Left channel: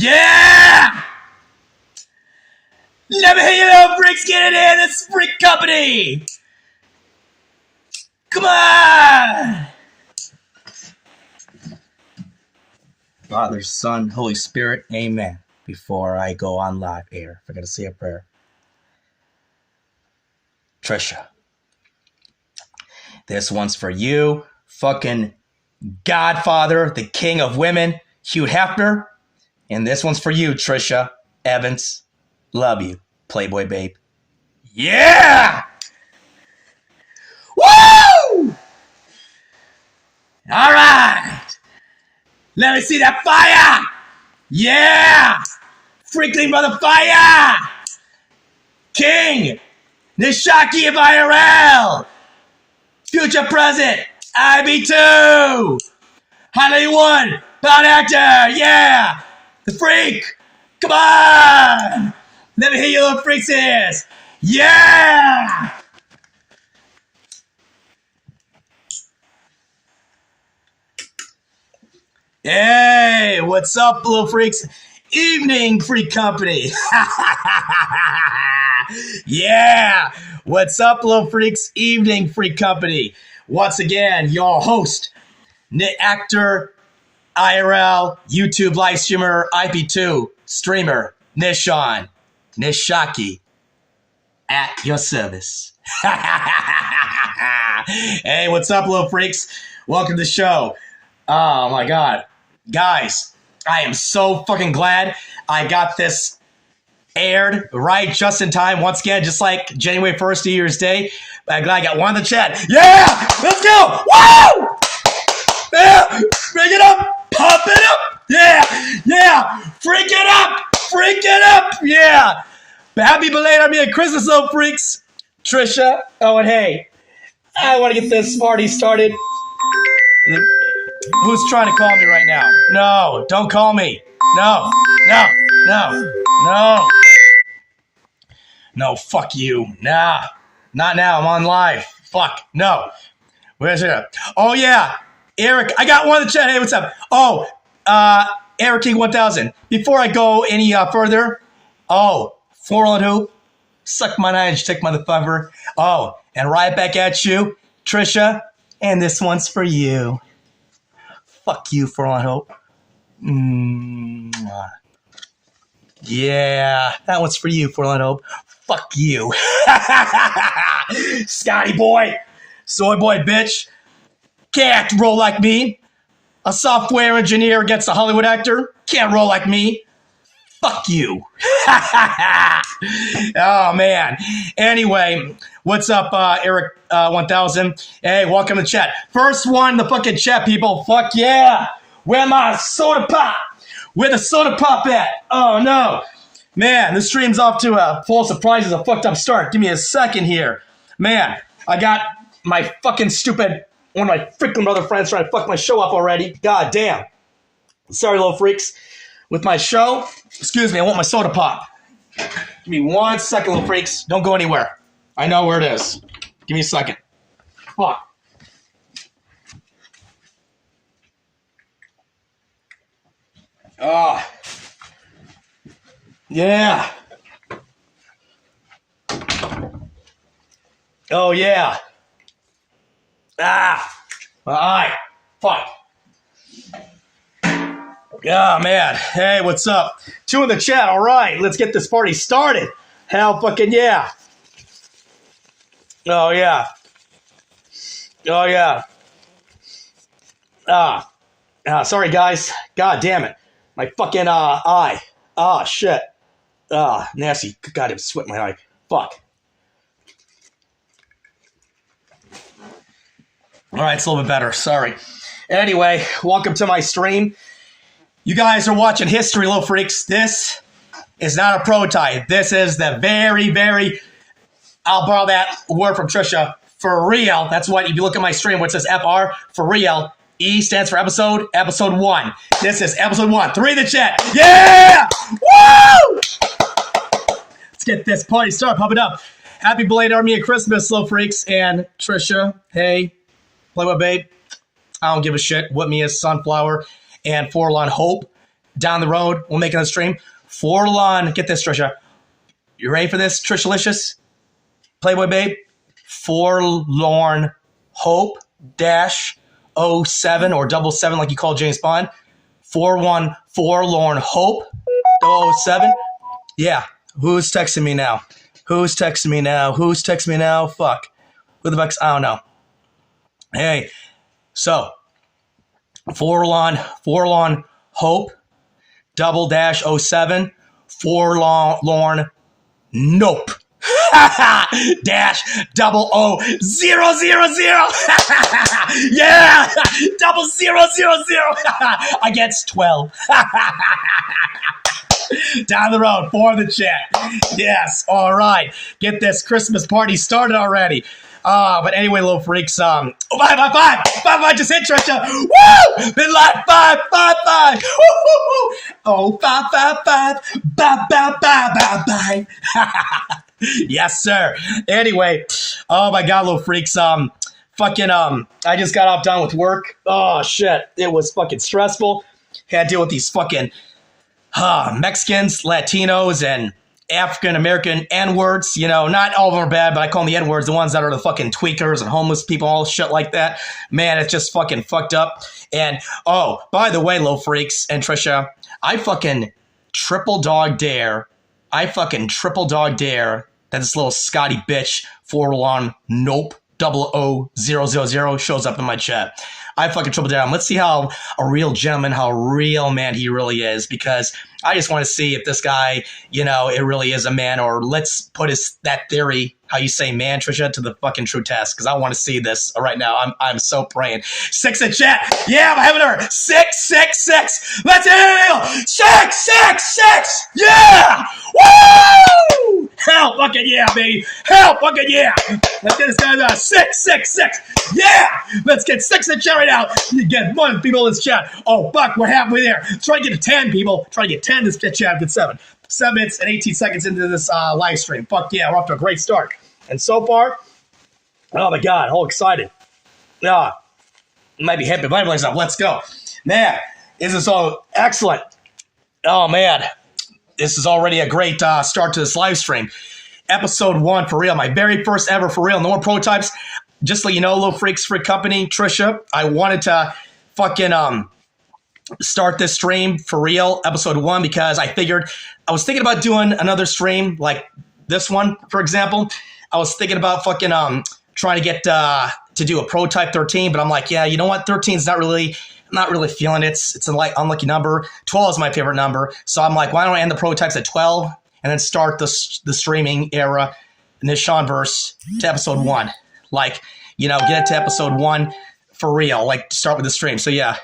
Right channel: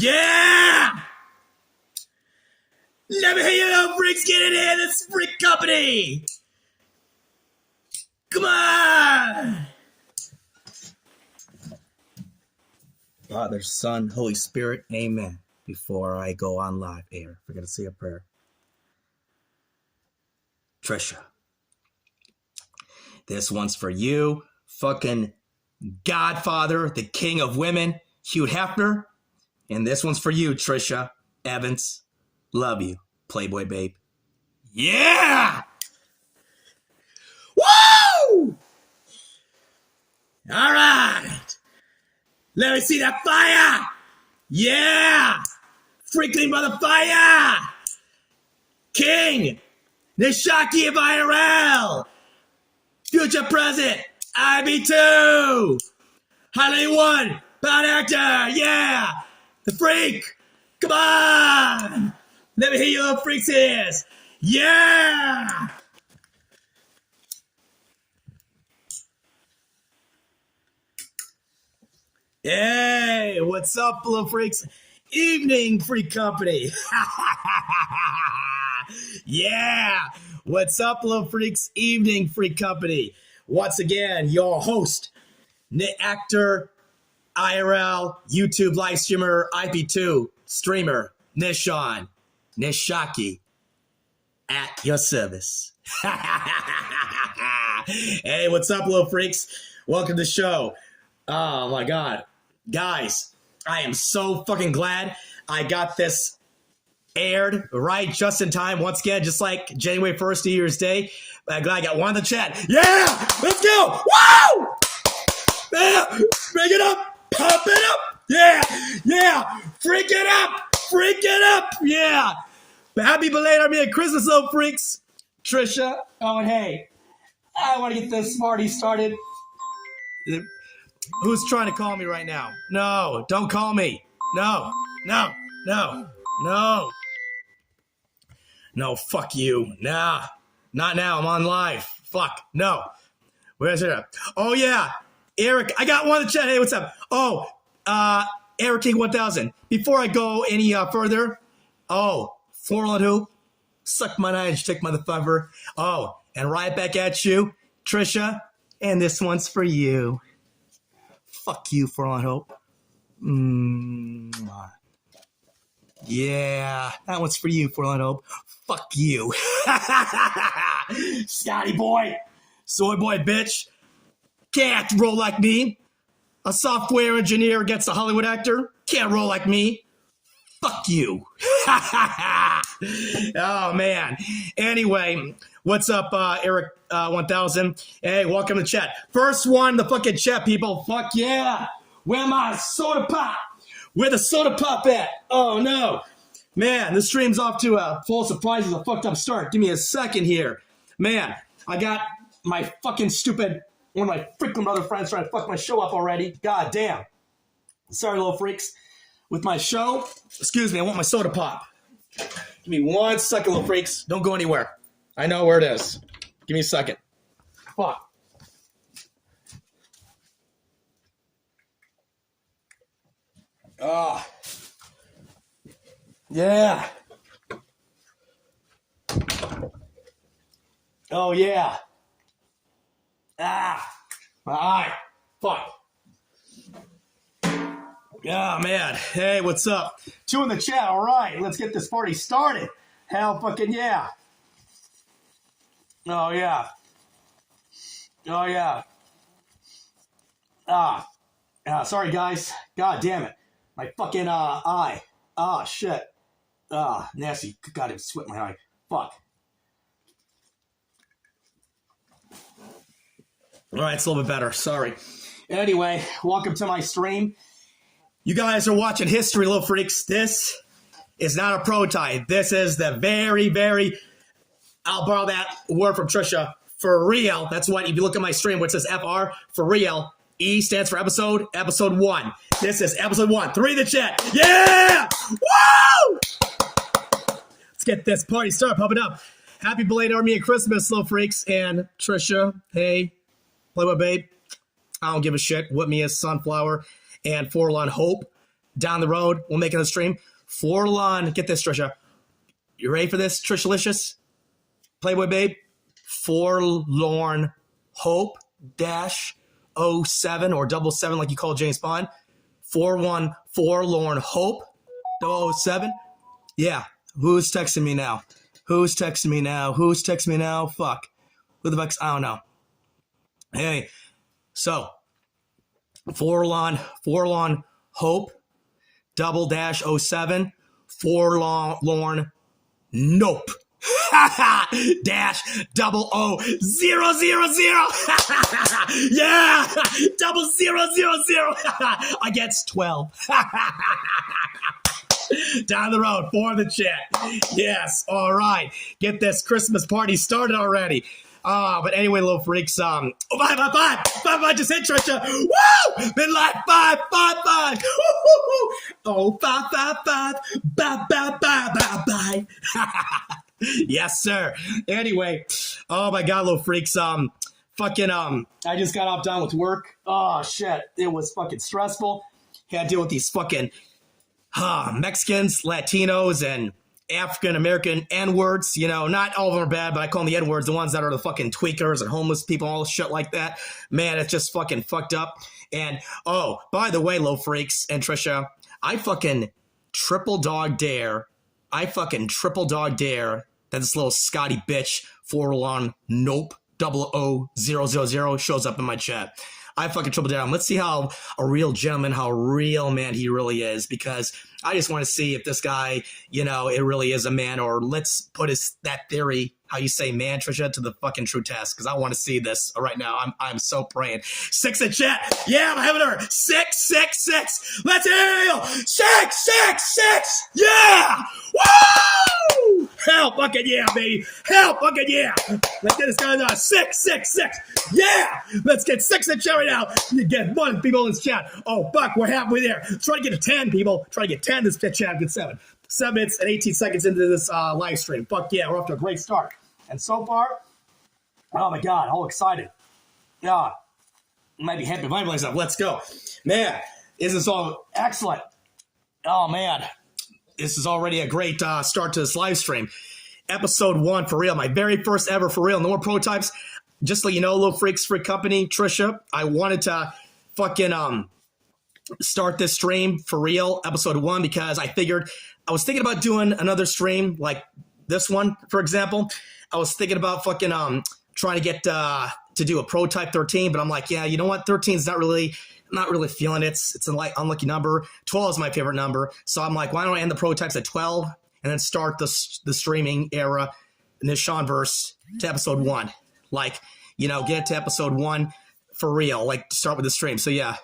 Yeah! Let me hear you little freaks get it in. This freak company. Come on. Father, Son, Holy Spirit, amen. Before I go on live air, I gotta say a prayer. Tricia, this one's for you, fucking Godfather, the king of women, Hugh Hefner. And this one's for you, Tricia Evans. Love you, Playboy babe. Yeah! Woo! All right. Let me see that fire. Yeah! Freaking brother fire! King! Nishaki of IRL! Future present! IB2! Hollywood! Bound actor! Yeah! The freak! Come on! Let me hear your little freaks ears! Yeah! Hey, what's up, little freaks? Evening, freak company. Yeah, what's up, little freaks? Evening, freak company. Once again, your host, actor, IRL, YouTube live streamer, IP2 streamer, Nishaki, at your service. Hey, what's up, little freaks? Welcome to the show. Oh my God. Guys, I am so fucking glad I got this aired right just in time. Once again, just like January 1st, New Year's Day. But I'm glad I got one in the chat. Yeah! Let's go! Woo! Yeah! Bring it up! Pump it up! Yeah! Yeah! Freak it up! Freak it up! Yeah! But happy belated Armenian Christmas, little freaks! Tricia. Oh, and hey, I want to get this party started. Who's trying to call me right now? No, don't call me. No, no, no, no. No, fuck you. Nah, not now. I'm on live. Fuck, no. Where's it? Oh, yeah. Eric, I got one in the chat. Hey, what's up? Oh, Eric King 1000. Before I go any further, Foreland Hoop, suck my nine, take motherfucker. Oh, and right back at you, Tricia, and this one's for you. Fuck you, Foreland Hope. Yeah, that one's for you, Foreland Hope. Fuck you. Scotty boy. Soy boy bitch. Can't roll like me. A software engineer against a Hollywood actor. Can't roll like me. Fuck you. Oh, man. Anyway, what's up, Eric 1000? Hey, welcome to the chat. First one in the fucking chat, people. Fuck yeah. Where my soda pop? Where the soda pop at? Oh, no. Man, this stream's off to a full surprises, a fucked up start. Give me a second here. Man, I got my fucking stupid, one of my freaking brother friends trying to fuck my show up already. God damn. Sorry, little freaks. With my show, excuse me, I want my soda pop. Give me 1 second, little freaks. Don't go anywhere. I know where it is. Give me a second. Fuck. Ah. Yeah. Oh, yeah. Ah. All right. Fuck. Yeah, man. Hey, what's up? 2 in the chat. All right, let's get this party started. Hell fucking yeah. Oh, yeah. Oh, yeah. Sorry, guys. God damn it. My fucking eye. Ah, shit. Nasty. God, it sweat my eye. Fuck. All right, it's a little bit better. Sorry. Anyway, welcome to my stream. You guys are watching history, little freaks. This is not a prototype. This is the very, very, I'll borrow that word from Tricia, for real. That's what, if you look at my stream, where it says FR, for real, E stands for episode 1. This is episode 1. 3 in the chat. Yeah! Woo! Let's get this party started. Pump it up. Happy belated Armenian Christmas, little freaks. And Tricia, hey, Playboy babe, I don't give a shit what me is Sunflower and Forlorn Hope. down the road, we'll make another stream. Forlorn, get this, Trisha. You ready for this, Trishalicious? Playboy Babe? Forlorn Hope dash 07 or 77 like you call James Bond. 41 Forlorn Hope 007. Yeah. Who's texting me now? Who's texting me now? Who's texting me now? Fuck. Who the fuck's? I don't know. Hey. So. Forlorn Hope _07. Forlorn Nope. dash 00000. Yeah. 0000 against 12. Down the road, for the chat. Yes, all right. Get this Christmas party started already. But anyway, little freaks, five, just hit Trisha. Woo! Been live, five. Oh, five. Bye. Yes, sir. Anyway, oh my God, little freaks, I just got off done with work. Oh shit, it was fucking stressful. Had to deal with these fucking Mexicans, Latinos, and African-American N-words. You know, not all of them are bad, but I call them the N-words, the ones that are the fucking tweakers and homeless people, all shit like that. Man, it's just fucking fucked up. And, oh, by the way, little freaks and Trisha, I fucking triple dog dare that this little Scotty bitch, Forlorn Nope 00000 shows up in my chat. I fucking triple down. Let's see how a real gentleman, how a real man he really is, because I just want to see if this guy, you know, it really is a man, or let's put that theory, how you say man, Trisha, to the fucking true test, because I want to see this right now. I'm so praying. 6 in chat. Yeah, I'm having her. 6. Let's heal. 6. Yeah. Woo! Hell fucking yeah, baby. Hell fucking yeah. Let's get this guy down. 6. Yeah. Let's get 6 in chat right now. You get 1 people in this chat. Oh, fuck, we're halfway there. Try to get to 10 people. Try to get 10 in this chat. Get 7. 7 minutes and 18 seconds into this live stream. Fuck yeah, we're off to a great start. And so far, oh my God, all excited. Might be happy about myself. Let's go. Man, this is all excellent. Oh man, this is already a great start to this live stream. Episode 1, for real. My very first ever, for real. No more prototypes. Just so you know, little freaks, freak company, Trisha, I wanted to fucking start this stream for real, episode 1, because I was thinking about doing another stream like this one, for example. I was thinking about fucking trying to get to do a prototype 13, but I'm like, yeah, you know what? 13 is not really feeling it. It's a unlucky number. 12 is my favorite number. So I'm like, why don't I end the prototypes at 12 and then start the streaming era, NISHANVERSE, to episode 1. Like, you know, get it to episode 1 for real. Like, start with the stream. So yeah.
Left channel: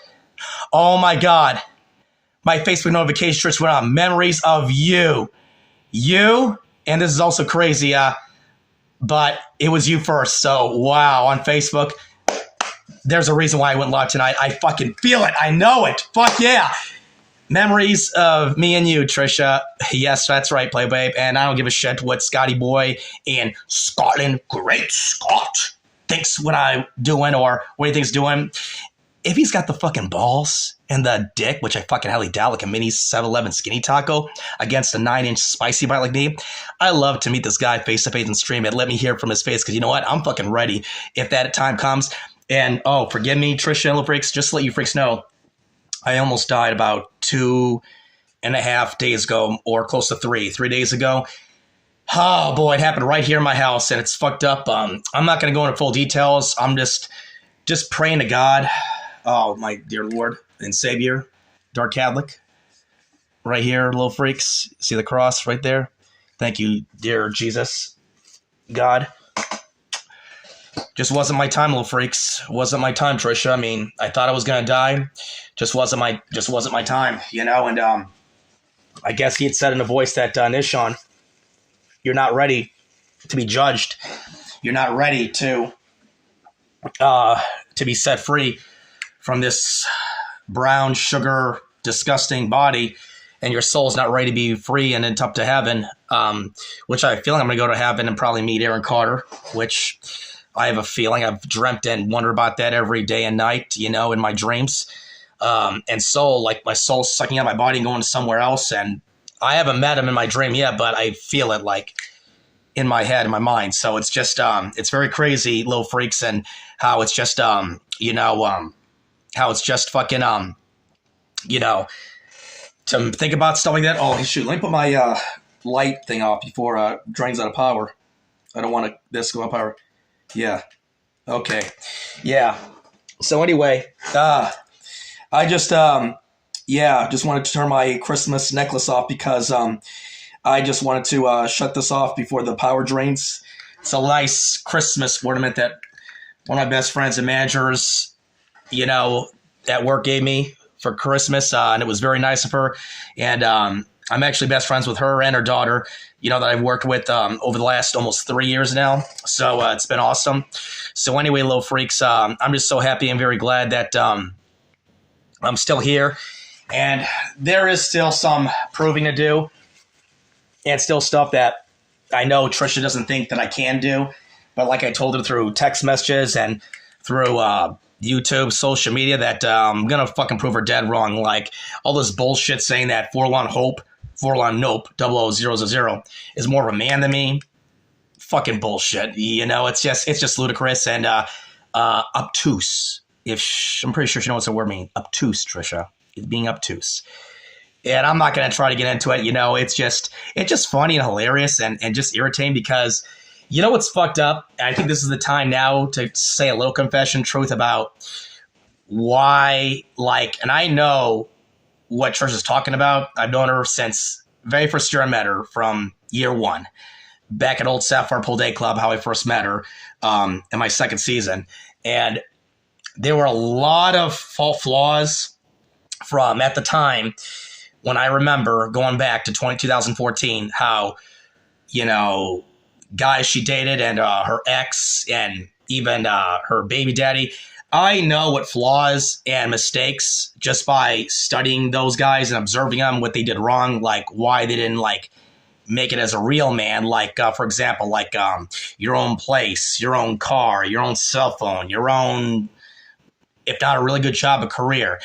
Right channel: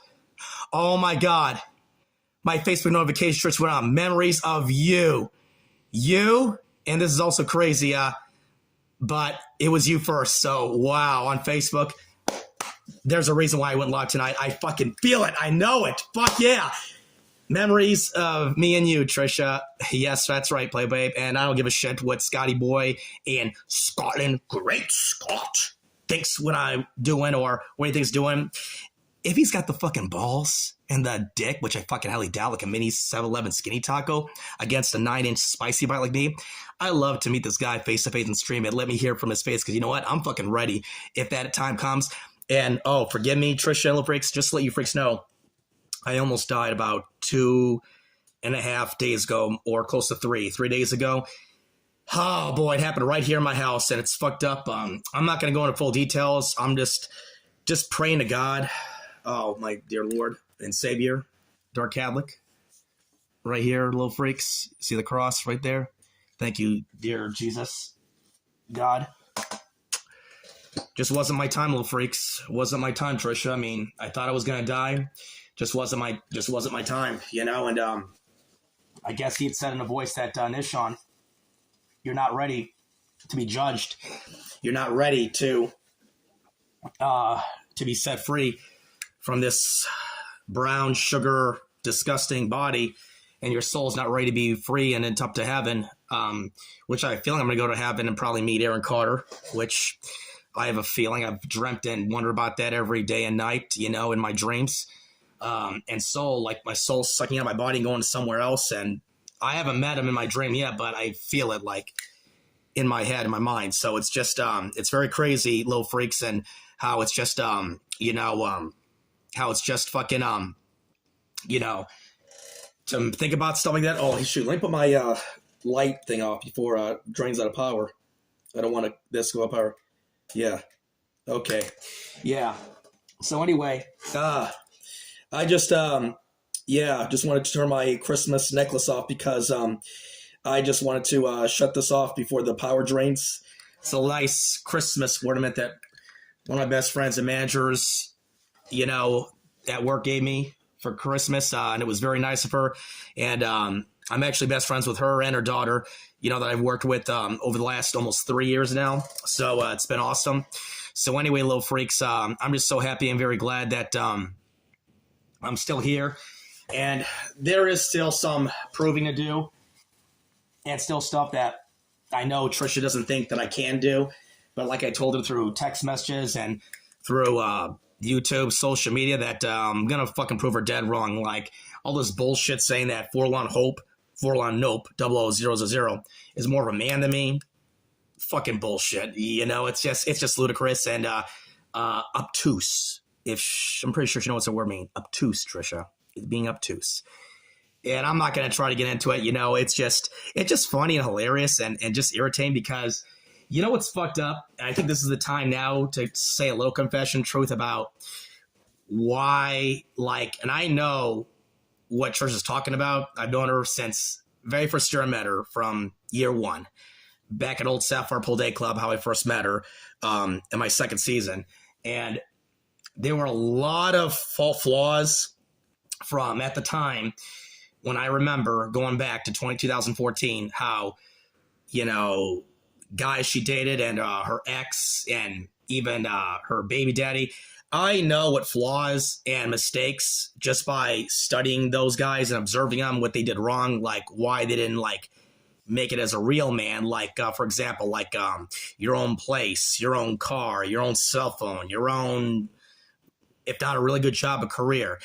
Oh my God. My Facebook notification went on. Memories of you. You, and this is also crazy, but it was you first. So, wow, on Facebook. There's a reason why I went live tonight. I fucking feel it. I know it. Fuck yeah. Memories of me and you, Trisha. Yes, that's right, Play Babe. And I don't give a shit what Scotty Boy in Scotland, Great Scott, thinks what I'm doing or what he thinks doing. If he's got the fucking balls and the dick, which I fucking highly doubt, like a mini 7-Eleven skinny taco against a 9-inch spicy bite like me, I love to meet this guy face to face and stream it. Let me hear from his face, because you know what? I'm fucking ready if that time comes. And oh, forgive me, Trisha and little freaks, just to let you freaks know, I almost died about 2.5 days ago, or close to 3 days ago. Oh boy, it happened right here in my house, and it's fucked up. I'm not going to go into full details. I'm just praying to God. Oh, my dear Lord and Savior, Dark Catholic, right here, little freaks. See the cross right there? Thank you, dear Jesus, God. Just wasn't my time, little freaks. Wasn't my time, Trisha. I mean, I thought I was gonna die. Just wasn't my time, you know. And I guess he had said in a voice that Nishan, you're not ready to be judged. You're not ready to be set free from this brown sugar disgusting body, and your soul's not ready to be free and it's up to heaven, which I have a feeling I'm going to go to heaven and probably meet Aaron Carter, which I have a feeling I've dreamt and wondered about that every day and night, you know, in my dreams. and soul, like my soul sucking out my body and going somewhere else. And I haven't met him in my dream yet, but I feel it like in my head, in my mind. So it's just, it's very crazy, little freaks, and how it's just, how it's just fucking, to think about stuff like that. Oh, shoot, let me put my light thing off before it drains out of power. I don't want this to go up power. Yeah. Okay. Yeah. So anyway, I just, just wanted to turn my Christmas necklace off because I just wanted to shut this off before the power drains. It's a nice Christmas ornament that one of my best friends and managers, at work gave me for Christmas, and it was very nice of her. And I'm actually best friends with her and her daughter, that I've worked with over the last almost 3 years now. So it's been awesome. So anyway, little freaks, I'm just so happy and very glad that I'm still here. And there is still some proving to do, and still stuff that I know Tricia doesn't think that I can do. But like I told her through text messages and through YouTube, social media, that I'm going to fucking prove her dead wrong. Like all this bullshit saying that Forlorn Hope, Forlorn Nope, 00000 is more of a man than me. Fucking bullshit. It's just ludicrous and obtuse. I'm pretty sure she knows what the word means. Obtuse, Tricia. It's being obtuse. And I'm not going to try to get into it. It's just funny and hilarious and just irritating because what's fucked up? And I think this is the time now to say a little confession truth about why, and I know what Trish is talking about. I've known her since very first year I met her, from year one, back at Old Sapphire Pool Day Club, how I first met her in my second season. And there were a lot of flaws from at the time when I remember going back to 2014, how, guys she dated and her ex and even her baby daddy. I know what flaws and mistakes just by studying those guys and observing them, what they did wrong, like why they didn't make it as a real man. Like, for example, your own place, your own car, your own cell phone, your own, if not a really good job, a career.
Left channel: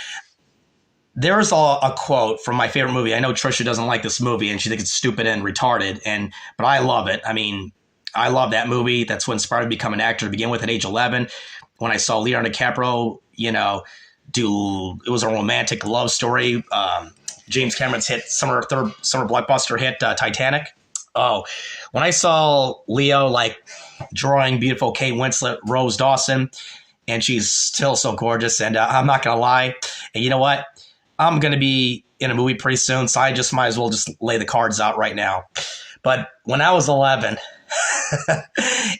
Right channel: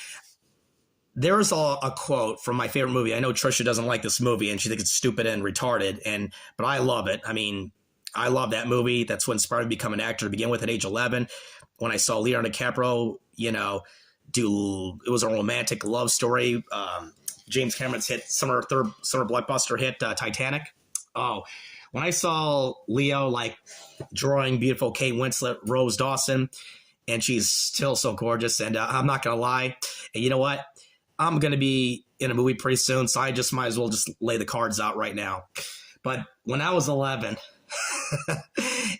There's a quote from my favorite movie. I know Tricia doesn't like this movie and she thinks it's stupid and retarded, but I love it. I mean, I love that movie. That's what inspired me to become an actor to begin with at age 11. When I saw Leonardo DiCaprio, it was a romantic love story. James Cameron's summer blockbuster hit, Titanic. Oh, when I saw Leo drawing beautiful Kate Winslet, Rose Dawson, and she's still so gorgeous. And I'm not gonna lie. And you know what? I'm going to be in a movie pretty soon, so I just might as well just lay the cards out right now. But when I was 11,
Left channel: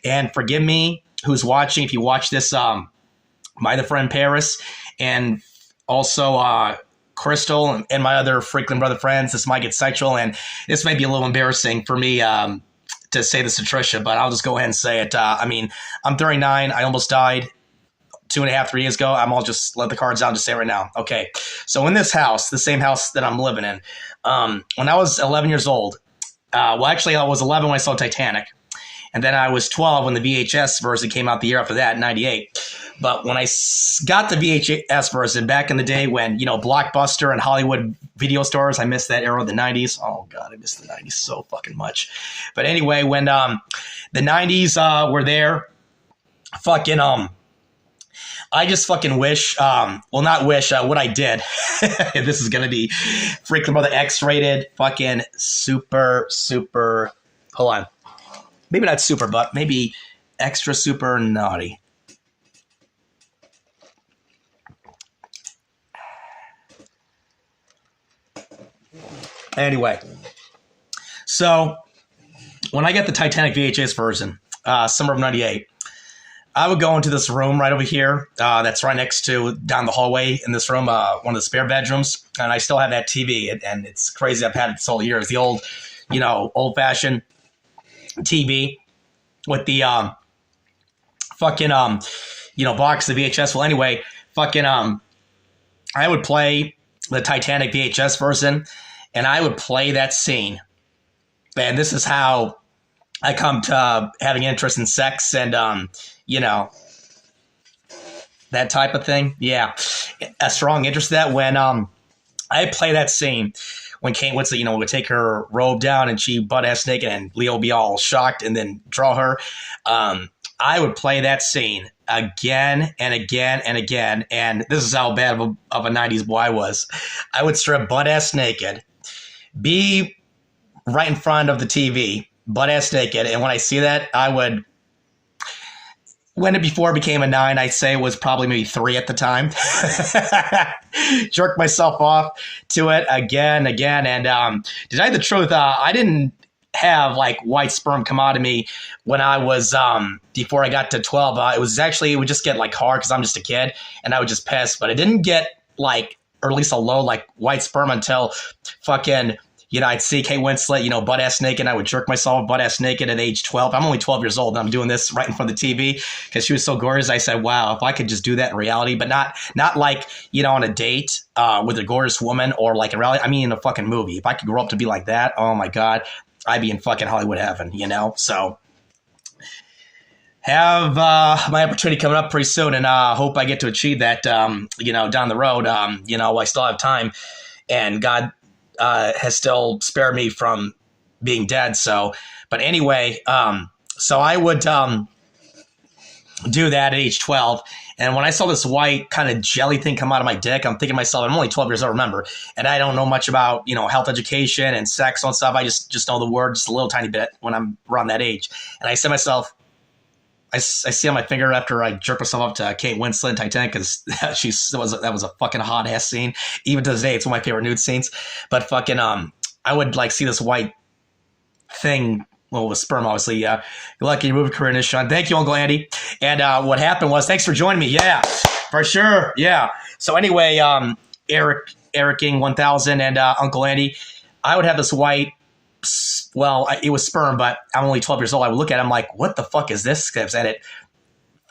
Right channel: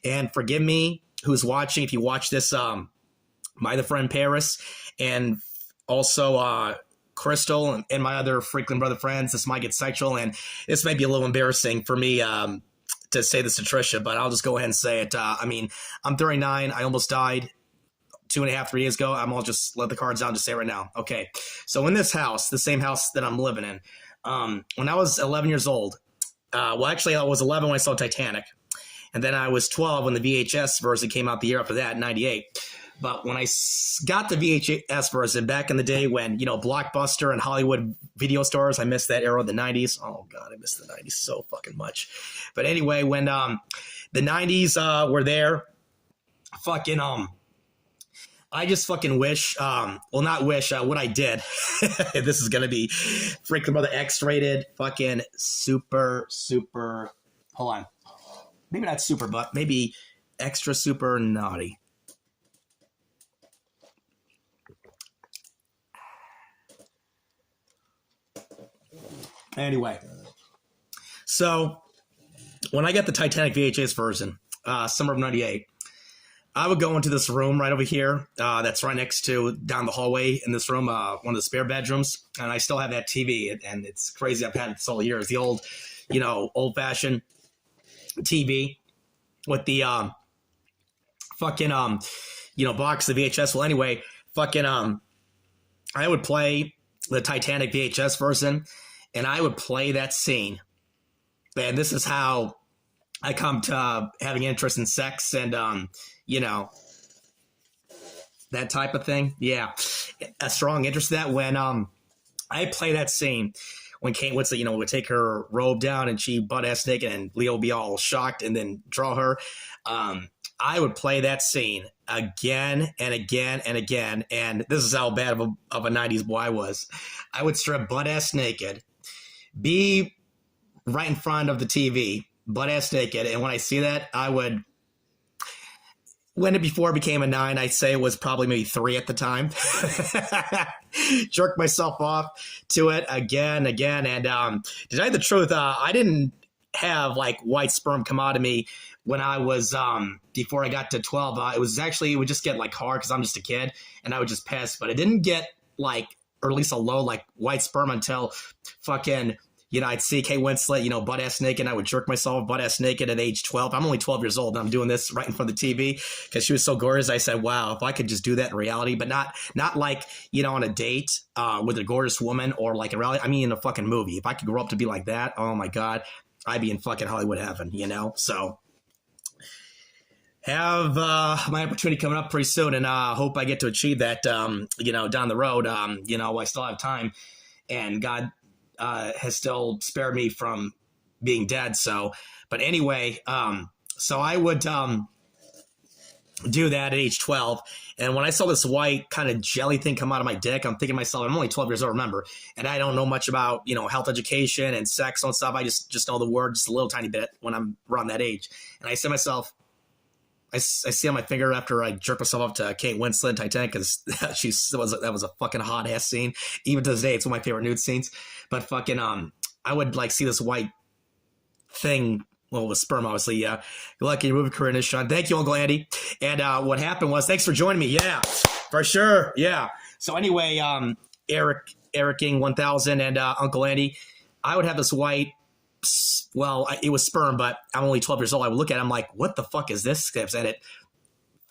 and forgive me who's watching, if you watch this, my other friend Paris, and also Crystal and my other frequent brother friends, this might get sexual, and this may be a little embarrassing for me to say this to Tricia, but I'll just go ahead and say it. I'm 39. I almost died 2.5, 3 years ago. I'll just let the cards out and just say it right now. Okay. So in this house, the same house that I'm living in, when I was 11 years old, I was 11 when I saw Titanic. And then I was 12 when the VHS version came out the year after that, 98. But when I got the VHS version back in the day when, Blockbuster and Hollywood video stores, I missed that era of the 90s. Oh, God, I missed the 90s so fucking much. But anyway, when the 90s were there, I just fucking wish, not wish, what I did. This is going to be freaking about the X-rated, fucking super, hold on. Maybe not super, but maybe extra super naughty. Anyway, so when I get the Titanic VHS version, summer of 98, I would go into this room right over here that's right next to, down the hallway in this room, one of the spare bedrooms. And I still have that TV, and it's crazy. I've had it this whole year. It's the old, old-fashioned TV with the box of VHS. Well, anyway, I would play the Titanic VHS version, and I would play that scene. And this is how I come to having interest in sex and, that type of thing. Yeah. a strong interest in that when I play that scene when Kate Winslet, would take her robe down and she butt-ass naked and Leo would be all shocked and then draw her. I would play that scene again and again and again. And this is how bad of a 90s boy I was. I would strip butt-ass naked, be right in front of the TV, butt-ass naked. And when I see that, I would... When it before it became a 9, I'd say it was probably maybe 3 at the time. Jerked myself off to it again. And to tell you the truth, I didn't have like white sperm come out of me when I was before I got to 12. It would just get like hard because I'm just a kid and I would just piss. But I didn't get like, or at least a low like white sperm until fucking... I'd see Kate Winslet, butt-ass naked. I would jerk myself butt-ass naked at age 12. I'm only 12 years old, and I'm doing this right in front of the TV because she was so gorgeous. I said, wow, if I could just do that in reality, but not like, on a date with a gorgeous woman or like in reality. I mean, in a fucking movie. If I could grow up to be like that, oh, my God, I'd be in fucking Hollywood heaven, So have my opportunity coming up pretty soon, and hope I get to achieve that, down the road. I still have time, and God has still spared me from being dead. But anyway, so I would do that at age 12. And when I saw this white kind of jelly thing come out of my dick, I'm thinking to myself, I'm only 12 years old, remember, and I don't know much about, health education and sex and stuff. I just know the word just a little tiny bit when I'm around that age. And I said to myself, I see on my finger after I jerked myself up to Kate Winslet in Titanic because that was a fucking hot ass scene. Even to this day, it's one of my favorite nude scenes. But fucking I would like see this white thing. Well, with sperm, obviously. Good luck in your movie career, Nishan. Thank you, Uncle Andy. And what happened was, thanks for joining me. Yeah, for sure. Yeah. So anyway, Eric King 1000 and Uncle Andy, I would have this white. Well, it was sperm, but I'm only 12 years old. I would look at it, I'm like, what the fuck is this? And it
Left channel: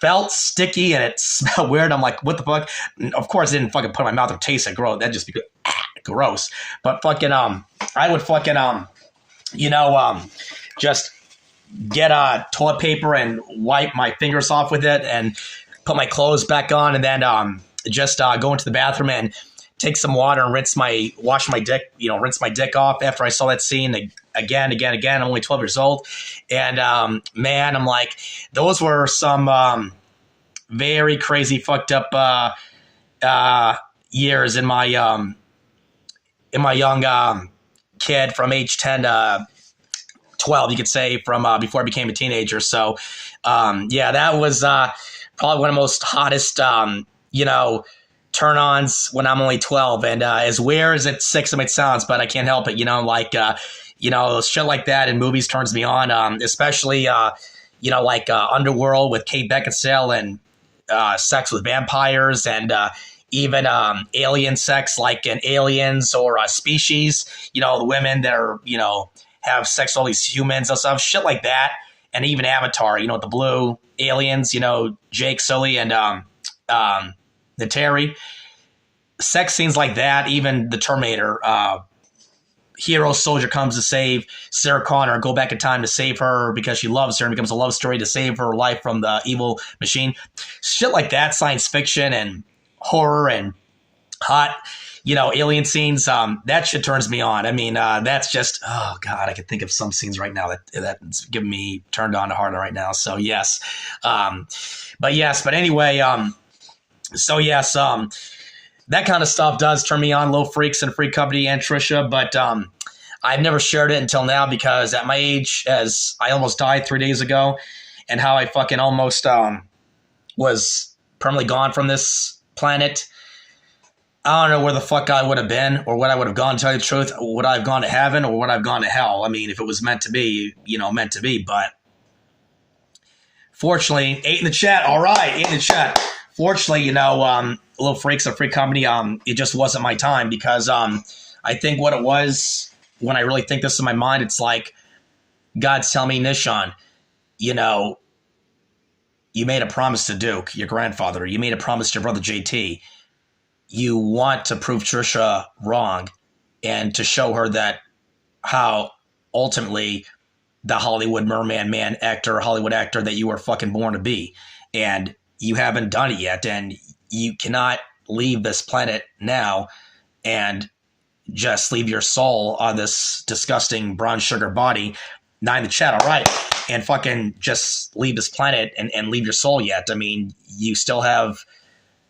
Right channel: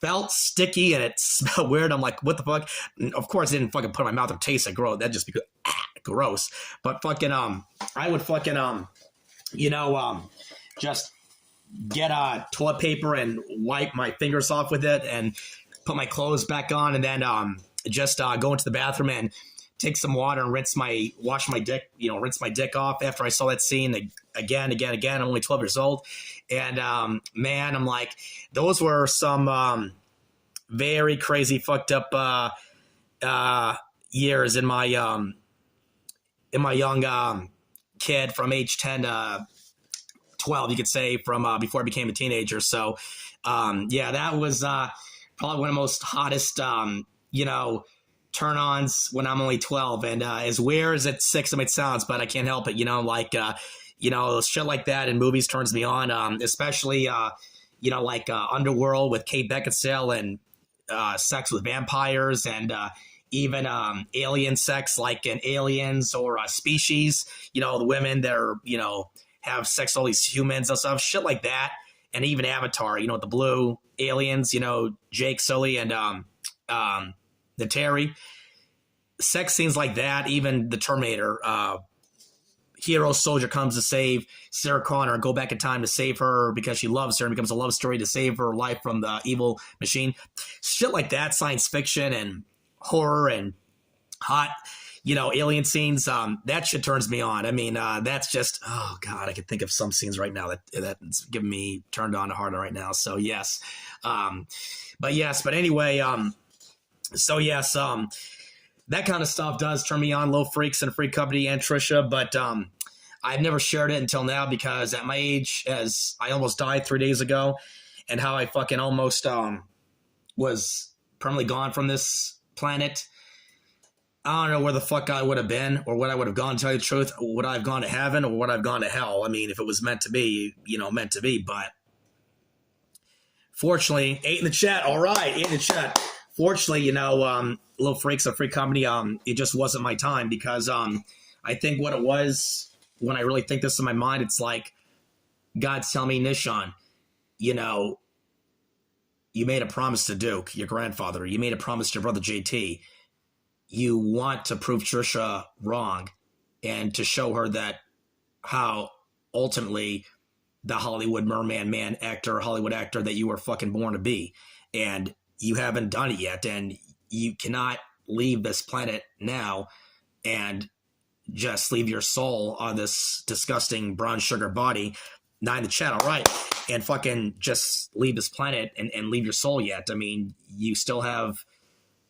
felt sticky and it smelled weird. I'm like, what the fuck? And of course, I didn't fucking put it in my mouth and taste it gross. That'd just be gross. But fucking, I would fucking, just get toilet paper and wipe my fingers off with it and put my clothes back on and then just go into the bathroom and take some water and rinse my dick off after I saw that scene again. I'm only 12 years old. And, man, I'm like, those were some very crazy, fucked up years in my young kid from age 10 to 12, you could say, from before I became a teenager. So, that was probably one of the most hottest, turn-ons when I'm only 12, and as weird as it sounds, but I can't help it, shit like that in movies turns me on, especially, Underworld with Kate Beckinsale and sex with vampires and even alien sex like in Aliens or Species, the women that are, have sex with all these humans and stuff, shit like that, and even Avatar, the blue aliens, Jake Sully and the Terry, sex scenes like that, even the Terminator, hero soldier comes to save Sarah Connor, go back in time to save her because she loves her and becomes a love story to save her life from the evil machine. Shit like that, science fiction and horror and hot, alien scenes, that shit turns me on. I mean, that's just, oh God, I can think of some scenes right now that's giving me turned on to hard right now. So yes. But anyway, so yes, that kind of stuff does turn me on. Little Freaks and Free Company and Tricia, but I've never shared it until now because at my age, as I almost died 3 days ago, and how I fucking almost was permanently gone from this planet. I don't know where the fuck I would have been or what I would have gone, to tell you the truth. Would I have gone to heaven or would I have gone to hell? I mean, if it was meant to be, meant to be, but fortunately, 8 in the chat. All right, 8 in the chat. Fortunately, Little Freaks and Free Company, it just wasn't my time because I think what it was, when I really think this in my mind, it's like God's telling me, Nishan, you made a promise to Duke, your grandfather. You made a promise to your brother JT. You want to prove Tricia wrong and to show her that how ultimately the Hollywood merman man actor, Hollywood actor that you were fucking born to be. And you haven't done it yet. And you cannot leave this planet now and just leave your soul on this disgusting brown sugar body. 9 in the chat, all right. And fucking just leave this planet and leave your soul yet. I mean, you still have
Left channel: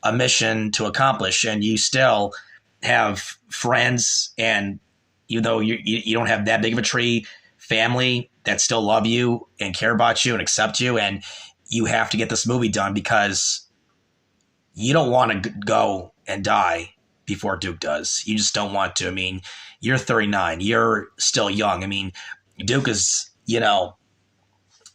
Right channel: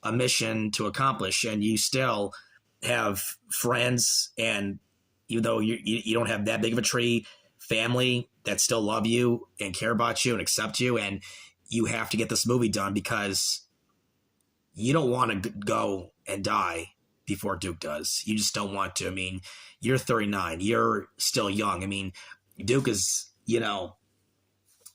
a mission to accomplish, and you still have friends, and even though you don't have that big of a tree, family that still love you and care about you and accept you, and you have to get this movie done because you don't want to go and die before Duke does. You just don't want to. I mean, you're 39. You're still young. I mean, Duke is,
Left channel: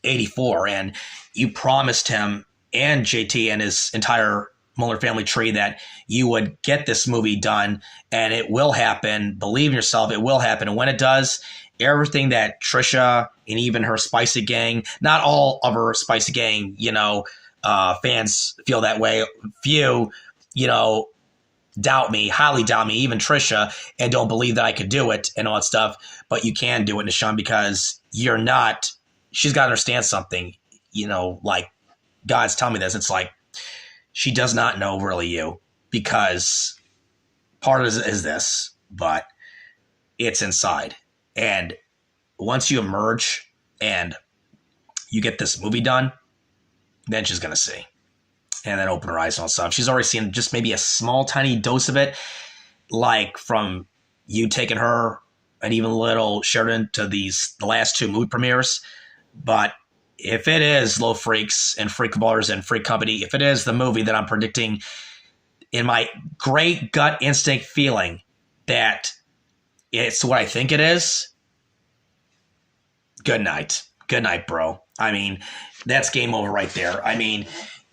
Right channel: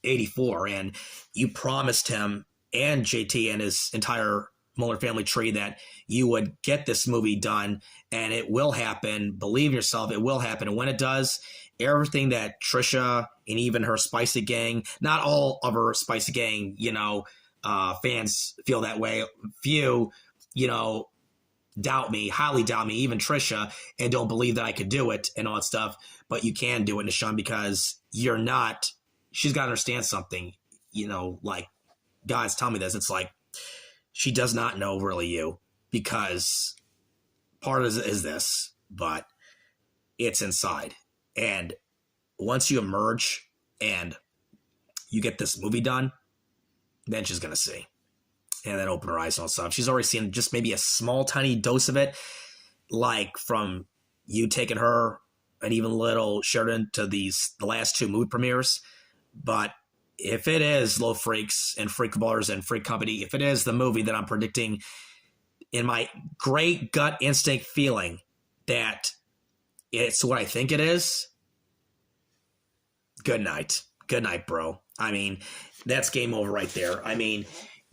84, and you promised him and JT and his entire Muller family tree that you would get this movie done, and it will happen. Believe in yourself, it will happen. And when it does, everything that Tricia and even her Spicy Gang, not all of her Spicy Gang, fans feel that way. Few, doubt me, highly doubt me, even Tricia, and don't believe that I could do it and all that stuff. But you can do it, Nishan, because you're not. She's got to understand something. Like God's telling me this. It's like she does not know really you, because part of it is this, but it's inside. And once you emerge and you get this movie done, then she's going to see. And then open her eyes and all stuff. She's already seen just maybe a small, tiny dose of it, like from you taking her and even little Sheridan to the last 2 movie premieres. But if it is Low Freaks and Freak Ballers and Freak Company, if it is the movie that I'm predicting in my great gut instinct feeling that it's what I think it is, good night. Good night, bro. I mean, that's game over right there. I mean,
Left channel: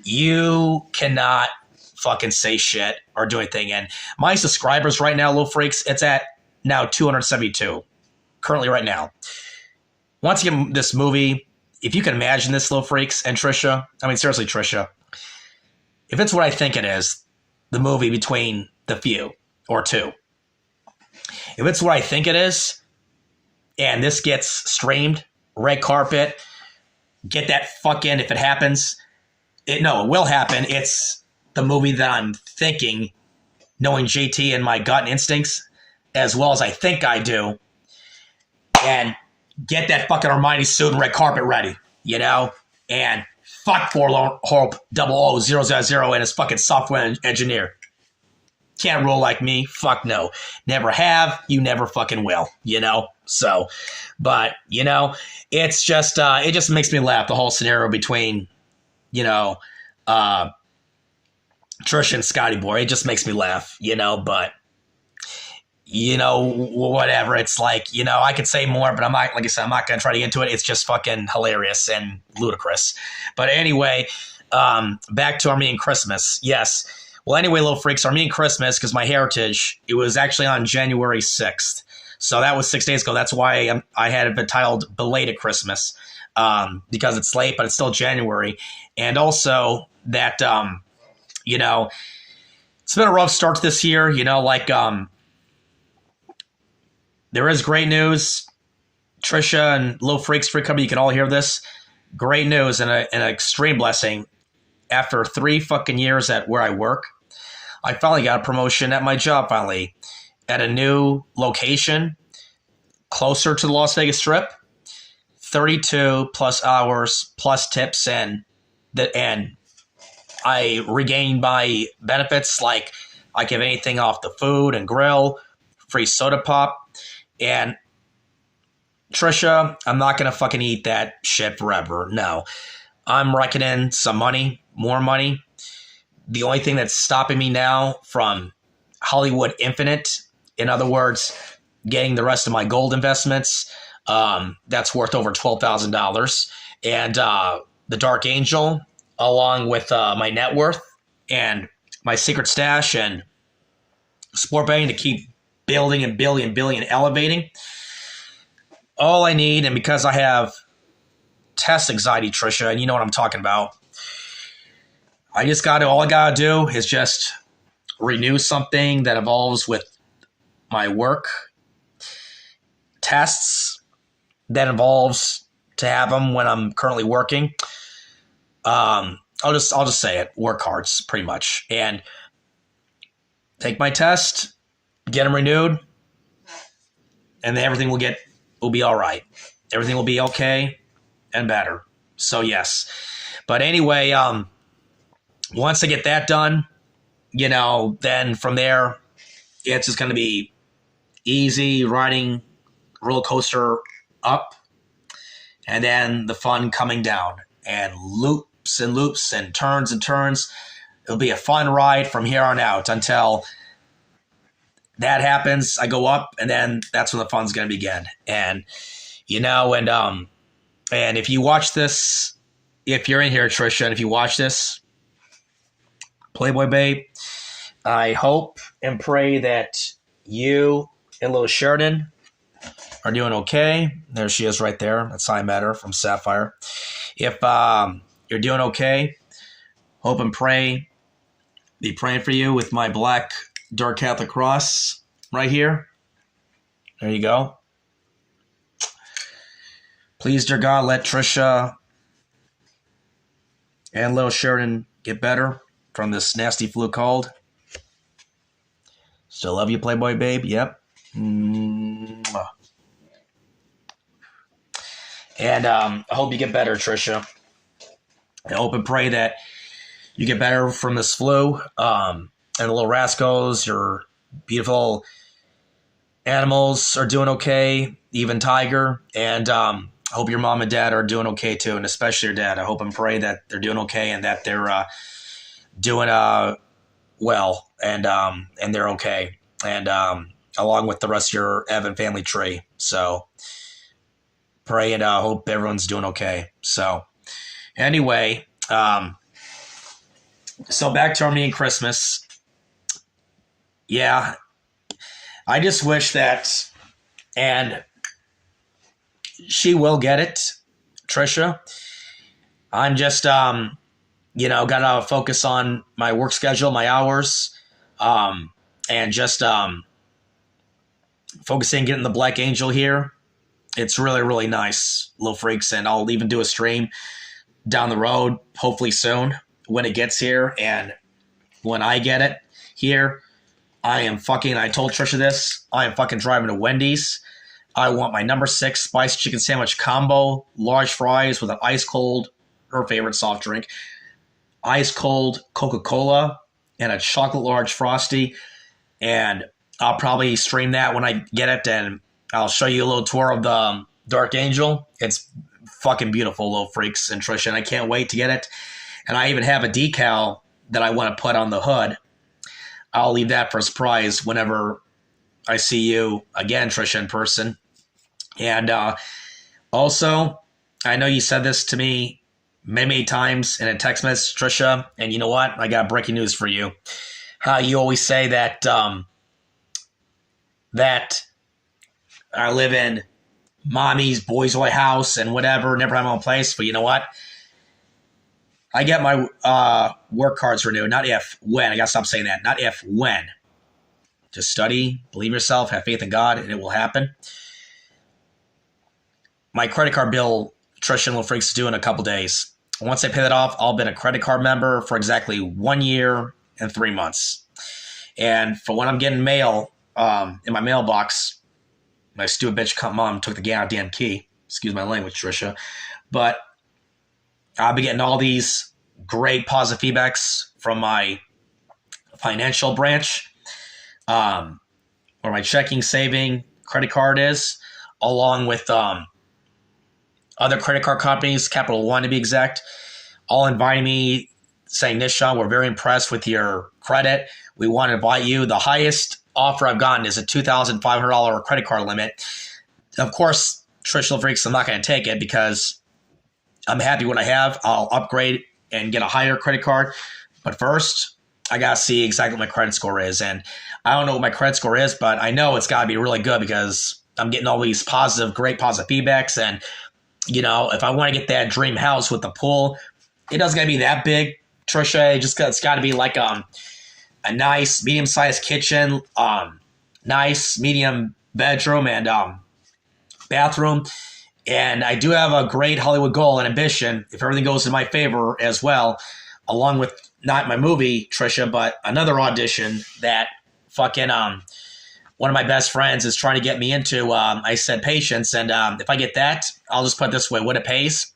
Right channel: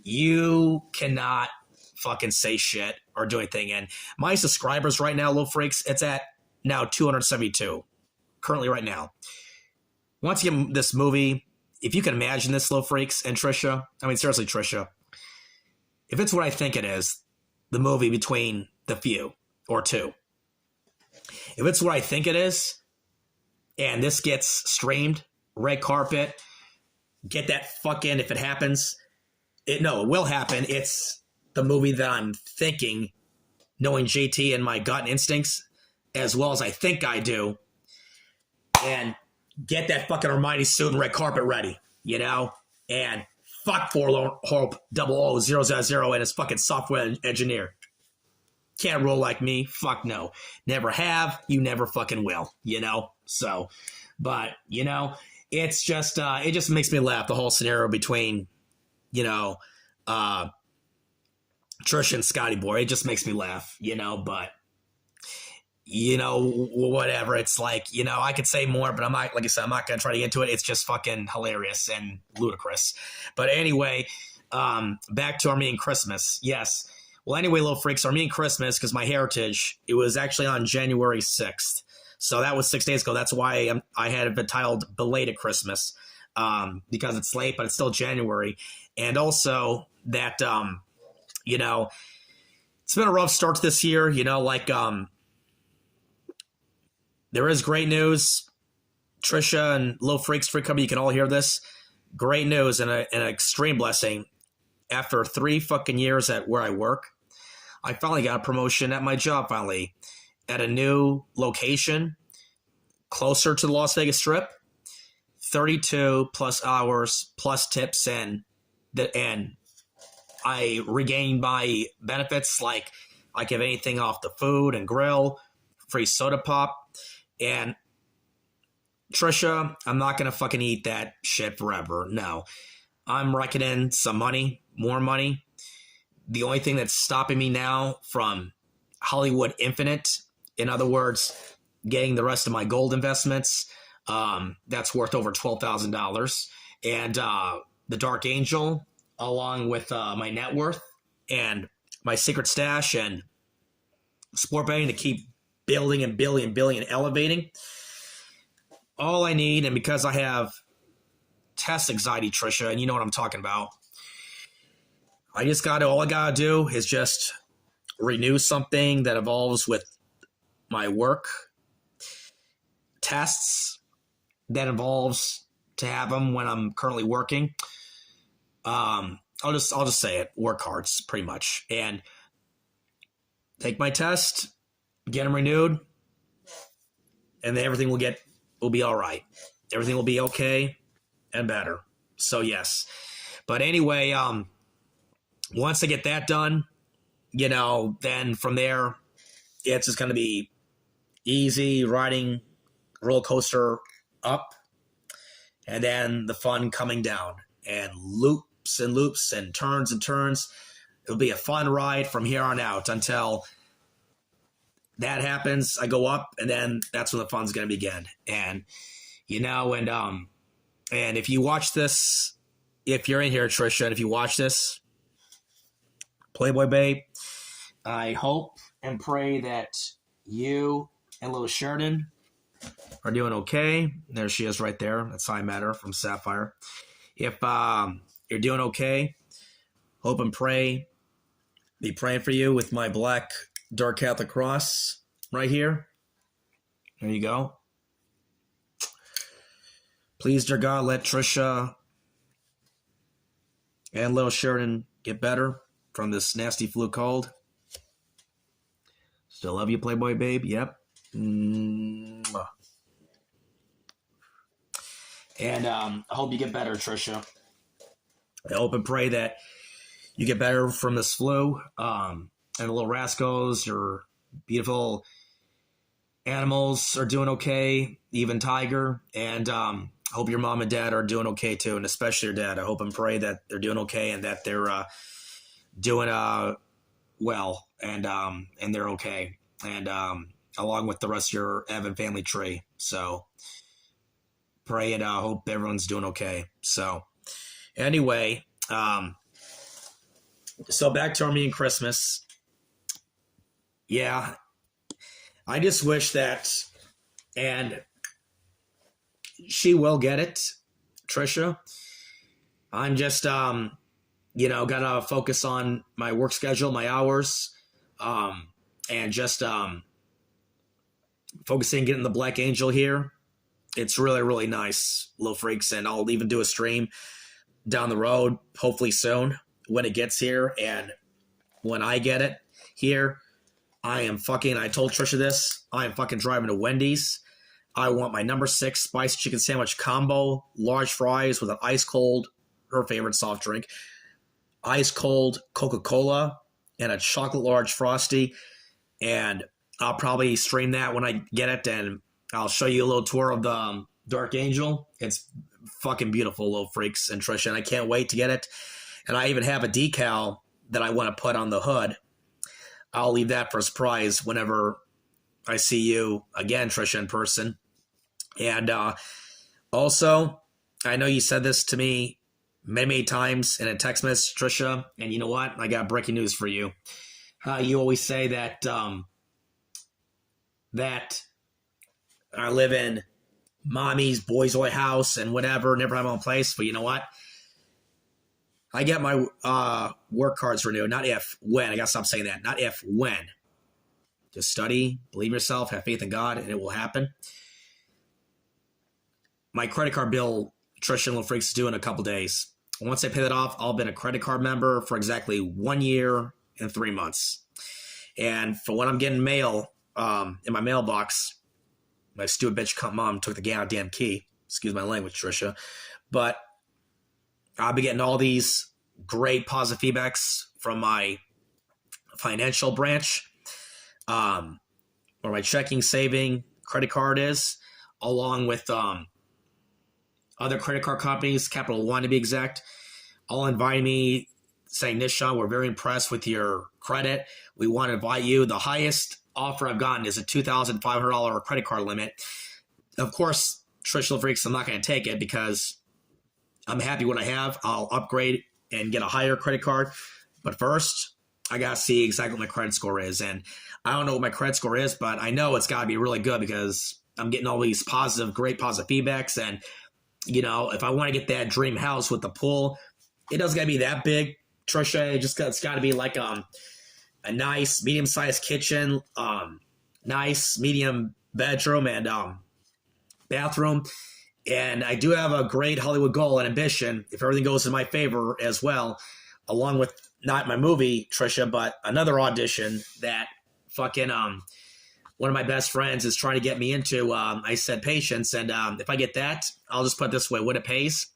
you cannot fucking say shit or do anything. And my subscribers right now, Low Freaks, it's at now 272 currently right now. Once you get this movie, if you can imagine this, Low Freaks and Tricia, I mean, seriously, Tricia, if it's what I think it is, the movie between the few or 2, if it's what I think it is, and this gets streamed, red carpet, get that fucking, if it happens, it will happen. It's the movie that I'm thinking, knowing JT and my gut instincts, as well as I think I do, and get that fucking Hermione suit and red carpet ready, and fuck Forlorn Hope 00000 and his fucking software engineer. Can't rule like me. Fuck no. Never have. You never fucking will, So, but, it's just, it just makes me laugh, the whole scenario between, Trish and Scotty Boy. It just makes me laugh, but, whatever. It's like, I could say more, but I'm not, like I said, I'm not going to try to get into it. It's just fucking hilarious and ludicrous. But anyway, back to Armenian Christmas. Yes. Well, anyway, Little Freaks, Armenian Christmas, because my heritage, it was actually on January 6th. So that was 6 days ago. That's why I had it titled Belated Christmas, because it's late, but it's still January. And also that, it's been a rough start to this year, there is great news. Tricia and Little Freaks, Freak Company, you can all hear this. Great news and an extreme blessing. After 3 fucking years at where I work, I finally got a promotion at my job, finally, at a new location closer to the Las Vegas Strip. 32 plus hours plus tips, and I regained my benefits, like I give anything off the food and grill, free soda pop. And Tricia, I'm not going to fucking eat that shit forever. No. I'm reckoning some money, more money. The only thing that's stopping me now from Hollywood Infinite, in other words, getting the rest of my gold investments, that's worth over $12,000. And the Dark Angel, along with my net worth and my secret stash and sport betting to keep building and building and building and elevating. All I need, and because I have test anxiety, Tricia, and you know what I'm talking about, all I gotta do is just renew something that evolves with my work, tests that involves to have them when I'm currently working. I'll just say it, work hard, pretty much. And take my test, get them renewed, and then everything will be all right. Everything will be okay and better. So yes. But anyway, once I get that done, then from there, it's just going to be easy riding roller coaster up, and then the fun coming down, and loops and loops and turns and turns. It'll be a fun ride from here on out until that happens. I go up, and then that's when the fun's going to begin. And and if you watch this, if you're in here, Tricia, and if you watch this, Playboy Babe, I hope and pray that you and little Sheridan are doing okay. There she is right there. That's how I met her, from Sapphire. If you're doing okay, hope and pray, be praying for you with my black dark Catholic cross right here. There you go. Please, dear God, let Tricia and little Sheridan get better from this nasty flu cold. Still love you, Playboy Babe. Yep. Mwah. And I hope you get better, Tricia. I hope and pray that you get better from this flu. And the little rascals, your beautiful animals are doing okay, even Tiger. And I hope your mom and dad are doing okay too, and especially your dad. I hope and pray that they're doing okay and that they're doing well, and they're okay. And along with the rest of your Evan family tree. So pray and hope everyone's doing okay. So anyway, so back to Armenian Christmas. Yeah, I just wish that, and she will get it, Tricia. I'm just, gotta focus on my work schedule, my hours, and just focusing getting the Black Angel here. It's really, really nice, little freaks, and I'll even do a stream down the road, hopefully soon, when it gets here. And when I get it here, I told Tricia this, I am fucking driving to Wendy's. I want my number 6 spiced chicken sandwich combo, large fries with an ice cold, her favorite soft drink, ice cold Coca-Cola, and a chocolate large Frosty. And I'll probably stream that when I get it, and I'll show you a little tour of the Dark Angel. It's fucking beautiful, little freaks and Tricia, and I can't wait to get it. And I even have a decal that I want to put on the hood. I'll leave that for a surprise whenever I see you again, Tricia, in person. And also, I know you said this to me many, many times in a text message, Tricia, and you know what? I got breaking news for you. How you always say that that I live in mommy's boys' boy house and whatever, never have my own place. But you know what? I get my work cards renewed. Not if, when. I got to stop saying that. Not if, when. Just study, believe yourself, have faith in God, and it will happen. My credit card bill, Tricia and Little Freaks, is due in a couple days. Once I pay that off, I'll be a credit card member for exactly 1 year and 3 months. And for when I'm getting mail in my mailbox, my stupid bitch mom took the goddamn key. Excuse my language, Tricia. But I'll be getting all these great positive feedbacks from my financial branch, where my checking, saving, credit card is, along with other credit card companies, Capital One to be exact, all inviting me, saying, Nishan, we're very impressed with your credit. We want to invite you. The highest offer I've gotten is a $2,500 credit card limit. Of course, Tricia Freaks, I'm not going to take it because I'm happy what I have. I'll upgrade and get a higher credit card. But first, I got to see exactly what my credit score is. And I don't know what my credit score is, but I know it's got to be really good because I'm getting all these great positive feedbacks. And, if I want to get that dream house with the pool, it doesn't got to be that big, Tricia. It's got to be like a nice medium-sized kitchen, nice medium bedroom and bathroom. And I do have a great Hollywood goal and ambition, if everything goes in my favor as well, along with not my movie, Tricia, but another audition that fucking one of my best friends is trying to get me into, I said patience. And if I get that, I'll just put it this way, what it pays,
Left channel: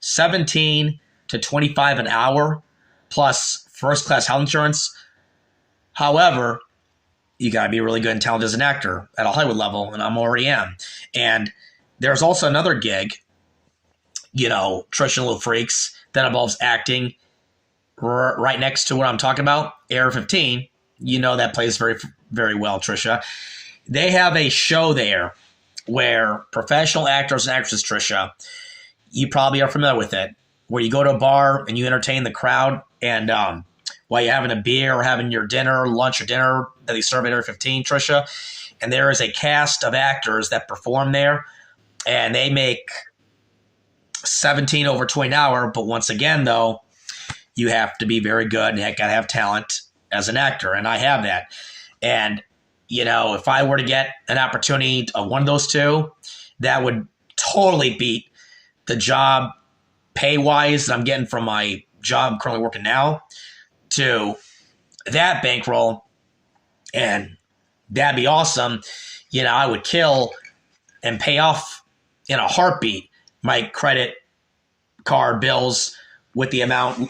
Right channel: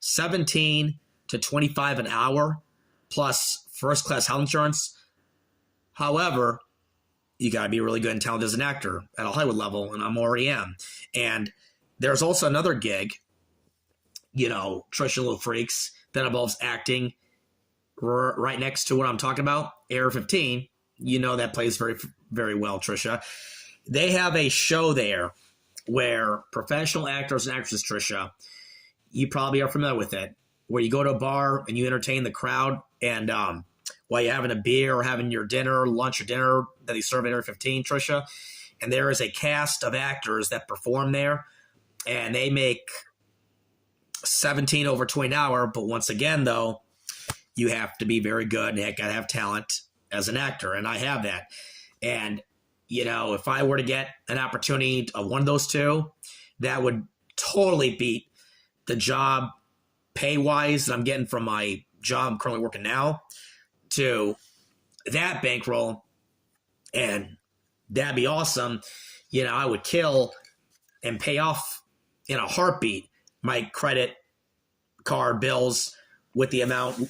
17 to 25 an hour plus first class health insurance. However, you got to be really good and talented as an actor at a Hollywood level, and I'm already am. And there's also another gig, you know, Tricia and Little Freaks, that involves acting right next to what I'm talking about, Area 15. You know that plays very, very well, Tricia. They have a show there where professional actors and actresses, Tricia, you probably are familiar with it, where you go to a bar and you entertain the crowd, and while you're having a beer or having your dinner, lunch or dinner that they serve at Area 15, Tricia, and there is a cast of actors that perform there, and they make 17 over 20 an hour. But once again, though, you have to be very good and you got to have talent as an actor, and I have that. And, you know, if I were to get an opportunity of one of those two, that would totally beat the job pay-wise that I'm getting from my job I'm currently working now to that bankroll, and that'd be awesome. You know, I would kill and pay off in a heartbeat my credit card bills with the amount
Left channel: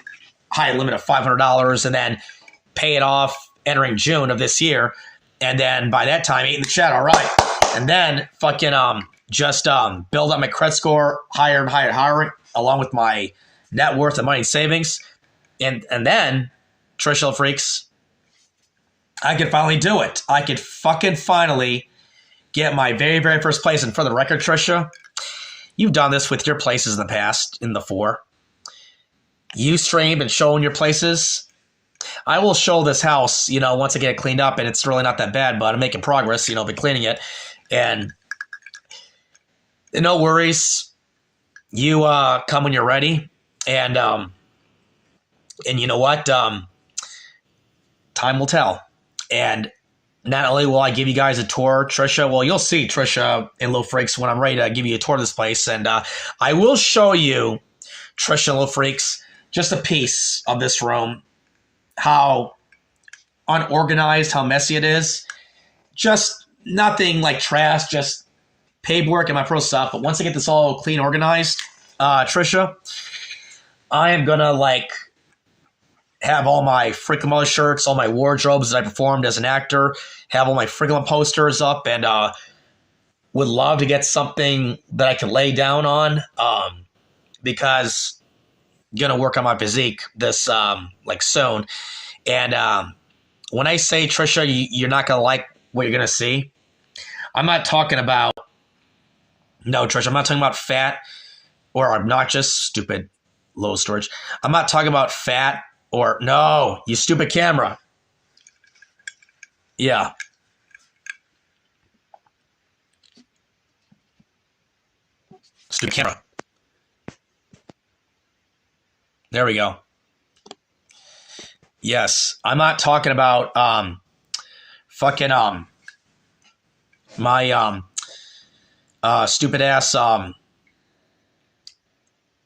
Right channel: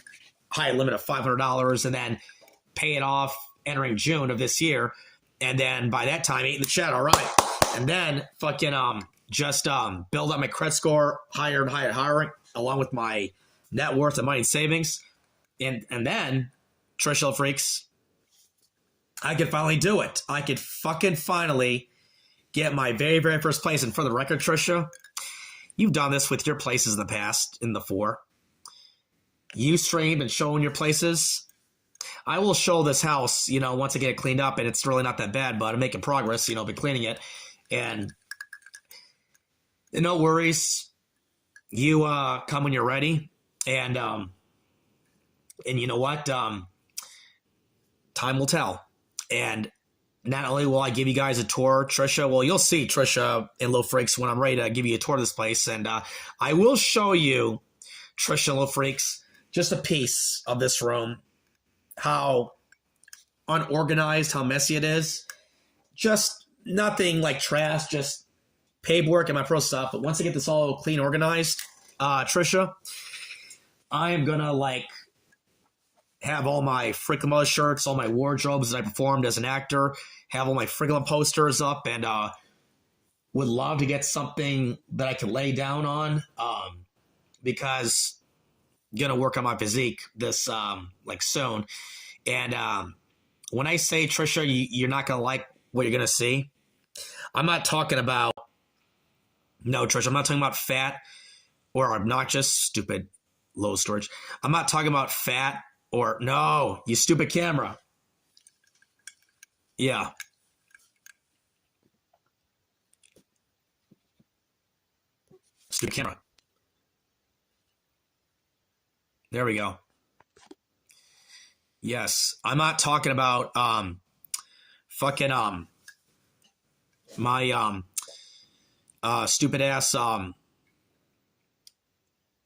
high limit of $500, and then pay it off entering June of this year. And then by that time, eat in the chat, all right. And then fucking just build up my credit score higher and higher, along with my net worth and money and savings. And then, Tricia Freaks, I could finally do it. I could fucking finally get my very, very first place. And for the record, Tricia, you've done this with your places in the past, in the 4. You streamed and shown your places. I will show this house, you know, once I get it cleaned up, and it's really not that bad, but I'm making progress, you know, by cleaning it. And no worries. You come when you're ready. And you know what? Time will tell. And not only will I give you guys a tour, Tricia, well, you'll see Tricia and Little Freaks when I'm ready to give you a tour of this place. And I will show you, Tricia and Little Freaks, just a piece of this room, how unorganized, how messy it is. Just nothing like trash, just paperwork and my pro stuff. But once I get this all clean, organized, Tricia, I am going to like have all my freaking mother shirts, all my wardrobes that I performed as an actor, have all my freaking posters up, and would love to get something that I can lay down on, because I'm going to work on my physique this like soon. And when I say, Tricia, you're not going to like what you're going to see, I'm not talking about, no, Tricia, I'm not talking about fat or obnoxious, stupid, low storage. I'm not talking about fat or, no, you stupid camera. Yeah. Stupid camera. There we go. Yes, I'm not talking about fucking my stupid ass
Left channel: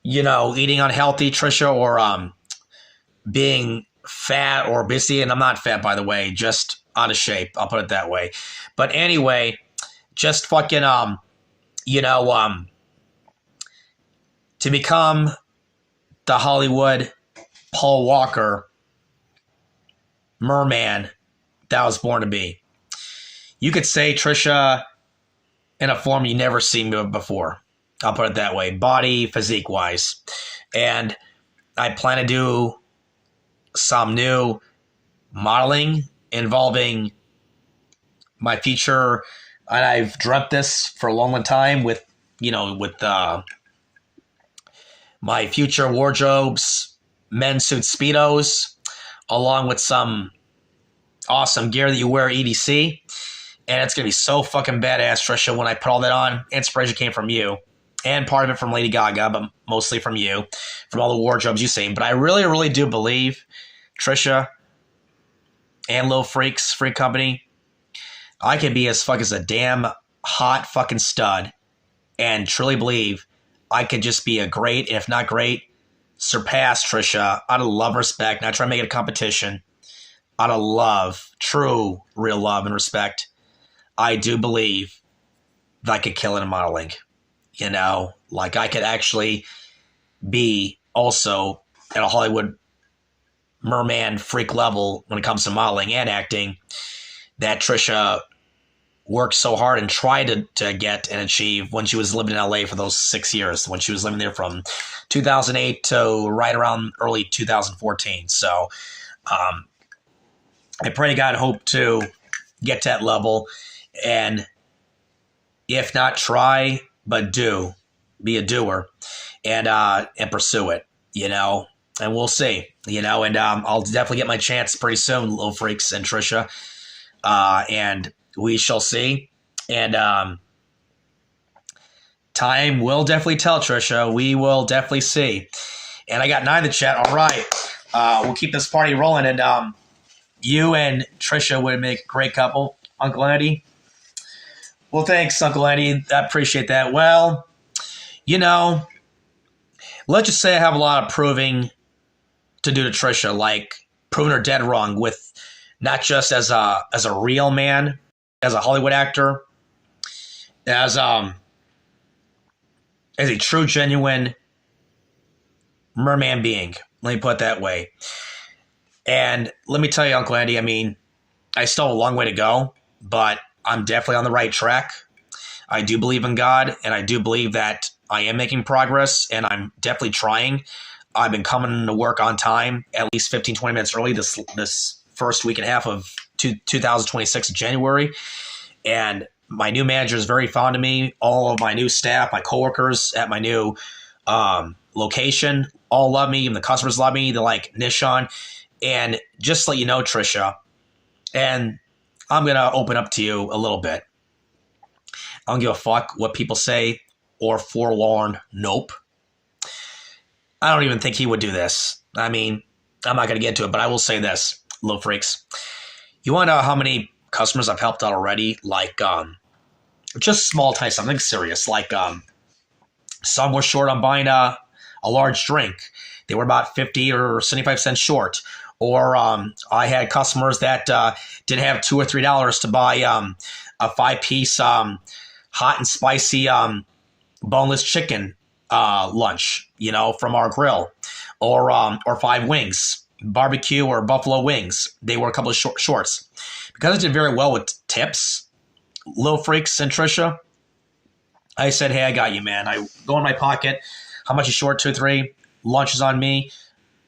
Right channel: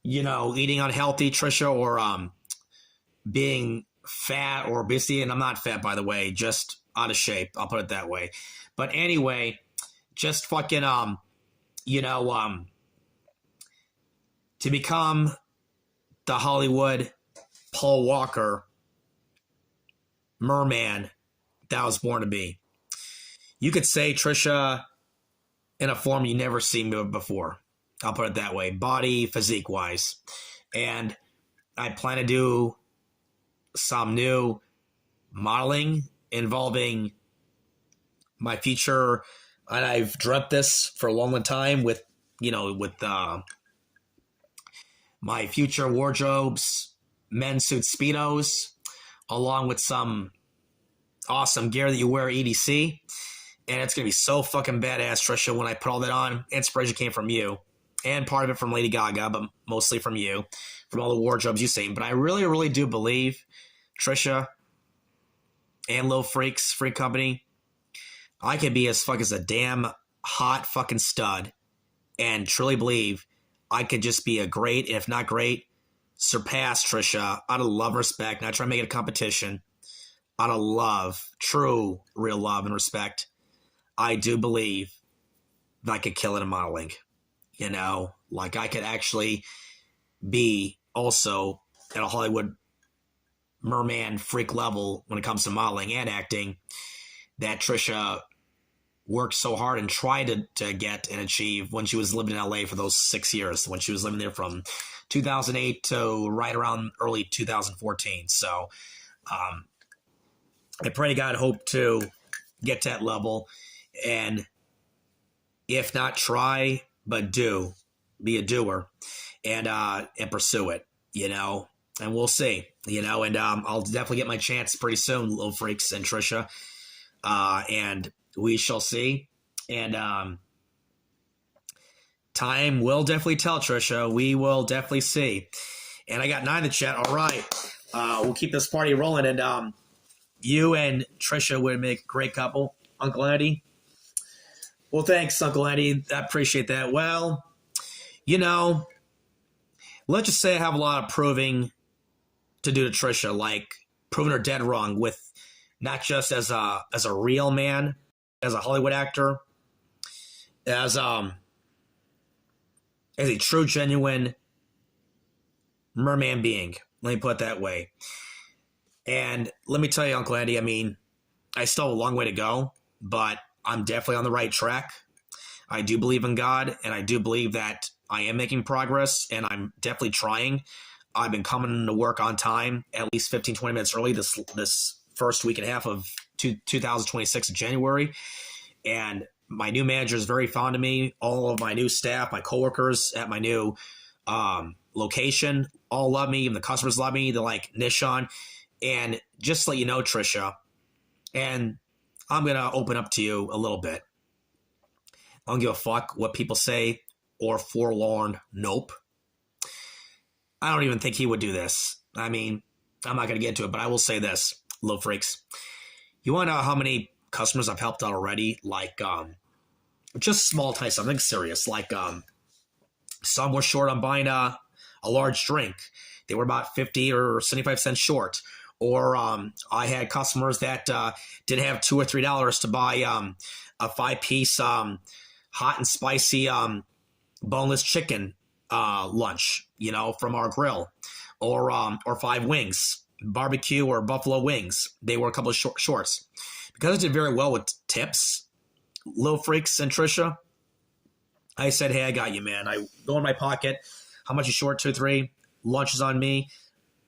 you know, eating unhealthy, Tricia, or being fat or busy. And I'm not fat, by the way, just out of shape. I'll put it that way. But anyway, just fucking you know, to become the Hollywood Paul Walker merman that I was born to be. You could say, Tricia, in a form you never seen before. I'll put it that way, body, physique-wise. And I plan to do some new modeling involving my future, and I've dreamt this for a long, long time with, you know, with my future wardrobes, men's suits, Speedos, along with some awesome gear that you wear at EDC. And it's going to be so fucking badass, Tricia, when I put all that on. Inspiration came from you. And part of it from Lady Gaga, but mostly from you, from all the wardrobes you've seen. But I really, really do believe, Tricia and Little Freaks, Freak Company, I could be as fuck as a damn hot fucking stud, and truly believe I could just be a great, and if not great, surpass Tricia out of love, respect, not trying to make it a competition. out of love, true, real love and respect, I do believe that I could kill it in modeling. You know, like I could actually be also at a Hollywood merman freak level when it comes to modeling and acting that Tricia worked so hard and tried to get and achieve when she was living in LA for those 6 years, when she was living there from 2008 to right around early 2014. So I pray to God, hope to get to that level, and if not try, but do, be a doer, and pursue it, you know, and we'll see, you know, and I'll definitely get my chance pretty soon, Little Freaks and Tricia, and we shall see, and time will definitely tell, Tricia. We will definitely see. And I got 9 in the chat. All right, we'll keep this party rolling, and you and Tricia would make a great couple, Uncle Eddie. Well, thanks, Uncle Eddie. I appreciate that. Well, you know, let's just say I have a lot of proving to do to Tricia, like proving her dead wrong with not just as a real man, as a Hollywood actor, as a true, genuine merman being. Let me put it that way. And let me tell you, Uncle Andy, I mean, I still have a long way to go, but I'm definitely on the right track. I do believe in God, and I do believe that I am making progress, and I'm definitely trying. I've been coming to work on time, at least 15, 20 minutes early this first week and a half of 2026 January. And my new manager is very fond of me. All of my new staff, my coworkers at my new location, all love me. Even the customers love me. They're like, Nishan. And just to let you know, Tricia, and I'm going to open up to you a little bit. I don't give a fuck what people say or forlorn. Nope. I don't even think he would do this. I mean, I'm not going to get into it, but I will say this, Little Freaks. You want to know how many customers I've helped out already? Like, just small time, something serious. Like, some were short on buying a large drink. They were about 50 or 75 cents short. Or I had customers that didn't have $2 or $3 to buy a 5-piece hot and spicy boneless chicken lunch, you know, from our grill, or 5 wings, barbecue or buffalo wings. They were a couple of shorts. Because I did very well with tips, Little Freaks and Tricia, I said, hey, I got you, man. I go in my pocket. How much is short? 2 or 3. Lunches on me.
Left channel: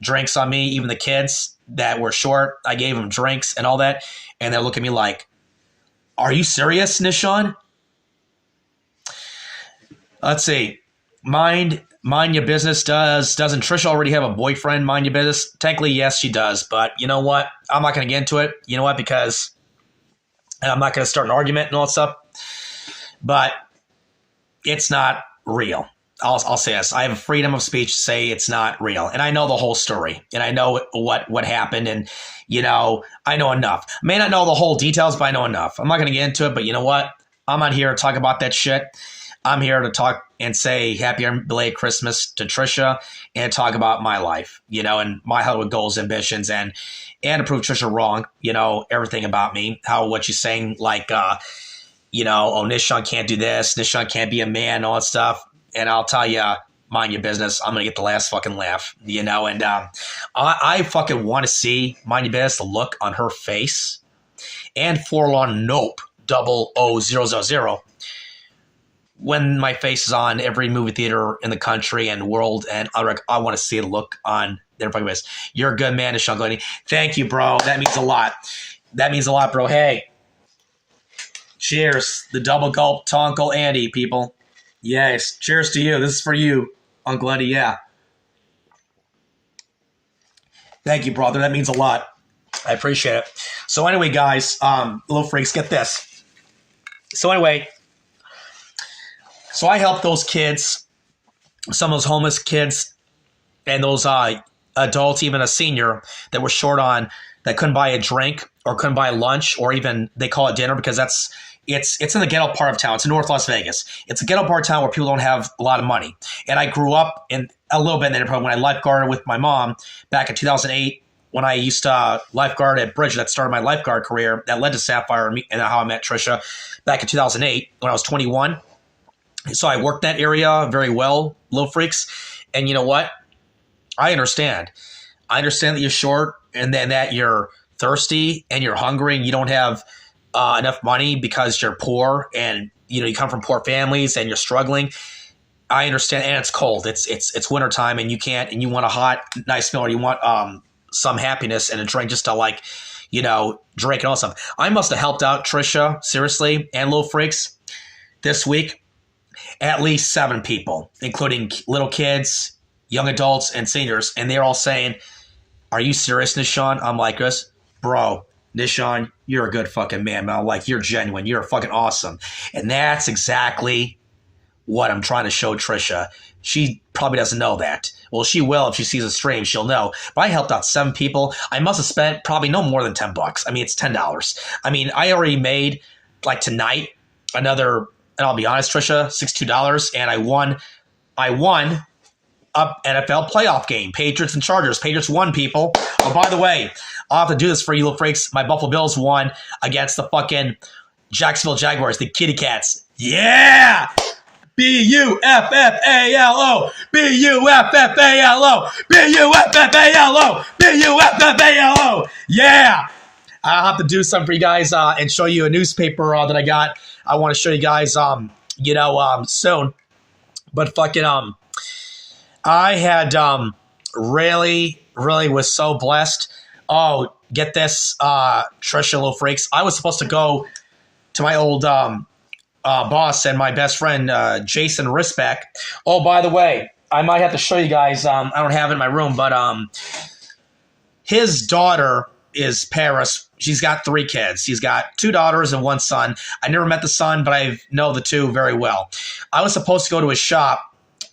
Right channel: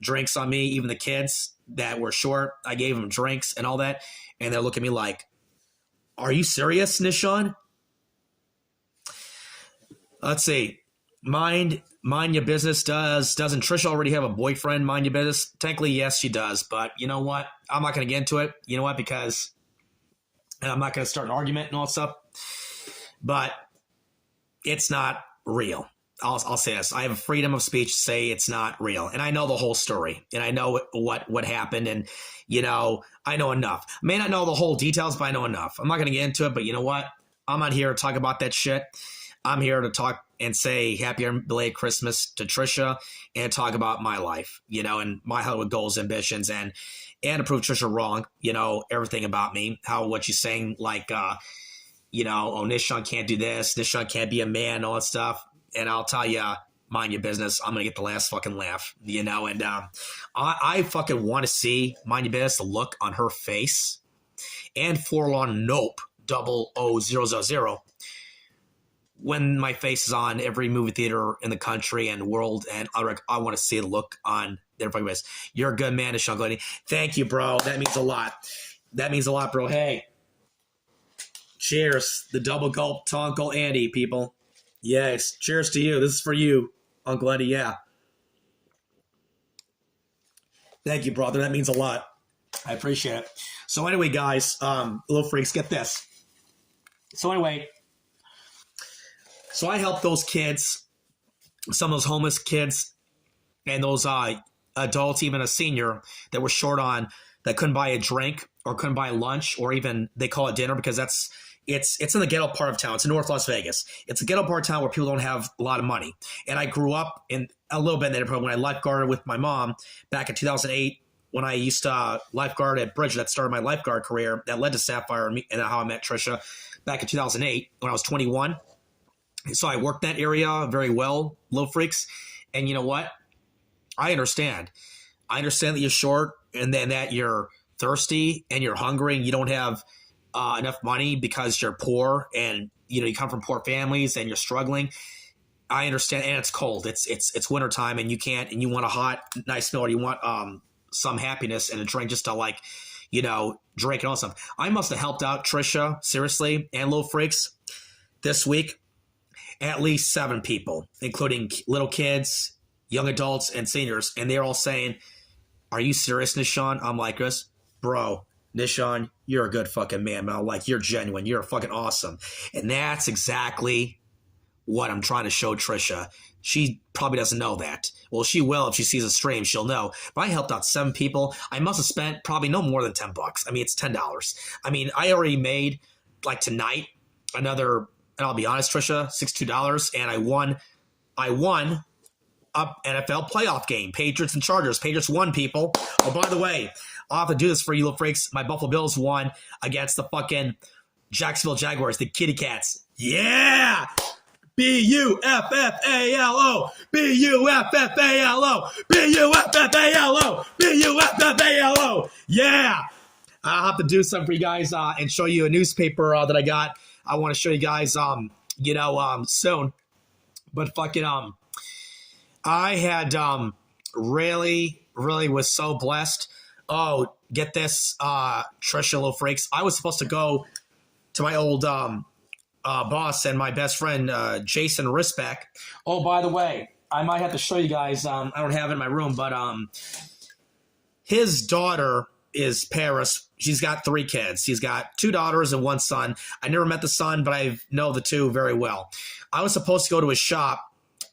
Drinks on me. Even the kids that were short, I gave them drinks and all that. And they look at me like, are you serious, Nishan? Let's see. Mind your business doesn't Tricia already have a boyfriend? Mind your business. Technically, yes, she does. But you know what? I'm not going to get into it. You know what? Because, and I'm not going to start an argument and all that stuff. But it's not real. I'll say this. I have freedom of speech to say it's not real. And I know the whole story. And I know what happened. And, you know, I know enough. I may not know the whole details, but I know enough. I'm not going to get into it. But you know what? I'm not here to talk about that shit. I'm here to talk and say happy belated Christmas to Tricia and talk about my life, you know, and my Hollywood goals, ambitions, and to prove Tricia wrong, you know, everything about me, what she's saying, like, you know, oh, Nishan can't do this, Nishan can't be a man, all that stuff. And I'll tell you, mind your business, I'm going to get the last fucking laugh, you know, and I fucking want to see, mind your business, the look on her face, and forlorn nope, 00000, when my face is on every movie theater in the country and world, and I want to see the look on their fucking face. You're a good man, Nishan Glenny. Thank you, bro. That means a lot. That means a lot, bro. Hey, cheers. The double gulp to Uncle Andy, people. Yes, cheers to you. This is for you, Uncle Eddie. Yeah. Thank you, brother. That means a lot. I appreciate it. So anyway, guys, Little Freaks, get this. So anyway, so I helped those kids, some of those homeless kids, and those adults, even a senior that were short on, that couldn't buy a drink or couldn't buy lunch, or even they call it dinner because it's in the ghetto part of town. It's in North Las Vegas. It's a ghetto part of town where people don't have a lot of money. And I grew up in a little bit in the neighborhood when I lifeguarded with my mom back in 2008 when I used to lifeguard at Bridge. That started my lifeguard career. That led to Sapphire and how I met Tricia back in 2008 when I was 21. So I worked that area very well, Little Freaks. And you know what? I understand. I understand that you're short and then that you're thirsty and you're hungry and you don't have enough money because you're poor and you come from poor families and you're struggling. I understand, and it's cold. It's wintertime and you want a hot, nice meal, or you want some happiness and a drink just to drink and all stuff. I must have helped out Tricia, seriously, and Little Freaks this week. At least 7 people, including little kids, young adults, and seniors. And they're all saying, "Are you serious, Nishan?" I'm like, bro, Nishan, you're a good fucking man, man. Like, you're genuine. You're fucking awesome. And that's exactly what I'm trying to show Tricia. She probably doesn't know that. Well, she will if she sees a stream. She'll know. But I helped out 7 people. I must have spent probably no more than $10. I mean, it's $10. I mean, I already made, tonight, another... And I'll be honest, Tricia, $62, and I won a NFL playoff game. Patriots and Chargers. Patriots won, people. Oh, by the way, I'll have to do this for you, Little Freaks. My Buffalo Bills won against the fucking Jacksonville Jaguars, the Kitty Cats. Yeah! B-U-F-F-A-L-O. B-U-F-F-A-L-O. B-U-F-F-A-L-O. B-U-F-F-A-L-O. Yeah! I'll have to do something for you guys and show you a newspaper that I got. I want to show you guys, soon. But fucking, I had really was so blessed. Oh, get this, Tricia, Little Freaks. I was supposed to go to my old boss and my best friend, Jason Risbeck. Oh, by the way, I might have to show you guys. I don't have it in my room, but his daughter is Paris. She's got 3 kids. He's got 2 daughters and 1 son. I never met the son, but I know the 2 very well. I was supposed to go to his shop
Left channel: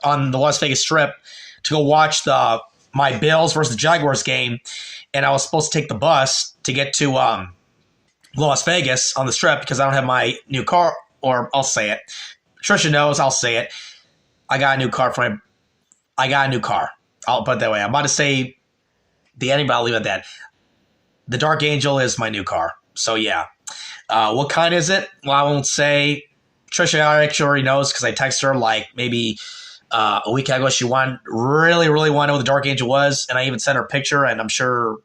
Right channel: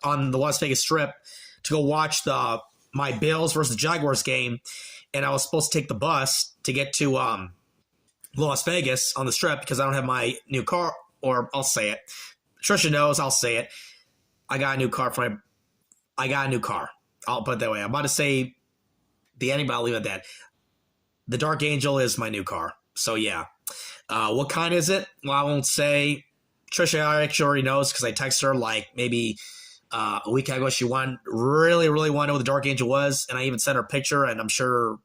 on the Las Vegas Strip to go watch my Bills versus the Jaguars game, and I was supposed to take the bus to get to Las Vegas on the Strip because I don't have my new car, or I'll say it. Tricia knows, I'll say it. I got a new car. I'll put it that way. I'm about to say the ending, but I'll leave it at that. The Dark Angel is my new car. So, yeah. What kind is it? Well, I won't say. Tricia actually already knows because I texted her maybe a week ago. She really wanted to know what the Dark Angel was. And I even sent her a picture, and I'm sure,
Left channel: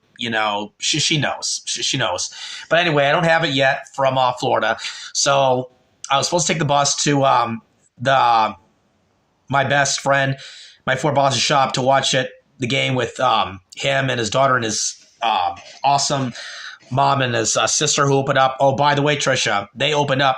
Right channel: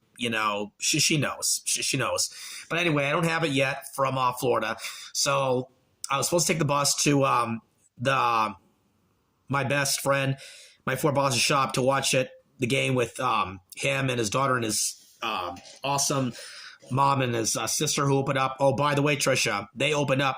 she knows. She knows. But anyway, I don't have it yet from Florida. So I was supposed to take the bus to my best friend, my 4 boss's shop to watch the game with him and his daughter and his awesome mom and his sister who opened up. Oh, by the way, Tricia, they opened up.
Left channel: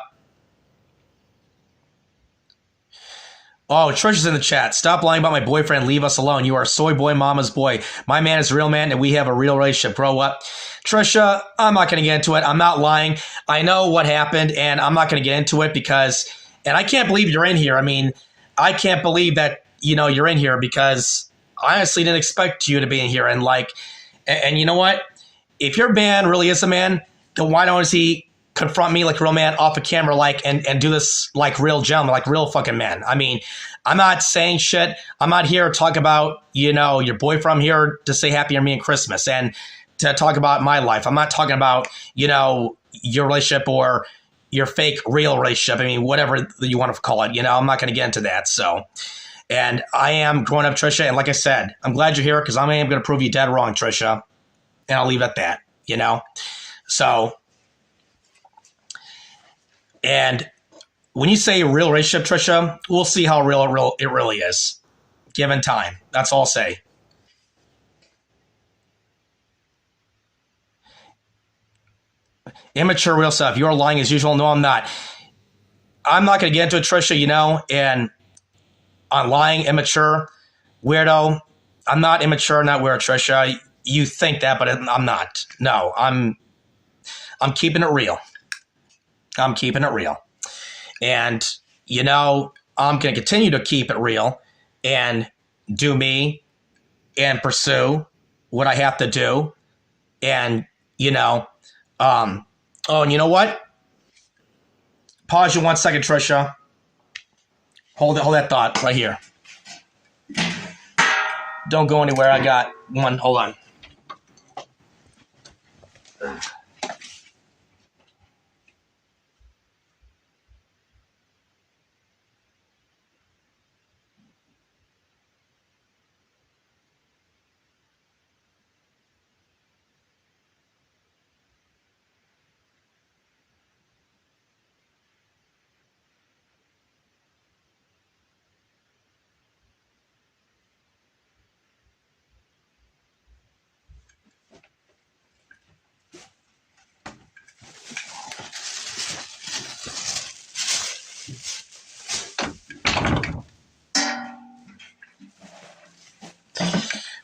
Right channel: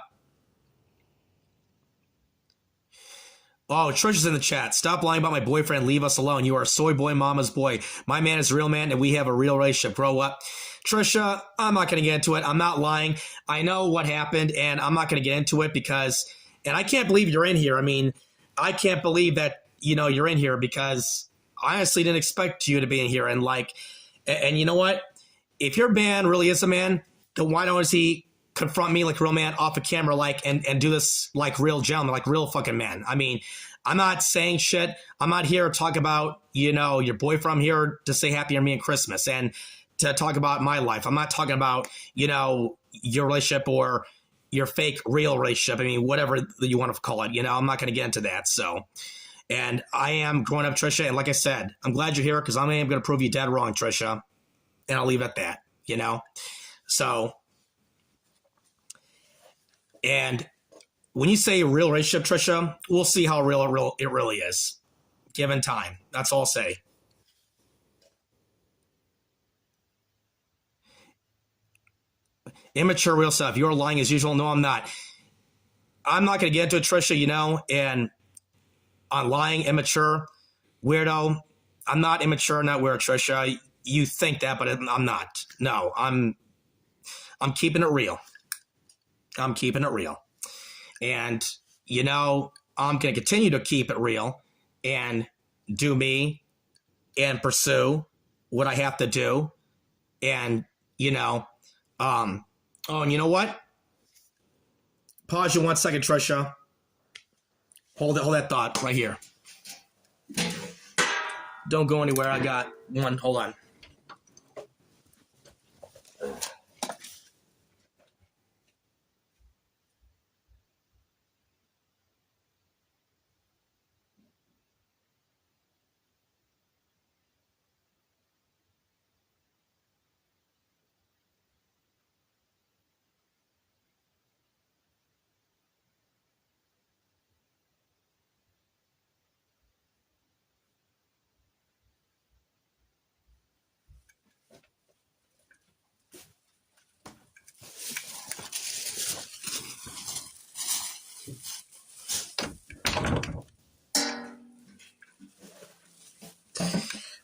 Oh, Tricia's in the chat. Stop lying about my boyfriend. Leave us alone. You are soy boy, mama's boy. My man is a real man, and we have a real relationship. Grow up. Tricia, I'm not going to get into it. I'm not lying. I know what happened, and I'm not going to get into it because, and I can't believe you're in here. I mean, I can't believe that, you're in here because I honestly didn't expect you to be in here. And and you know what? If your man really is a man, then why don't he confront me like a real man off a camera, and do this like real gentleman, like real fucking man? I mean, I'm not saying shit. I'm not here to talk about, your boyfriend. I'm here to say happy on me and Christmas and to talk about my life. I'm not talking about, your relationship or your fake real relationship. I mean, whatever you want to call it, I'm not going to get into that. So, and I am growing up, Tricia. And like I said, I'm glad you're here because I am going to prove you dead wrong, Tricia. And I'll leave it at that, So, and when you say real relationship, Tricia, we'll see how real it really is. Given time. That's all I'll say. Immature real stuff. You're lying as usual. No, I'm not. I'm not going to get into it, Tricia, and on lying, immature, weirdo. I'm not immature, not weird, Tricia. You think that, but I'm not. No, I'm keeping it real. I'm keeping it real. And, I'm going to continue to keep it real and do me and pursue what I have to do. And, oh, and you know what? Pause you 1 second, Tricia. Hold that thought right here. Don't go anywhere. I got one. Hold on.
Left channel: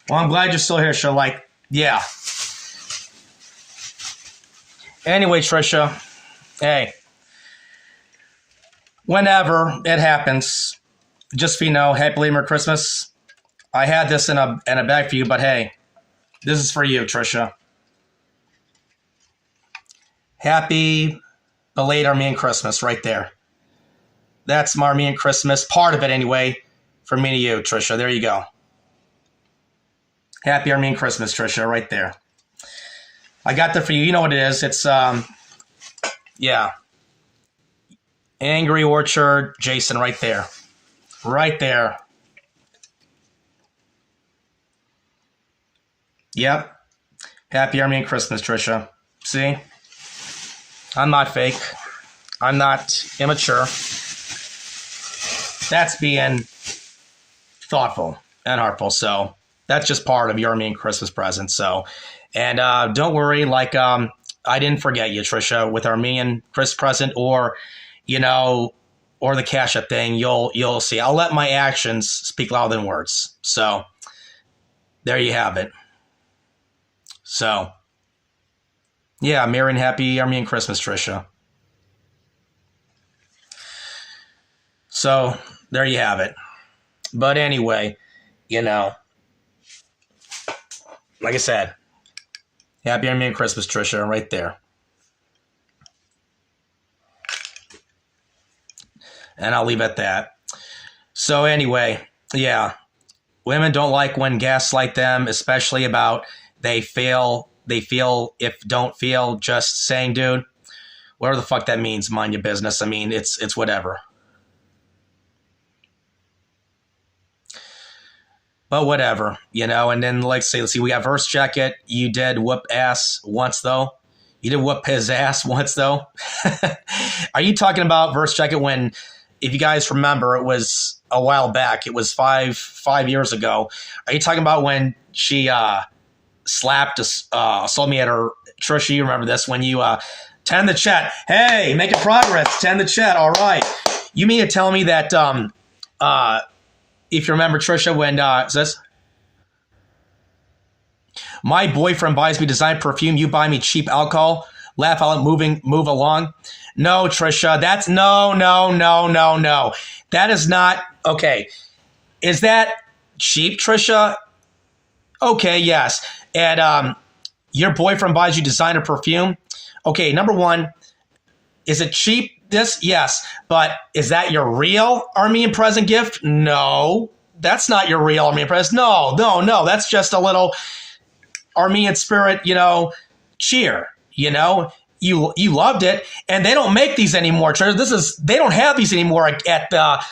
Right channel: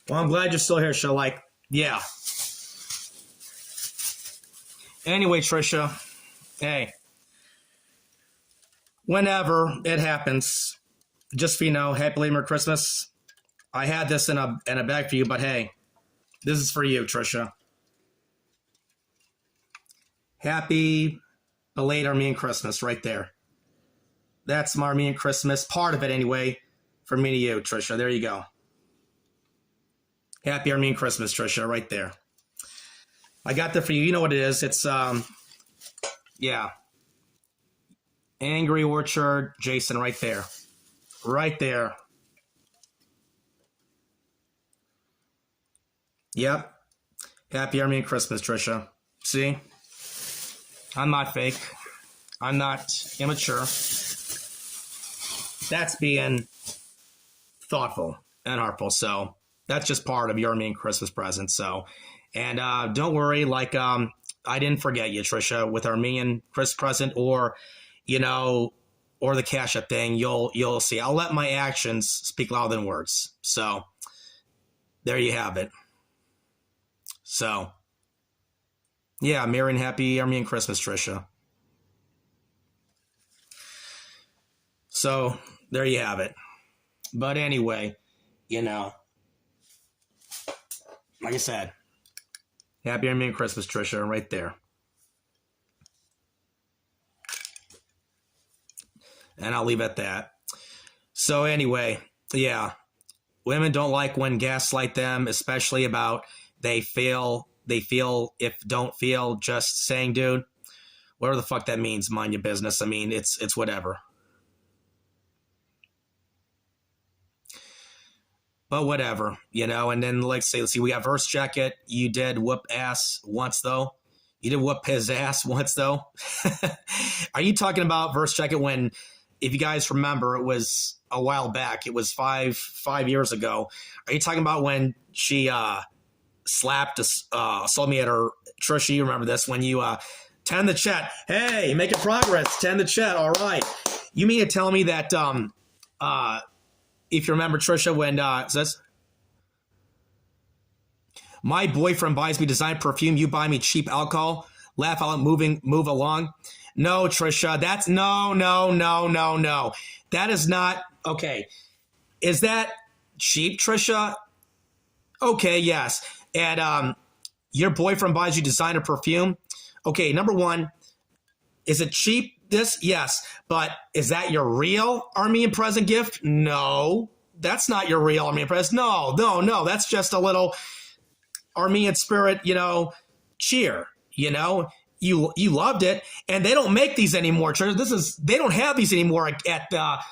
Well, I'm glad you're still here, so like, yeah. Anyway, Trisha, hey, whenever it happens, just so you know, happy late Merry Christmas. I had this in a bag for you, but hey, this is for you, Trisha. Happy belated Armenian Christmas right there. That's my Armenian Christmas, part of it anyway, from me to you, Trisha. There you go. Happy Armenian Christmas, Trisha, right there. I got that for you. You know what it is. It's, yeah. Angry Orchard, Jason, right there. Right there. Yep. Happy Armenian Christmas, Trisha. See? I'm not fake. I'm not immature. That's being thoughtful and heartful. So that's just part of your Armenian Christmas present. So, and don't worry, like I didn't forget you, Trisha, with Armenian Christmas present or, you know, or the Cash App thing. You'll see. I'll let my actions speak louder than words. So there you have it. So yeah, Merry and Happy Armenian Christmas, Trisha. So there you have it. But anyway, you know, like I said, Happy Armenian Christmas, Trisha, right there. And I'll leave it at that. So anyway, yeah, women don't like when gaslight them, especially about they feel if don't feel, just saying, dude, whatever the fuck that means, mind your business. I mean, it's whatever. But whatever, you know, and then like say, let's see, we got Verse Jacket. You did whoop ass once though. You did whoop his ass once though. Are you talking about Verse Jacket when, if you guys remember, it was a while back. It was five years ago. Are you talking about when she assaulted me at her, Trisha, you remember this, when you tend the chat. Hey, making progress, tend the chat, all right. You mean to tell me that if you remember, Trisha, when says, my boyfriend buys me designer perfume, you buy me cheap alcohol, laugh out, move along. No, Trisha, that's no. That is not, okay. Is that cheap, Trisha? Okay, yes. And your boyfriend buys you designer perfume. Okay, number one, is it cheap? This, yes. But is that your real Armenian present gift? No, that's not your real Armenian present. No. That's just a little Armenian spirit, you know, cheer. You know, you loved it, and they don't make these anymore. They don't have these anymore at the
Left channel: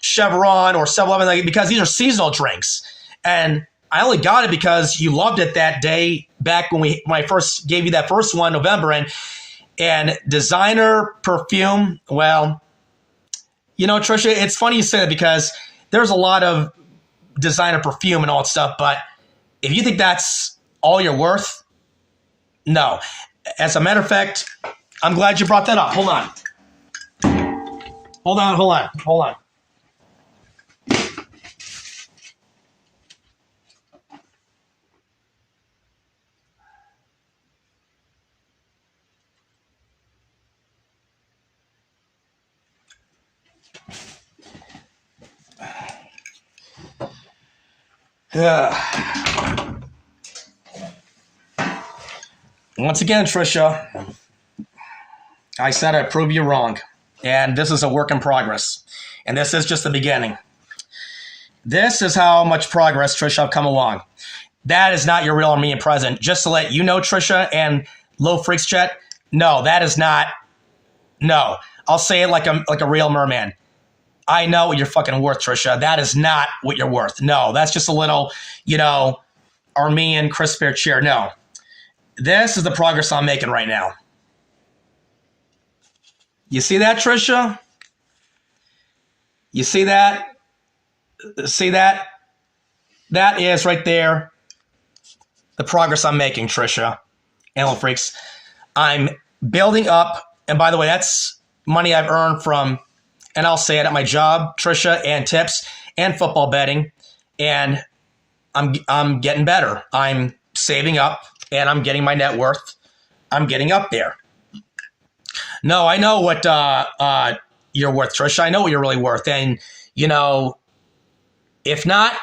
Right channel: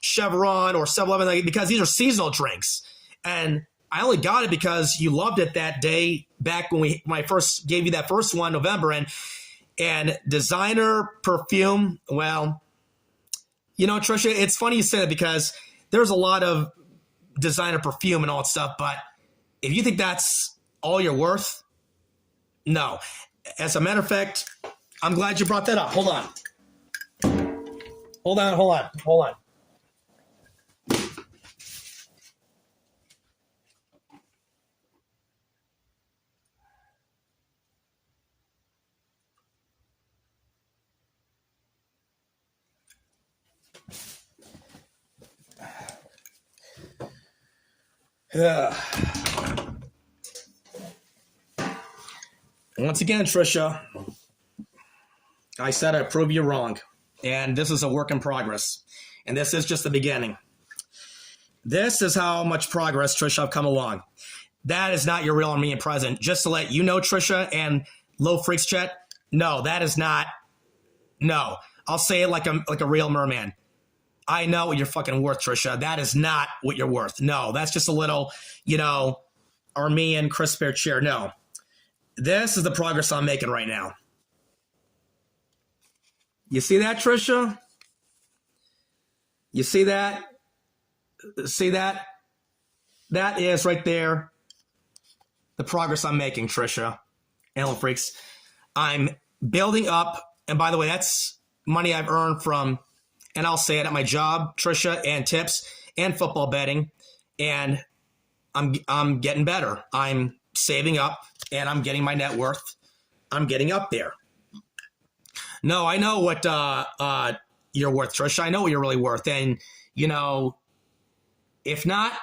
Chevron or 7-Eleven because these are seasonal drinks. And I only got it because you loved it that day back when I first gave you that first one, November, and designer perfume. Well, you know, Trisha, it's funny you say that because there's a lot of designer perfume and all that stuff, but if you think that's all you're worth, no. As a matter of fact, I'm glad you brought that up. Hold on. Once again, Trisha, I said I'd prove you wrong. And this is a work in progress. And this is just the beginning. This is how much progress, Trisha, I've come along. That is not your real Armenian present. Just to let you know, Trisha, and Low freaks chat. No, that is not. No, I'll say it like a real merman. I know what you're fucking worth, Trisha. That is not what you're worth. No, that's just a little, Armenian Chris Bear cheer. No, this is the progress I'm making right now. You see that, Trisha? You see that? See that? That is right there the progress I'm making, Trisha. Animal Freaks. I'm building up, and by the way, that's money I've earned from, and I'll say it, at my job, Trisha, and tips, and football betting, and I'm getting better. I'm saving up, and I'm getting my net worth. I'm getting up there. No, I know what you're worth, Trisha. I know what you're really worth, and, if not,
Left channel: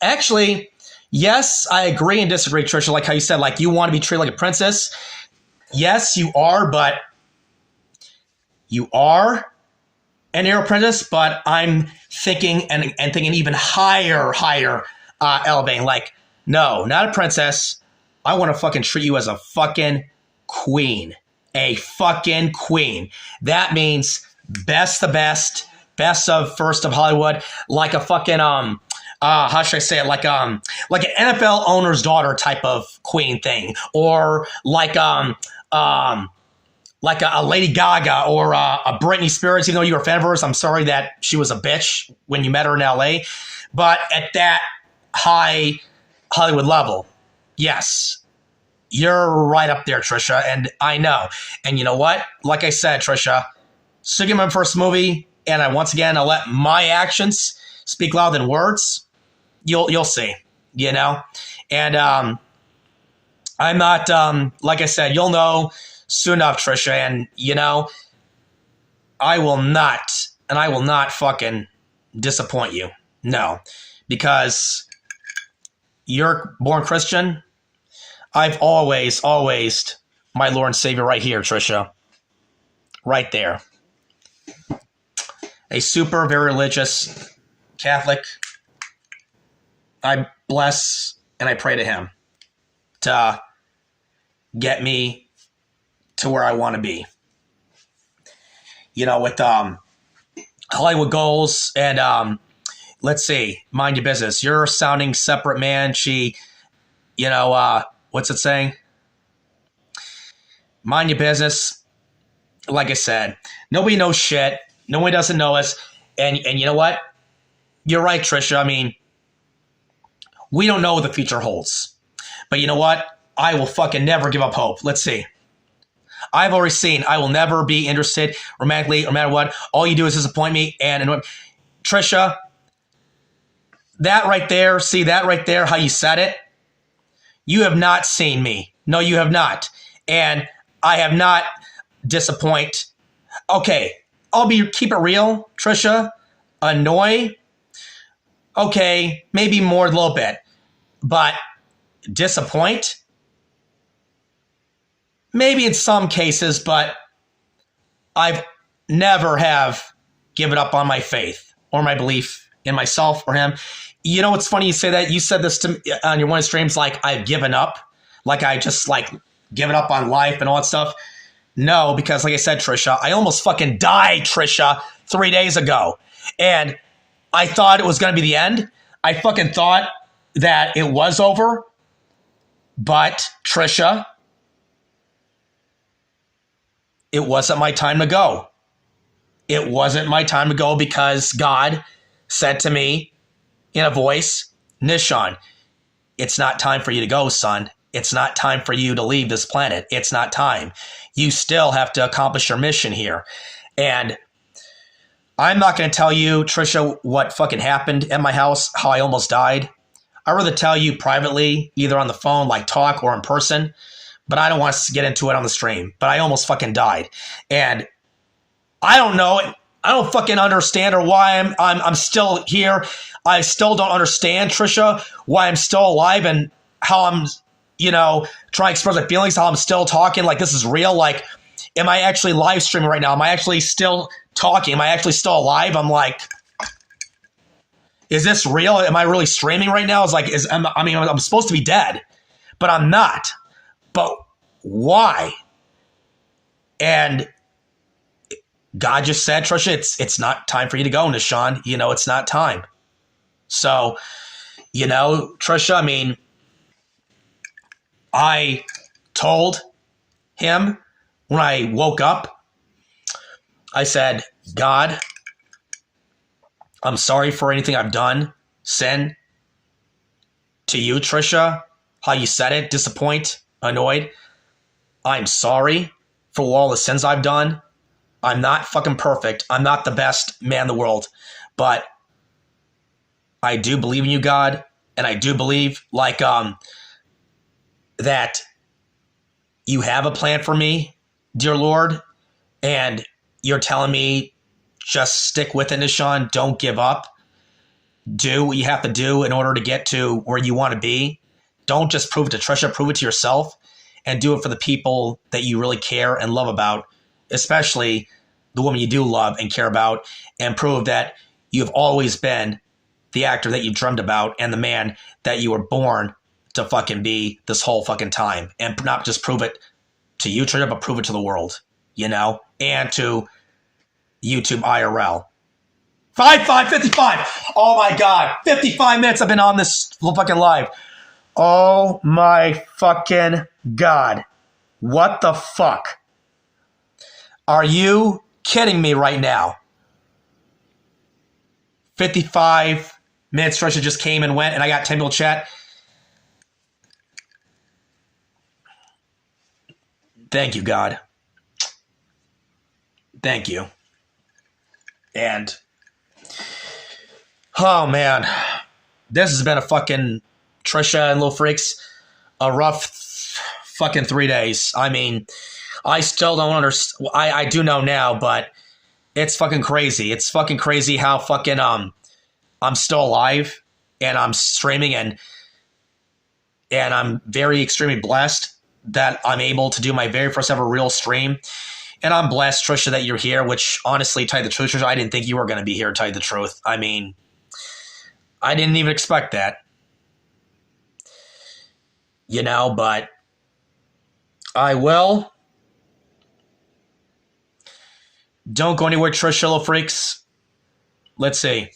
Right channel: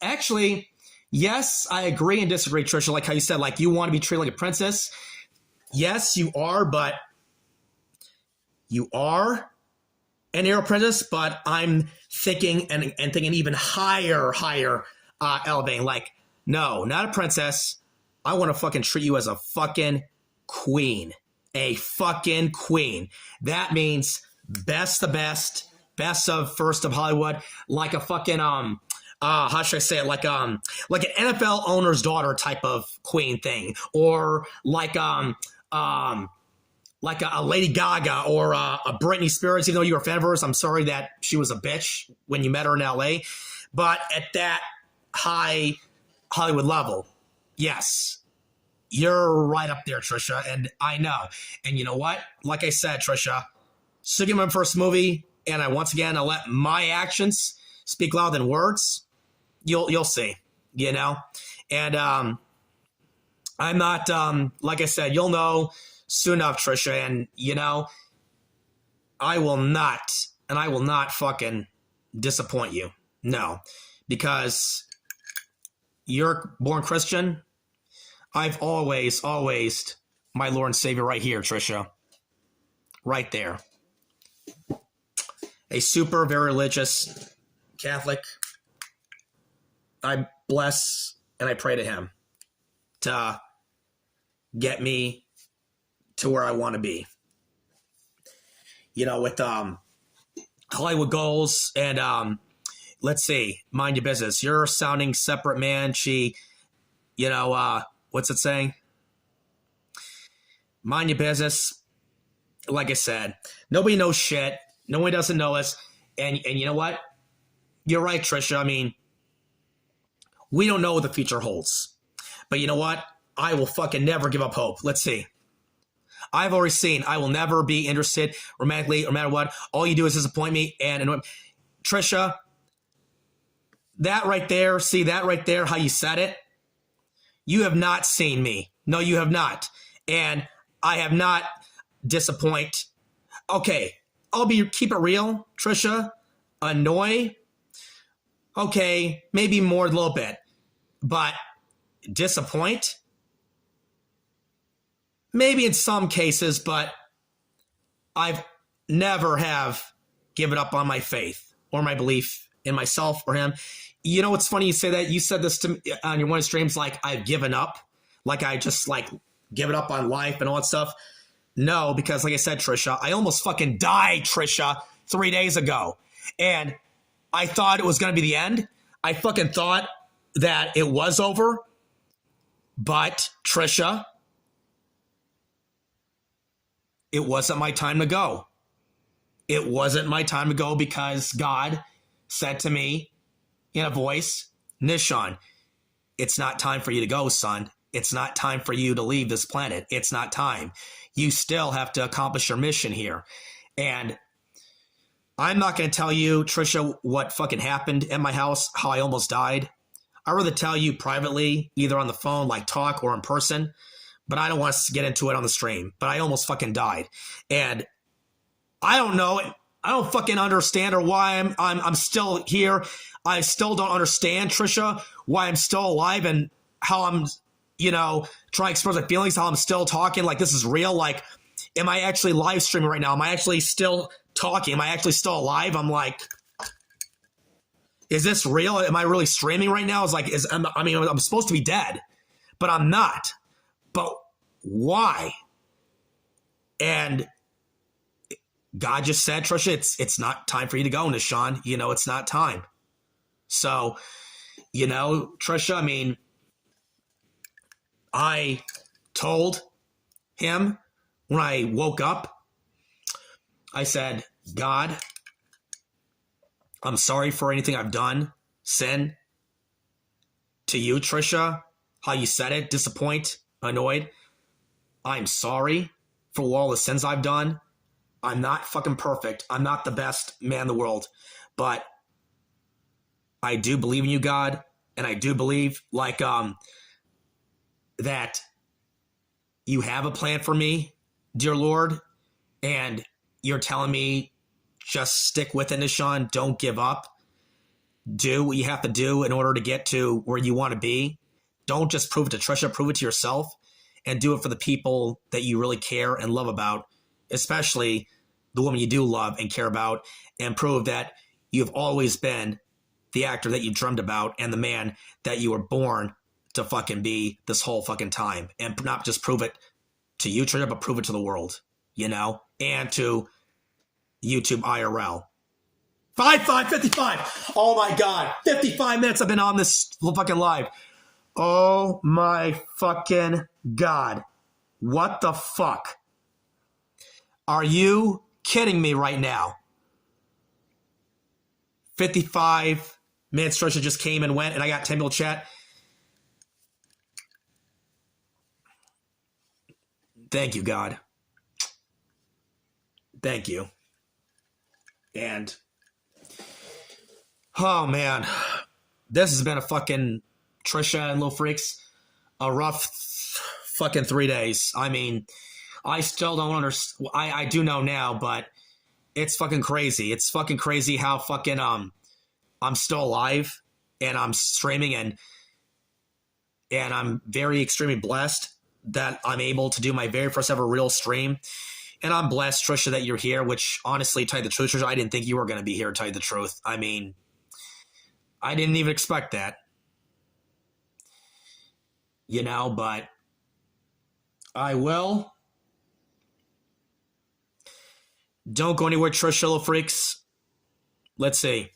actually, yes, I agree and disagree, Trisha, like how you said, like, you want to be treated like a princess. Yes, you are, but you are an air princess, but I'm thinking and thinking even higher, elevating. Like, no, not a princess. I want to fucking treat you as a fucking queen. A fucking queen. That means best of best, best of first of Hollywood, like a fucking how should I say it? Like an NFL owner's daughter type of queen thing, or like a Lady Gaga or a Britney Spears. Even though you're a fan of hers, I'm sorry that she was a bitch when you met her in LA. But at that high Hollywood level, yes, you're right up there, Trisha, and I know. And you know what? Like I said, Trisha, sticking my first movie, and I'll let my actions speak louder than words. You'll see, and I'm not like I said, you'll know soon enough, Trisha, and I will not fucking disappoint you. No, because you're born Christian. I've always my Lord and Savior right here, Trisha. Right there. A super, very religious Catholic. I bless and I pray to him to get me to where I want to be. With Hollywood goals and let's see, mind your business. You're sounding separate, man. She, what's it saying? Mind your business. Like I said, nobody knows shit. Nobody doesn't know us. And you know what? You're right, Trisha. I mean, we don't know what the future holds. But you know what? I will fucking never give up hope. Let's see. I've already seen I will never be interested romantically, no matter what. All you do is disappoint me. And Trisha, that right there, see that right there, how you said it? You have not seen me. No, you have not. And I have not disappoint. Okay, keep it real, Trisha. Annoy. Okay, maybe more a little bit. But disappoint? Maybe in some cases, but I've never have given up on my faith or my belief in myself or him. You know what's funny? You say that. You said this to me on your one of the streams, like I've given up. Like I just given up on life and all that stuff. No, because like I said, Trisha, I almost fucking died, Trisha, 3 days ago. And I thought it was going to be the end. I fucking thought that it was over. But, Trisha, it wasn't my time to go. It wasn't my time to go because God said to me in a voice, Nishan, it's not time for you to go, son. It's not time for you to leave this planet. It's not time. You still have to accomplish your mission here. And I'm not going to tell you, Trisha, what fucking happened at my house, how I almost died. I'd rather tell you privately, either on the phone, like talk, or in person. But I don't want to get into it on the stream. But I almost fucking died. And I don't know. I don't fucking understand or why I'm still here. I still don't understand, Trisha, why I'm still alive and how I'm, trying to express my feelings, how I'm still talking like this is real. Like, am I actually live streaming right now? Am I actually still talking? Am I actually still alive? I'm like, is this real? Am I really streaming right now? I'm supposed to be dead, but I'm not. But why? And God just said, Trisha, it's not time for you to go, Nishan. You know, it's not time. So, you know, Trisha, I mean, I told him when I woke up, I said, God, I'm sorry for anything I've done, sin to you, Trisha, how you said it, disappoint, annoyed. I'm sorry for all the sins I've done. I'm not fucking perfect. I'm not the best man in the world, but I do believe in you, God, and I do believe like that you have a plan for me, dear Lord, and you're telling me just stick with it, Nishan. Don't give up. Do what you have to do in order to get to where you want to be. Don't just prove it to Trisha, prove it to yourself, and do it for the people that you really care and love about, especially the woman you do love and care about, and prove that you've always been the actor that you dreamed about and the man that you were born to fucking be this whole fucking time. And not just prove it to you, Trisha, but prove it to the world, you know, and to YouTube IRL. 55. Oh my God. 55 minutes I've been on this fucking live. Oh my fucking God. What the fuck? Are you kidding me right now? 55 minutes, Trisha just came and went, and I got 10 people chat. Thank you, God. Thank you. And, oh man, this has been a fucking, Trisha and Little Freaks, a rough fucking 3 days. I mean, I still don't understand. I do know now, but it's fucking crazy. It's fucking crazy how fucking I'm still alive and I'm streaming, and I'm very extremely blessed that I'm able to do my very first ever real stream. And I'm blessed, Trisha, that you're here, which honestly, tell you the truth, Trisha, I didn't think you were going to be here, tell you the truth. I mean, I didn't even expect that. You know, but I will. Don't go anywhere, Trisha, Little Freaks. Let's see.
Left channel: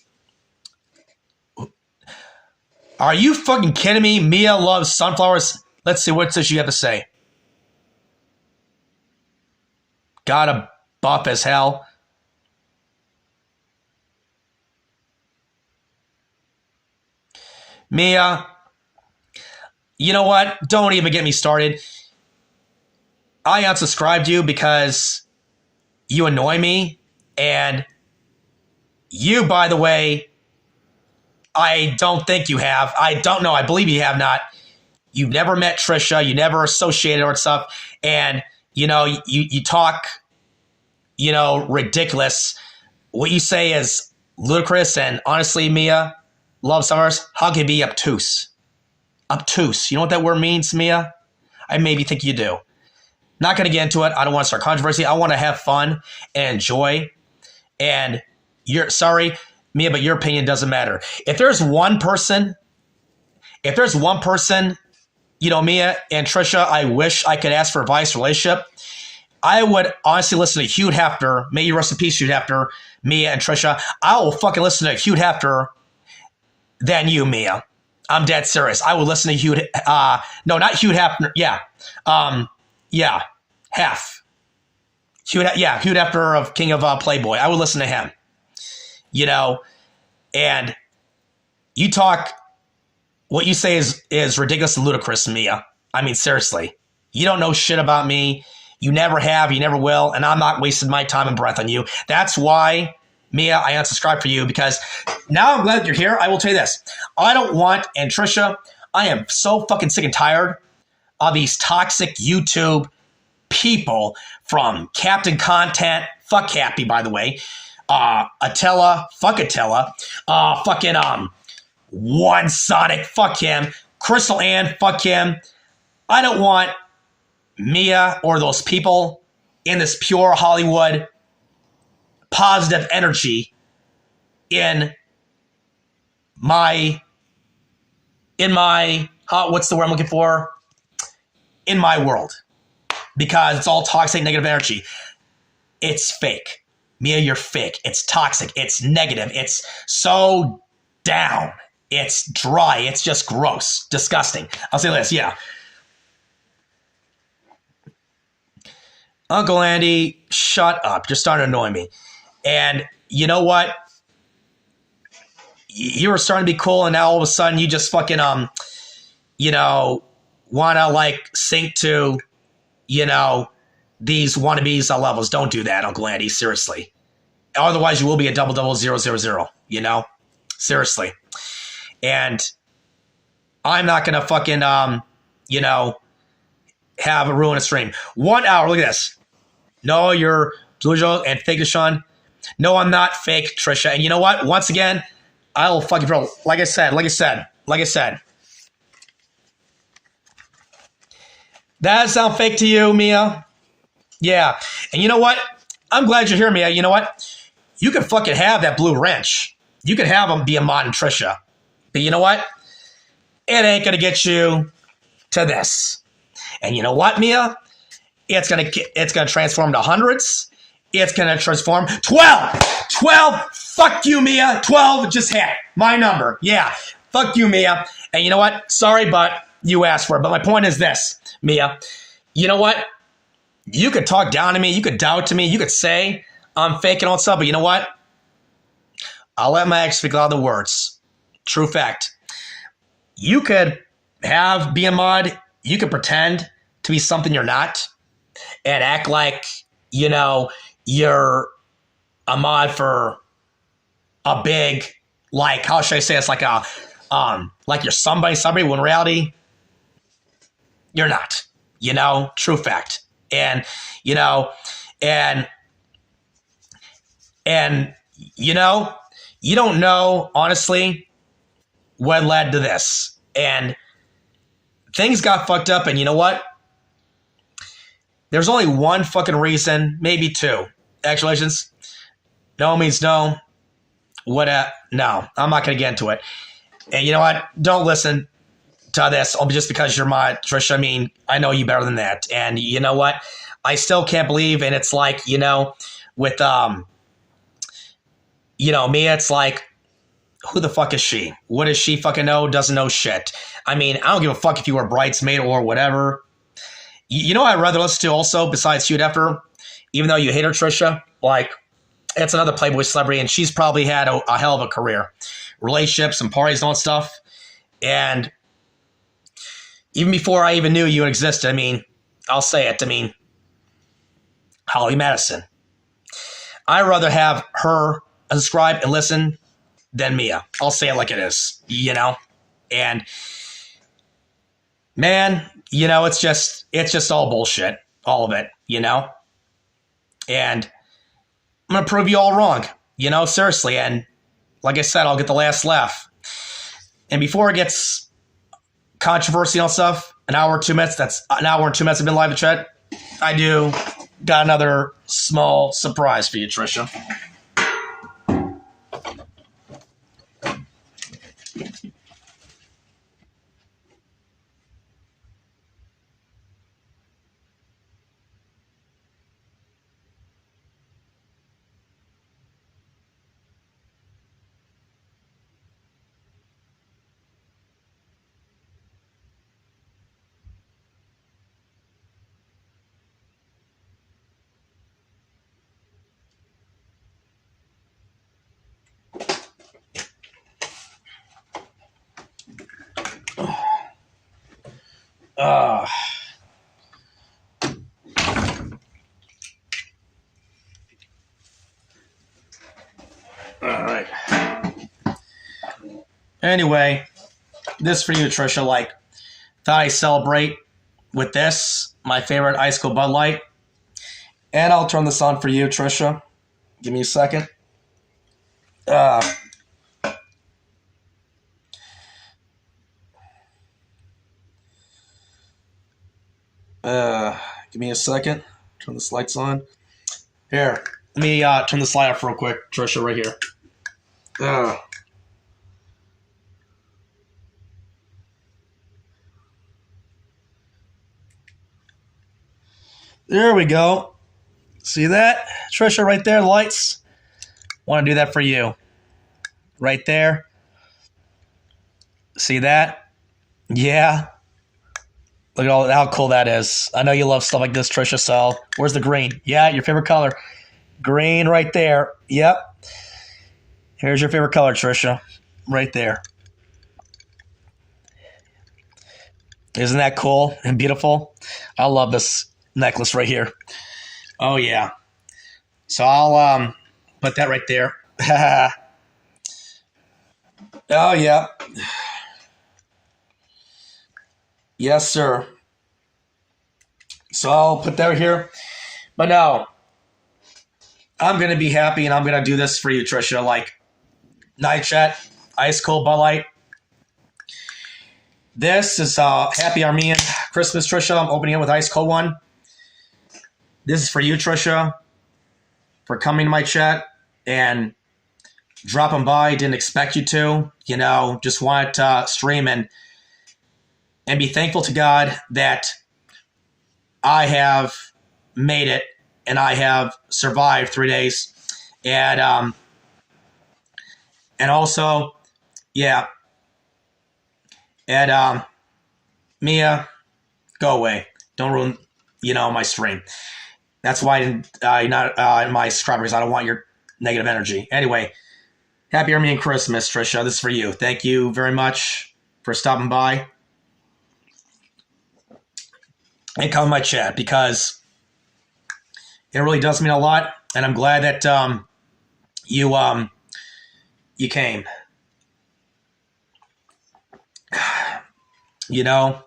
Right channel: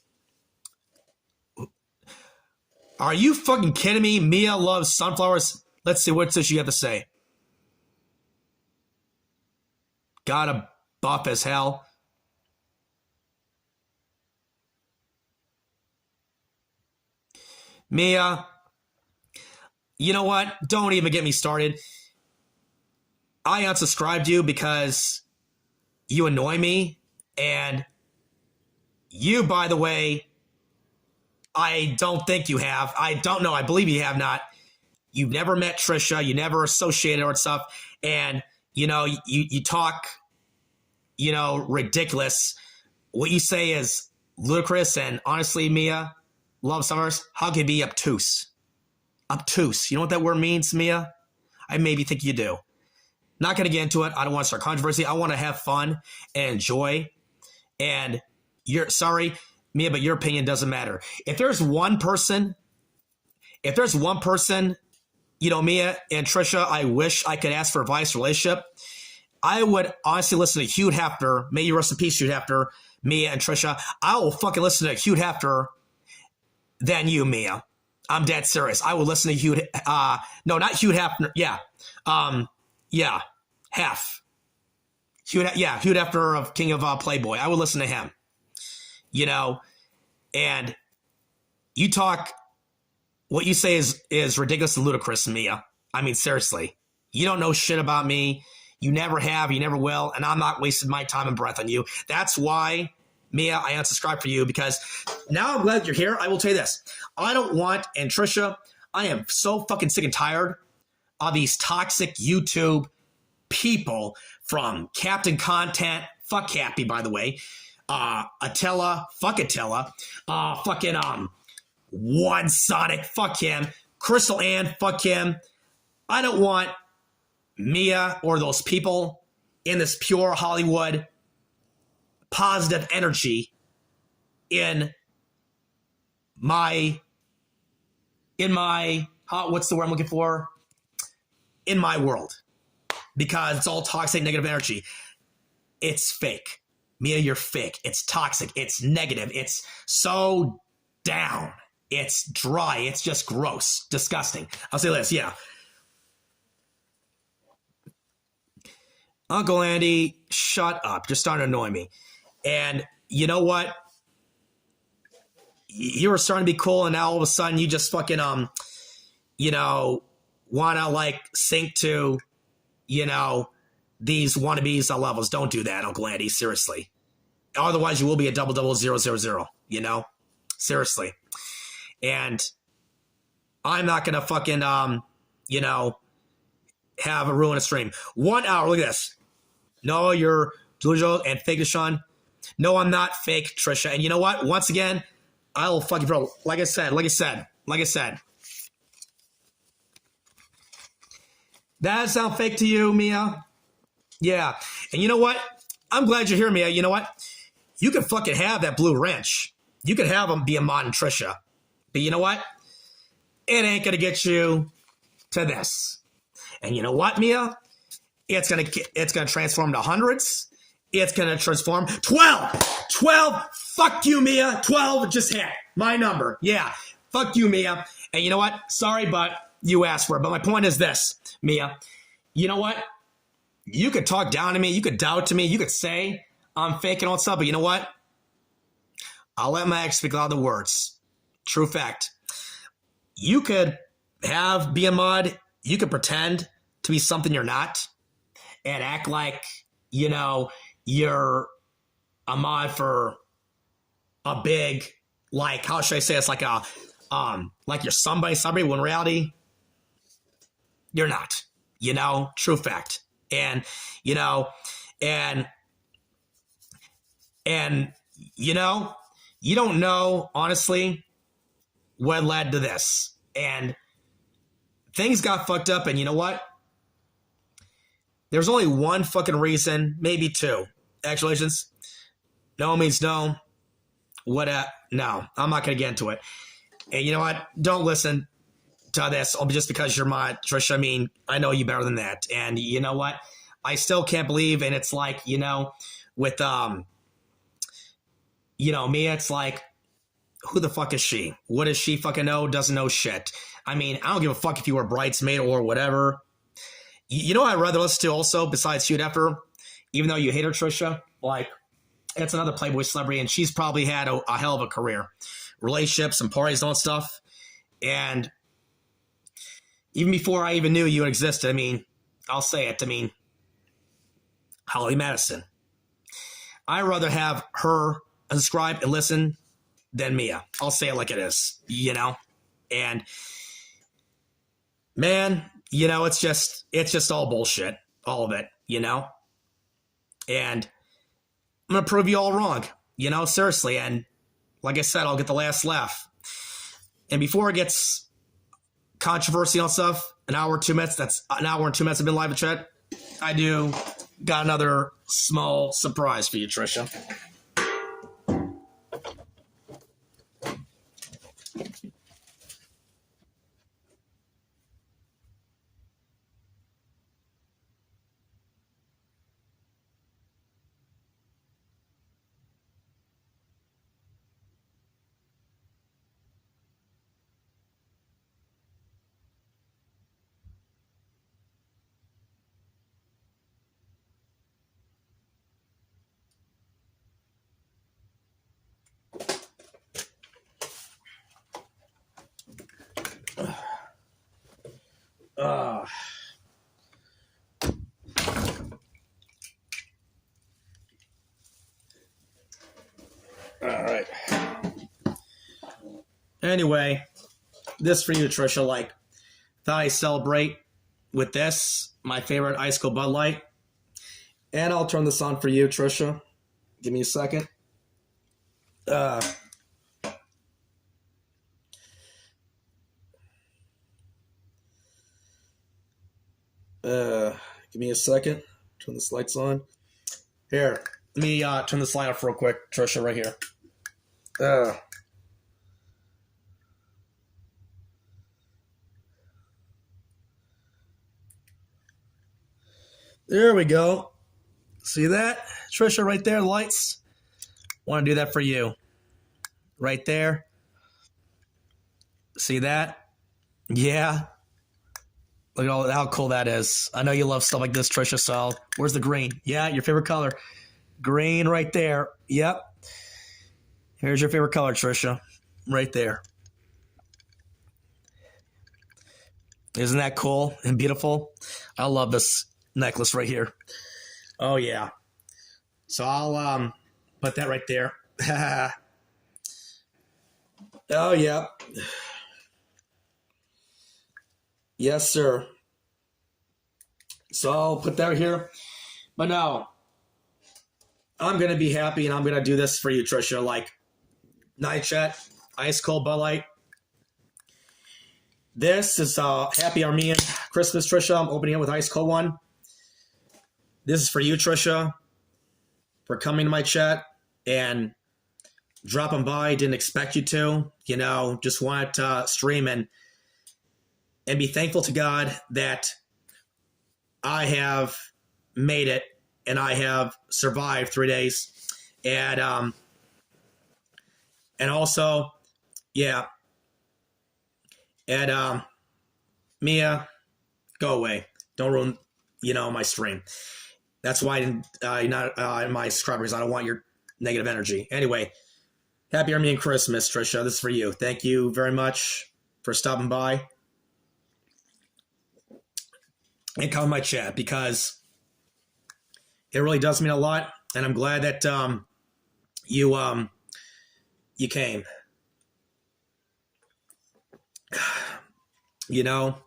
Are you fucking kidding me? Mia loves sunflowers. Let's see, what's this you have to say? Gotta buff as hell. Mia, you know what? Don't even get me started. I unsubscribed you because you annoy me. And you, by the way, I don't think you have. I don't know. I believe you have not. You've never met Trisha. You never associated her with stuff. And, you know, you talk, you know, ridiculous. What you say is ludicrous. And honestly, Mia, love summers, how can you be obtuse? Obtuse. You know what that word means, Mia? I maybe think you do. Not going to get into it. I don't want to start controversy. I want to have fun and enjoy. And you're sorry, Mia, but your opinion doesn't matter. If there's one person, you know, Mia and Trisha, I wish I could ask for advice relationship, I would honestly listen to Hugh Hefner. May you rest in peace, Hugh Hefner, Mia and Trisha. I will fucking listen to Hugh Hefner than you, Mia. I'm dead serious. I will listen to Hugh. No, not Hugh Hefner. Yeah. Yeah. Hef. Hugh Hefner of King of Playboy. I would listen to him. You know, and you talk, what you say is ridiculous and ludicrous, Mia. I mean, seriously. You don't know shit about me. You never have, you never will, and I'm not wasting my time and breath on you. That's why, Mia, I unsubscribed for you, because now I'm glad you're here. I will tell you this. I don't want, and Trisha, I am so fucking sick and tired of these toxic YouTube people, from Captain Content, fuck Happy, by the way, Attila, fuck Attila, fucking One Sonic, fuck him, Crystal Ann, fuck him. I don't want Mia or those people in this pure Hollywood positive energy in my what's the word I'm looking for? In my world. because it's all toxic, negative energy. It's fake. Mia, you're fake. It's toxic. It's negative. It's so down. It's dry. It's just gross. Disgusting. I'll say this, yeah. Uncle Andy, shut up. You're starting to annoy me. And you know what? You were starting to be cool, and now all of a sudden you just fucking, you know, want to, like, sink to, you know, these wannabes levels. Don't do that, Uncle Andy. Seriously. Otherwise, you will be a 000, you know? Seriously. And I'm not going to fucking, you know, have a ruinous stream. 1 hour. Look at this. No, you're delusional and fake, Sean. No, I'm not fake, Trisha. And you know what? Once again, I will fucking throw. Like I said. That sound fake to you, Mia? Yeah. And you know what? I'm glad you're here, Mia. You know what? You can fucking have that blue wrench. You can have them be a mod and Trisha. But you know what? It ain't going to get you to this. And you know what, Mia? It's going to transform to hundreds. It's going to transform 12. 12. Fuck you, Mia. 12 just hit my number. Yeah. Fuck you, Mia. And you know what? Sorry, but you asked for it. But my point is this, Mia. You know what? You could talk down to me. You could doubt to me. You could say I'm fake and all that stuff. But you know what? I'll let my ex speak a lot of the words. True fact. You could be a mod. You could pretend to be something you're not and act like, you know, you're a mod for a big, like, how should I say it's like a, like you're somebody, when in reality, you're not, you know, true fact. And, you know, and, you know, you don't know, honestly, what led to this. And things got fucked up. And you know what? There's only one fucking reason, maybe two. Actualizations. No means no. No, I'm not going to get into it. And you know what? Don't listen to this just because you're my Trisha. I mean, I know you better than that. And you know what? I still can't believe, and it's like, you know, with, you know, me, it's like, who the fuck is she? What does she fucking know? Doesn't know shit. I mean, I don't give a fuck if you were a bridesmaid or whatever. You know what I'd rather listen to also, besides Shoot After, even though you hate her, Trisha? Like, it's another Playboy celebrity, and she's probably had a hell of a career. Relationships and parties and all that stuff. And even before I even knew you existed, I mean, I'll say it, I mean, Holly Madison. I'd rather have her subscribe and listen than Mia. I'll say it like it is, you know? And, man, you know, it's just all bullshit. All of it, you know? And I'm going to prove you all wrong, you know, seriously. And like I said, I'll get the last laugh. And before it gets controversial and stuff, an hour and 2 minutes, that's an hour and 2 minutes I've been live in chat. I got another small surprise for you, Trisha. All right. Anyway, this for you, Trisha. Like, thought I celebrate with this, my favorite Ice Cold Bud Light. And I'll turn this on for you, Trisha. Give me a second. Give me a second. Turn this lights on. Here, let me turn this light off real quick, Trisha, right here. There we go. See that? Trisha right there, lights. Want to do that for you. Right there. See that? Yeah. Look at how cool that is. I know you love stuff like this, Trisha, so where's the green? Yeah, your favorite color. Green right there. Yep. Here's your favorite color, Trisha. Right there. Isn't that cool and beautiful? I love this necklace right here. Oh, yeah. So I'll put that right there. Oh, yeah. Yes, sir. So I'll put that here. But no, I'm going to be happy and I'm going to do this for you, Trisha. Like, night chat, ice cold Bud Light. This is Happy Armenian Christmas, Trisha. I'm opening it with ice cold one. This is for you, Trisha, for coming to my chat and dropping by. Didn't expect you to, you know, just wanted to stream and be thankful to God that I have made it and I have survived 3 days. And also, yeah. And Mia, go away. Don't ruin, you know, my stream. That's why you're not in my subscribers. I don't want your negative energy. Anyway, Happy Armenian Christmas, Trisha. This is for you. Thank you very much for stopping by and coming to my chat because it really does mean a lot. And I'm glad that you came. You know,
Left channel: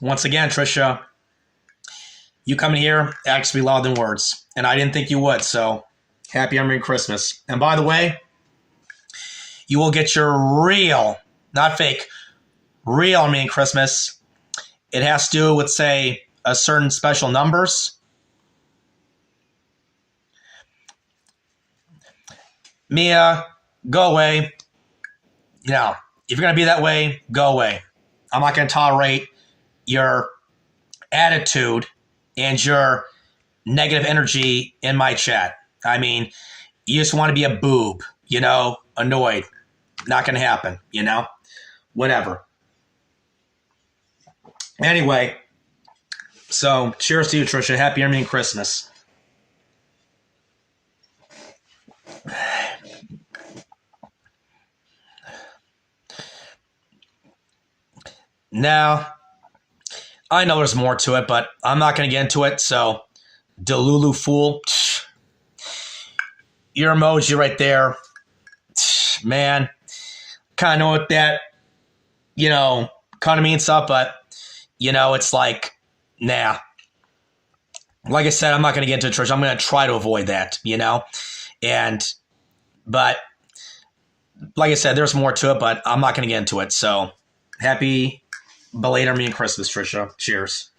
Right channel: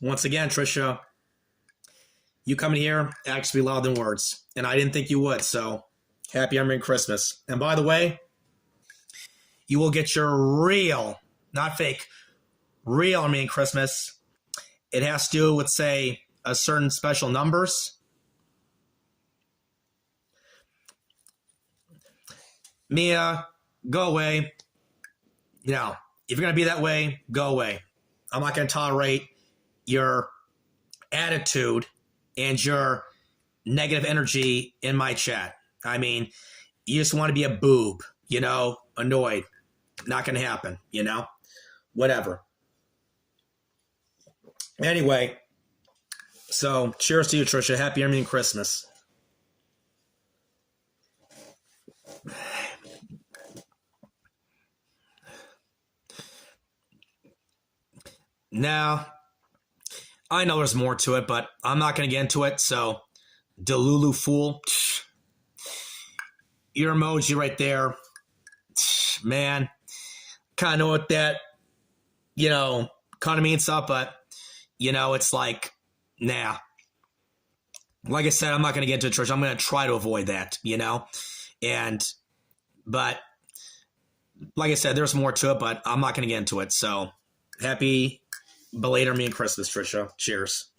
once again, Trisha, you coming here actually louder than words. And I didn't think you would. So Happy Armenian Christmas. And by the way, you will get your real, not fake, real Armenian Christmas. It has to do with, say, a certain special numbers. Mia, go away. You know, if you're going to be that way, go away. I'm not going to tolerate your attitude and your negative energy in my chat. I mean, you just want to be a boob, you know, annoyed. Not going to happen, you know, whatever. Anyway, so cheers to you, Trisha. Happy Armenian Christmas. Now, I know there's more to it, but I'm not going to get into it. So, Delulu Fool, your emoji right there, man, kind of know what that, you know, kind of means stuff, but, you know, it's like, nah. Like I said, I'm not going to get into it, Trish. I'm going to try to avoid that, you know, but, like I said, there's more to it, but I'm not going to get into it. So, happy belated Armenian Christmas, Trisha. Cheers.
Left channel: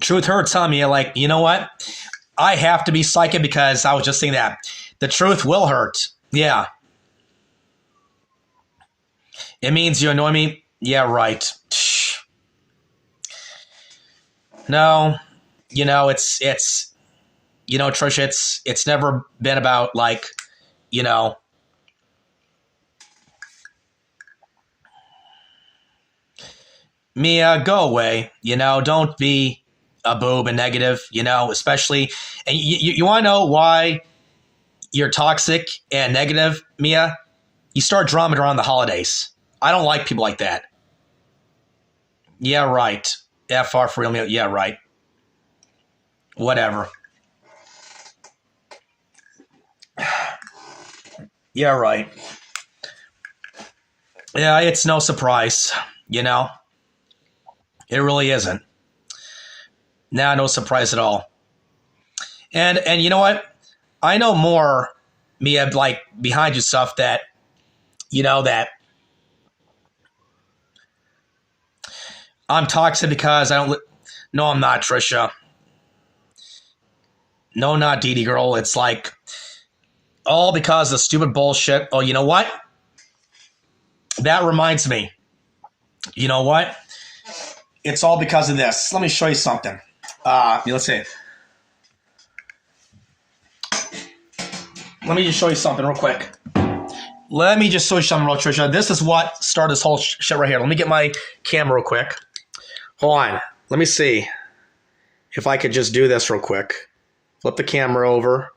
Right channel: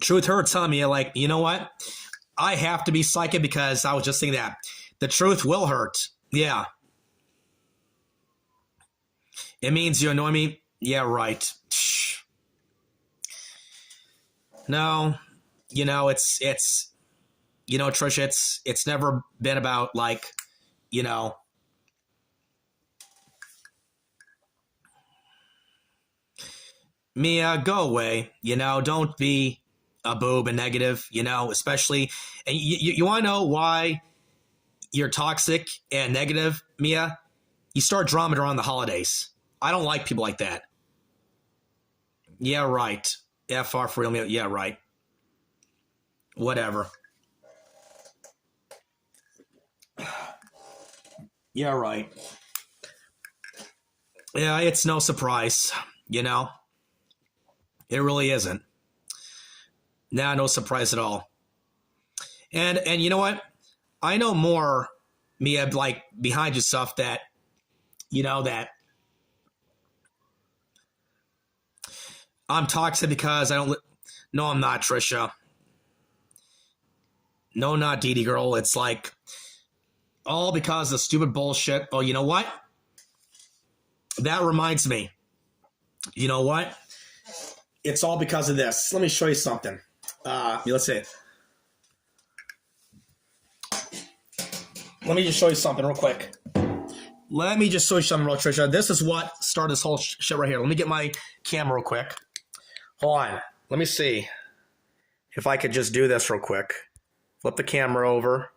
Truth hurts on me. Like, you know what? I have to be psychic because I was just saying that. The truth will hurt. Yeah. It means you annoy me? Yeah, right. No. You know, it's you know, Trisha, it's never been about, like, you know, Mia, go away. You know, don't be a boob and negative, you know, especially. And you want to know why you're toxic and negative, Mia? You start drumming around the holidays. I don't like people like that. Yeah, right. FR for real, Mia. Yeah, right. Whatever. Yeah, right. Yeah, it's no surprise, you know. It really isn't. Nah, no surprise at all. And you know what? I know more, Mia, like behind you stuff that, you know, that I'm toxic because I don't. No, I'm not, Trisha. No, not Dee Dee girl. It's like all because of stupid bullshit. Oh, you know what? That reminds me. You know what? it's all because of this. Let me show you something. Let's see. Let me just show you something real quick. Let me just show you something real, Trisha. This is what started this whole shit right here. Let me get my camera real quick. Hold on. Let me see if I could just do this real quick. Flip the camera over.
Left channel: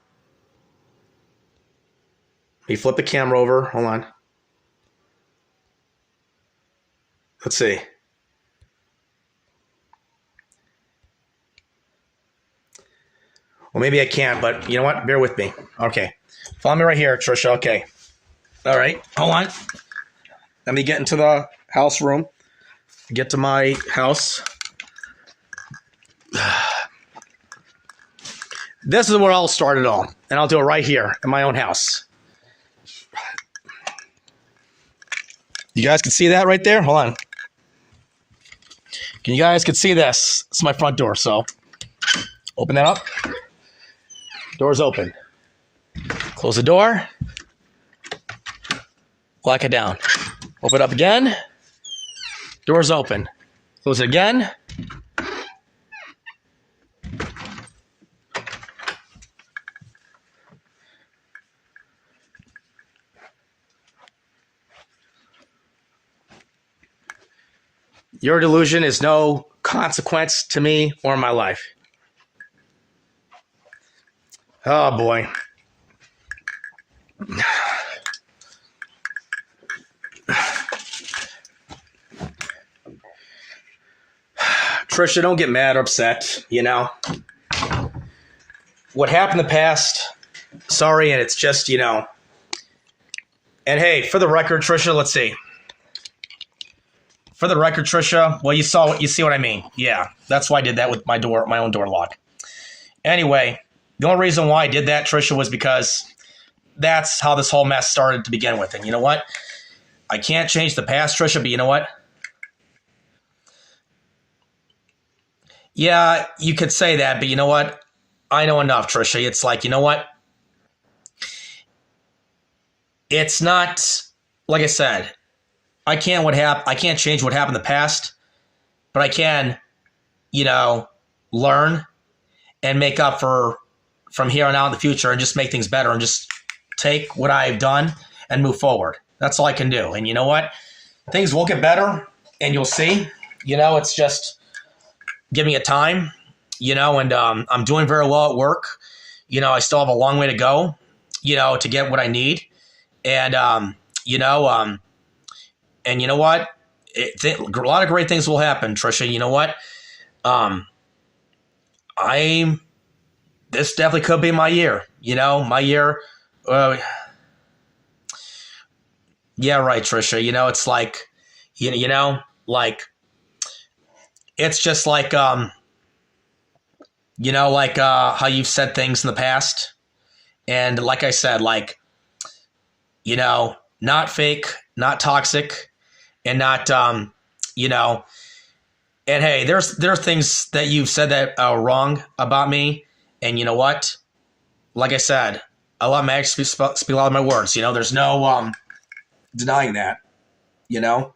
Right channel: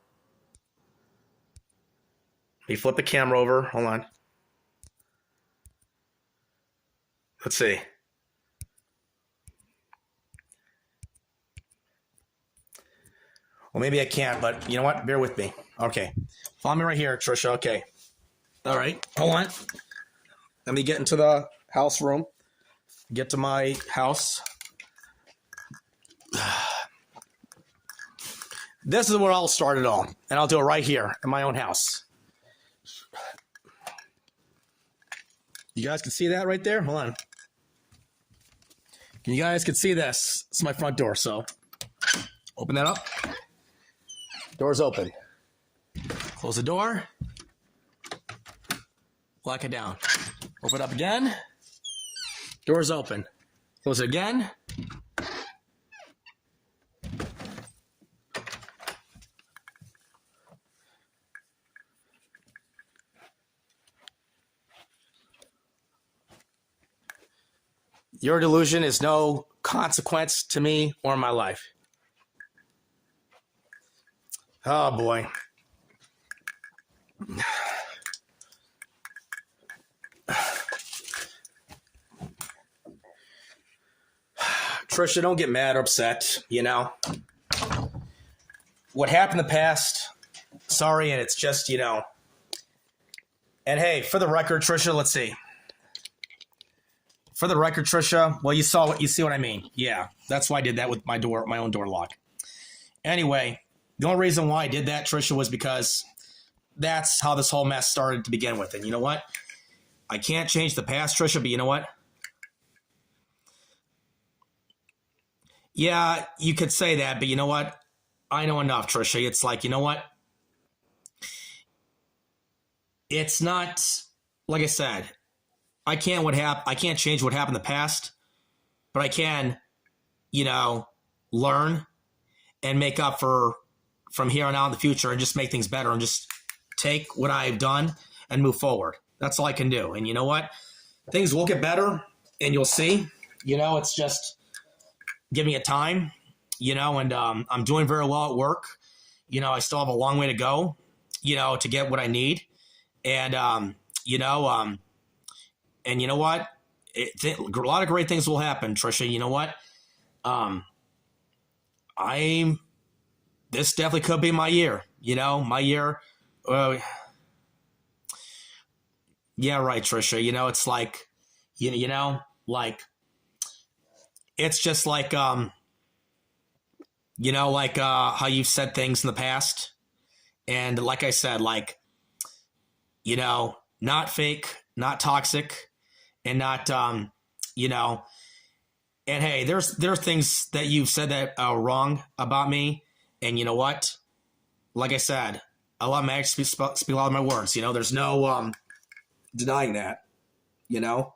Let me flip the camera over. Hold on. Let's see. Well, maybe I can't, but you know what? Bear with me. Okay. Follow me right here, Trisha. Okay. All right. Hold on. Let me get into the house room. Get to my house. This is where I'll start it all. And I'll do it right here in my own house. You guys can see that right there? Hold on. You guys can see this. It's my front door, so open that up. Door's open. Close the door. Lock it down. Open it up again. Door's open. Close it again. Your delusion is no consequence to me or my life. Oh, boy. Trisha, don't get mad or upset, you know. What happened in the past, sorry, and it's just, you know. And hey, for the record, Trisha, let's see. For the record, Trisha, well, you see what I mean. Yeah, that's why I did that with my own door lock. Anyway, the only reason why I did that, Trisha, was because that's how this whole mess started to begin with. And you know what? I can't change the past, Trisha, but you know what? Yeah, you could say that, but you know what? I know enough, Trisha. It's like, you know what? It's not, like I said, I can't change what happened in the past, but I can, you know, learn and make up from here on out in the future and just make things better and just take what I've done and move forward. That's all I can do. And you know what? Things will get better and you'll see. You know, it's just giving it time, you know, and I'm doing very well at work. You know, I still have a long way to go, you know, to get what I need. And, you know, and you know what? A lot of great things will happen, Trisha. You know what? This definitely could be my year. You know, my year. Yeah, right, Trisha. You know, it's like, you know, like, it's just like, you know, like how you've said things in the past. And like I said, like, you know, not fake, not toxic. And not, you know, and hey, there's things that you've said that are wrong about me. And you know what? Like I said, I love my actions speak a lot of my words. You know, there's no denying that, you know,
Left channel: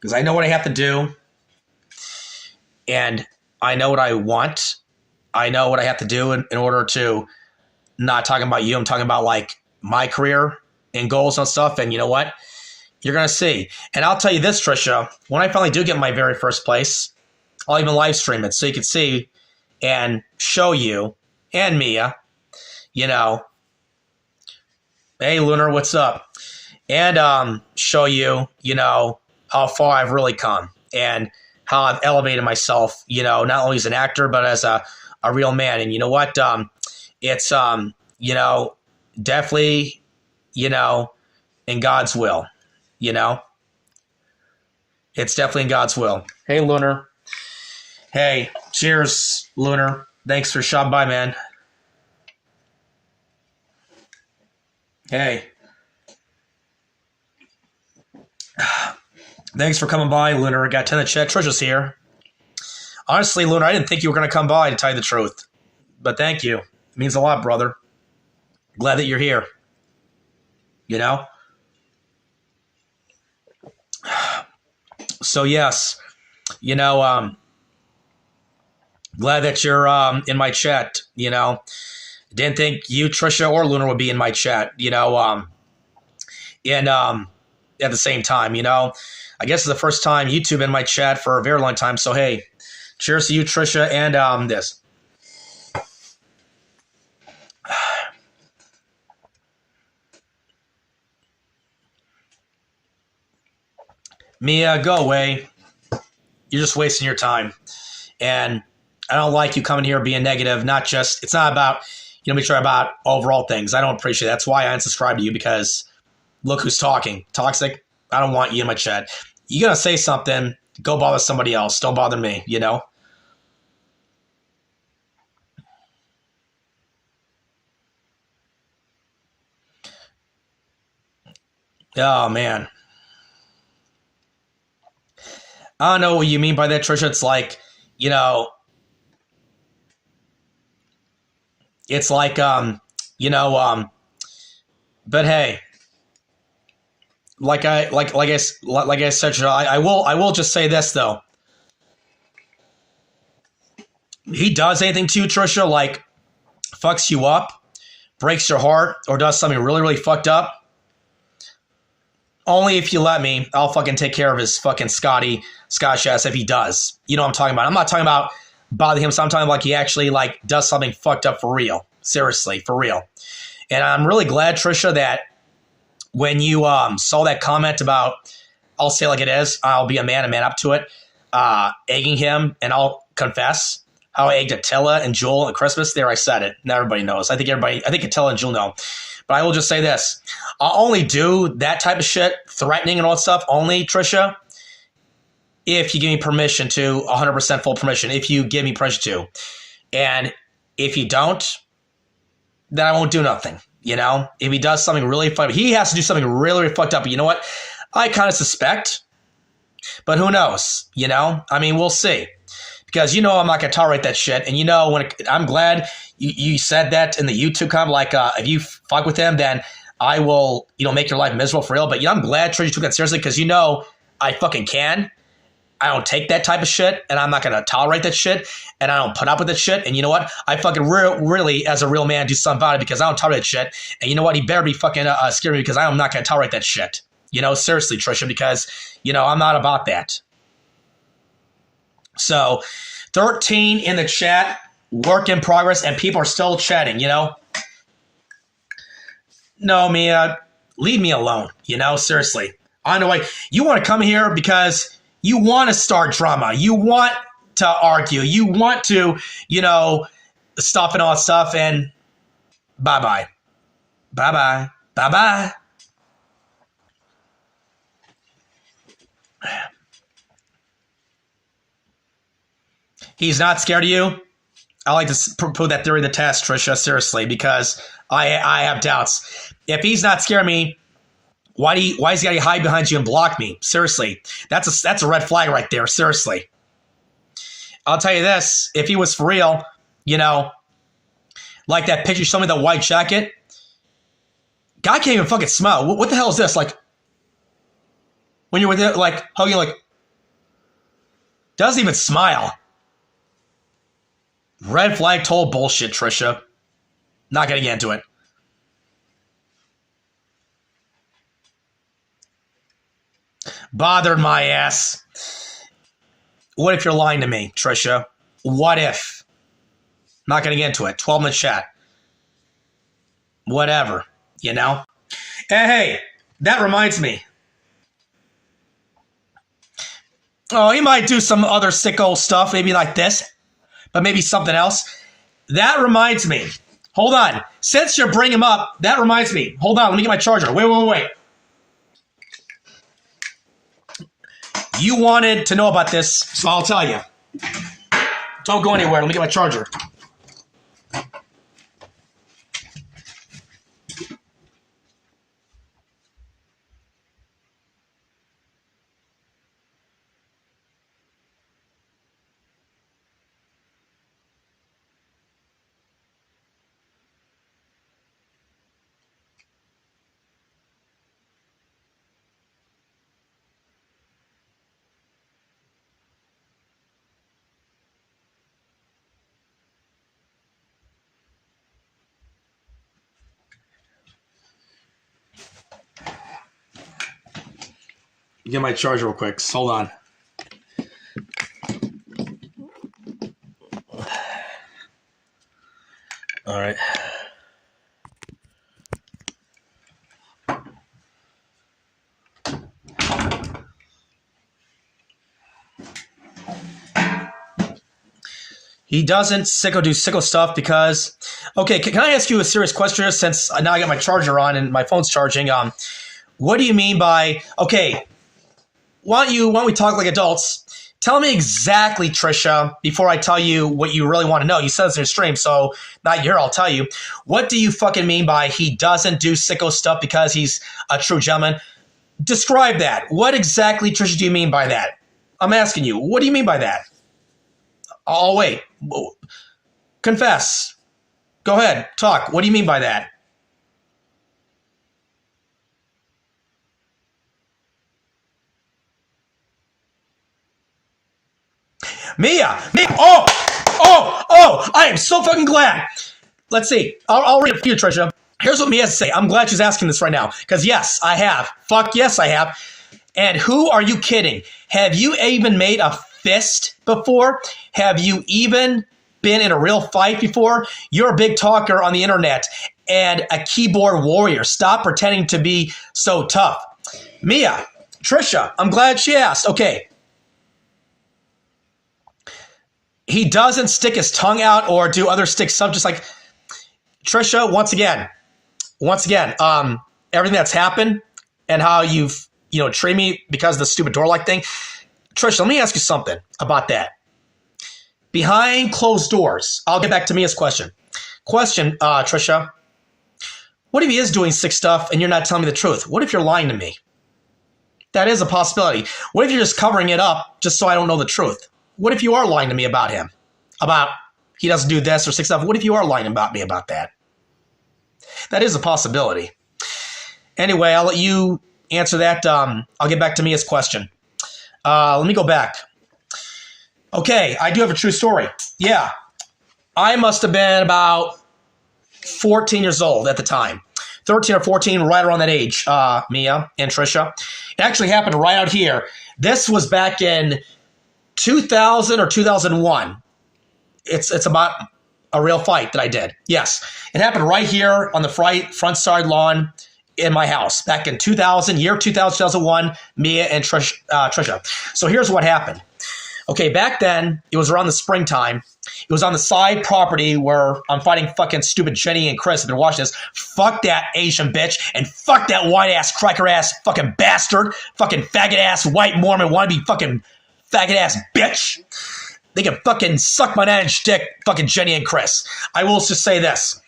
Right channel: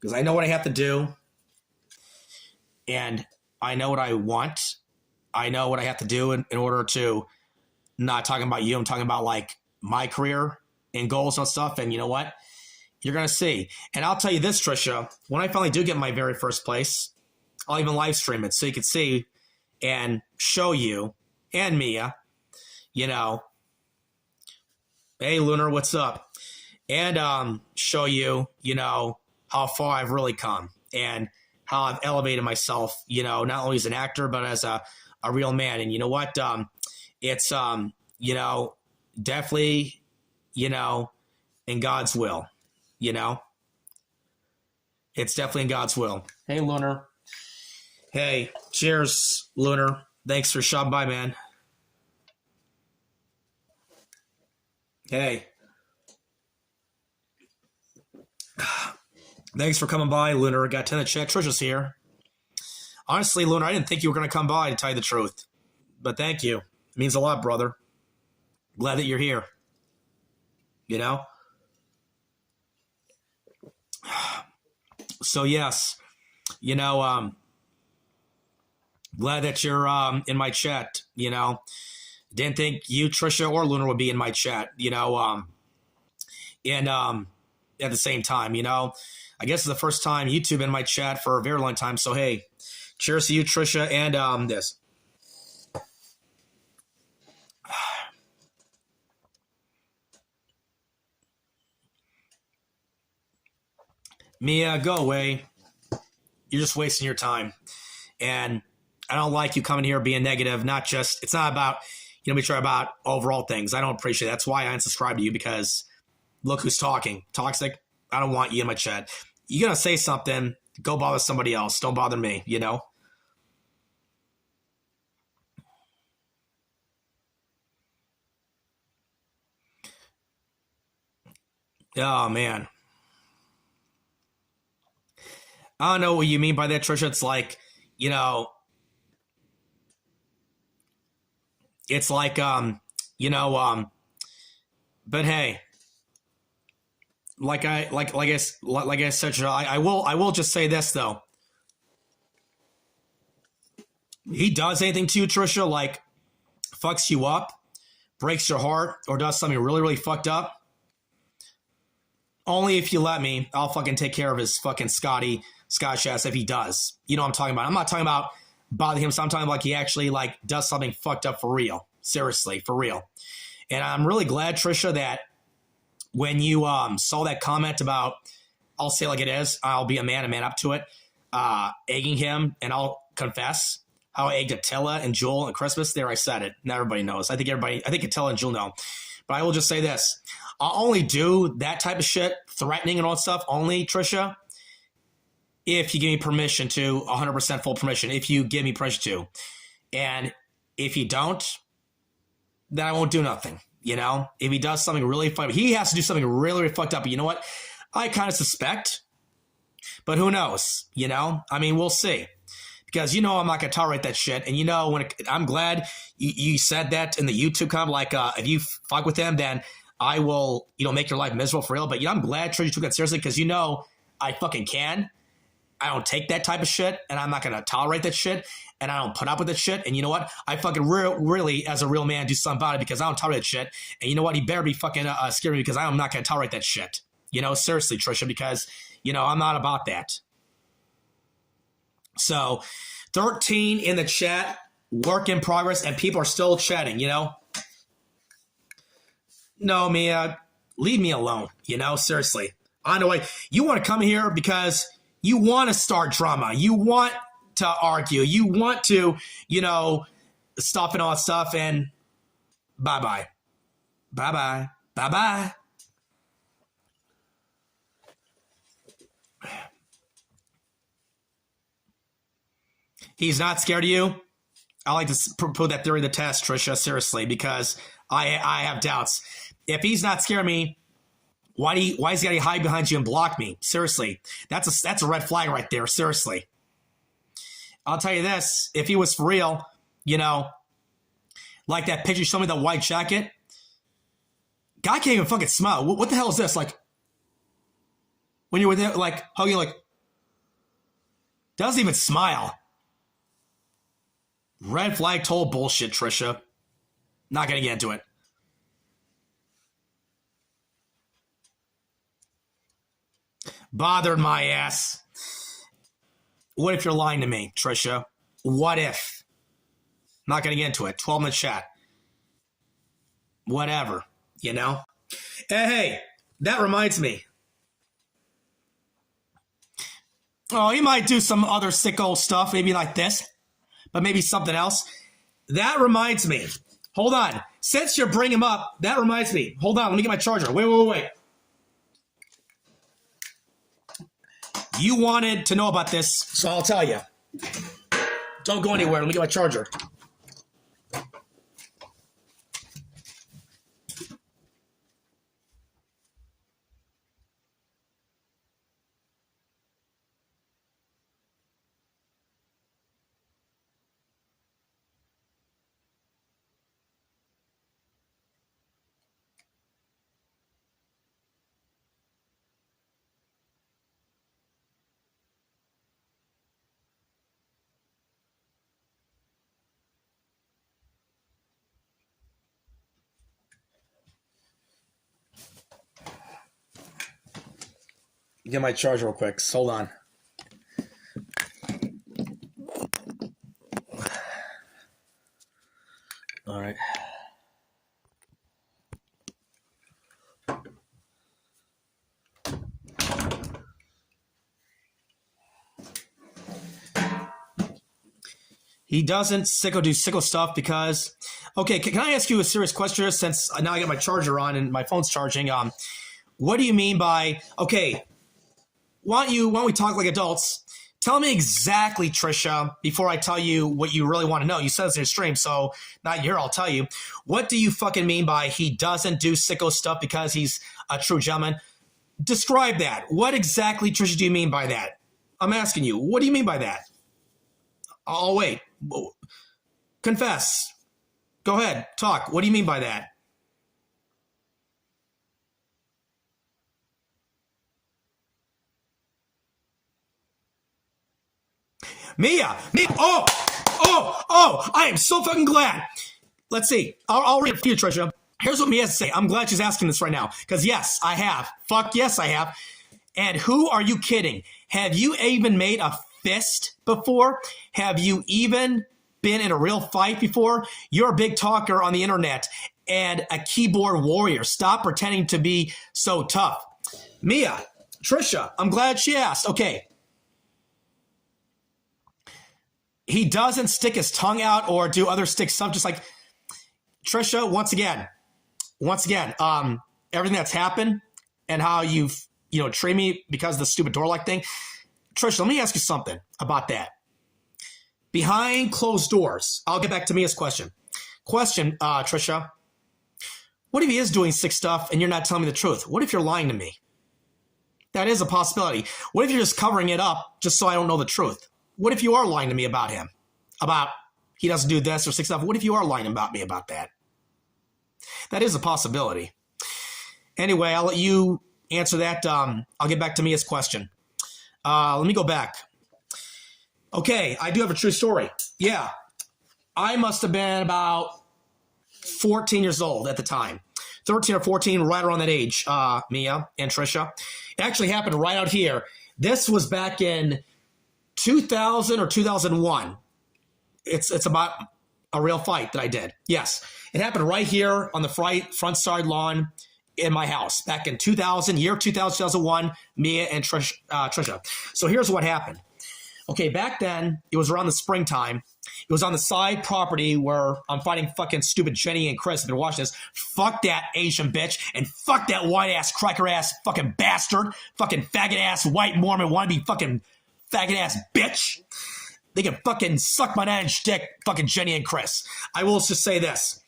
because I know what I have to do. And I know what I want. I know what I have to do in order to not talking about you. I'm talking about like my career and goals and stuff. And you know what? You're going to see. And I'll tell you this, Trisha, when I finally do get my very first place, I'll even live stream it so you can see and show you and Mia, you know, hey, Lunar, what's up? And show you, you know, how far I've really come and how I've elevated myself, you know, not only as an actor, but as a real man. And you know what? It's, you know, definitely, you know, in God's will. You know, it's definitely in God's will. Hey, Lunar. Hey, cheers, Lunar. Thanks for stopping by, man. Hey. Thanks for coming by, Lunar. I got 10 in the chat. Trisha's here. Honestly, Lunar, I didn't think you were going to come by, to tell you the truth. But thank you. It means a lot, brother. Glad that you're here. You know? So, yes. You know, glad that you're in my chat. You know, didn't think you, Trisha, or Lunar would be in my chat. You know, and at the same time, you know, I guess it's the first time YouTube in my chat for a very long time. So hey, cheers to you, Trisha, and this. Mia, go away. You're just wasting your time. And I don't like you coming here being negative. It's not about, you know, make sure about overall things. I don't appreciate it. That's why I unsubscribe to you, because look who's talking. Toxic. I don't want you in my chat. You gotta say something, go bother somebody else. Don't bother me, you know? Oh, man. I don't know what you mean by that, Trisha. It's like, you know, it's like, you know, but hey, like I said, Trisha, I will just say this though. He does anything to you, Trisha, like fucks you up, breaks your heart, or does something really, really fucked up. Only if you let me, I'll fucking take care of his fucking Scottish ass if he does. You know what I'm talking about. I'm not talking about bothering him. So I'm talking about like he actually like does something fucked up for real. Seriously, for real. And I'm really glad, Trisha, that when you saw that comment about, I'll say like it is, I'll be a man up to it, egging him, and I'll confess how I egged Attila and Jewel at Christmas. There, I said it. Now everybody knows. I think Attila and Jewel know. But I will just say this. I'll only do that type of shit, threatening and all that stuff, only, Trisha, if you give me permission to, 100% full permission, if you give me permission to. And if you don't, then I won't do nothing, you know? If he does something really fucked up, he has to do something really, really fucked up. But you know what? I kind of suspect, but who knows, you know? I mean, we'll see. Because you know I'm not going to tolerate that shit. And you know, I'm glad you said that in the YouTube comment, like, if you fuck with him, then I will, you know, make your life miserable for real. But, you know, I'm glad Trisha took that seriously, because, you know, I fucking can. I don't take that type of shit, and I'm not going to tolerate that shit, and I don't put up with that shit. And you know what? I fucking really, as a real man, do something about it, because I don't tolerate that shit. And you know what? He better be fucking scared of me, because I am not going to tolerate that shit. You know, seriously, Trisha, because, you know, I'm not about that. So, 13 in the chat, work in progress, and people are still chatting, you know? No, Mia, leave me alone, you know? Seriously. I know, like, you want to come here because you want to start drama. You want to argue. You want to, you know, stuff and all that stuff, and bye-bye. Bye-bye. Bye-bye. He's not scared of you? I like to put that theory to the test, Trisha, seriously, because I have doubts. If he's not scared of me, why is he got to hide behind you and block me? Seriously. That's a red flag right there, seriously. I'll tell you this, if he was for real, you know, like that picture you showed me, the white jacket, guy can't even fucking smile. What the hell is this? Like, when you're with it, like, hugging, like, doesn't even smile. Red flag total bullshit, Trisha. Not gonna get into it. Bothered my ass. What if you're lying to me, Trisha? What if? Not gonna get into it. 12-minute chat. Whatever, you know? And hey, that reminds me. Oh, he might do some other sicko stuff, maybe like this, but maybe something else. That reminds me. Hold on. Since you're bringing him up, that reminds me. Hold on. Let me get my charger. Wait. You wanted to know about this, so I'll tell you. Don't go anywhere. Let me get my charger. get my charger real quick. Hold on. All right. He doesn't do sicko stuff because, okay, can I ask you a serious question since now I got my charger on and my phone's charging? What do you mean by, okay, why don't we talk like adults? Tell me exactly, Tricia, before I tell you what you really want to know. You said it's in your stream, so not here, I'll tell you. What do you fucking mean by he doesn't do sicko stuff because he's a true gentleman? Describe that. What exactly, Tricia, do you mean by that? I'm asking you. What do you mean by that? Oh, wait. Confess. Go ahead. Talk. What do you mean by that? Mia! Oh! I am so fucking glad. Let's see. I'll read it for you, Tricia. Here's what Mia has to say. I'm glad she's asking this right now. Because yes, I have. Fuck yes, I have. And who are you kidding? Have you even made a fist before? Have you even been in a real fight before? You're a big talker on the internet and a keyboard warrior. Stop pretending to be so tough. Mia, Tricia, I'm glad she asked. Okay. He doesn't stick his tongue out or do other stick stuff, just like Tricia, once again, everything that's happened and how you've, treated me because of the stupid door-like thing. Tricia, let me ask you something about that. Behind closed doors, I'll get back to Mia's question. Tricia, what if he is doing sick stuff and you're not telling me the truth? What if you're lying to me? That is a possibility. What if you're just covering it up just so I don't know the truth? What if you are lying to me about him? About he doesn't do this or sick stuff? What if you are lying about me about that? That is a possibility. Anyway, I'll let you answer that. I'll get back to Mia's question. Let me go back. Okay, I do have a true story. Yeah, I must have been about 14 years old at the time. 13 or 14, right around that age, Mia and Tricia. It actually happened right out here. This was back in 2000 or 2001. It's about a real fight that I did. Yes, it happened right here on the front side lawn in my house back in 2000, year 2000, 2001, Mia and Tricia. So here's what happened. Okay, back then, it was around the springtime. It was on the side property where I'm fighting fucking stupid Jenny and Chris. I've been watching this. Fuck that Asian bitch and fuck that white-ass, cracker-ass fucking bastard, fucking faggot-ass white Mormon wannabe fucking faggot-ass bitch. They can fucking suck my 9-inch dick, fucking Jenny and Chris. I will just say this.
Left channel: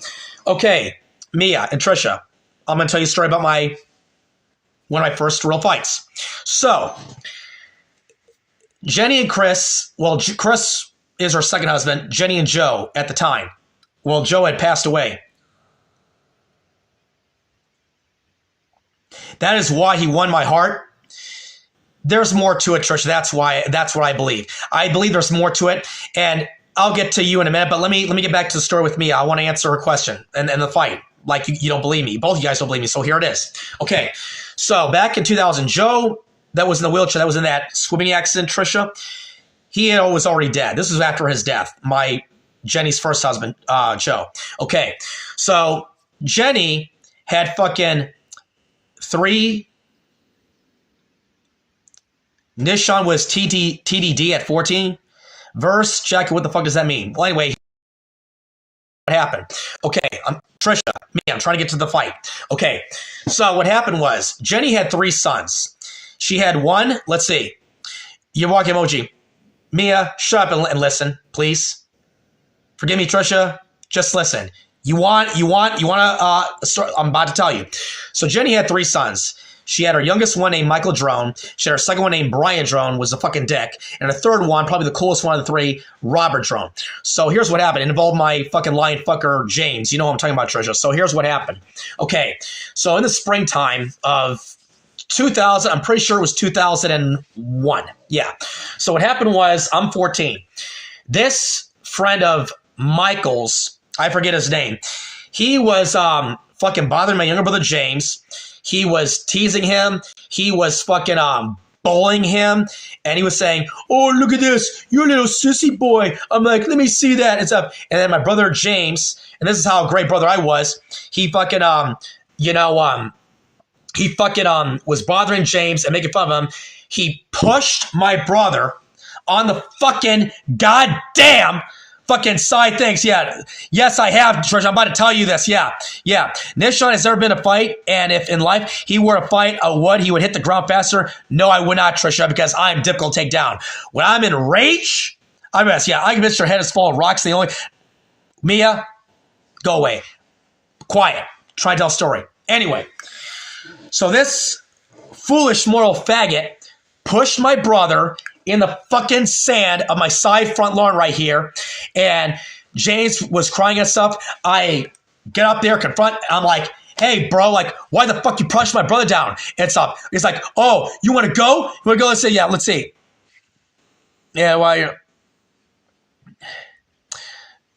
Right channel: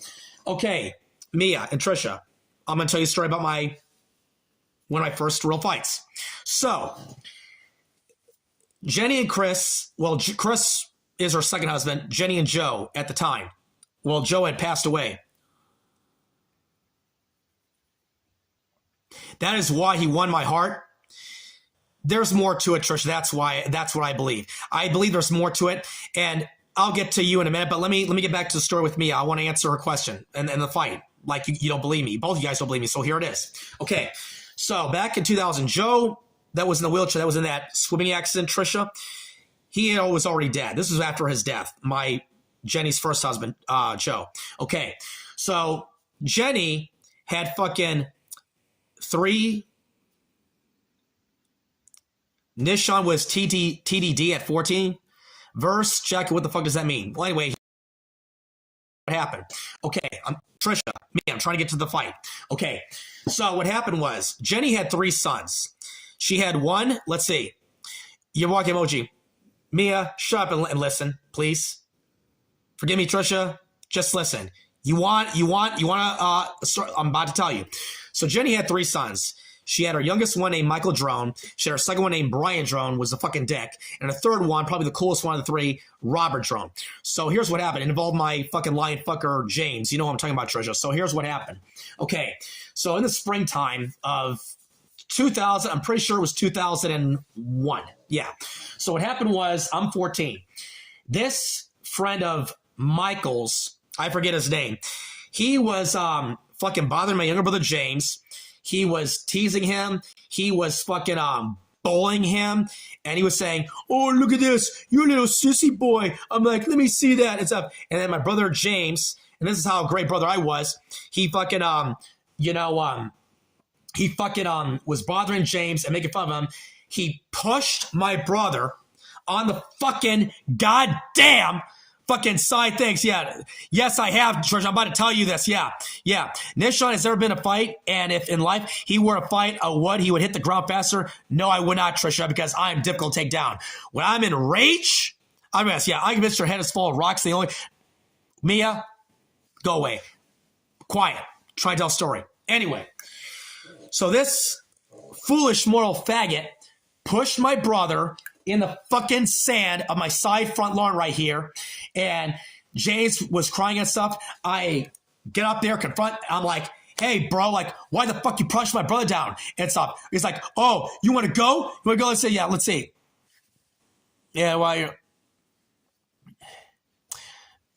Okay, Mia and Tricia, I'm going to tell you a story about one of my first real fights. So, Jenny and Chris, well, Chris is her second husband, Jenny and Joe at the time. Well, Joe had passed away. That is why he won my heart. There's more to it, Tricia. That's what I believe. I believe there's more to it, and I'll get to you in a minute, but let me get back to the story with Mia. I want to answer her question and the fight. Like, you don't believe me. Both of you guys don't believe me, so here it is. Okay, so back in 2000, Joe, that was in the wheelchair, that was in that swimming accident, Tricia, he was already dead. This was after his death, Jenny's first husband, Joe. Okay, so Jenny had fucking 3. Nishan was TDD at 14. Verse, Jackie, what the fuck does that mean? Well, anyway, what happened? Okay, Tricia, me, I'm trying to get to the fight. Okay, so what happened was Jenny had 3 sons. She had one, let's see, your walk emoji. Mia, shut up and listen, please. Forgive me, Tricia, just listen. You want to, I'm about to tell you. So Jenny had 3 sons. She had her youngest one named Michael Drone. She had her second one named Brian Drone, was a fucking dick. And her third one, probably the coolest one of the 3, Robert Drone. So here's what happened. It involved my fucking lion fucker, James. You know what I'm talking about, Tricia. So here's what happened. Okay, so in the springtime of 2000, I'm pretty sure it was 2001. Yeah. So what happened was, I'm 14. This friend of Michael's, I forget his name, he was fucking bothering my younger brother, James. He was teasing him. He was fucking bullying him, and he was saying, "Oh, look at this, you're a little sissy boy." I'm like, "Let me see that," and stuff. And then my brother James, and this is how great brother I was. He fucking was bothering James and making fun of him. He pushed my brother on the fucking goddamn fucking side things. Yeah. Yes, I have, Trish. I'm about to tell you this. Yeah. Nishan has never been a fight, and if in life he were to fight a wood, he would hit the ground faster. No, I would not, Trisha, because I'm difficult to take down. When I'm in rage, I'm best. Yeah, I convinced her head is full of rocks. The only Mia, go away. Quiet. Try to tell a story. Anyway, so this foolish moral faggot pushed my brother in the fucking sand of my side front lawn right here. And James was crying and stuff. I get up there, confront. I'm like, "Hey, bro, like, why the fuck you pushed my brother down?" And stuff. He's like, "Oh, you want to go? You want to go?" Let's say, "Yeah, let's see." Yeah, why? Well,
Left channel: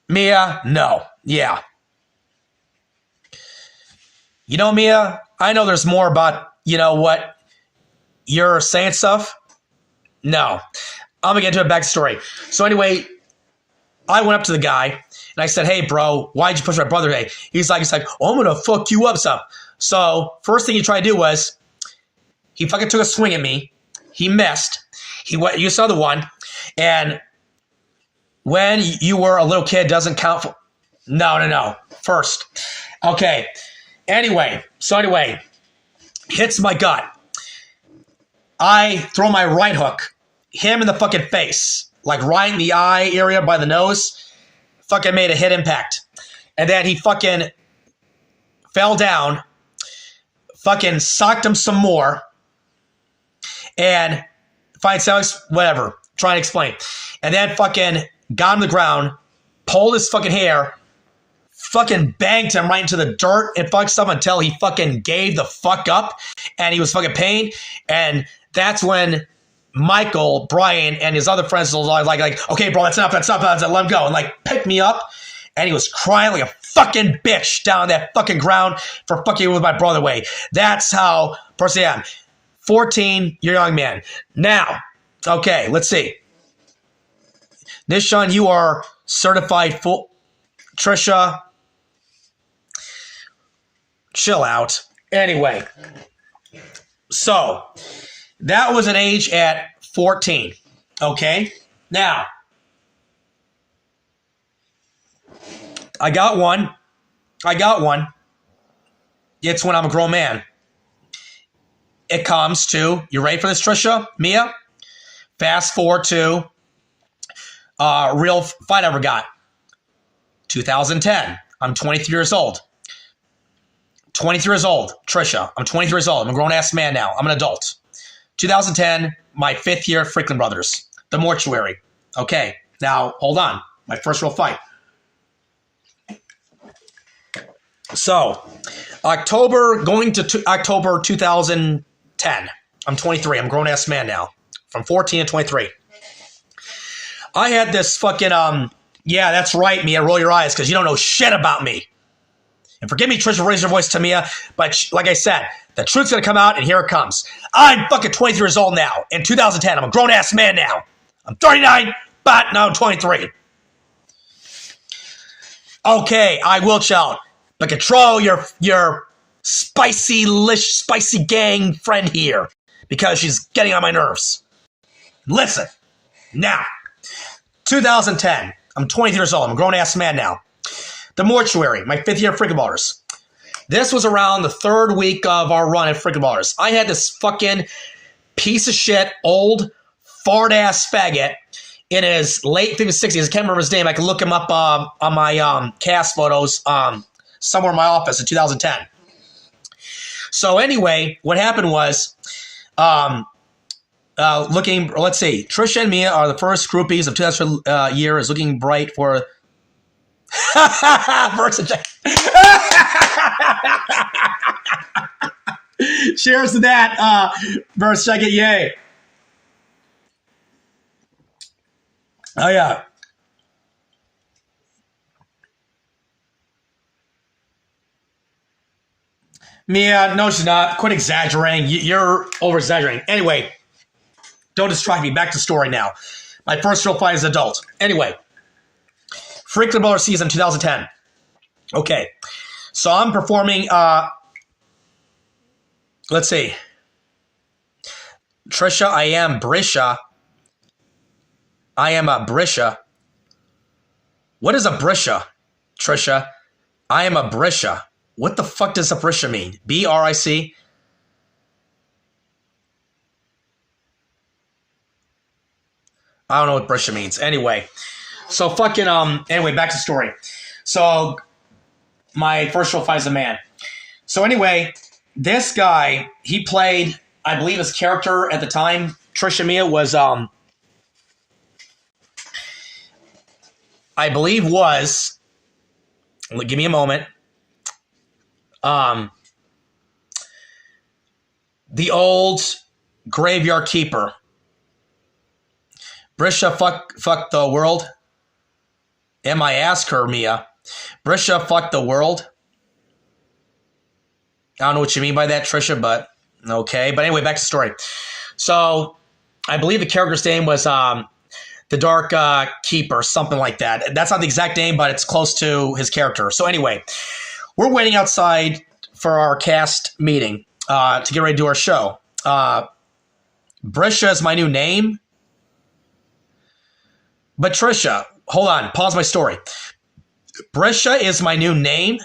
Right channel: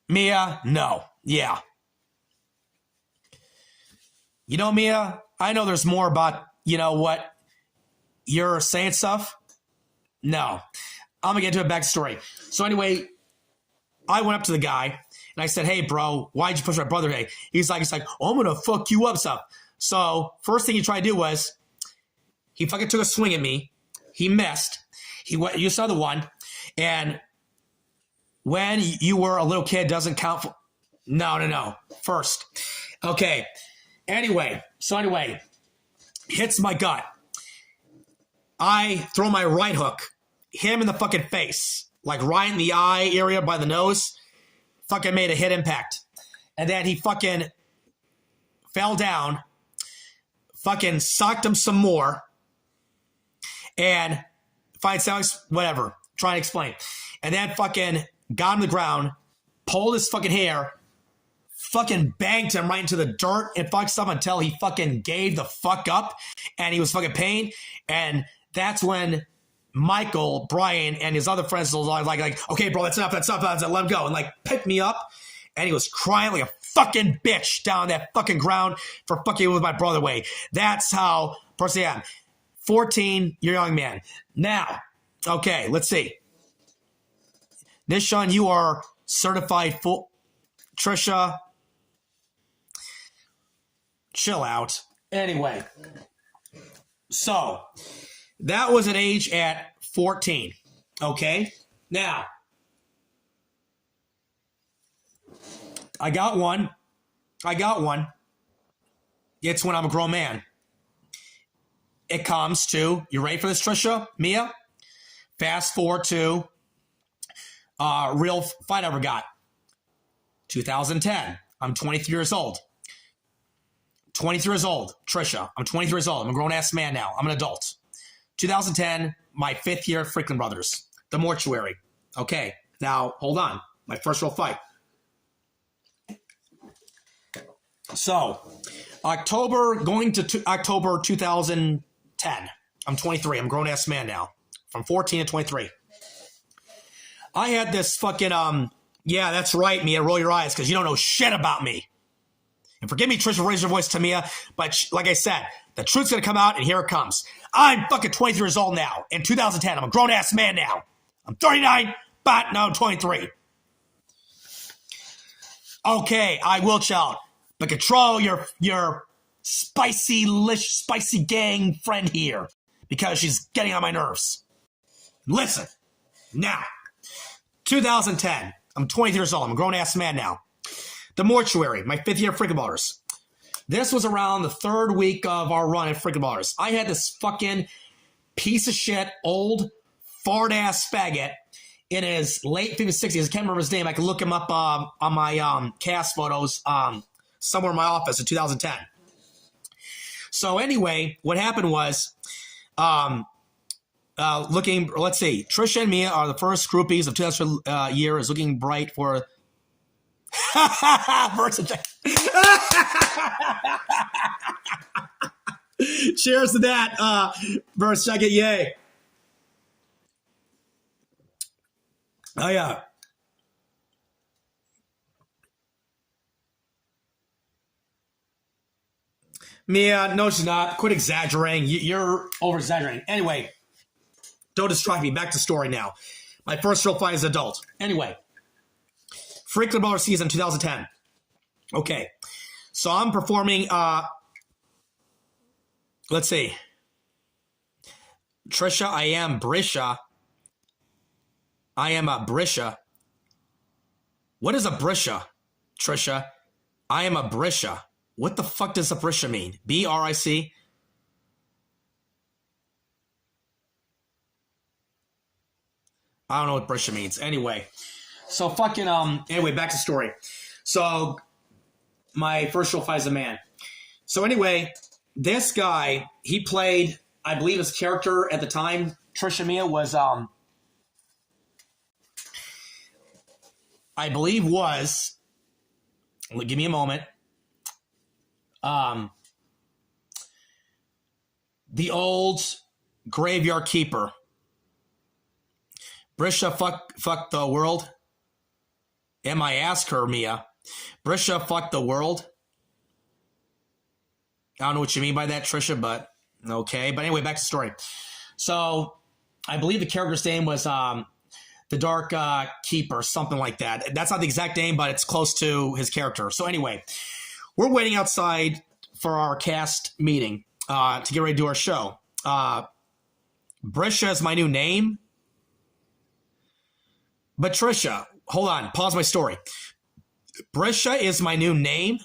Mia, no. Yeah. You know, Mia, I know there's more about, what you're saying stuff. No. I'm going to get into a backstory. So anyway, I went up to the guy and I said, "Hey, bro, why'd you push my brother?" Hey, he's like, "Oh, I'm going to fuck you up," stuff. So first thing he tried to do was he fucking took a swing at me. He missed. He went, used another one. And when you were a little kid doesn't count for, no. First. Okay. Anyway, hits my gut. I throw my right hook, him in the fucking face, like right in the eye area by the nose. Fucking made a hit impact. And then he fucking fell down, fucking socked him some more, and fine sounds, whatever, trying to explain. And then fucking got him to the ground, pulled his fucking hair, fucking banged him right into the dirt and fucked stuff until he fucking gave the fuck up and he was fucking pain. And that's when Michael, Brian, and his other friends were like, "Okay, bro, that's enough, let him go," and like picked me up. And he was crying like a fucking bitch down that fucking ground for fucking with my brother way. That's how person I am. 14, you're a young man. Now, okay, let's see. Nishan, you are certified full. Trisha, chill out. Anyway, so that was an age at 14. Okay, now I got one. It's when I'm a grown man. It comes to, you ready for this, Trisha, Mia? Fast forward to real fight I ever got. 2010. I'm 23 years old. 23 years old, Trisha. I'm 23 years old. I'm a grown-ass man now. I'm an adult. 2010, my 5th year at Franklin Brothers. The mortuary. Okay, now, hold on. My first real fight. So, going to October 2010. I'm 23. I'm a grown-ass man now. From 14 to 23. I had this fucking, yeah, that's right, Mia. Roll your eyes because you don't know shit about me. And forgive me, Trisha, raise your voice to Mia. But like I said, the truth's going to come out, and here it comes. I'm fucking 23 years old now. In 2010, I'm a grown-ass man now. I'm 39, but now I'm 23. Okay, I will shout. But control your spicy gang friend here. Because she's getting on my nerves. Listen. Now. 2010. I'm 23 years old. I'm a grown-ass man now. The mortuary, my 5th year at Franklin Brothers. This was around the 3rd week of our run at Franklin Brothers. I had this fucking piece of shit, old, fart-ass faggot in his late 50s, 60s. I can't remember his name. I can look him up on my cast photos somewhere in my office in 2010. So anyway, what happened was... let's see. Trisha and Mia are the first groupies of 2000 year is looking bright for Versa. Cheers to that, Versa. Yay. Oh yeah. Mia, no, she's not. Quit exaggerating. You're over exaggerating. Anyway. Don't distract me. Back to story now. My first real fight as an adult. Anyway, Freaklin Brothers season 2010. Okay. So I'm performing, let's see. Tricia, I am Brisha. I am a Brisha. What is a Brisha, Tricia? I am a Brisha. What the fuck does a Brisha mean? B-R-I-C? I don't know what Brisha means. Anyway. So fucking, anyway, back to story. So, my first real fight as a man. So anyway, this guy, he played, I believe his character at the time, Tricia Mia, was, I believe was, give me a moment, the old graveyard keeper. Brisha, fuck the world. I ask her, Mia. Brisha, fuck the world. I don't know what you mean by that, Tricia, but okay. But anyway, back to the story. So, I believe the character's name was the Dark Keeper, something like that. That's not the exact name, but it's close to his character. So anyway, we're waiting outside for our cast meeting to get ready to do our show. Brisha is my new name. But Tricia, hold on, pause my story. Brisha is my new name.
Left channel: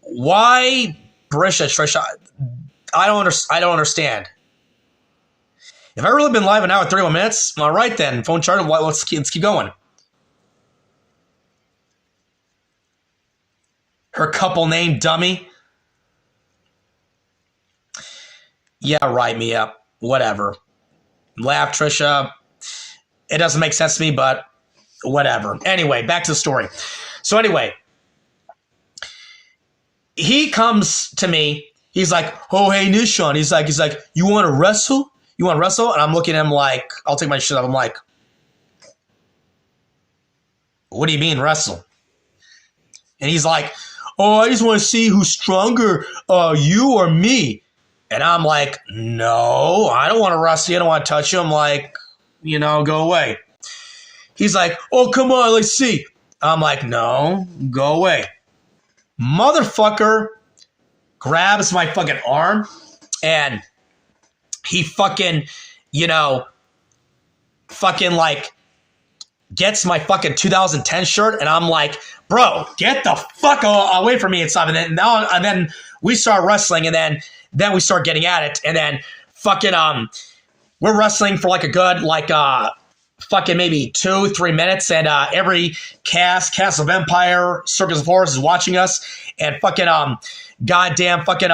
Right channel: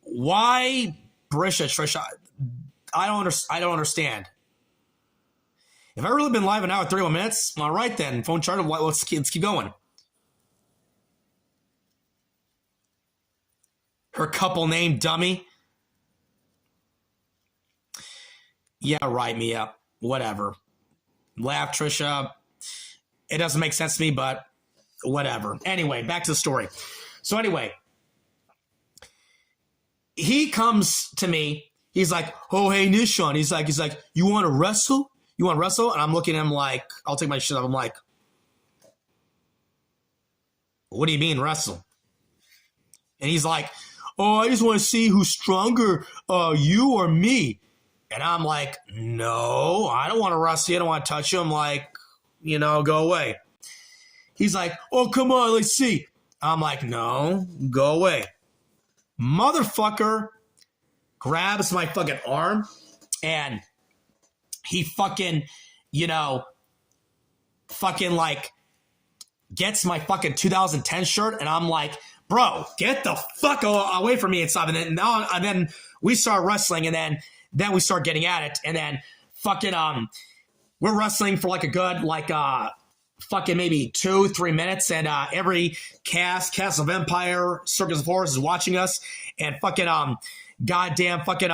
Why Brisha, Tricia? I don't understand. If I really been live an hour and 31 minutes, all right then. Phone charger, let's keep going. Her couple name, dummy. Yeah, right, Mia. Whatever. Laugh, Tricia. It doesn't make sense to me, but whatever. Anyway, back to the story. So anyway, he comes to me. He's like, oh, hey, Nishan. He's like, you want to wrestle? You want to wrestle? And I'm looking at him like, I'll take my shit off. I'm like, what do you mean wrestle? And he's like, oh, I just want to see who's stronger, you or me. And I'm like, no, I don't want to wrestle you. I don't want to touch you. I'm like, go away. He's like, oh, come on, let's see. I'm like, no, go away. Motherfucker grabs my fucking arm and he fucking, fucking like gets my fucking 2010 shirt. And I'm like, bro, get the fuck away from me and stuff. And then we start wrestling and then we start getting at it. And then fucking, we're wrestling for like a good, fucking maybe 2-3 minutes. And every Castle of Empire, Circus of Horrors is watching us. And fucking, goddamn fucking,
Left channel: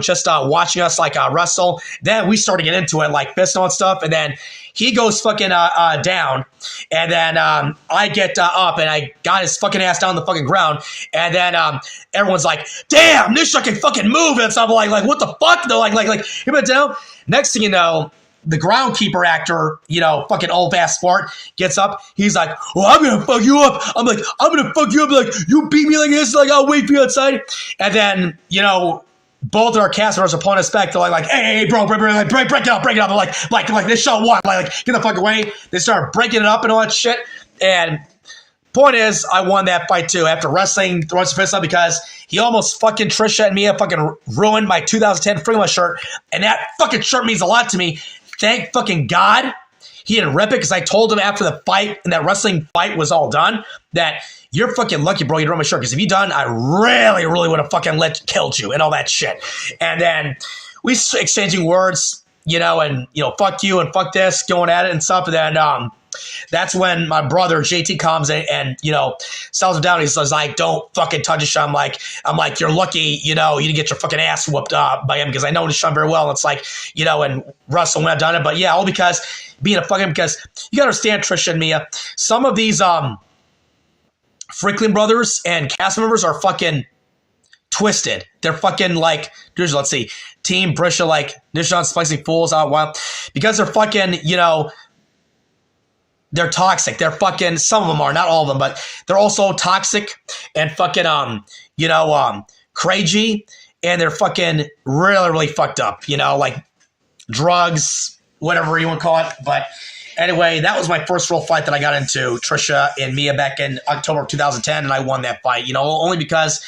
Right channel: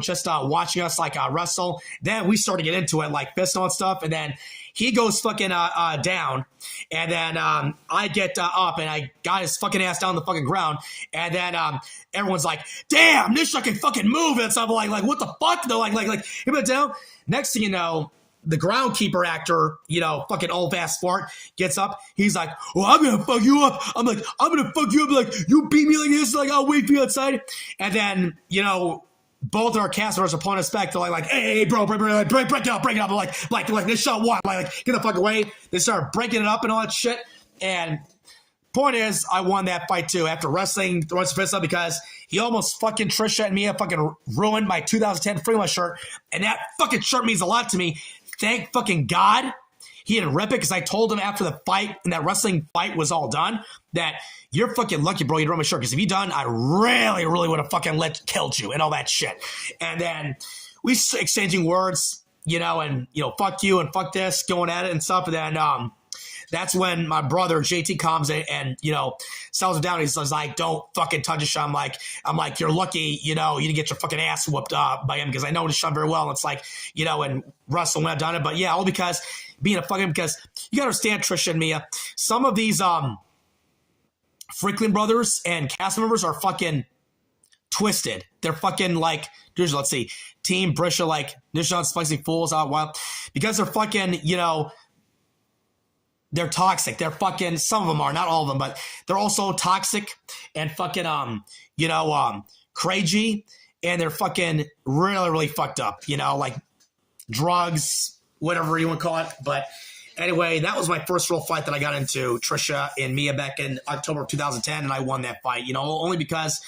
just watching us wrestle. Then we start to get into it, like fist on stuff. And then he goes fucking down. And then I get up and I got his fucking ass down the fucking ground. And then everyone's like, damn, Nisha can fucking move. And stuff like, what the fuck? Though, he went down. Next thing you know, the groundkeeper actor, fucking old ass fart, gets up. He's like, well, I'm going to fuck you up. I'm like, I'm going to fuck you up. Like, you beat me like this. Like, I'll wait for you outside. And then, both our cast members are pulling us back. They're like, hey, bro, break it up. They're like, this show what? Like, get the fuck away. They start breaking it up and all that shit. And point is, I won that fight too after wrestling, throwing some fists up because he almost fucking Tricia and Mia fucking ruined my 2010 Freaklin shirt. And that fucking shirt means a lot to me. Thank fucking God he didn't rip it because I told him after the fight and that wrestling fight was all done that you're fucking lucky, bro, you ruined my shirt because if you done, I really, really would have fucking killed you and all that shit. And then we exchanging words, and, fuck you and fuck this, going at it and stuff. And then that's when my brother JT comes and settles him down. He says, like, don't fucking touch Nishan. I'm like, you're lucky, you didn't get your fucking ass whooped by him because I know Nishan very well. And it's like, and Russell when I've done it. But yeah, all because because you gotta understand, Tricia and Mia, some of these Freaklin brothers and cast members are fucking twisted. They're fucking like, let's see, Team Brisha, like Nishan Spicy Fools out wild because they're fucking, they're toxic. They're fucking, some of them are, not all of them, but they're also toxic and fucking, crazy. And they're fucking really, really fucked up, like drugs, whatever you want to call it. But anyway, that was my first real fight that I got into, Tricia and Mia, back in October of 2010, and I won that fight, you know, only because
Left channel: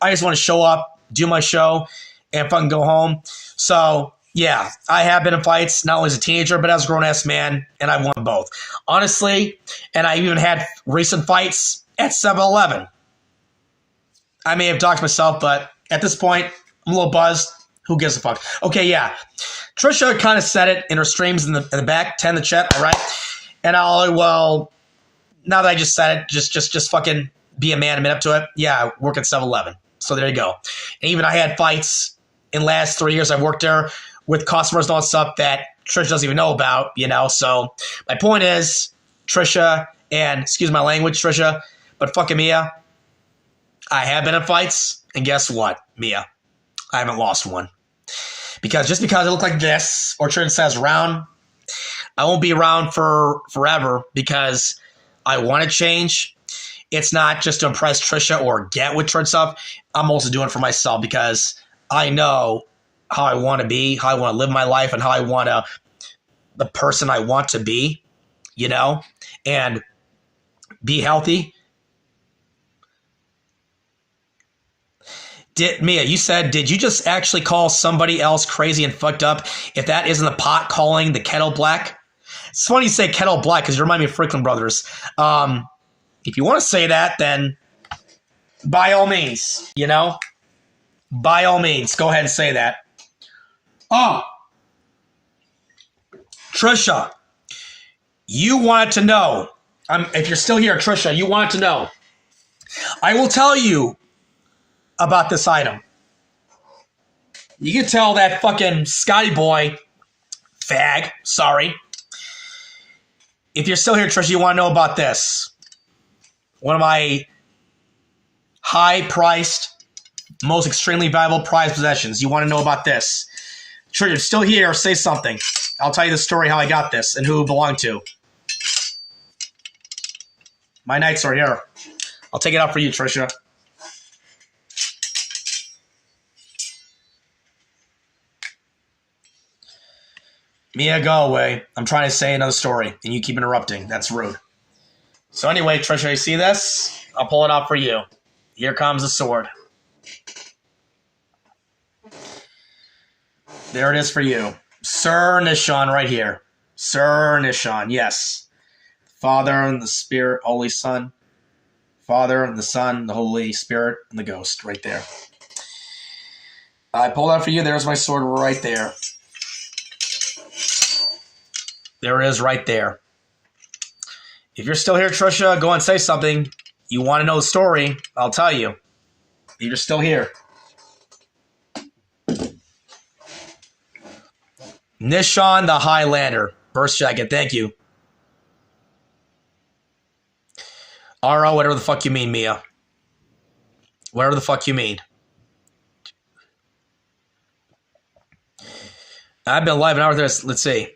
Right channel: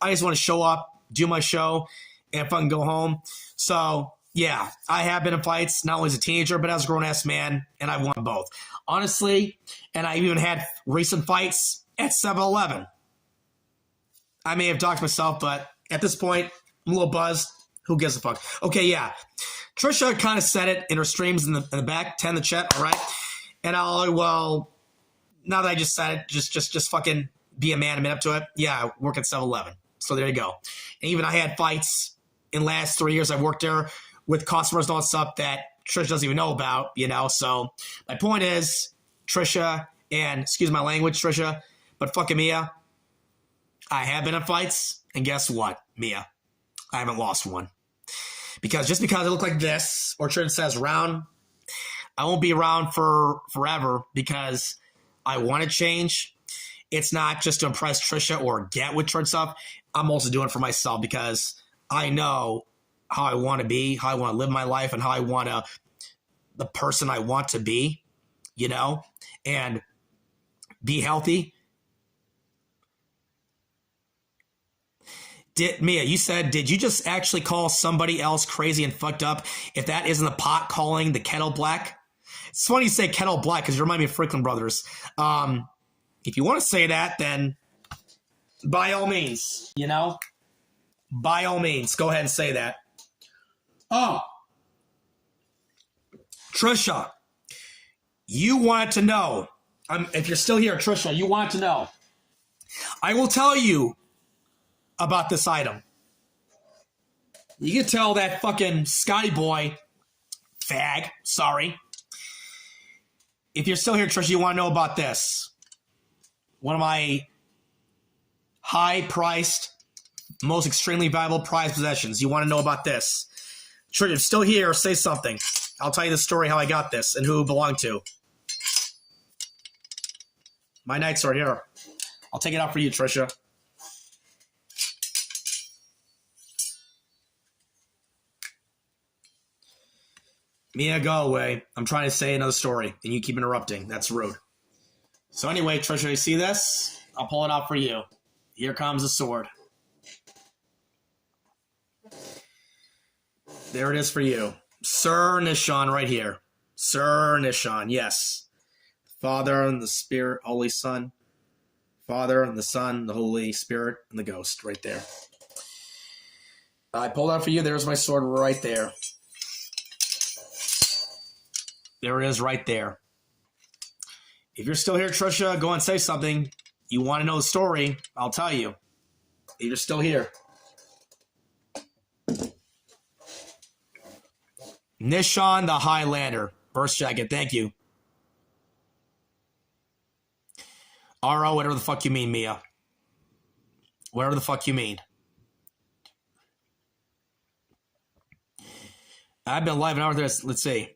I just want to show up, do my show, and fucking go home. So, yeah, I have been in fights, not only as a teenager, but as a grown-ass man, and I won both. Honestly, and I even had recent fights at 7-Eleven. I may have doxed myself, but at this point, I'm a little buzzed. Who gives a fuck? Okay, yeah. Tricia kind of said it in her streams in the back, 10 in the chat, all right? And well, now that I just said it, just fucking be a man and admit up to it. Yeah, I work at 7-Eleven. So there you go. And even I had fights in the last 3 years I worked there with customers and all that stuff that Tricia doesn't even know about, you know? So my point is, Tricia, and excuse my language, Tricia, but fucking Mia, I have been in fights, and guess what, Mia? I haven't lost one. Because just because I look like this, or Tricia says around, I won't be around for forever because I want to change. It's not just to impress Tricia or get with Tricia stuff. I'm also doing it for myself because I know how I want to be, how I want to live my life, and how I want to, the person I want to be, you know, and be healthy. Mia, you said, did you just actually call somebody else crazy and fucked up if that isn't the pot calling the kettle black? It's funny you say kettle black because you remind me of Franklin Brothers. If you want to say that, then by all means, you know? By all means, go ahead and say that. Oh. Tricia, you wanted to know. If you're still here, Tricia, you wanted to know. I will tell you about this item. You can tell that fucking Scotty boy fag, sorry. If you're still here, Tricia, you want to know about this. One of my high-priced, most extremely valuable prized possessions. You want to know about this. Tricia, you're still here, say something. I'll tell you the story how I got this and who it belonged to. My knights are here. I'll take it out for you, Tricia. Mia, go away. I'm trying to say another story, and you keep interrupting. That's rude. So anyway, Tricia, you see this? I'll pull it out for you. Here comes the sword. There it is for you. Sir Nishan right here. Sir Nishan, yes. Father and the Spirit, Holy Son. Father and the Son, the Holy Spirit, and the Ghost right there. I pulled out for you. There's my sword right there. There it is right there. If you're still here, Tricia, go and say something. You want to know the story, I'll tell you. If you're still here. Nishan the Highlander. Burst jacket, thank you. RO, whatever the fuck you mean, Mia. Whatever the fuck you mean. I've been alive an hour there. Let's see.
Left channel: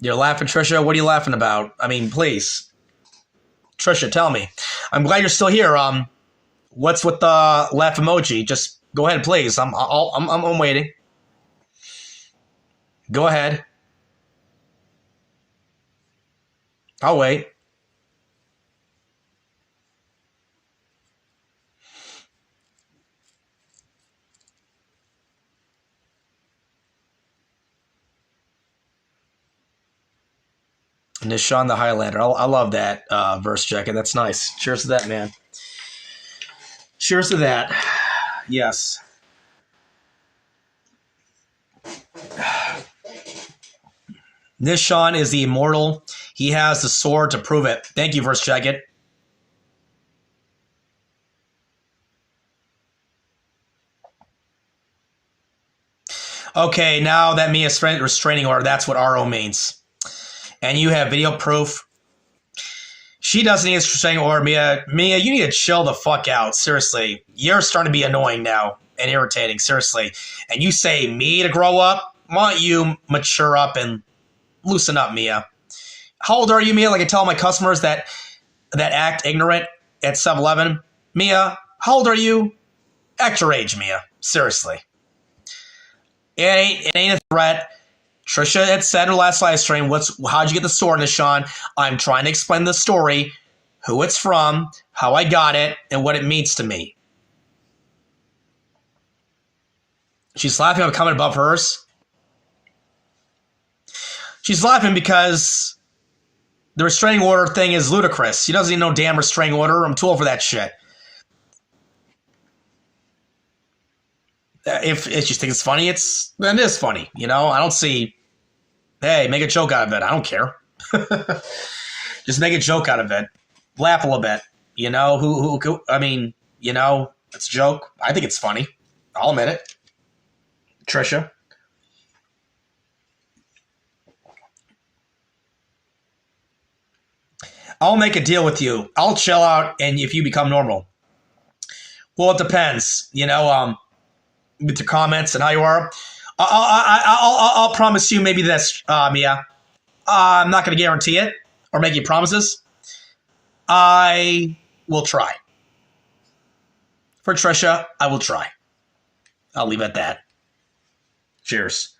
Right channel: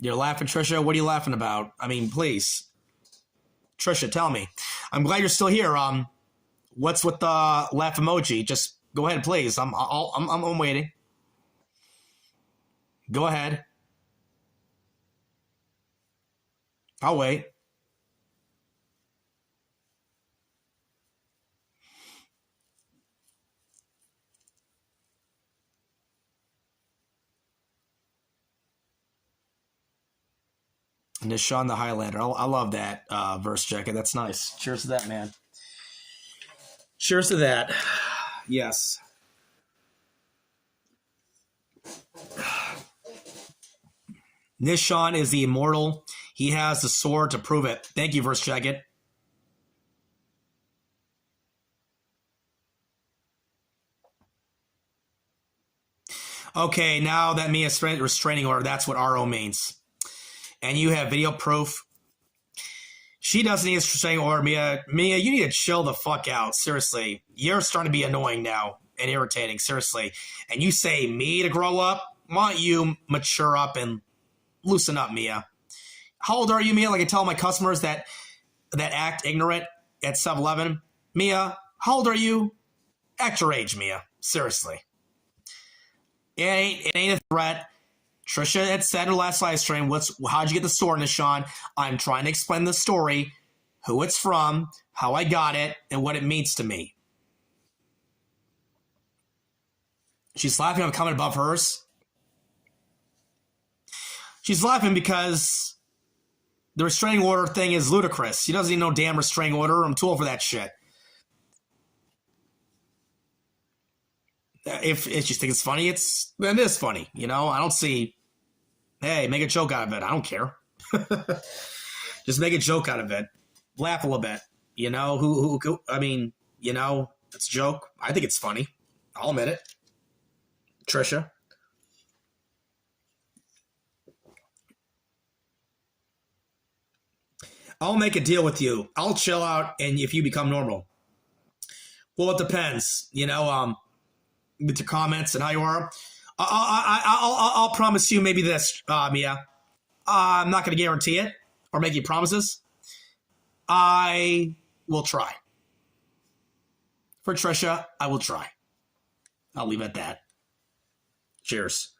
You're laughing, Tricia? What are you laughing about? I mean, please. Tricia, tell me. I'm glad you're still here. What's with the laugh emoji? Just go ahead, please. I'm waiting. Go ahead. I'll wait. Nishan the Highlander. I love that verse jacket. That's nice. Cheers to that, man. Cheers to that. Yes. Nishan is the immortal. He has the sword to prove it. Thank you, verse jacket. Okay, now that Mia's restraining order, that's what RO means. And you have video proof. She doesn't need a restraining order, Mia. Mia, you need to chill the fuck out. Seriously. You're starting to be annoying now and irritating. Seriously. And you say me to grow up? Why don't you mature up and loosen up, Mia? How old are you, Mia? Like I tell my customers that act ignorant at 7-Eleven. Mia, how old are you? Act your age, Mia. Seriously. It ain't a threat. Trisha had said in her last live stream, how'd you get the sword, Nishan? I'm trying to explain the story, who it's from, how I got it, and what it means to me. She's laughing at a comment above hers. She's laughing because the restraining order thing is ludicrous. She doesn't even know damn restraining order. I'm too old for that shit. If you think it's funny, then it is funny. You know, I don't see, hey, make a joke out of it. I don't care. Just make a joke out of it. Laugh a little bit. You know, I mean, you know, it's a joke. I think it's funny. I'll admit it. Trisha. I'll make a deal with you. I'll chill out, and if you become normal. Well, it depends. You know, with your comments and how you are. I'll promise you maybe this, Mia. I'm not going to guarantee it or make you promises. I will try. For Trisha, I will try. I'll leave it at that. Cheers.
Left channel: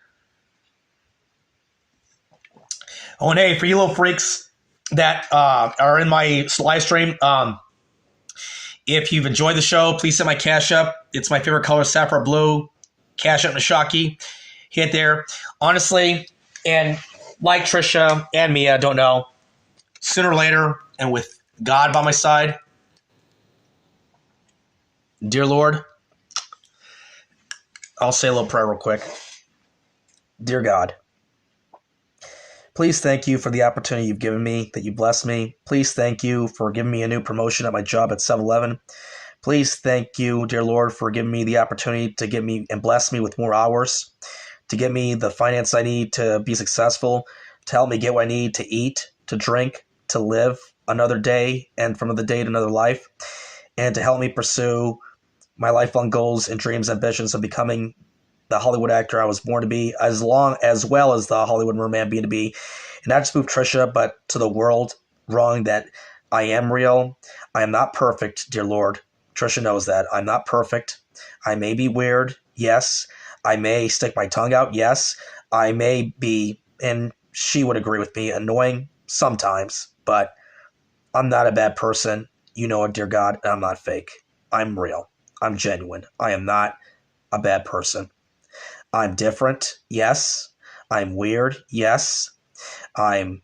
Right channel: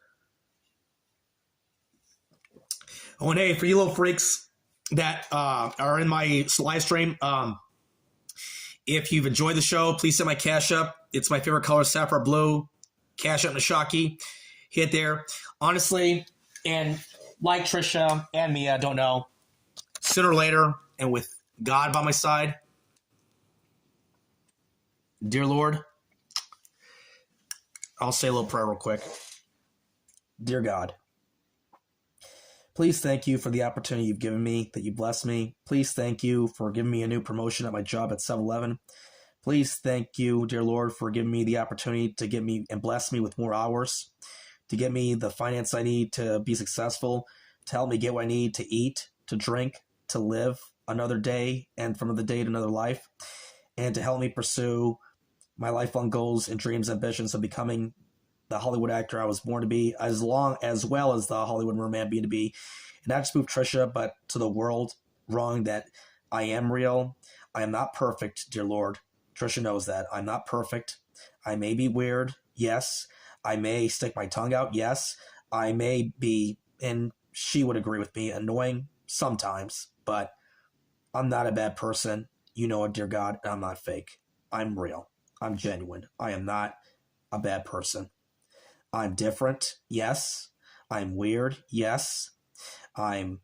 Oh, and hey, for you little freaks that are in my live stream, if you've enjoyed the show, please send my Cash App. It's my favorite color, sapphire blue. Cash App Nishaki. Hit there. Honestly, and like Trisha and me, I don't know, sooner or later, and with God by my side, dear Lord, I'll say a little prayer real quick. Dear God, please thank you for the opportunity you've given me, that you blessed me. Please thank you for giving me a new promotion at my job at 7-Eleven. Please thank you, dear Lord, for giving me the opportunity to give me and bless me with more hours, to get me the finance I need to be successful, to help me get what I need to eat, to drink, to live another day, and from another day to another life, and to help me pursue my lifelong goals and dreams, ambitions of becoming the Hollywood actor I was born to be, as well as the Hollywood merman being to be, and not just move Trisha, but to the world, wrong that I am real. I am not perfect, dear Lord. Trisha knows that. I'm not perfect. I may be weird, yes. I may stick my tongue out, yes. I may be, and she would agree with me, annoying sometimes, but I'm not a bad person. You know it, dear God, and I'm not fake. I'm real. I'm genuine. I am not a bad person. I'm different, yes. I'm weird, yes. I'm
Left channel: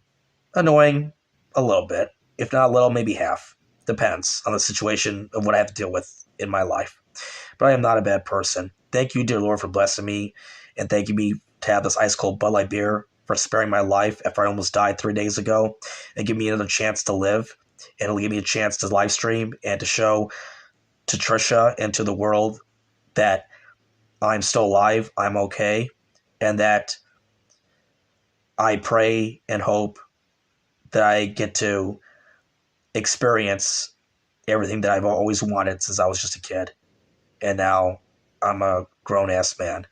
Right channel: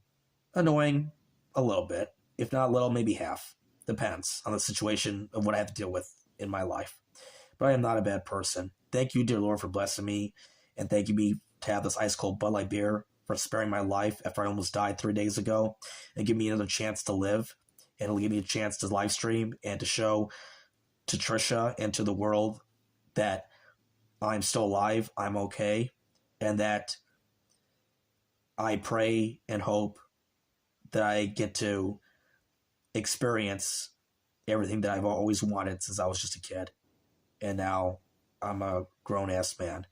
annoying a little bit. If not a little, maybe half. Depends on the situation of what I have to deal with in my life. But I am not a bad person. Thank you, dear Lord, for blessing me. And thank you me to have this ice cold Bud Light beer, for sparing my life after I almost died 3 days ago, and give me another chance to live. And it'll give me a chance to live stream and to show to Trisha and to the world that I'm still alive, I'm okay, and that I pray and hope that I get to experience everything that I've always wanted since I was just a kid. And now I'm a grown-ass man.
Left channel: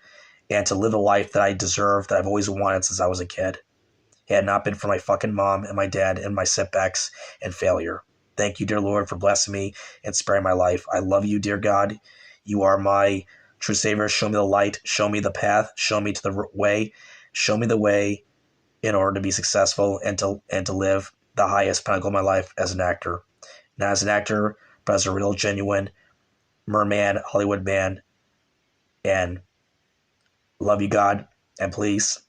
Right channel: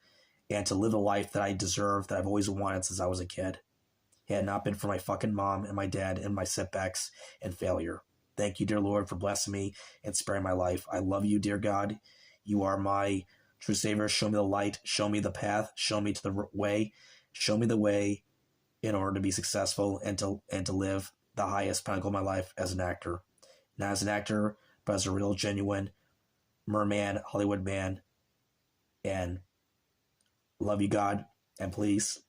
And to live a life that I deserve, that I've always wanted since I was a kid. Had it not been for my fucking mom and my dad and my setbacks and failure. Thank you, dear Lord, for blessing me and sparing my life. I love you, dear God. You are my true Savior. Show me the light. Show me the path. Show me to the way. Show me the way in order to be successful and to live the highest pinnacle of my life as an actor. Not as an actor, but as a real, genuine merman, Hollywood man. And love you, God. And please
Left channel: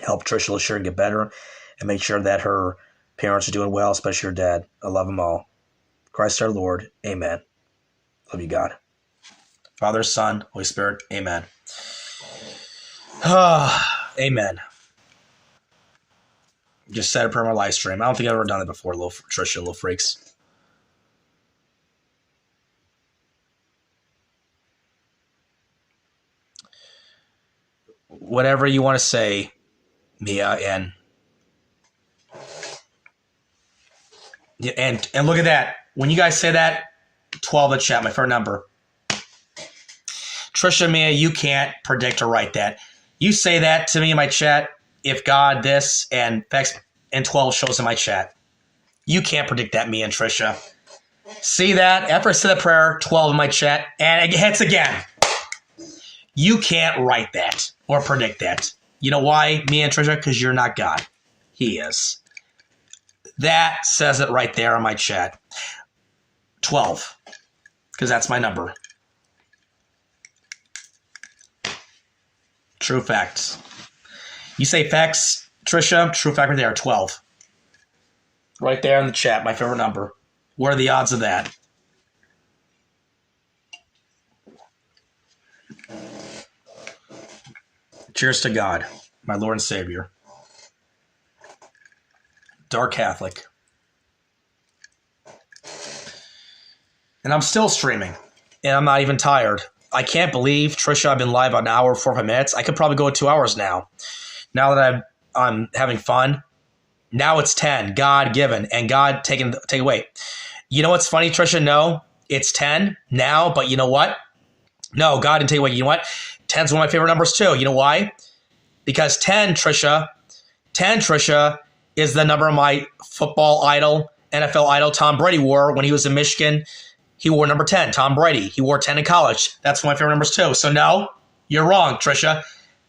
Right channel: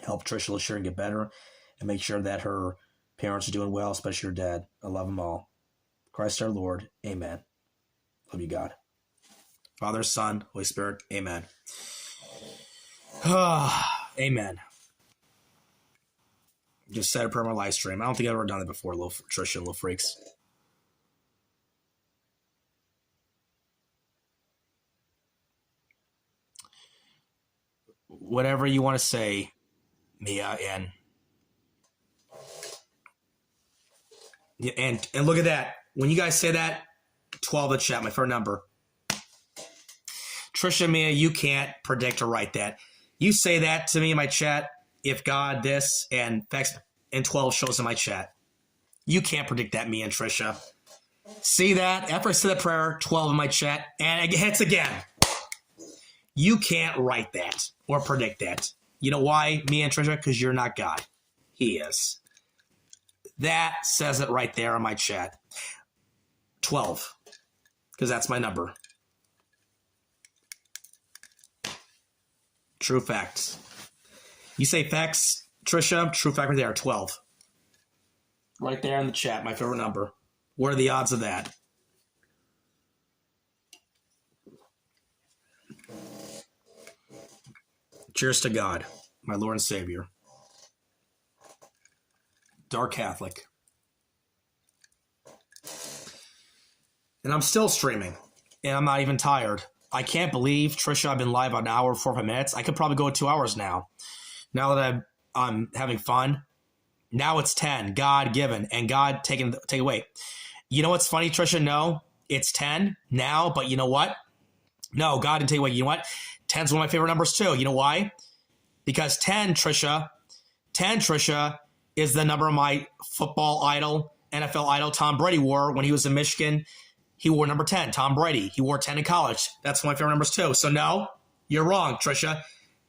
help Trisha LaSharon get better and make sure that her parents are doing well, especially her dad. I love them all. Christ our Lord. Amen. Love you, God. Father, Son, Holy Spirit. Amen. Amen. Just said a prayer on my live stream. I don't think I've ever done it before, little Trisha, little freaks. Whatever you want to say, Mia, and look at that. When you guys say that, 12 in the chat, my phone number. Trisha, Mia, you can't predict or write that. You say that to me in my chat, if God, this, and Vex, and 12 shows in my chat. You can't predict that, Mia and Trisha. See that? After I say the prayer, 12 in my chat, and it hits again. You can't write that or predict that. You know why, me and Trisha? Because you're not God. He is. That says it right there on my chat. 12. Because that's my number. True facts. You say facts, Trisha? True fact right there, 12. Right there in the chat, my favorite number. What are the odds of that? Cheers to God, my Lord and Savior. Dark Catholic. And I'm still streaming. And I'm not even tired. I can't believe, Trisha, I've been live an hour, 45 minutes. I could probably go 2 hours now. Now that I'm having fun. Now it's 10. God given. And God take away. You know what's funny, Trisha? No, it's 10 now. But you know what? No, God didn't take away. You know what? 10's one of my favorite numbers too. You know why? Because 10, Trisha, is the number of my football idol, NFL idol, Tom Brady wore when he was in Michigan. He wore number 10, Tom Brady. He wore 10 in college. That's one of my favorite numbers too. So no, you're wrong, Trisha.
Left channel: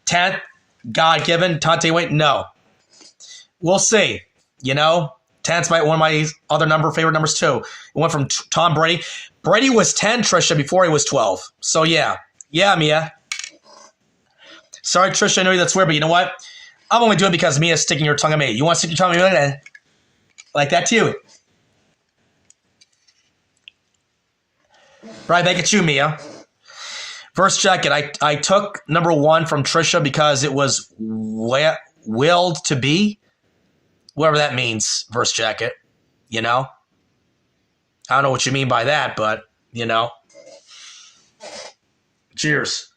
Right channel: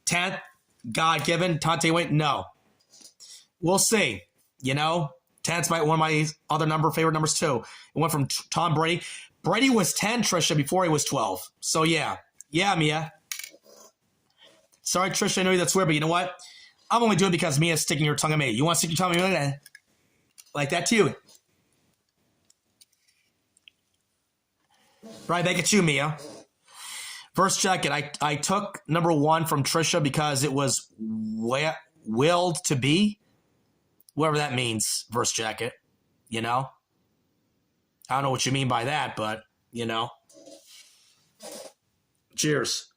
10th, God-given, Tante Wait, no. We'll see. You know, 10's one of my other favorite numbers too. It went from Tom Brady. Brady was 10, Trisha, before he was 12. So yeah. Yeah, Mia. Sorry, Trisha, I know that's weird, but you know what? I'm only doing it because Mia's sticking her tongue at me. You want to stick your tongue at me like that too? Right back at you, Mia. Verse jacket. I took number 1 from Trisha because it was willed to be. Whatever that means, verse jacket. You know? I don't know what you mean by that, but, you know. Cheers.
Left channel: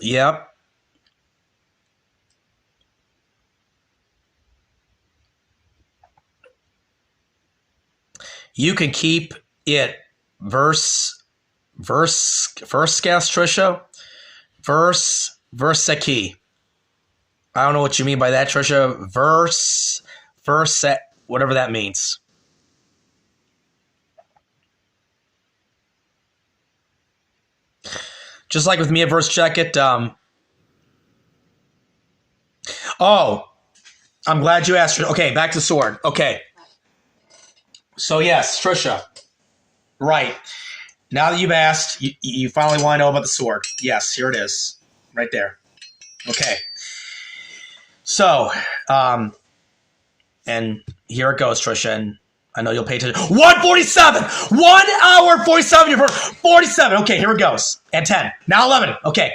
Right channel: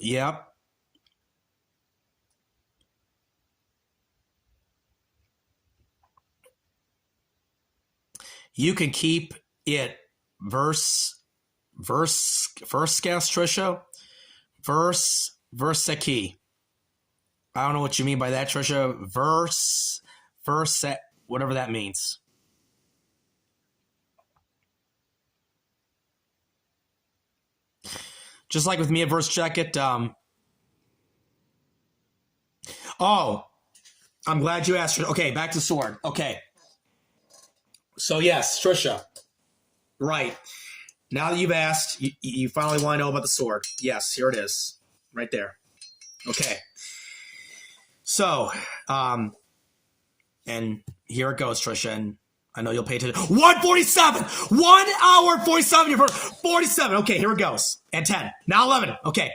Yep. You can keep it verse gas, Trisha. Verse key. I don't know what you mean by that, Trisha. Verse whatever that means. Just like with me at verse jacket. Oh, I'm glad you asked. Okay, back to the sword. Okay. So yes, Trisha. Right. Now that you've asked, you finally want to know about the sword. Yes, here it is. Right there. Okay. So, and here it goes, Trisha, and I know you'll pay attention. 147! 1 hour, 47. 47. Okay, here it goes. And 10. Now 11. Okay.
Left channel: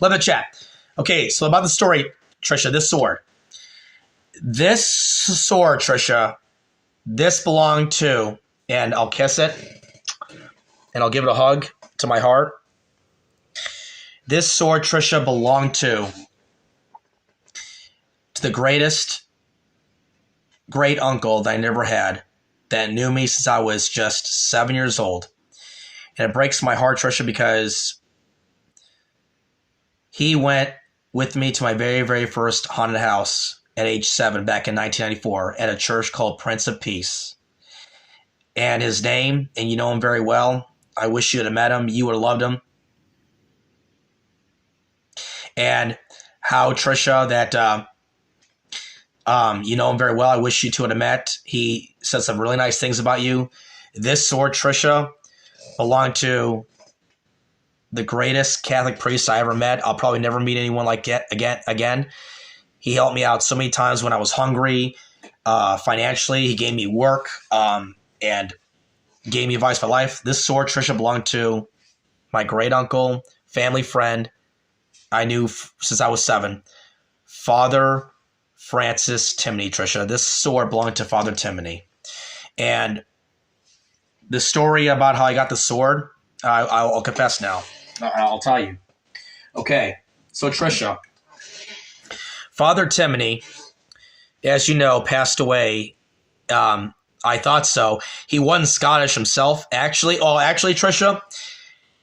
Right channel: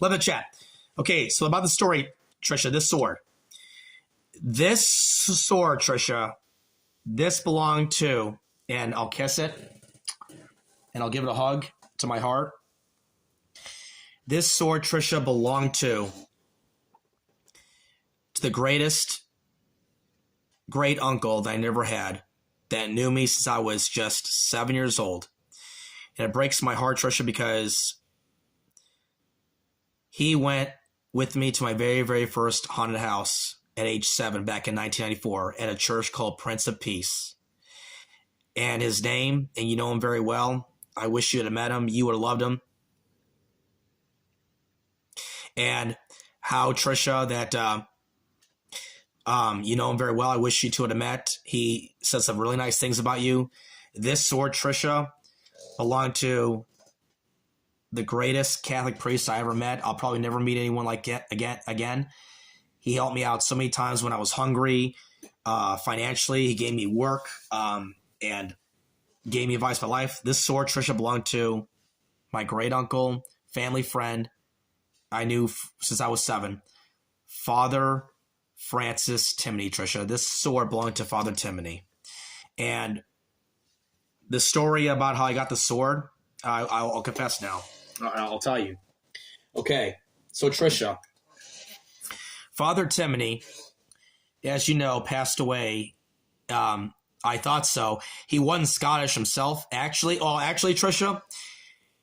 11 chat. Okay, so about the story, Trisha, this sword. This sword, Trisha, this belonged to, and I'll kiss it, and I'll give it a hug to my heart. This sword, Trisha, belonged to the greatest great uncle that I never had, that knew me since I was just 7 years old. And it breaks my heart, Trisha, because he went with me to my very, very first haunted house at age 7 back in 1994 at a church called Prince of Peace. And his name, and you know him very well, I wish you would have met him. You would have loved him. And how, Trisha, that you know him very well. I wish you two would have met. He said some really nice things about you. This sword, Trisha, belonged to the greatest Catholic priest I ever met. I'll probably never meet anyone like it again. He helped me out so many times when I was hungry, financially. He gave me work, and gave me advice for life. This sword, Trisha, belonged to my great uncle, family friend I knew since I was 7, Father Francis Timony, Trisha. This sword belonged to Father Timony. And the story about how I got the sword, I'll confess now. I'll tell you. Okay, so Trisha, Father Timony, as you know, passed away. I thought so. He wasn't Scottish himself, actually. Oh, actually, Trisha,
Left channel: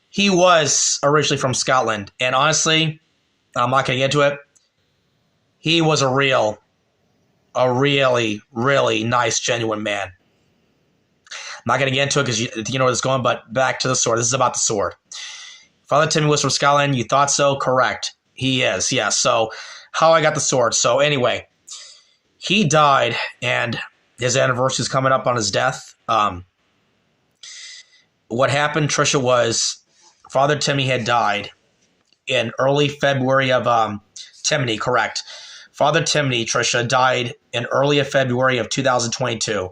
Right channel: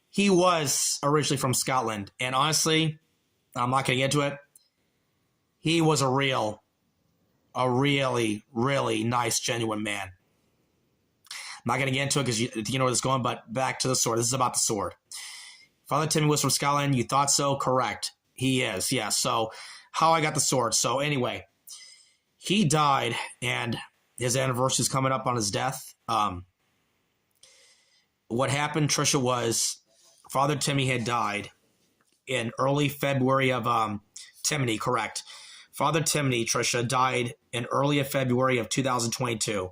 he was originally from Scotland. And honestly, I'm not going to get into it. He was a really, really nice, genuine man. not going to get into it because you know where it's going, but back to the sword. This is about the sword. Father Timmy was from Scotland. You thought so? Correct. He is, yes. So how I got the sword. So anyway, he died, and his anniversary is coming up on his death. What happened, Tricia, was Father Timmy had died in early February of Timony, correct. Father Timony, Tricia, died in early February of 2022.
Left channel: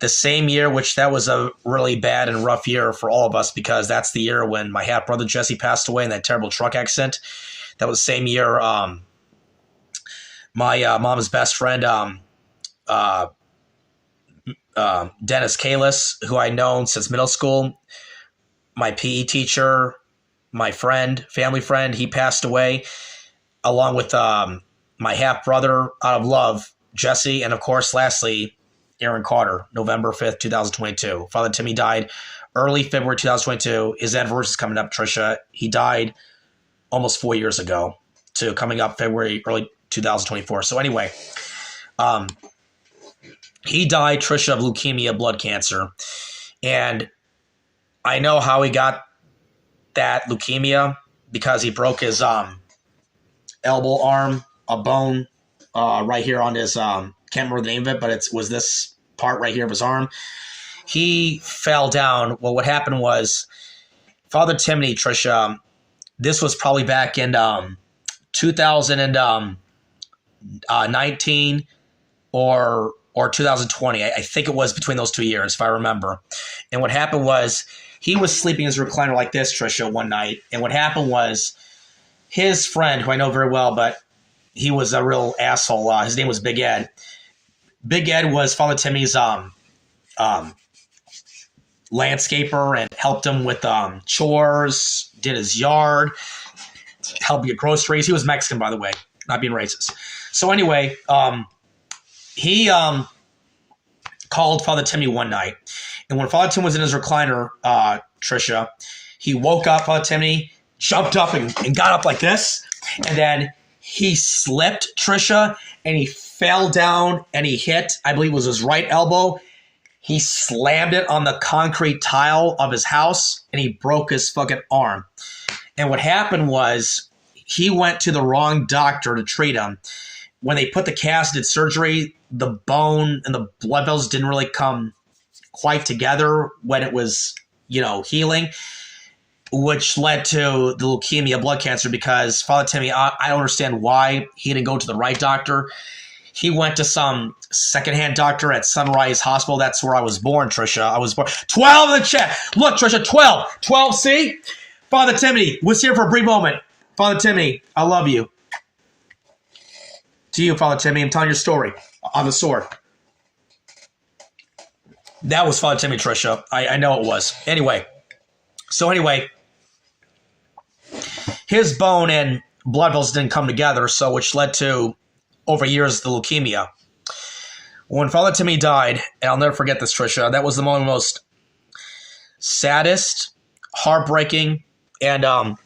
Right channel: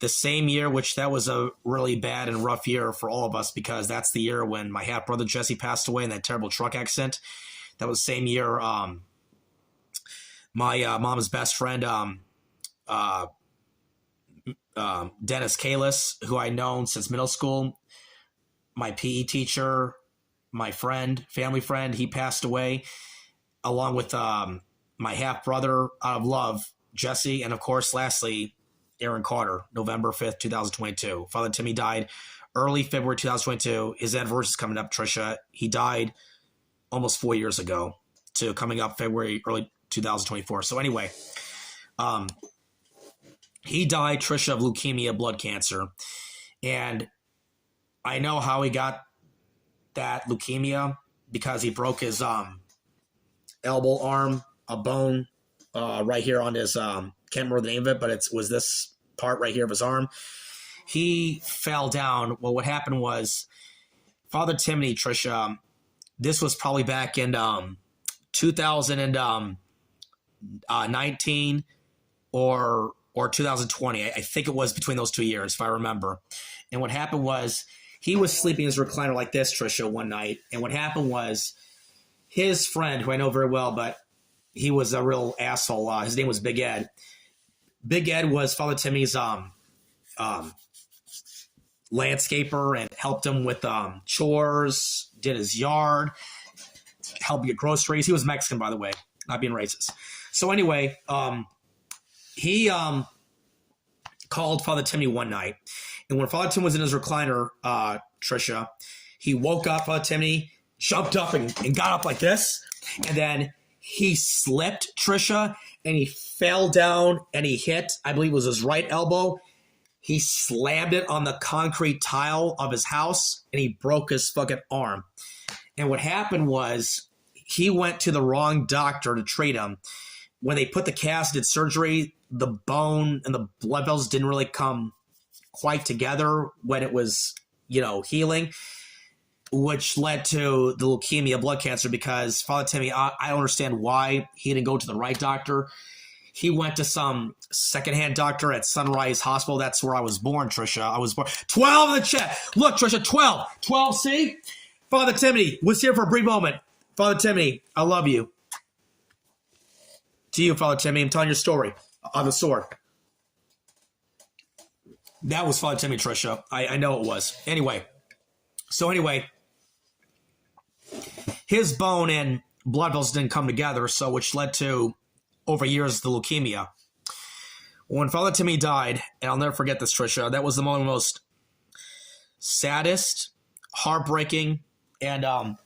The same year, which that was a really bad and rough year for all of us because that's the year when my half-brother Jesse passed away in that terrible truck accident. That was the same year my mom's best friend, Dennis Kalis, who I've known since middle school, my PE teacher, my friend, family friend, he passed away, along with my half-brother out of love, Jesse, and of course, lastly, Aaron Carter, November 5th, 2022. Father Timmy died early February 2022. His anniversary is coming up, Tricia. He died almost 4 years ago to coming up February, early 2024. So anyway, he died, Tricia, of leukemia, blood cancer. And I know how he got that leukemia because he broke his elbow arm, a bone right here on his, can't remember the name of it, but it was this part right here of his arm. He fell down. Well, what happened was Father Timony, Tricia, this was probably back in 2019 or 2020. I think it was between those 2 years, if I remember. And what happened was he was sleeping in his recliner like this, Tricia, one night. And what happened was his friend, who I know very well, but he was a real asshole. His name was Big Ed. Big Ed was Father Timmy's landscaper and helped him with chores, did his yard, helped get groceries. He was Mexican, by the way, not being racist. So anyway, he called Father Timmy one night. And when Father Tim was in his recliner, Tricia, he woke up, Father Timmy, jumped up and got up like this. And then he slipped, Tricia, and he fell down and he hit, I believe it was his right elbow. He slammed it on the concrete tile of his house and he broke his fucking arm. And what happened was he went to the wrong doctor to treat him. When they put the cast, did surgery, the bone and the blood vessels didn't really come quite together when it was, healing, which led to the leukemia, blood cancer, because Father Timmy, I don't understand why he didn't go to the right doctor. He went to some secondhand doctor at Sunrise Hospital. That's where I was born, Tricia. I was born. 12 in the chat. Look, Tricia, 12. 12, see? Father Timmy was here for a brief moment. Father Timmy, I love you. To you, Father Timmy, I'm telling your story on the sword. That was Father Timmy, Tricia. I know it was. Anyway, his bone and blood vessels didn't come together, so which led to, over years, the leukemia. When Father Timmy died, and I'll never forget this, Tricia, that was the most saddest, heartbreaking, and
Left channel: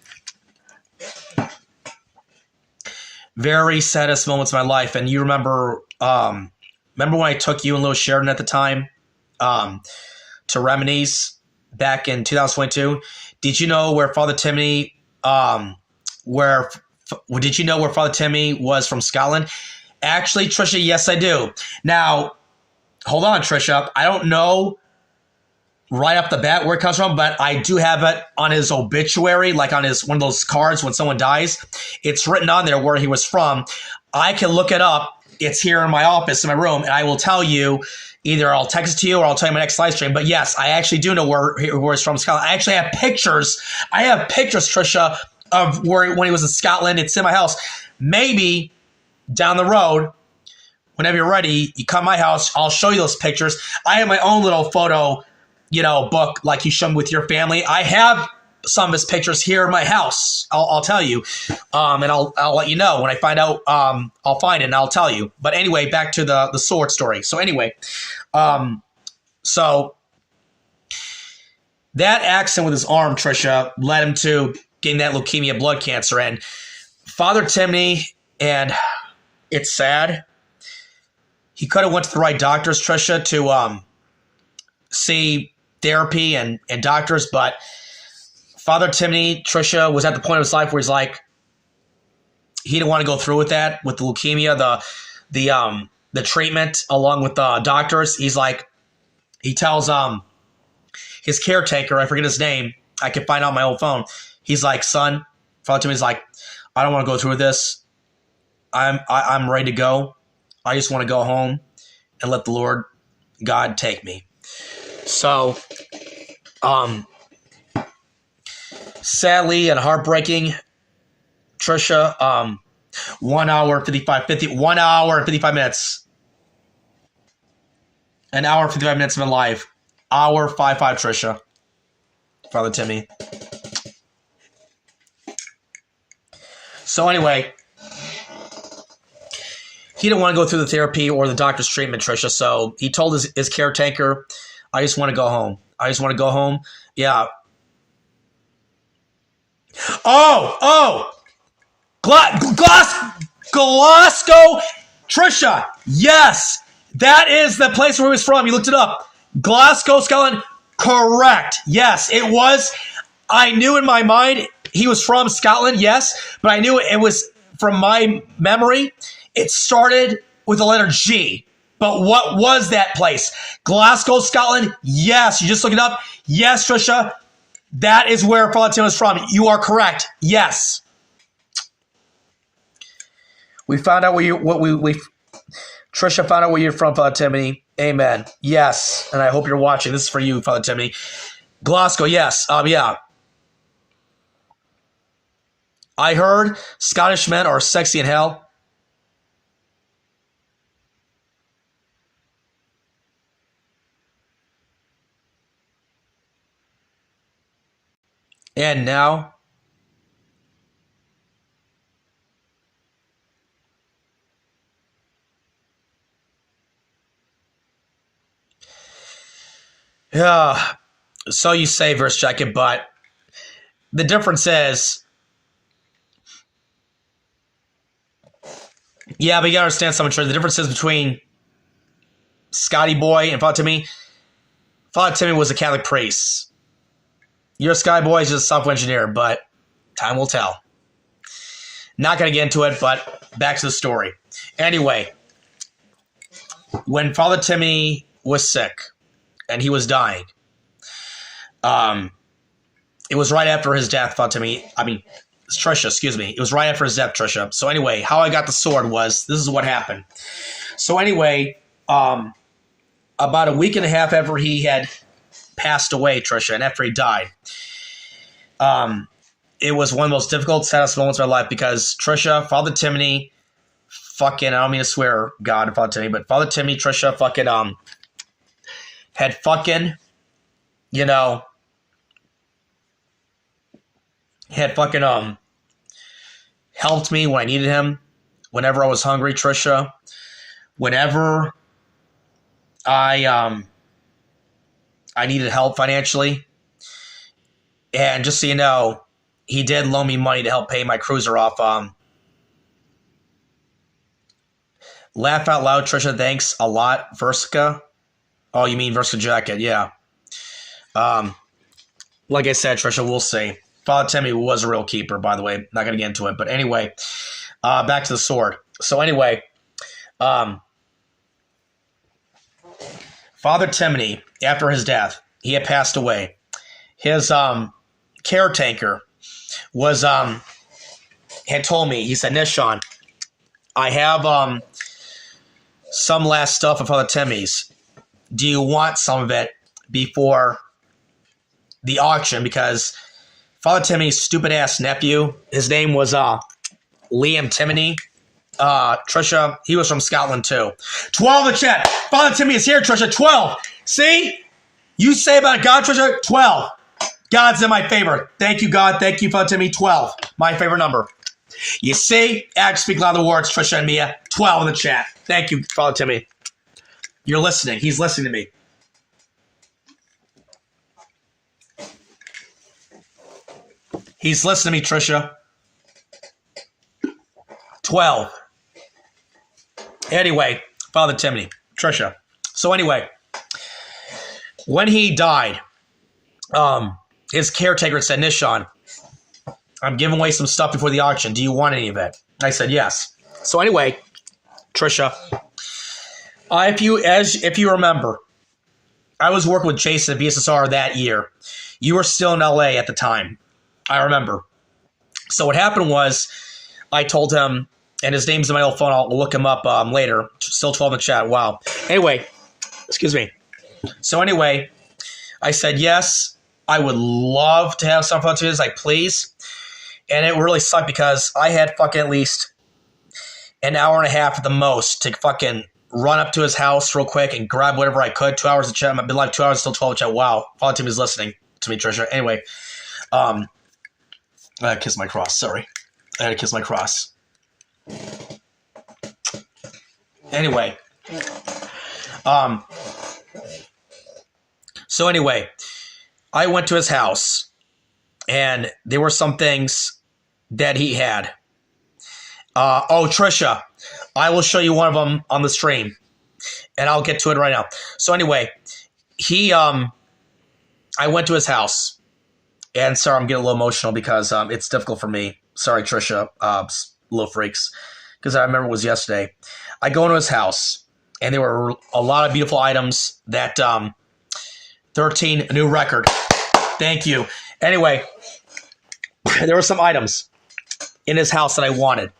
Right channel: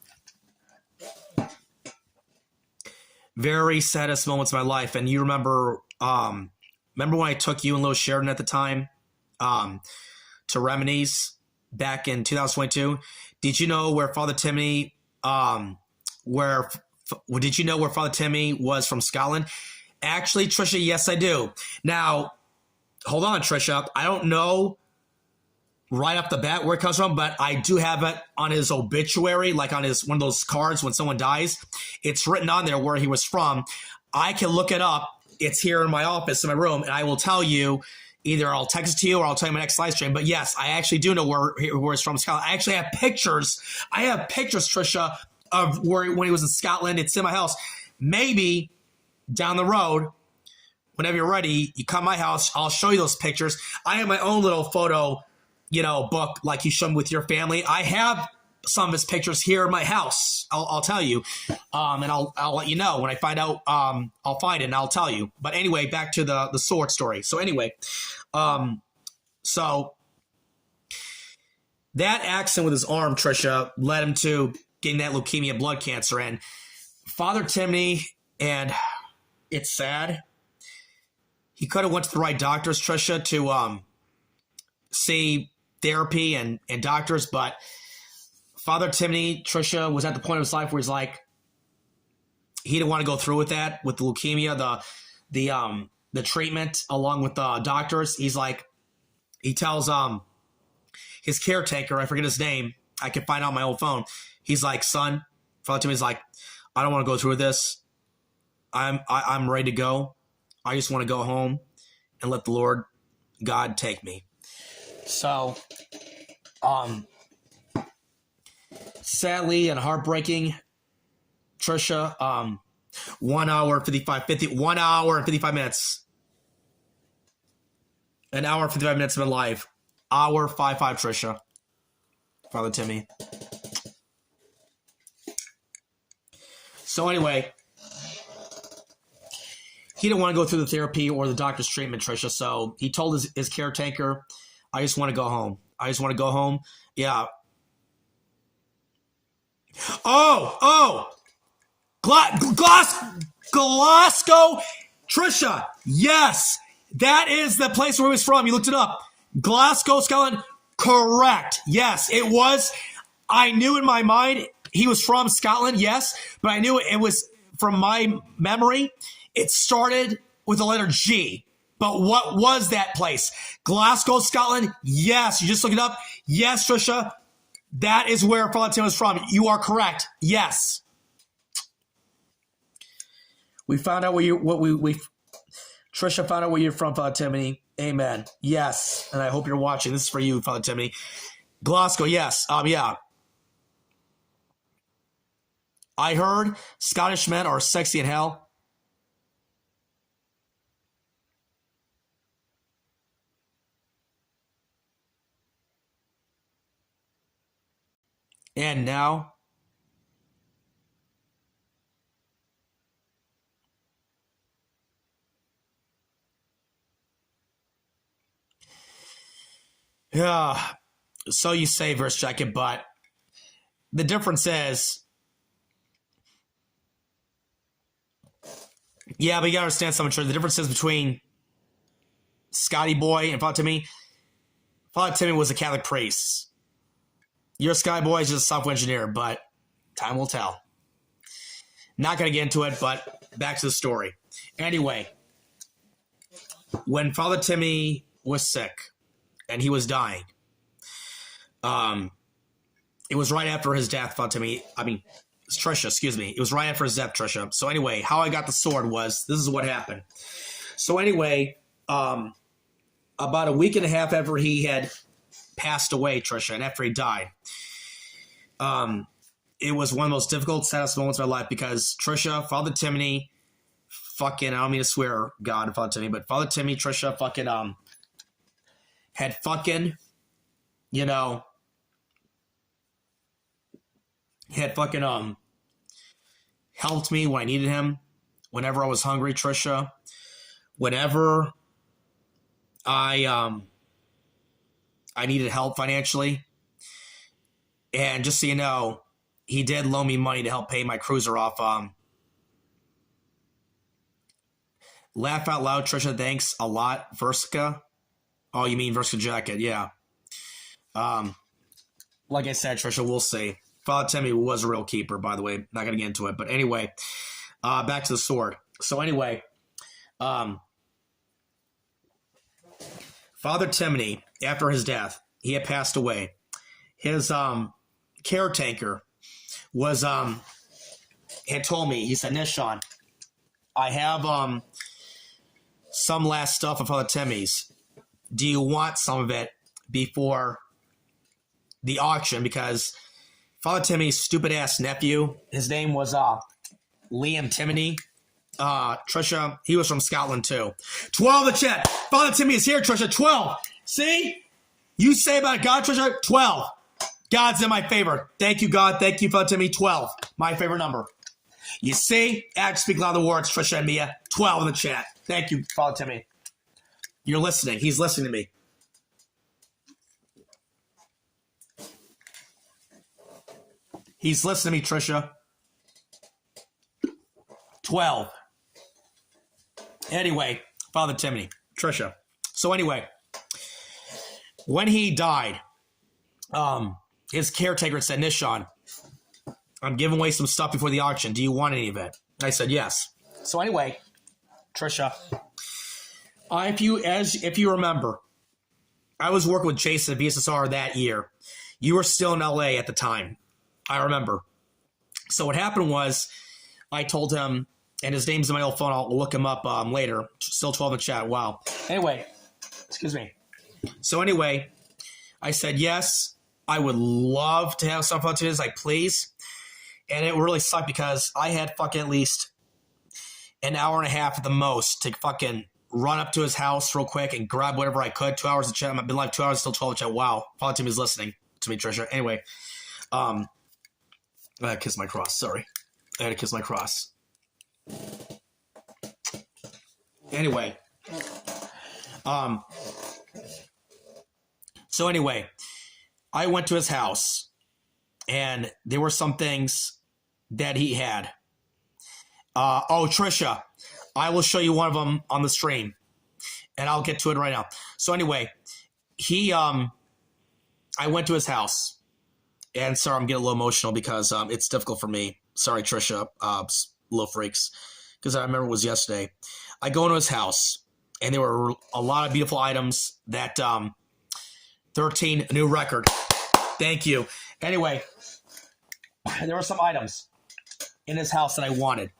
very saddest moments of my life. And you remember when I took you and Lewis Sheridan at the time to Remini's back in 2022? Did you know where Father Timmy did you know where Father Timmy was from Scotland? Actually, Tricia, yes, I do. Now, hold on, Tricia. I don't know right off the bat where it comes from, but I do have it on his obituary, like on his one of those cards when someone dies. It's written on there where he was from. I can look it up. It's here in my office, in my room, and I will tell you. Either I'll text it to you or I'll tell you my next live stream. But yes, I actually do know where he's from, Scotland. I actually have pictures. I have pictures, Tricia, of when he was in Scotland. It's in my house. Maybe down the road, whenever you're ready, you come to my house. I'll show you those pictures. I have my own little photo, book like you showed me with your family. I have some of his pictures here in my house. I'll tell you, and I'll let you know when I find out. I'll find it and I'll tell you. But anyway, back to the sword story. So anyway, so that accident with his arm, Tricia, led him to getting that leukemia, blood cancer, and Father Timony. And it's sad. He could have went to the right doctors, Tricia, to see therapy and doctors, but Father Timothy, Tricia, was at the point of his life where he's like, he didn't want to go through with that, with the leukemia, the treatment along with the doctors. He's like, he tells his caretaker, I forget his name, I can find out on my old phone. He's like, son, Father Timothy's like, I don't want to go through with this. I'm ready to go. I just want to go home and let the Lord God take me. So, sadly and heartbreaking, Tricia, 1 hour and 55 minutes. An hour and 55 minutes of my life. Hour 55, Tricia. Father Timmy. So anyway, he didn't want to go through the therapy or the doctor's treatment, Tricia. So he told his caretaker, I just want to go home. I just want to go home. Yeah. Glasgow, Tricia. Yes. That is the place where he was from. You looked it up. Glasgow, Scotland. Correct. Yes, it was. I knew in my mind he was from Scotland, yes, but I knew it was from my memory. It started with the letter G. But what was that place? Glasgow, Scotland? Yes. You just look it up. Yes, Tricia. That is where Father Tim was from. You are correct. Yes. We found out where you Tricia found out where you're from, Father Timothy. Amen. Yes. And I hope you're watching. This is for you, Father Timothy. Glasgow, yes. Yeah. I heard Scottish men are sexy in hell. And now, yeah, so you say, verse jacket, but the difference is, yeah, but you gotta understand something. The difference is between Scotty Boy and Father Timmy. Father Timmy was a Catholic priest. Your Sky Boy is just a software engineer, but time will tell. Not going to get into it, but back to the story. Anyway, when Father Timmy was sick and he was dying, it was right after his death, Father Timmy. Tricia, excuse me. It was right after his death, Tricia. So anyway, how I got the sword was, this is what happened. So anyway, about a week and a half after he had passed away, Tricia, and after he died, it was one of the most difficult, saddest moments of my life because Tricia, Father Timothy, fucking, I don't mean to swear God and Father Timothy, but Father Timothy, Tricia, fucking, had fucking, helped me when I needed him, whenever I was hungry, Tricia, whenever I needed help financially. And just so you know, he did loan me money to help pay my cruiser off. Laugh out loud, Tricia. Thanks a lot, Versica. Oh, you mean Versica Jacket? Yeah. Like I said, Tricia, we'll see. Father Timmy was a real keeper, by the way. Not going to get into it. But anyway, back to the sword. So anyway, Father Timothy, after his death, he had passed away. His caretaker was had told me, he said, Nishan, I have some last stuff of Father Timmy's. Do you want some of it before the auction? Because Father Timmy's stupid ass nephew, his name was Liam Timony. Tricia, he was from Scotland too. 12 in the chat. Father Timmy is here, Tricia. 12. See? You say about God, Tricia? 12. God's in my favor. Thank you, God. Thank you, Father Timmy. 12. My favorite number. You see? Act, speak louder words, Tricia and Mia. 12 in the chat. Thank you, Father Timmy. You're listening. He's listening to me. He's listening to me, Tricia. 12. Anyway, Father Timothy, Tricia. So anyway, when he died, his caretaker said, Nishan, I'm giving away some stuff before the auction. Do you want any of it? I said, yes. So anyway, Tricia, if you remember, I was working with Jason at VSSR that year. You were still in LA at the time. I remember. So what happened was I told him, and his name's in my old phone. I'll look him up later. Still 12 in the chat. Wow. Anyway, excuse me. So anyway, I said, yes, I would love to have some fun to his. Like, please. And it really sucked because I had fucking at least an hour and a half at the most to fucking run up to his house real quick and grab whatever I could. 2 hours of chat. I've been live 2 hours, still 12 in chat. Wow. Father Timmy's listening to me, Tricia. Anyway, I gotta kiss my cross. Sorry. I gotta kiss my cross. Anyway. So anyway, I went to his house and there were some things that he had. Tricia, I will show you one of them on the stream and I'll get to it right now. So anyway, I went to his house and sorry, I'm getting a little emotional because it's difficult for me. Sorry, Tricia, little freaks, because I remember it was yesterday. I go into his house and there were a lot of beautiful items that 13, a new record. Thank you. Anyway, there were some items in his house that I wanted.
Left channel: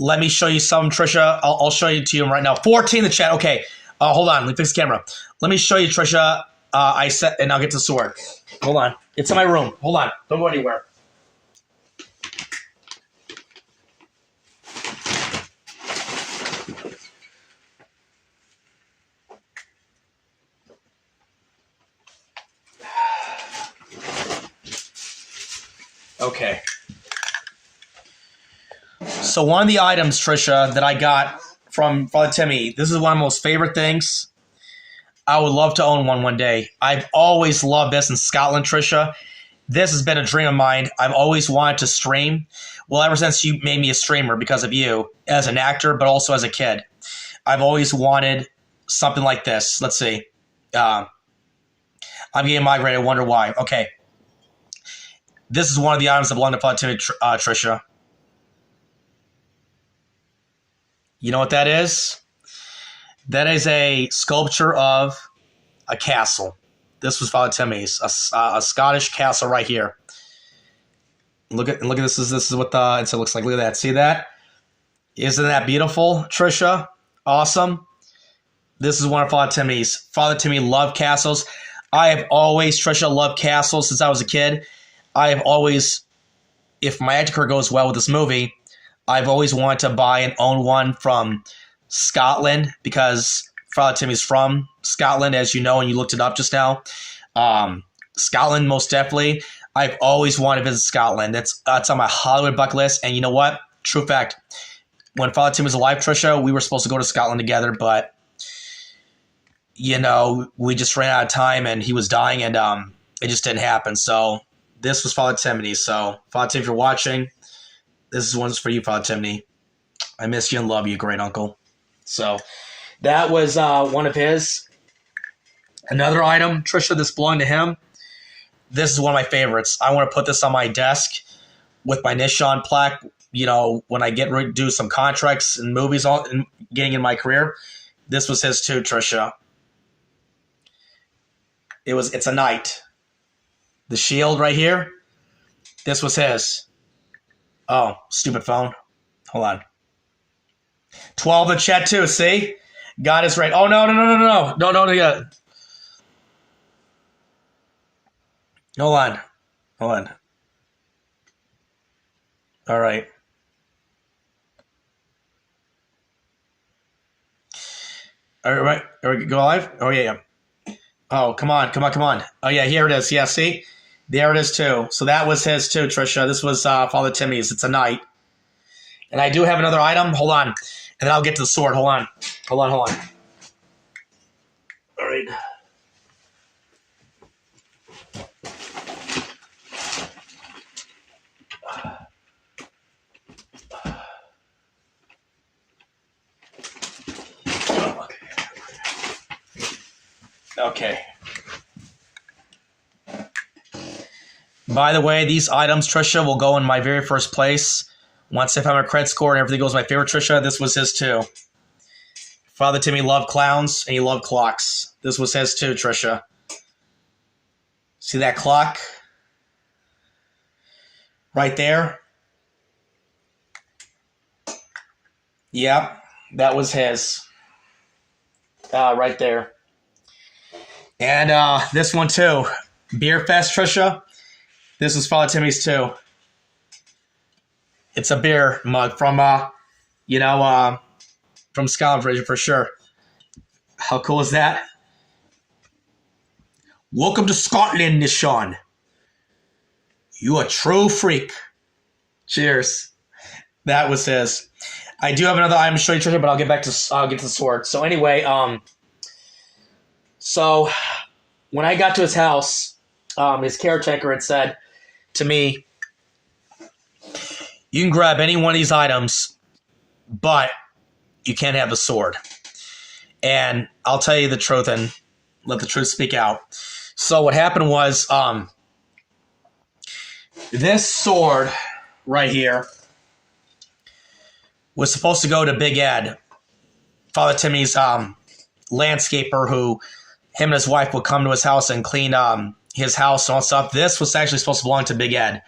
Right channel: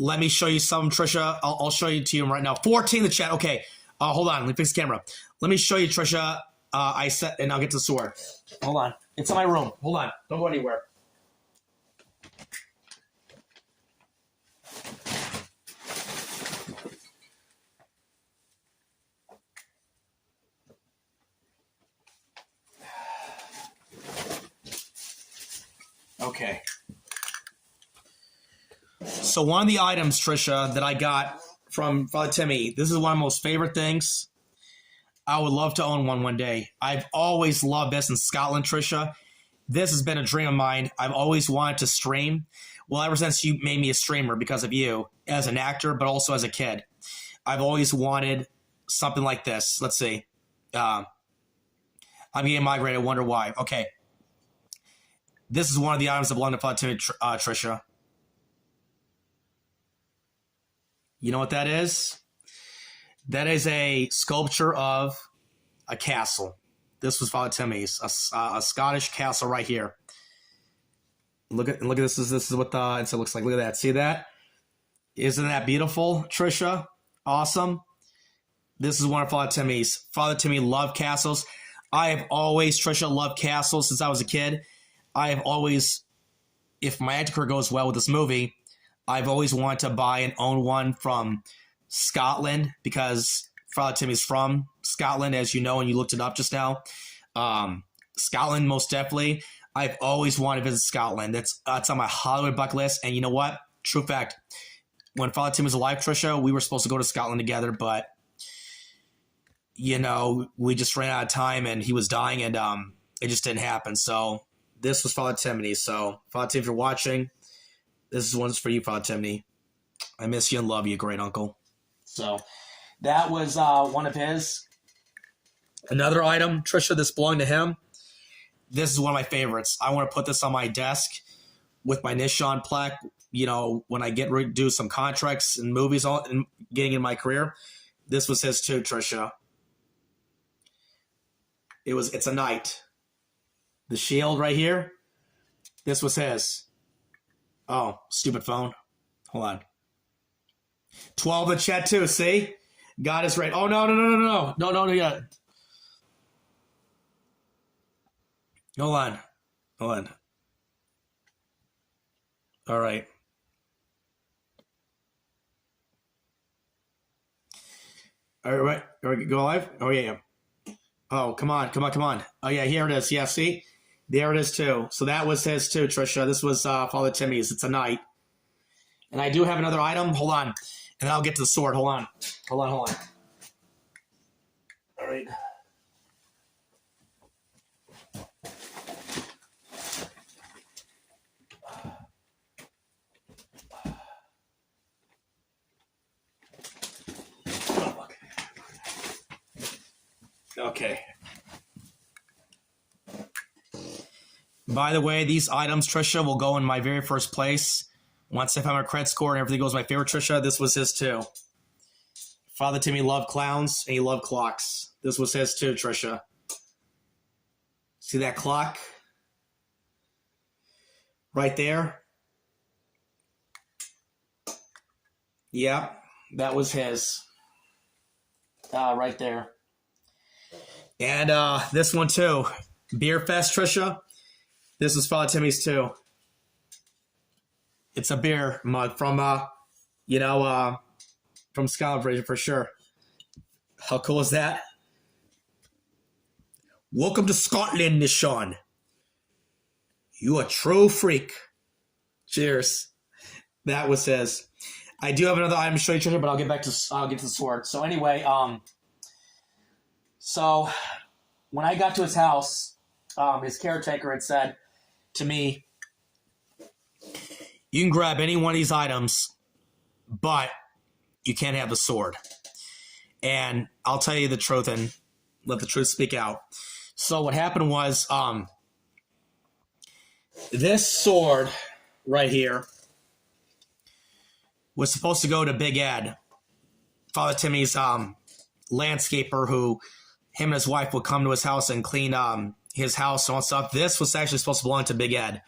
Let me show you some, Tricia. I'll show you to you right now. 14 in the chat. Okay. Hold on. Let me fix the camera. Let me show you, Tricia. And I'll get to the sword. Hold on. It's in my room. Hold on. Don't go anywhere. Okay. So one of the items, Tricia, that I got from Father Timmy, this is one of my most favorite things. I would love to own one day. I've always loved this in Scotland, Tricia. This has been a dream of mine. I've always wanted to stream. Well, ever since you made me a streamer because of you, as an actor, but also as a kid. I've always wanted something like this. Let's see. I'm getting migrated. I wonder why. Okay. This is one of the items that belong to Father Timmy, Tricia. You know what that is? That is a sculpture of a castle. This was Father Timmy's, a Scottish castle right here. Look at this. This is what the it looks like. Look at that. See that? Isn't that beautiful, Tricia? Awesome. This is one of Father Timmy's. Father Timmy loved castles. I have always, Tricia, loved castles since I was a kid. I have always, if my acting career goes well with this movie, I've always wanted to buy and own one from Scotland because Father Timmy's from Scotland, as you know, and you looked it up just now. Scotland, most definitely. I've always wanted to visit Scotland. That's on my Hollywood bucket list. And you know what? True fact. When Father Timmy was alive, Tricia, we were supposed to go to Scotland together, but you know, we just ran out of time and he was dying and it just didn't happen. So this was Father Timmy. So Father Timmy, if you're watching, this one's for you, Father Timmy. I miss you and love you, great uncle. So that was one of his. Another item, Tricia, this belonged to him. This is one of my favorites. I want to put this on my desk with my Nishan plaque. You know, when I get ready to do some contracts and movies on getting in my career. This was his too, Tricia. It's a knight. The shield right here. This was his. Oh, stupid phone. Hold on. 12 in the chat too, see? God is right. Oh, no. Yeah. Hold on. All right. All right. Go live? Oh, yeah. Oh, come on. Oh, yeah, here it is. Yeah, see? There it is, too. So that was his, too, Tricia. This was Father Timmy's. It's a knight. And I do have another item. Hold on. And then I'll get to the sword. Hold on. All right. Okay. By the way, these items, Trisha, will go in my very first place. Once I find my credit score and everything goes my favorite, Trisha, this was his too. Father Timmy loved clowns and he loved clocks. This was his too, Trisha. See that clock? Right there? Yep, that was his. Right there. And this one too. Beer Fest, Trisha. This is Father Timmy's too. It's a beer mug from, from Scotland for sure. How cool is that? Welcome to Scotland, Nishan. You a true freak. Cheers. That was his. I do have another item to show you, Trisha, but I'll get to the sword. So anyway, so when I got to his house, his caretaker had said to me, you can grab any one of these items, but you can't have the sword. And I'll tell you the truth and let the truth speak out. So what happened was, this sword right here was supposed to go to Big Ed, Father Timmy's landscaper, who him and his wife would come to his house and clean his house and all that stuff. This was actually supposed to belong to Big Ed.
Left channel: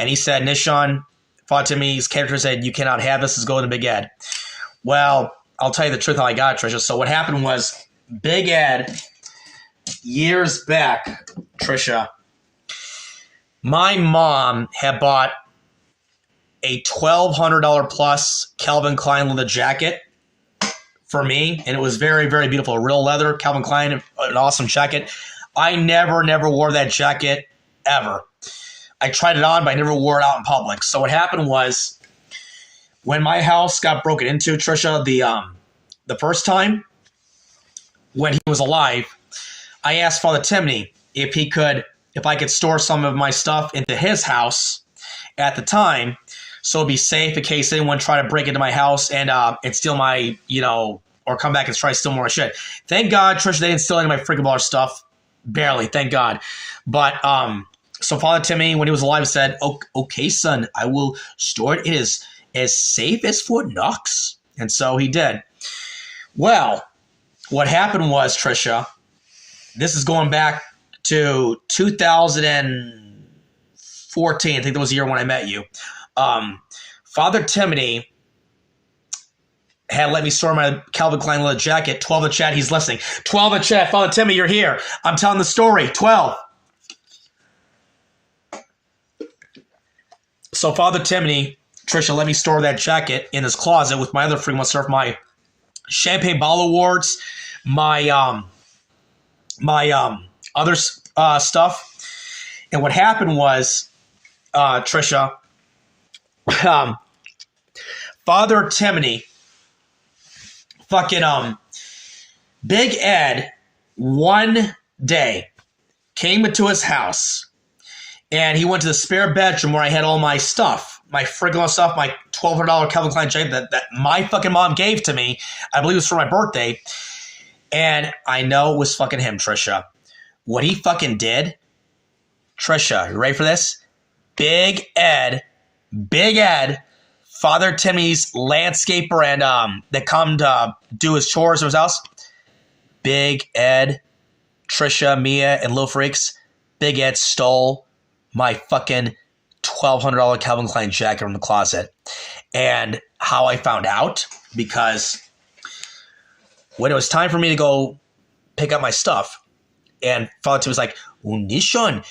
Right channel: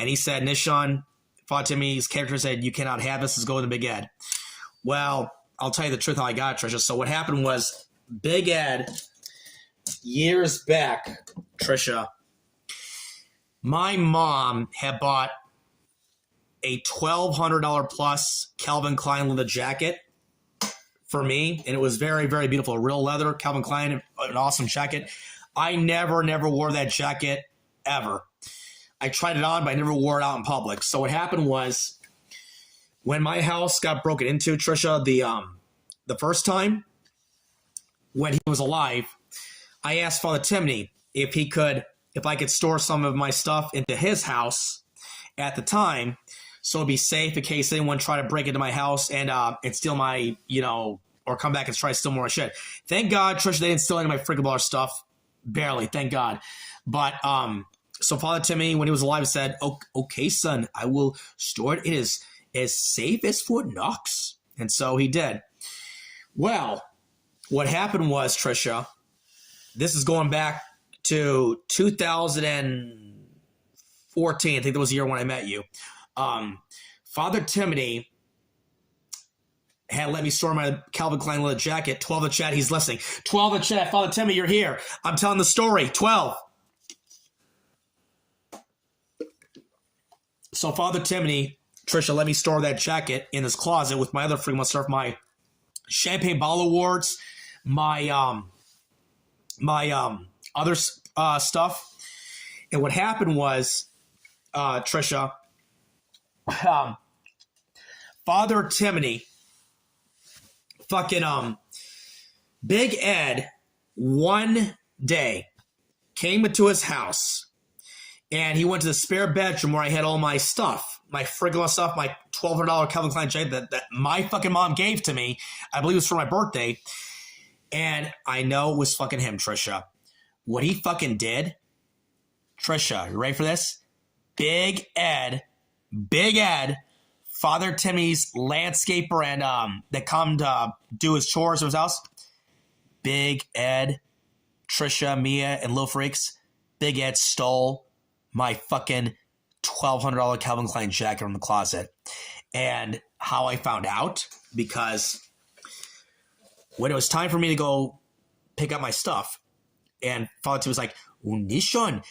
And he said, Nishan, Father Timmy's character said, you cannot have this. It's going to Big Ed. Well, I'll tell you the truth how I got it, Trisha. So what happened was Big Ed, years back, Trisha, my mom had bought a $1,200 plus Calvin Klein leather jacket for me, and it was very, very beautiful. Real leather, Calvin Klein, an awesome jacket. I never wore that jacket ever. I tried it on, but I never wore it out in public. So what happened was, when my house got broken into, Trisha, the first time when he was alive, I asked Father Timmy if I could store some of my stuff into his house at the time, so it'd be safe in case anyone tried to break into my house and steal my, or come back and try to steal more shit. Thank God, Trisha, they didn't steal any of my freaking bar stuff. Barely, thank God. But so Father Timmy, when he was alive, said, "Okay, son, I will store it. It is as safe as Fort Knox." And so he did. Well, what happened was, Trisha, this is going back to 2014. I think that was the year when I met you. Father Timmy had let me store my Calvin Klein leather jacket. 12 in chat, he's listening. 12 in chat, Father Timmy, you're here. I'm telling the story. 12. So Father Timmy, Trisha, let me store that jacket in his closet with my other freaking stuff, my champagne bottle awards, my other stuff. And what happened was, Trisha, Father Timmy, fucking Big Ed, one day came into his house and he went to the spare bedroom where I had all my stuff, my friggin' stuff, my $1,200 Calvin Klein jacket that my fucking mom gave to me. I believe it was for my birthday. And I know it was fucking him, Trisha. What he fucking did, Trisha, you ready for this? Big Ed, Father Timmy's landscaper and that come to do his chores at his house. Big Ed, Trisha, Mia, and Lil Freaks. Big Ed stole my fucking $1,200 Calvin Klein jacket from the closet. And how I found out, because when it was time for me to go pick up my stuff, and Father Tim was like, "Oh, Nishan,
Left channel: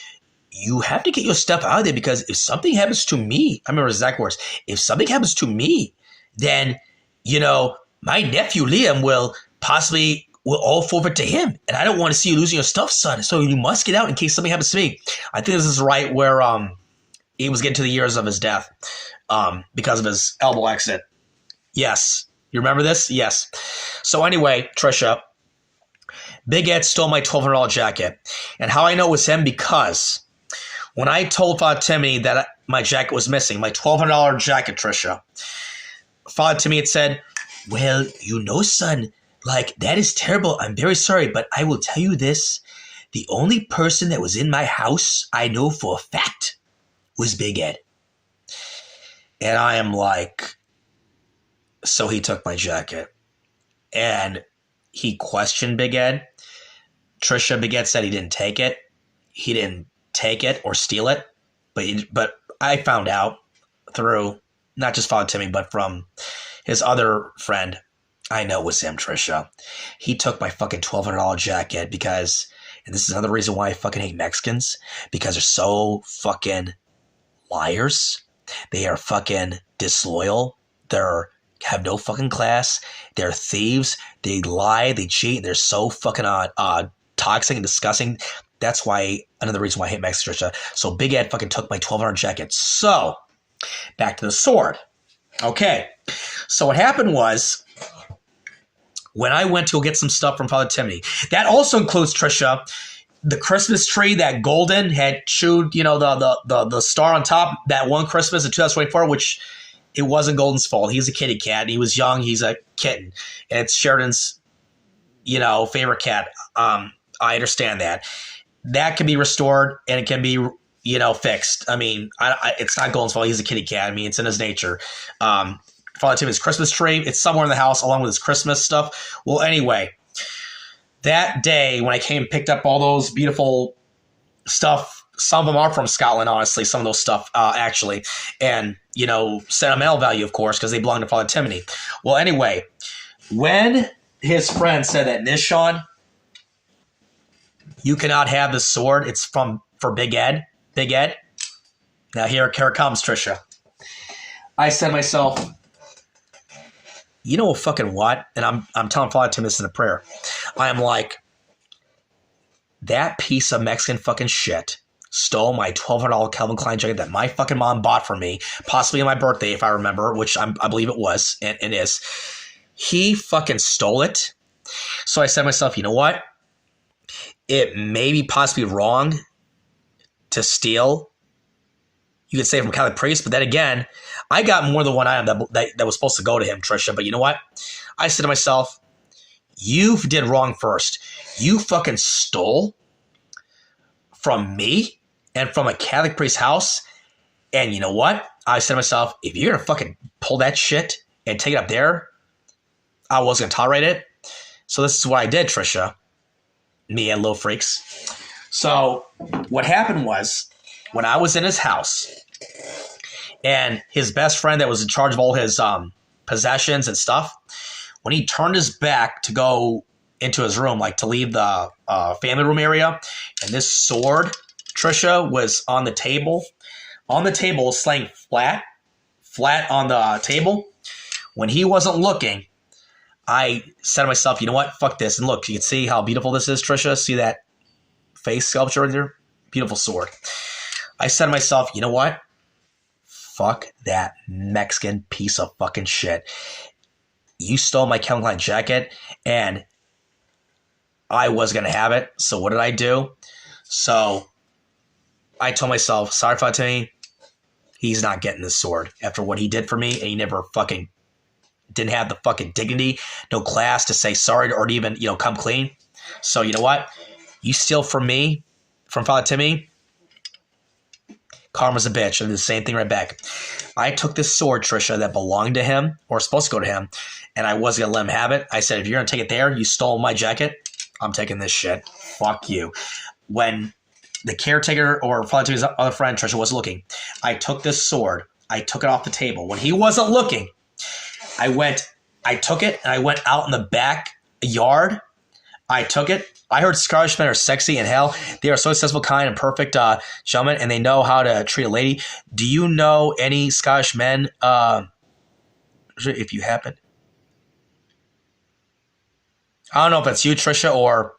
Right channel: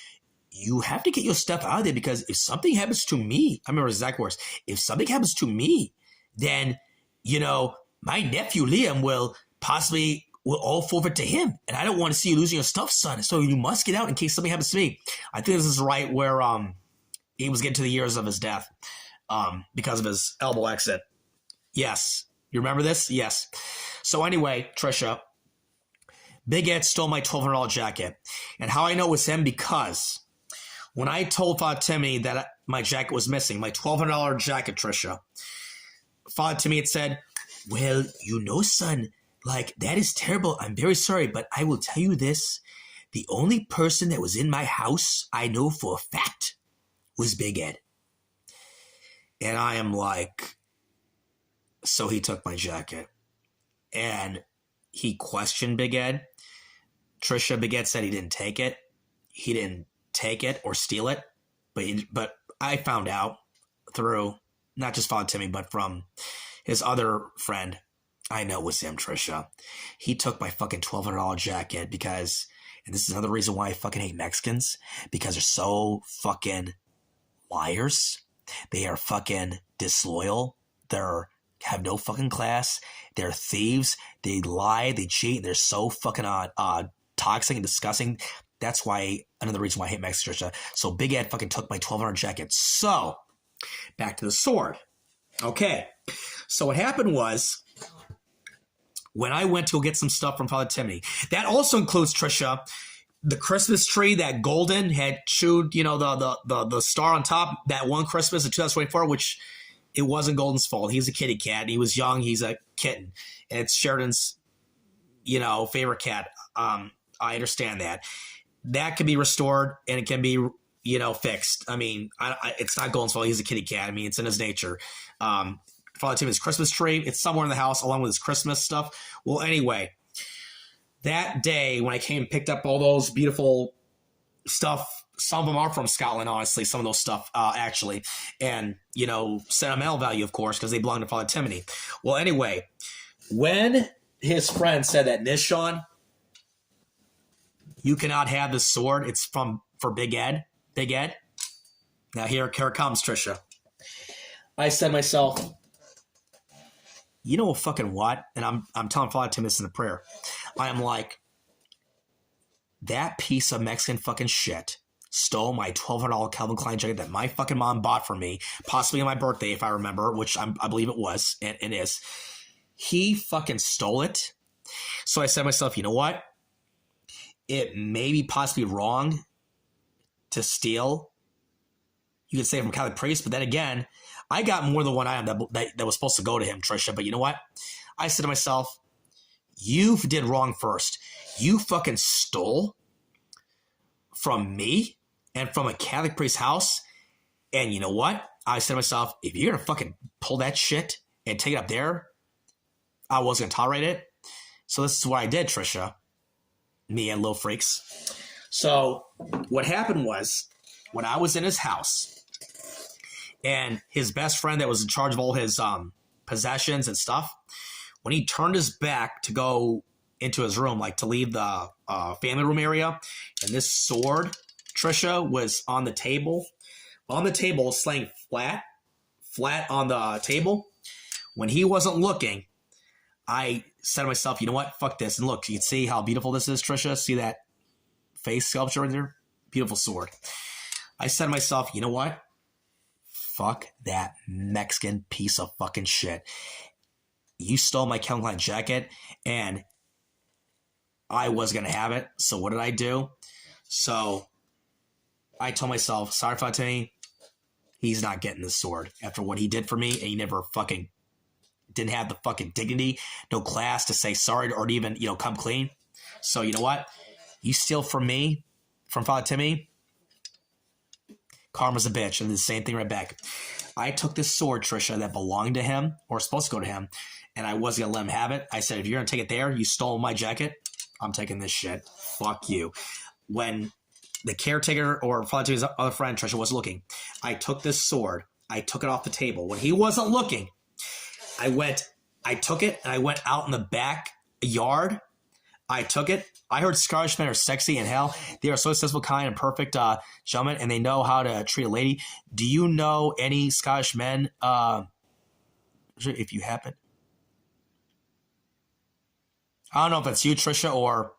you have to get your stuff out of there, because if something happens to me," I remember his exact words, "if something happens to me, then, my nephew Liam will all forfeit to him. And I don't want to see you losing your stuff, son. So you must get out in case something happens to me." I think this is right where he was getting to the years of his death because of his elbow accident. Yes. You remember this? Yes. So anyway, Trisha, Big Ed stole my $1,200 jacket. And how I know it was him, because when I told Father Timmy that my jacket was missing, my $1,200 jacket, Trisha, Father Timmy had said, "Well, son, that is terrible. I'm very sorry, but I will tell you this. The only person that was in my house, I know for a fact, was Big Ed. And I am like, so he took my jacket. And he questioned Big Ed. Tricia, Big Ed said he didn't take it. He didn't take it or steal it. But I found out through not just Father Timmy, but from his other friend, I know it was him, Tricia. He took my fucking $1,200 jacket because, and this is another reason why I fucking hate Mexicans, because they're so fucking liars. They are fucking disloyal. They're have no fucking class. They're thieves. They lie. They cheat. They're so fucking toxic and disgusting. That's why, another reason why I hate Mexicans, Tricia. So Big Ed fucking took my $1,200 jacket. So, back to the sword. Okay. So what happened was, when I went to go get some stuff from Father Timmy, that also includes, Tricia, the Christmas tree that Golden had chewed, you know, the star on top, that one Christmas in 2024, which it wasn't Golden's fault. He's a kitty cat. He was young. He's a kitten. And it's Sheridan's, you know, favorite cat. I understand that. That can be restored and it can be, you know, fixed. I mean, it's not Golden's fault. He's a kitty cat. I mean, it's in his nature. Father Timmy's Christmas tree, it's somewhere in the house along with his Christmas stuff. Well, anyway, that day when I came and picked up all those beautiful stuff, some of them are from Scotland, honestly, some of those stuff, actually. And, you know, sentimental value, of course, because they belong to Father Timmy. Well, anyway, when his friend said that, Nishan, you cannot have this sword, it's for Big Ed. Big Ed. Now here it comes, Tricia. I said to myself, you know fucking what? And I'm telling Father Tim this in a prayer. I am like, that piece of Mexican fucking shit stole my $1,200 Calvin Klein jacket that my fucking mom bought for me, possibly on my birthday, if I remember, which I believe it was and is. He fucking stole it. So I said to myself, you know what? It may be possibly wrong to steal, you could say, from Catholic priest, but then again, I got more than one item that was supposed to go to him, Tricia. But you know what? I said to myself, you did wrong first. You fucking stole from me and from a Catholic priest's house. And you know what? I said to myself, if you're going to fucking pull that shit and take it up there, I wasn't going to tolerate it. So this is what I did, Tricia. Me and Little Freaks. So what happened was, when I was in his house and his best friend that was in charge of all his possessions and stuff, when he turned his back to go into his room, like to leave the family room area, and this sword, Tricia, was on the table. On the table, laying flat on the table. When he wasn't looking, I said to myself, you know what? Fuck this. And look, you can see how beautiful this is, Tricia. See that face sculpture right there? Beautiful sword. I said to myself, you know what? Fuck that Mexican piece of fucking shit. You stole my Calvin Klein jacket, and I was going to have it. So what did I do? So I told myself, sorry, Fatimi, he's not getting this sword after what he did for me, and he never fucking didn't have the fucking dignity, no class to say sorry or to even, you know, come clean. So you know what? You steal from me, from Father Timmy, karma's a bitch. I did the same thing right back. I took this sword, Tricia, that belonged to him, or supposed to go to him, and I wasn't going to let him have it. I said, if you're going to take it there, you stole my jacket, I'm taking this shit. Fuck you. When the caretaker or Father Timmy's other friend, Tricia, was looking, I took this sword. I took it off the table. When he wasn't looking, I took it, and I went out in the backyard. I took it. I heard Scottish men are sexy in hell. They are so successful, kind, and perfect gentlemen, and they know how to treat a lady. Do you know any Scottish men, if you happen? I don't know if it's you, Tricia, or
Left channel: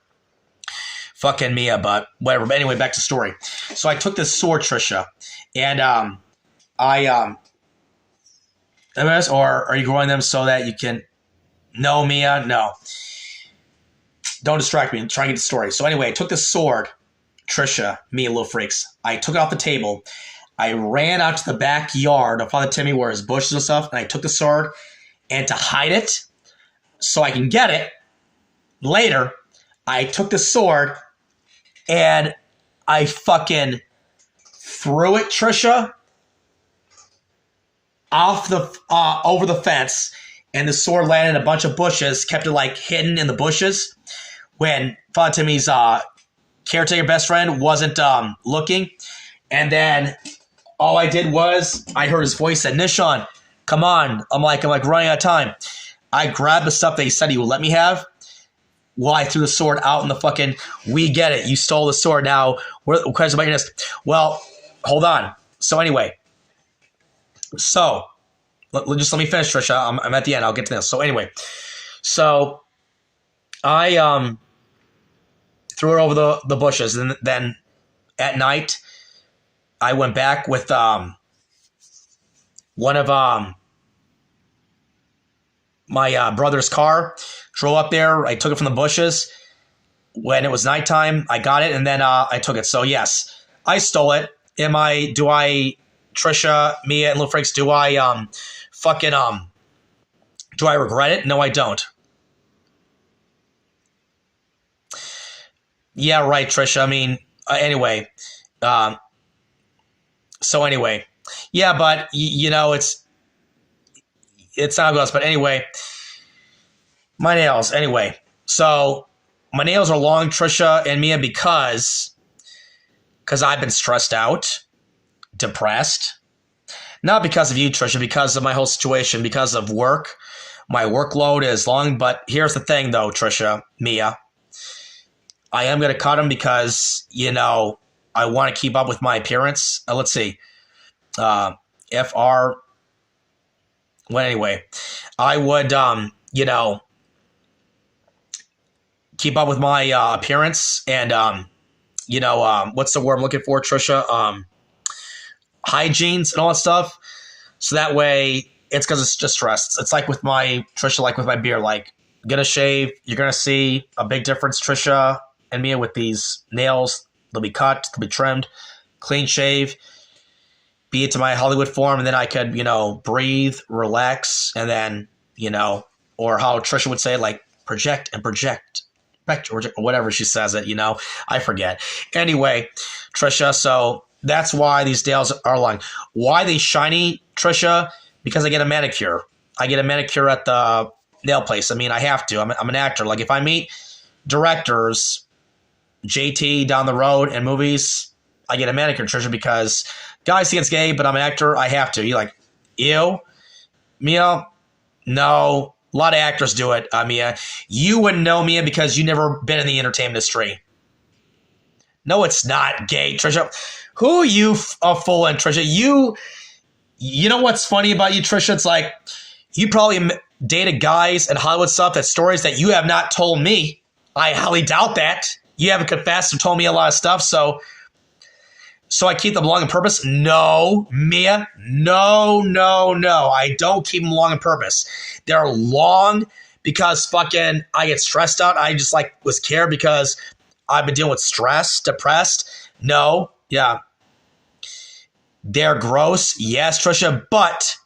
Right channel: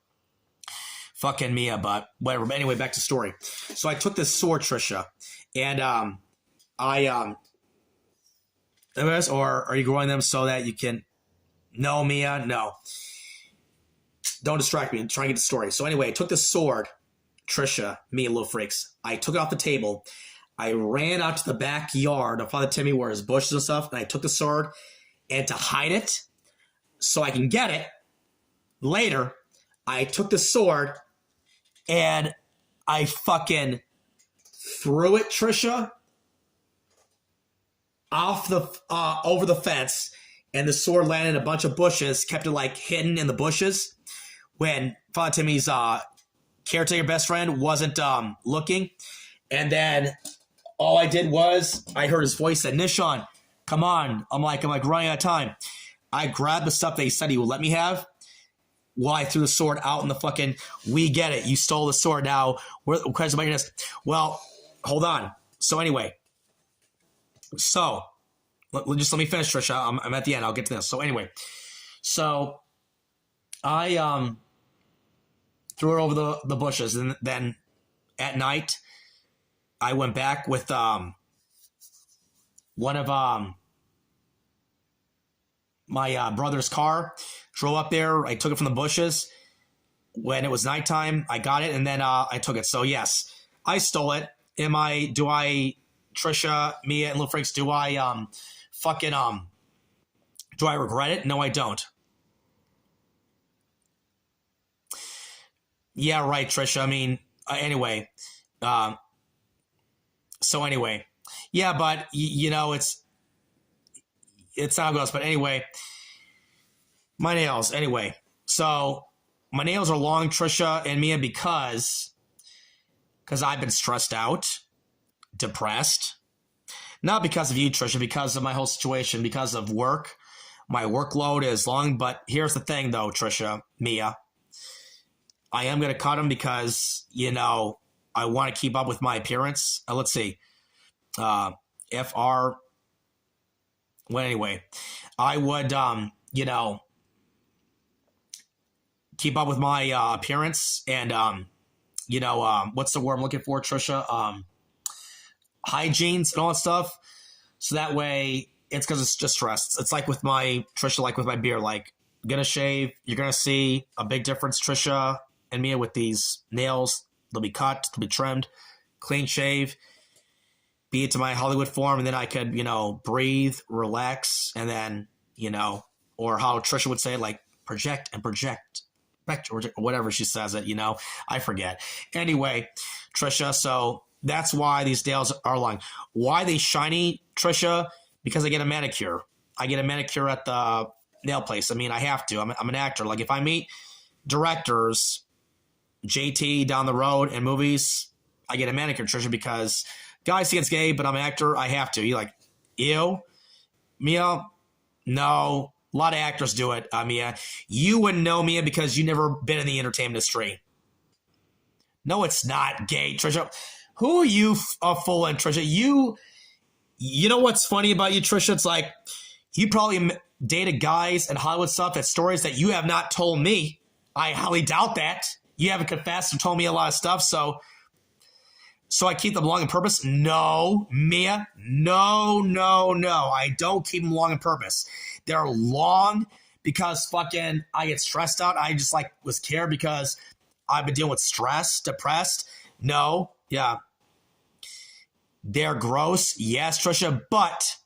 fucking Mia, but whatever. But anyway, back to the story. So I took this sword, Tricia, and or are you growing them so that you can... No, Mia, no. Don't distract me. I'm trying to get the story. So anyway, I took this sword, Tricia, me and Little Freaks. I took it off the table. I ran out to the backyard of Father Timmy where his bushes and stuff, and I took the sword, and to hide it so I can get it later, I took the sword And I fucking threw it, Trisha, off the over the fence, and the sword landed in a bunch of bushes, kept it like hidden in the bushes when Father Timmy's caretaker best friend wasn't looking. And then all I did was I heard his voice said, "Nishan, come on." I'm like running out of time. I grabbed the stuff that he said he would let me have. Well, I threw the sword out in the fucking, we get it. You stole the sword. Now, what question about your nest? Well, hold on. So anyway, just let me finish, Trisha. I'm at the end. I'll get to this. So anyway, so I threw it over the bushes, and then at night I went back with one of my brother's car. Drove up there. I took it from the bushes. When it was nighttime, I got it, and then I took it. So yes, I stole it. Do I, Trisha, Mia, and Little Freaks, do I do I regret it? No, I don't. Yeah, right, Trisha. I mean, anyway. So anyway. Yeah, but, you know, it's not how it goes. But anyway, my nails. Anyway, so my nails are long, Trisha and Mia, because I've been stressed out, depressed. Not because of you, Trisha, because of my whole situation, because of work. My workload is long, but here's the thing, though, Trisha, Mia. I am going to cut them because, you know, I want to keep up with my appearance. Let's see. FR. Well, anyway, I would, you know, keep up with my appearance and, you know, what's the word I'm looking for, Trisha? Hygienes and all that stuff. So that way, it's because it's just stress. It's like with my, Trisha, like with my beard, like, get a shave. You're going to see a big difference, Trisha and Mia, with these nails. They'll be cut, they'll be trimmed, clean shave, be it to my Hollywood form, and then I could, you know, breathe, relax, and then, you know, or how Trisha would say, like, project and project, or whatever she says it, you know, I forget. Anyway, Trisha, so that's why these nails are long. Why are they shiny, Trisha? Because I get a manicure. I get a manicure at the nail place. I mean, I have to. I'm an actor. Like, if I meet directors, JT down the road in movies, I get a manicure, Trisha, because guys think it's gay, but I'm an actor. I have to. You're like, ew? Mia? No. A lot of actors do it, Mia. You wouldn't know, Mia, because you've never been in the entertainment industry. No, it's not gay, Trisha. Who are you fooling, Trisha? You know what's funny about you, Trisha? It's like, you probably dated guys and Hollywood stuff, that stories that you have not told me. I highly doubt that. You haven't confessed and told me a lot of stuff, so I keep them long on purpose? No, Mia. No. I don't keep them long on purpose. They're long because fucking I get stressed out. I just like was scared because I've been dealing with stress, depressed. No, yeah. They're gross. Yes, Trisha, but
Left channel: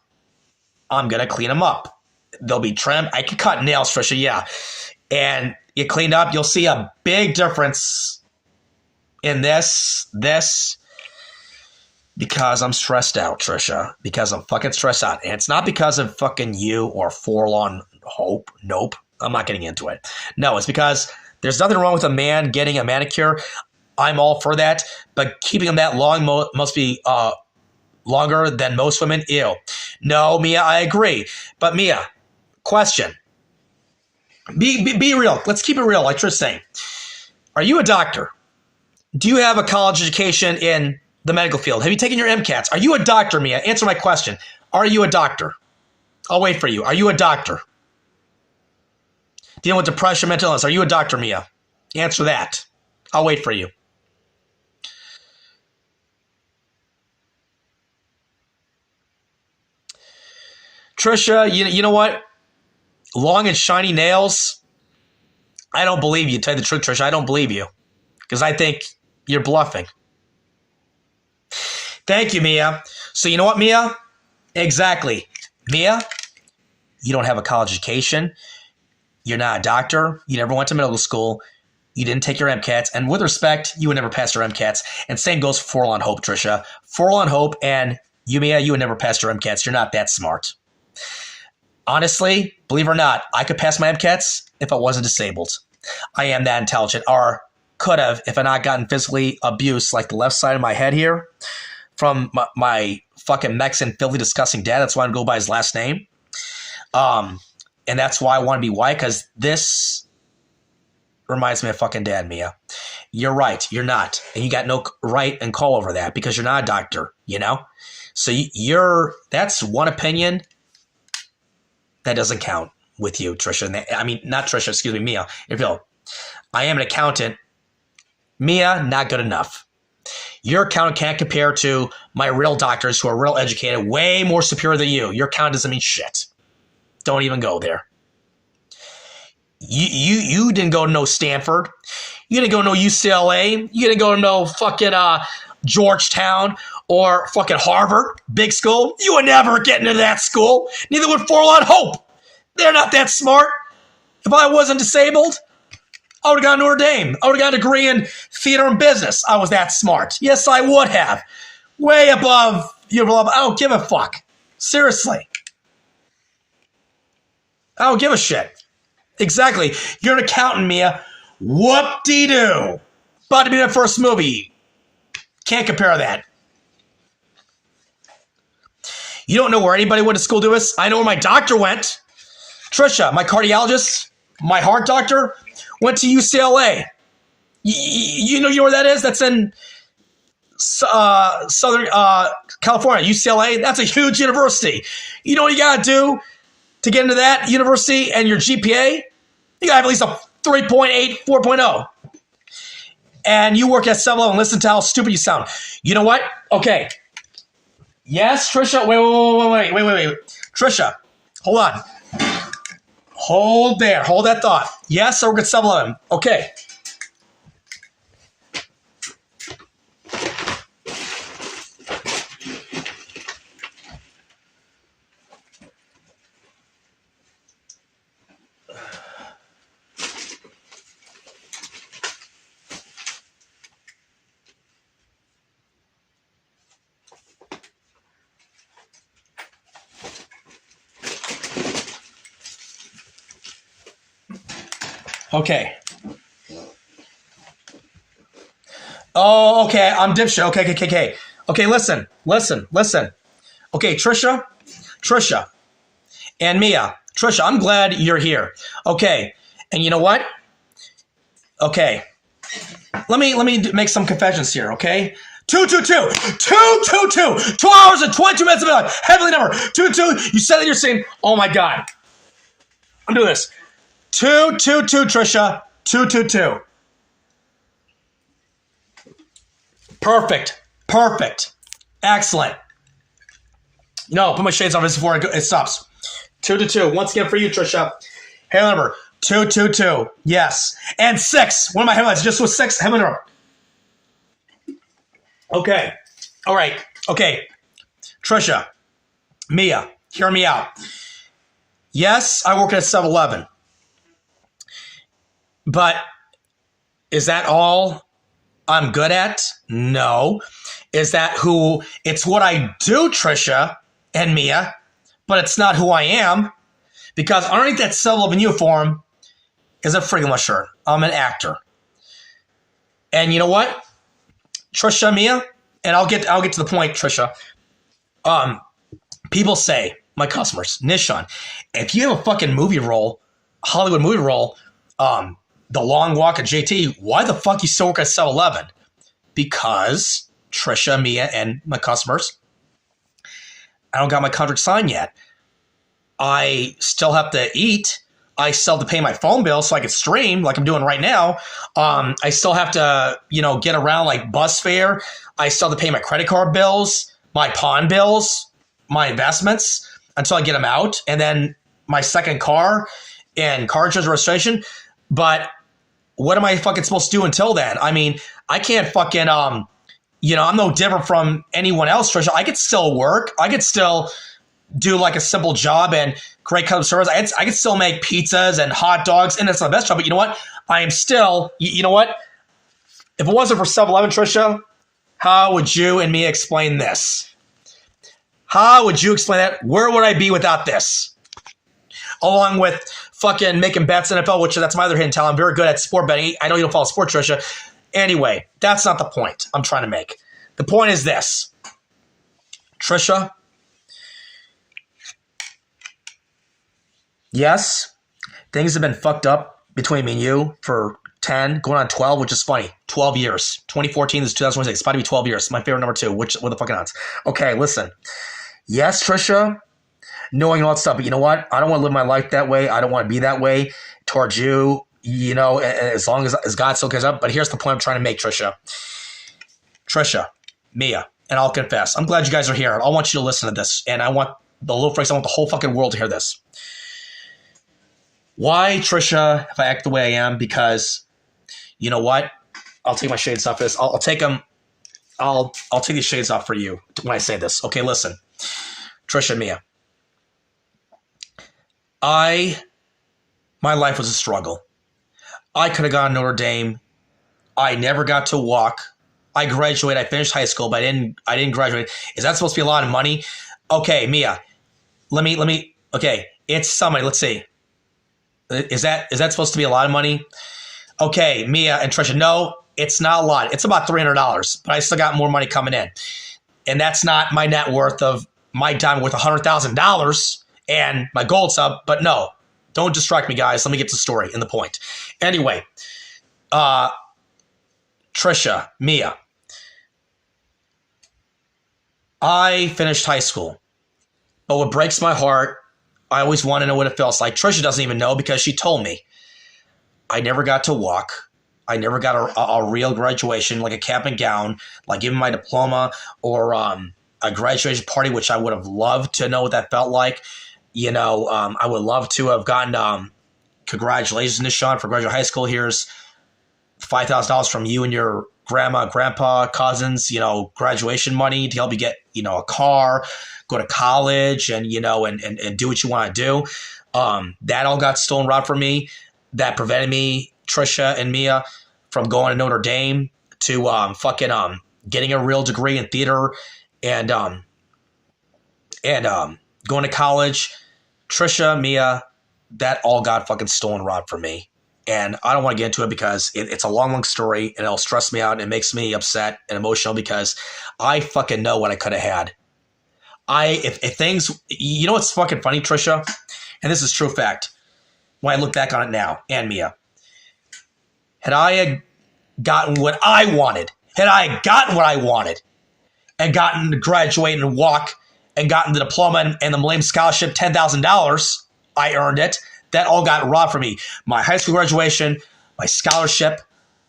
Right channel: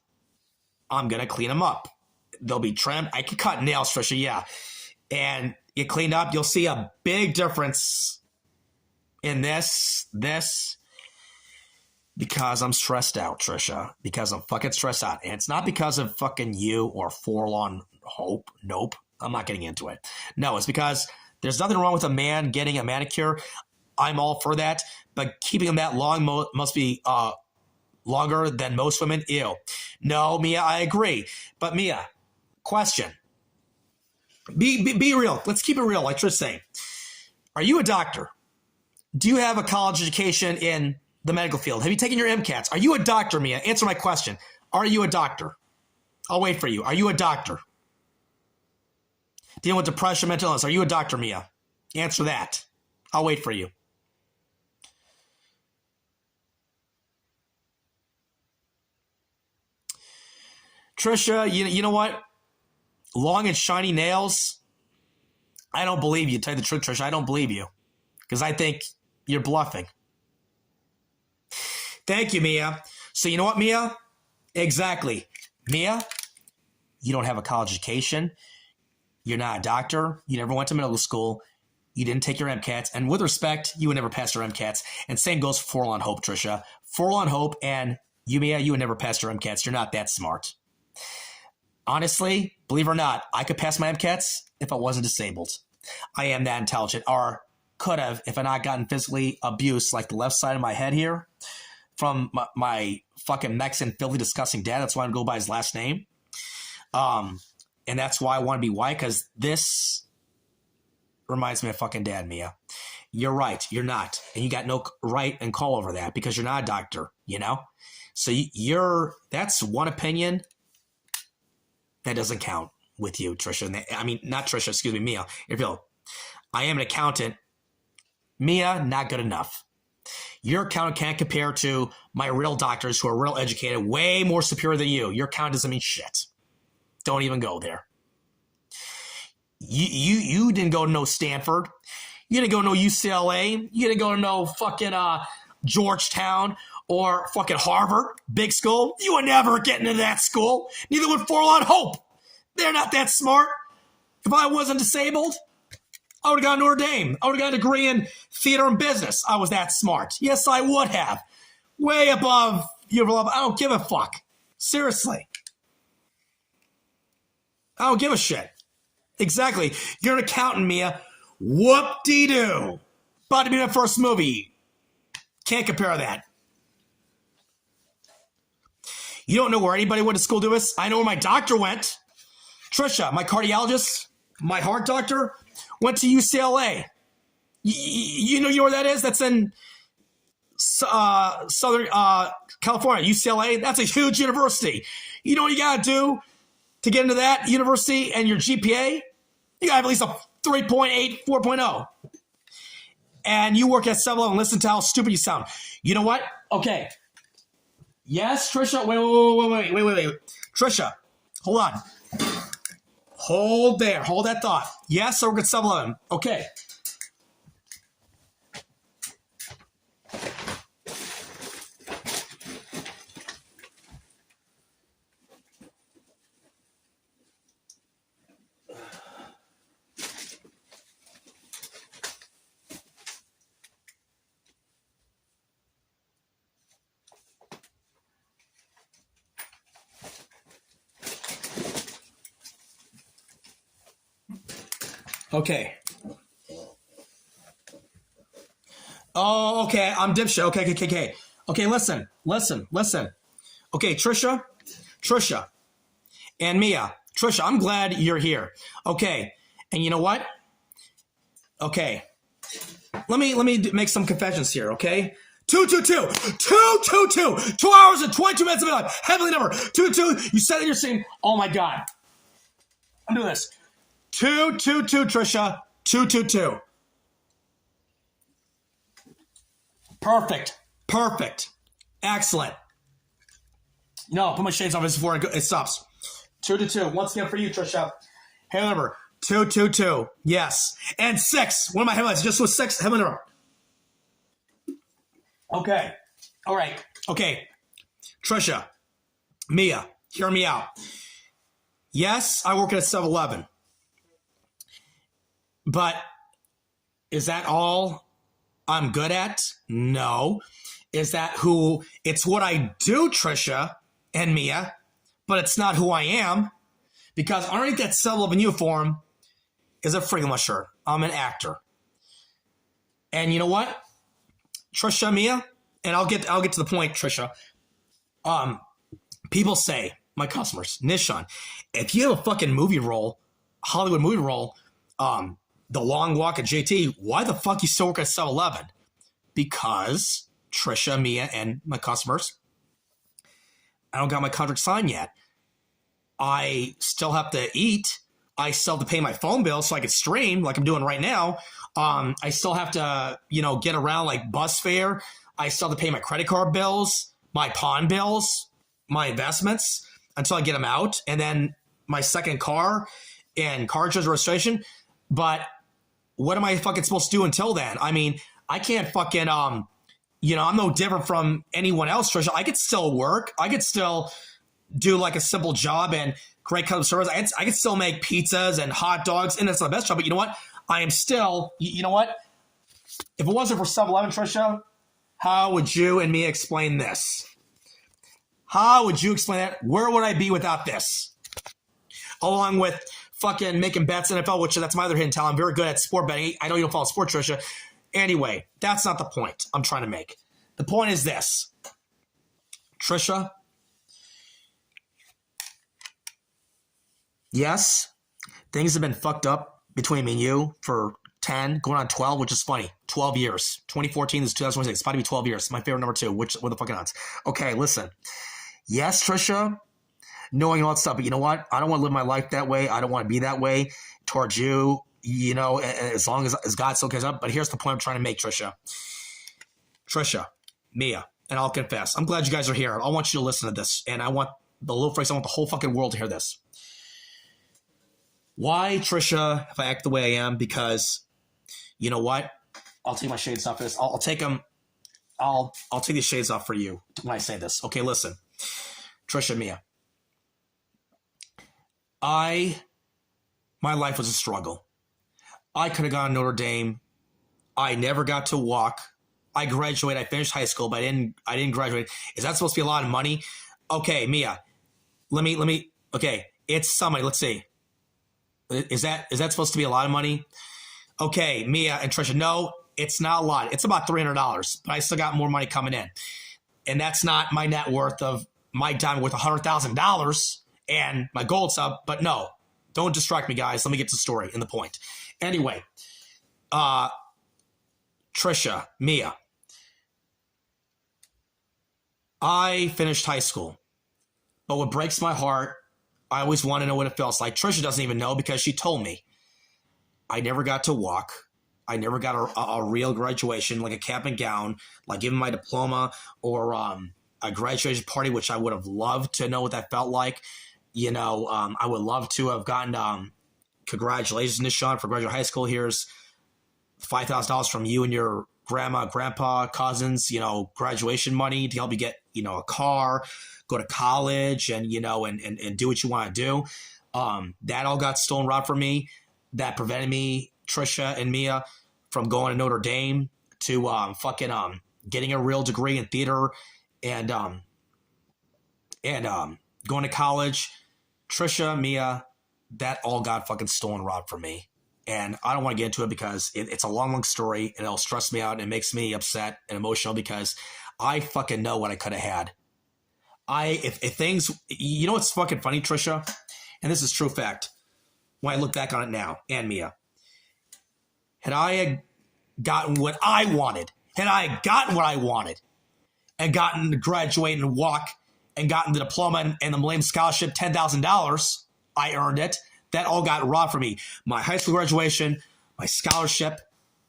I'm going to clean them up. They'll be trimmed. I can cut nails, Trisha, yeah. And you cleaned up, you'll see a big difference in this, because I'm stressed out, Trisha. Because I'm fucking stressed out. And it's not because of fucking you or forlorn hope. Nope. I'm not getting into it. No, it's because there's nothing wrong with a man getting a manicure. I'm all for that. But keeping them that long must be longer than most women. Ew. No, Mia, I agree. But Mia, question. Be real. Let's keep it real, like Trish saying. Are you a doctor? Do you have a college education in the medical field? Have you taken your MCATs? Are you a doctor, Mia? Answer my question. Are you a doctor? I'll wait for you. Are you a doctor? Dealing with depression, mental illness. Are you a doctor, Mia? Answer that. I'll wait for you. Trisha, you know what? Long and shiny nails. I don't believe you. To tell you the truth, Trisha, I don't believe you. Because I think you're bluffing. Thank you, Mia. So you know what, Mia? Exactly. Mia, you don't have a college education. You're not a doctor. You never went to medical school. You didn't take your MCATs. And with respect, you would never pass your MCATs. And same goes for Forlorn Hope, Tricia. Forlorn Hope and Mia, you would never pass your MCATs. You're not that smart. Honestly, believe it or not, I could pass my MCATs if I wasn't disabled. I am that intelligent, or could have if I not gotten physically abused like the left side of my head here from my fucking Mexican, filthy, disgusting dad. That's why I'm going to go by his last name. And that's why I want to be white, because this reminds me of fucking dad, Mia. You're right. You're not. And you got no right and call over that because you're not a doctor, you know? So that's one opinion that doesn't count with you, Tricia. I mean, not Tricia, excuse me, Mia. If you'll, I am an accountant. Mia, not good enough. Your accountant can't compare to my real doctors who are real educated, way more superior than you. Your accountant doesn't mean shit. Don't even go there. You didn't go to no Stanford. You didn't go to no UCLA. You didn't go to no fucking Georgetown or fucking Harvard, big school. You would never get into that school. Neither would Forlorn Hope. They're not that smart. If I wasn't disabled, I would have gone to Notre Dame. I would have got a degree in theater and business. I was that smart. Yes, I would have. Way above you. I don't give a fuck. Seriously. I don't give a shit. Exactly. You're an accountant, Mia. Whoop-de-doo. About to be my first movie. Can't compare that. You don't know where anybody went to school to us? I know where my doctor went. Tricia, my cardiologist, my heart doctor, went to UCLA. You know where that is? That's in Southern California, UCLA. That's a huge university. You know what you got to do to get into that university and your GPA? You got to have at least a 3.8, 4.0. And you work at 7-Eleven. Listen to how stupid you sound. You know what? Okay. Yes, Tricia. Wait. Tricia, hold on. Hold there. Hold that thought. Yes, I work at 7-Eleven. Okay. Okay. Oh, okay. I'm dipshit. Okay. Okay, listen. Okay, Tricia, and Mia. Tricia, I'm glad you're here. Okay, and you know what? Okay, let me make some confessions here. Okay, 222. 2 hours and 22 minutes of my life. Heavenly number. 222. You said that you're saying, oh my God. I'm doing this. 222, Tricia. 222. Perfect. Excellent. No, put my shades on this before it stops. 222. Once again for you, Tricia. Hey, number 222. Yes. And 6. One of my headlines just was 6. Heavenly number. Okay. All right. Okay. Tricia. Mia. Hear me out. Yes, I work at 7-Eleven. But is that all I'm good at? No. Is that who? It's what I do, Tricia and Mia, but it's not who I am, because underneath that 7-Eleven uniform is a freaking shirt. I'm an actor. And you know what? Tricia, Mia, and I'll get to the point, Tricia. People say, my customers, Nishan, if you have a fucking movie role, Hollywood movie role, The Long Walk at JT, why the fuck you still work at 7-Eleven? Because Tricia, Mia, and my customers, I don't got my contract signed yet. I still have to eat. I still have to pay my phone bill so I can stream like I'm doing right now. I still have to, get around like bus fare. I still have to pay my credit card bills, my pawn bills, my investments until I get them out. And then my second car and car insurance registration. But what am I fucking supposed to do until then? I mean, I can't fucking, I'm no different from anyone else, Tricia. I could still work. I could still do like a simple job and great customer service. I can still make pizzas and hot dogs, and it's not the best job. But you know what? I am still. You know what? If it wasn't for 7-Eleven, Tricia, how would you and me explain this? How would you explain that? Where would I be without this? Along with fucking making bets in NFL, which that's my other hidden talent. I'm very good at sport betting. I know you don't follow sport, Tricia. Anyway, that's not the point I'm trying to make. The point is this. Tricia, yes, things have been fucked up between me and you for 10, going on 12, which is funny. 12 years. 2014 is 2026. It's about to be 12 years. My favorite number 2. What the fucking odds? Okay, listen. Yes, Tricia, knowing all that stuff, but you know what? I don't want to live my life that way. I don't want to be that way towards you, you know, as long as God still cares up. But here's the point I'm trying to make, Tricia. Tricia, Mia, and I'll confess. I'm glad you guys are here. I want you to listen to this. And I want the little freaks, I want the whole fucking world to hear this. Why, Tricia, if I act the way I am? Because, you know what? I'll take my shades off for this. I'll take them. I'll take these shades off for you when I say this. Okay, listen. Tricia, Mia. My life was a struggle. I could have gone to Notre Dame. I never got to walk. I graduated. I finished high school, but I didn't graduate. Is that supposed to be a lot of money? Okay, Mia. Let me. Okay, it's somebody. Let's see. Is that supposed to be a lot of money? Okay, Mia and Tricia. No, it's not a lot. It's about $300, but I still got more money coming in, and that's not my net worth of my diamond worth $100,000 and my gold sub. But no, don't distract me, guys. Let me get to the story and the point. Anyway, Tricia, Mia. I finished high school, but what breaks my heart, I always want to know what it feels like. Tricia doesn't even know because she told me. I never got to walk. I never got a real graduation, like a cap and gown, like giving my diploma or a graduation party, which I would have loved to know what that felt like. You know, I would love to have gotten congratulations, Nishan, for graduating high school. Here's $5,000 from you and your grandma, grandpa, cousins, you know, graduation money to help you get, you know, a car, go to college and, you know, and do what you want to do. That all got stolen robbed from me. That prevented me, Tricia and Mia, from going to Notre Dame to getting a real degree in theater and going to college. Tricia, Mia, that all got fucking stolen robbed from me. And I don't want to get into it because it's a long, long story and it'll stress me out and it makes me upset and emotional because I fucking know what I could have had. If things, you know what's fucking funny, Tricia? And this is true fact. When I look back on it now, and Mia, had I gotten what I wanted, and gotten to graduate and walk and gotten the diploma and the Millennium Scholarship, $10,000, I earned it. That all got robbed from me. My high school graduation, my scholarship,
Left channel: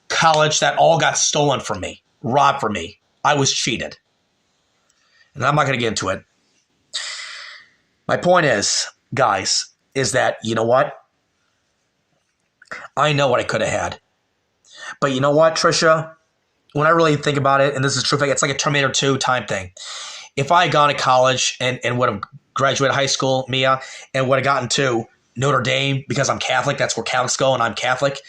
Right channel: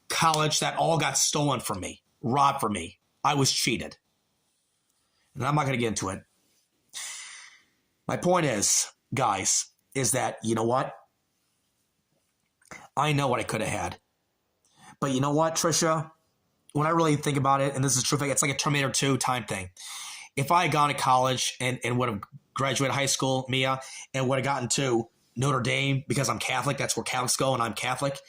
college, that all got stolen from me, robbed from me. I was cheated. And I'm not going to get into it. My point is, guys, is that, you know what? I know what I could have had. But you know what, Tricia? When I really think about it, and this is true, it's like a Terminator 2 time thing. If I had gone to college and would have graduated high school, Mia, and would have gotten to Notre Dame because I'm Catholic, that's where Catholics go, and I'm Catholic,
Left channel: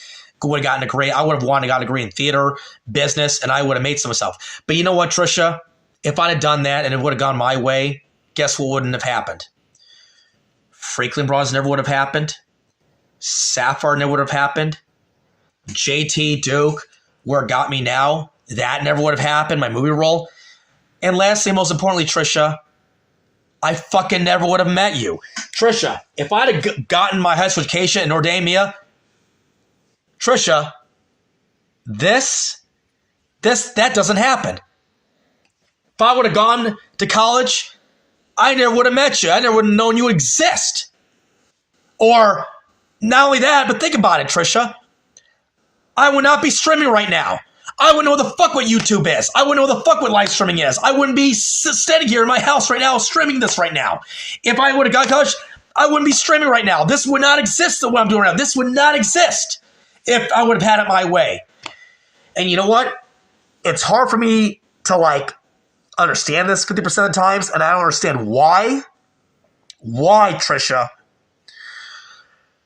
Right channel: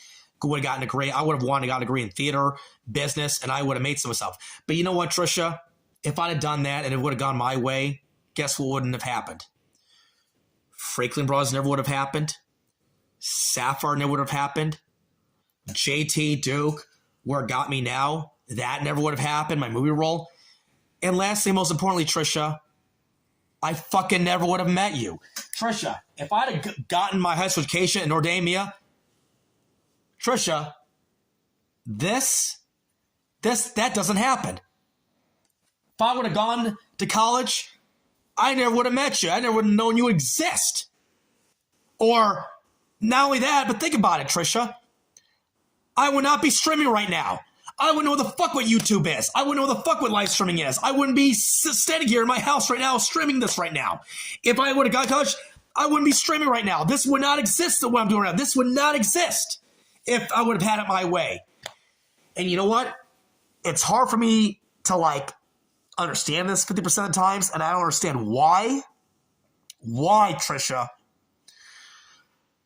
would have gotten a degree. I would have wanted to get a degree in theater, business, and I would have made some of myself. But you know what, Tricia? If I'd have done that and it would have gone my way, guess what wouldn't have happened? Franklin Bros never would have happened. Sapphire never would have happened. JT Duke, where it got me now, that never would have happened, my movie role. And lastly, most importantly, Tricia, I fucking never would have met you. Tricia, if I'd have gotten my high school education in Notre Dame, Mia, Tricia, that doesn't happen. If I would have gone to college, I never would have met you. I never would have known you exist. Or not only that, but think about it, Tricia. I would not be streaming right now. I wouldn't know the fuck what YouTube is. I wouldn't know the fuck what live streaming is. I wouldn't be standing here in my house right now streaming this right now. If I would have gone to college, I wouldn't be streaming right now. This would not exist, what I'm doing right now. This would not exist if I would have had it my way. And you know what? It's hard for me to understand this 50% of the times, and I don't understand why. Why, Tricia,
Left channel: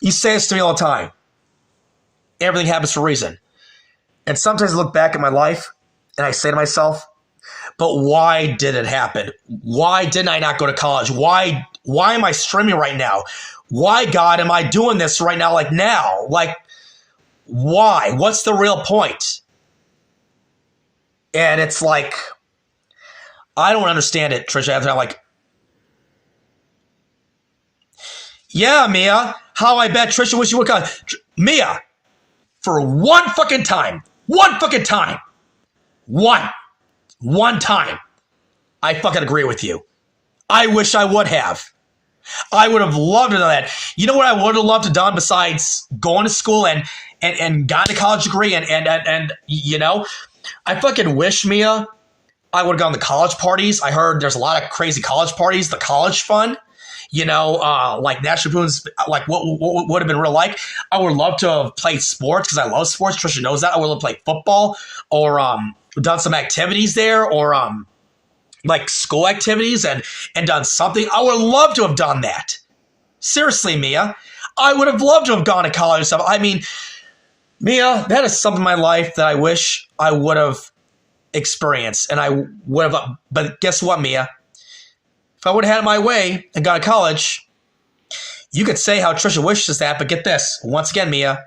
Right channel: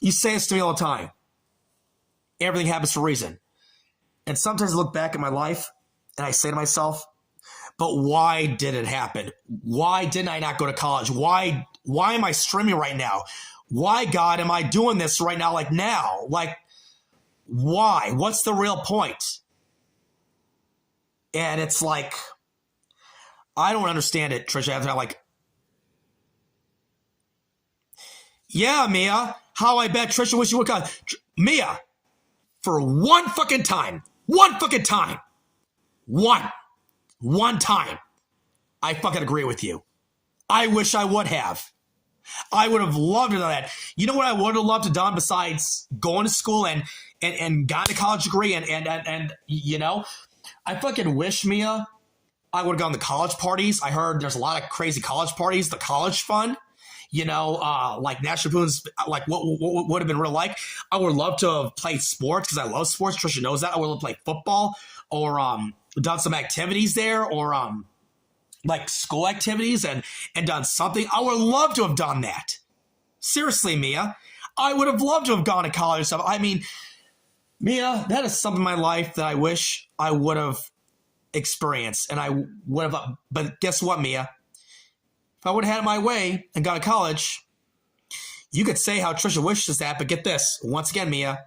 You say this to me all the time. Everything happens for a reason. And sometimes I look back at my life and I say to myself, but why did it happen? Why didn't I not go to college? Why am I streaming right now? Why, God, am I doing this right now? Like now? Like, why? What's the real point? And it's like, I don't understand it, Trisha. I'm like, yeah, Mia, how I bet Trisha wish you would come. Mia, for one fucking time, one time, I fucking agree with you. I wish I would have. I would have loved to do that. You know what I would have loved to done besides going to school and gotten a college degree and you know, I fucking wish, Mia, I would have gone to college parties. I heard there's a lot of crazy college parties, the college fund, you know, like National Lampoon's, like what would have been real like. I would love to have played sports because I love sports. Trisha knows that. I would love to play football or done some activities there or like school activities and done something. I would love to have done that. Seriously, Mia. I would have loved to have gone to college and stuff. I mean, Mia, that is something in my life that I wish I would have experienced. And I would have, but guess what, Mia? If I would have had it my way and gone to college, you could say how Trisha wishes that, but get this. Once again, Mia,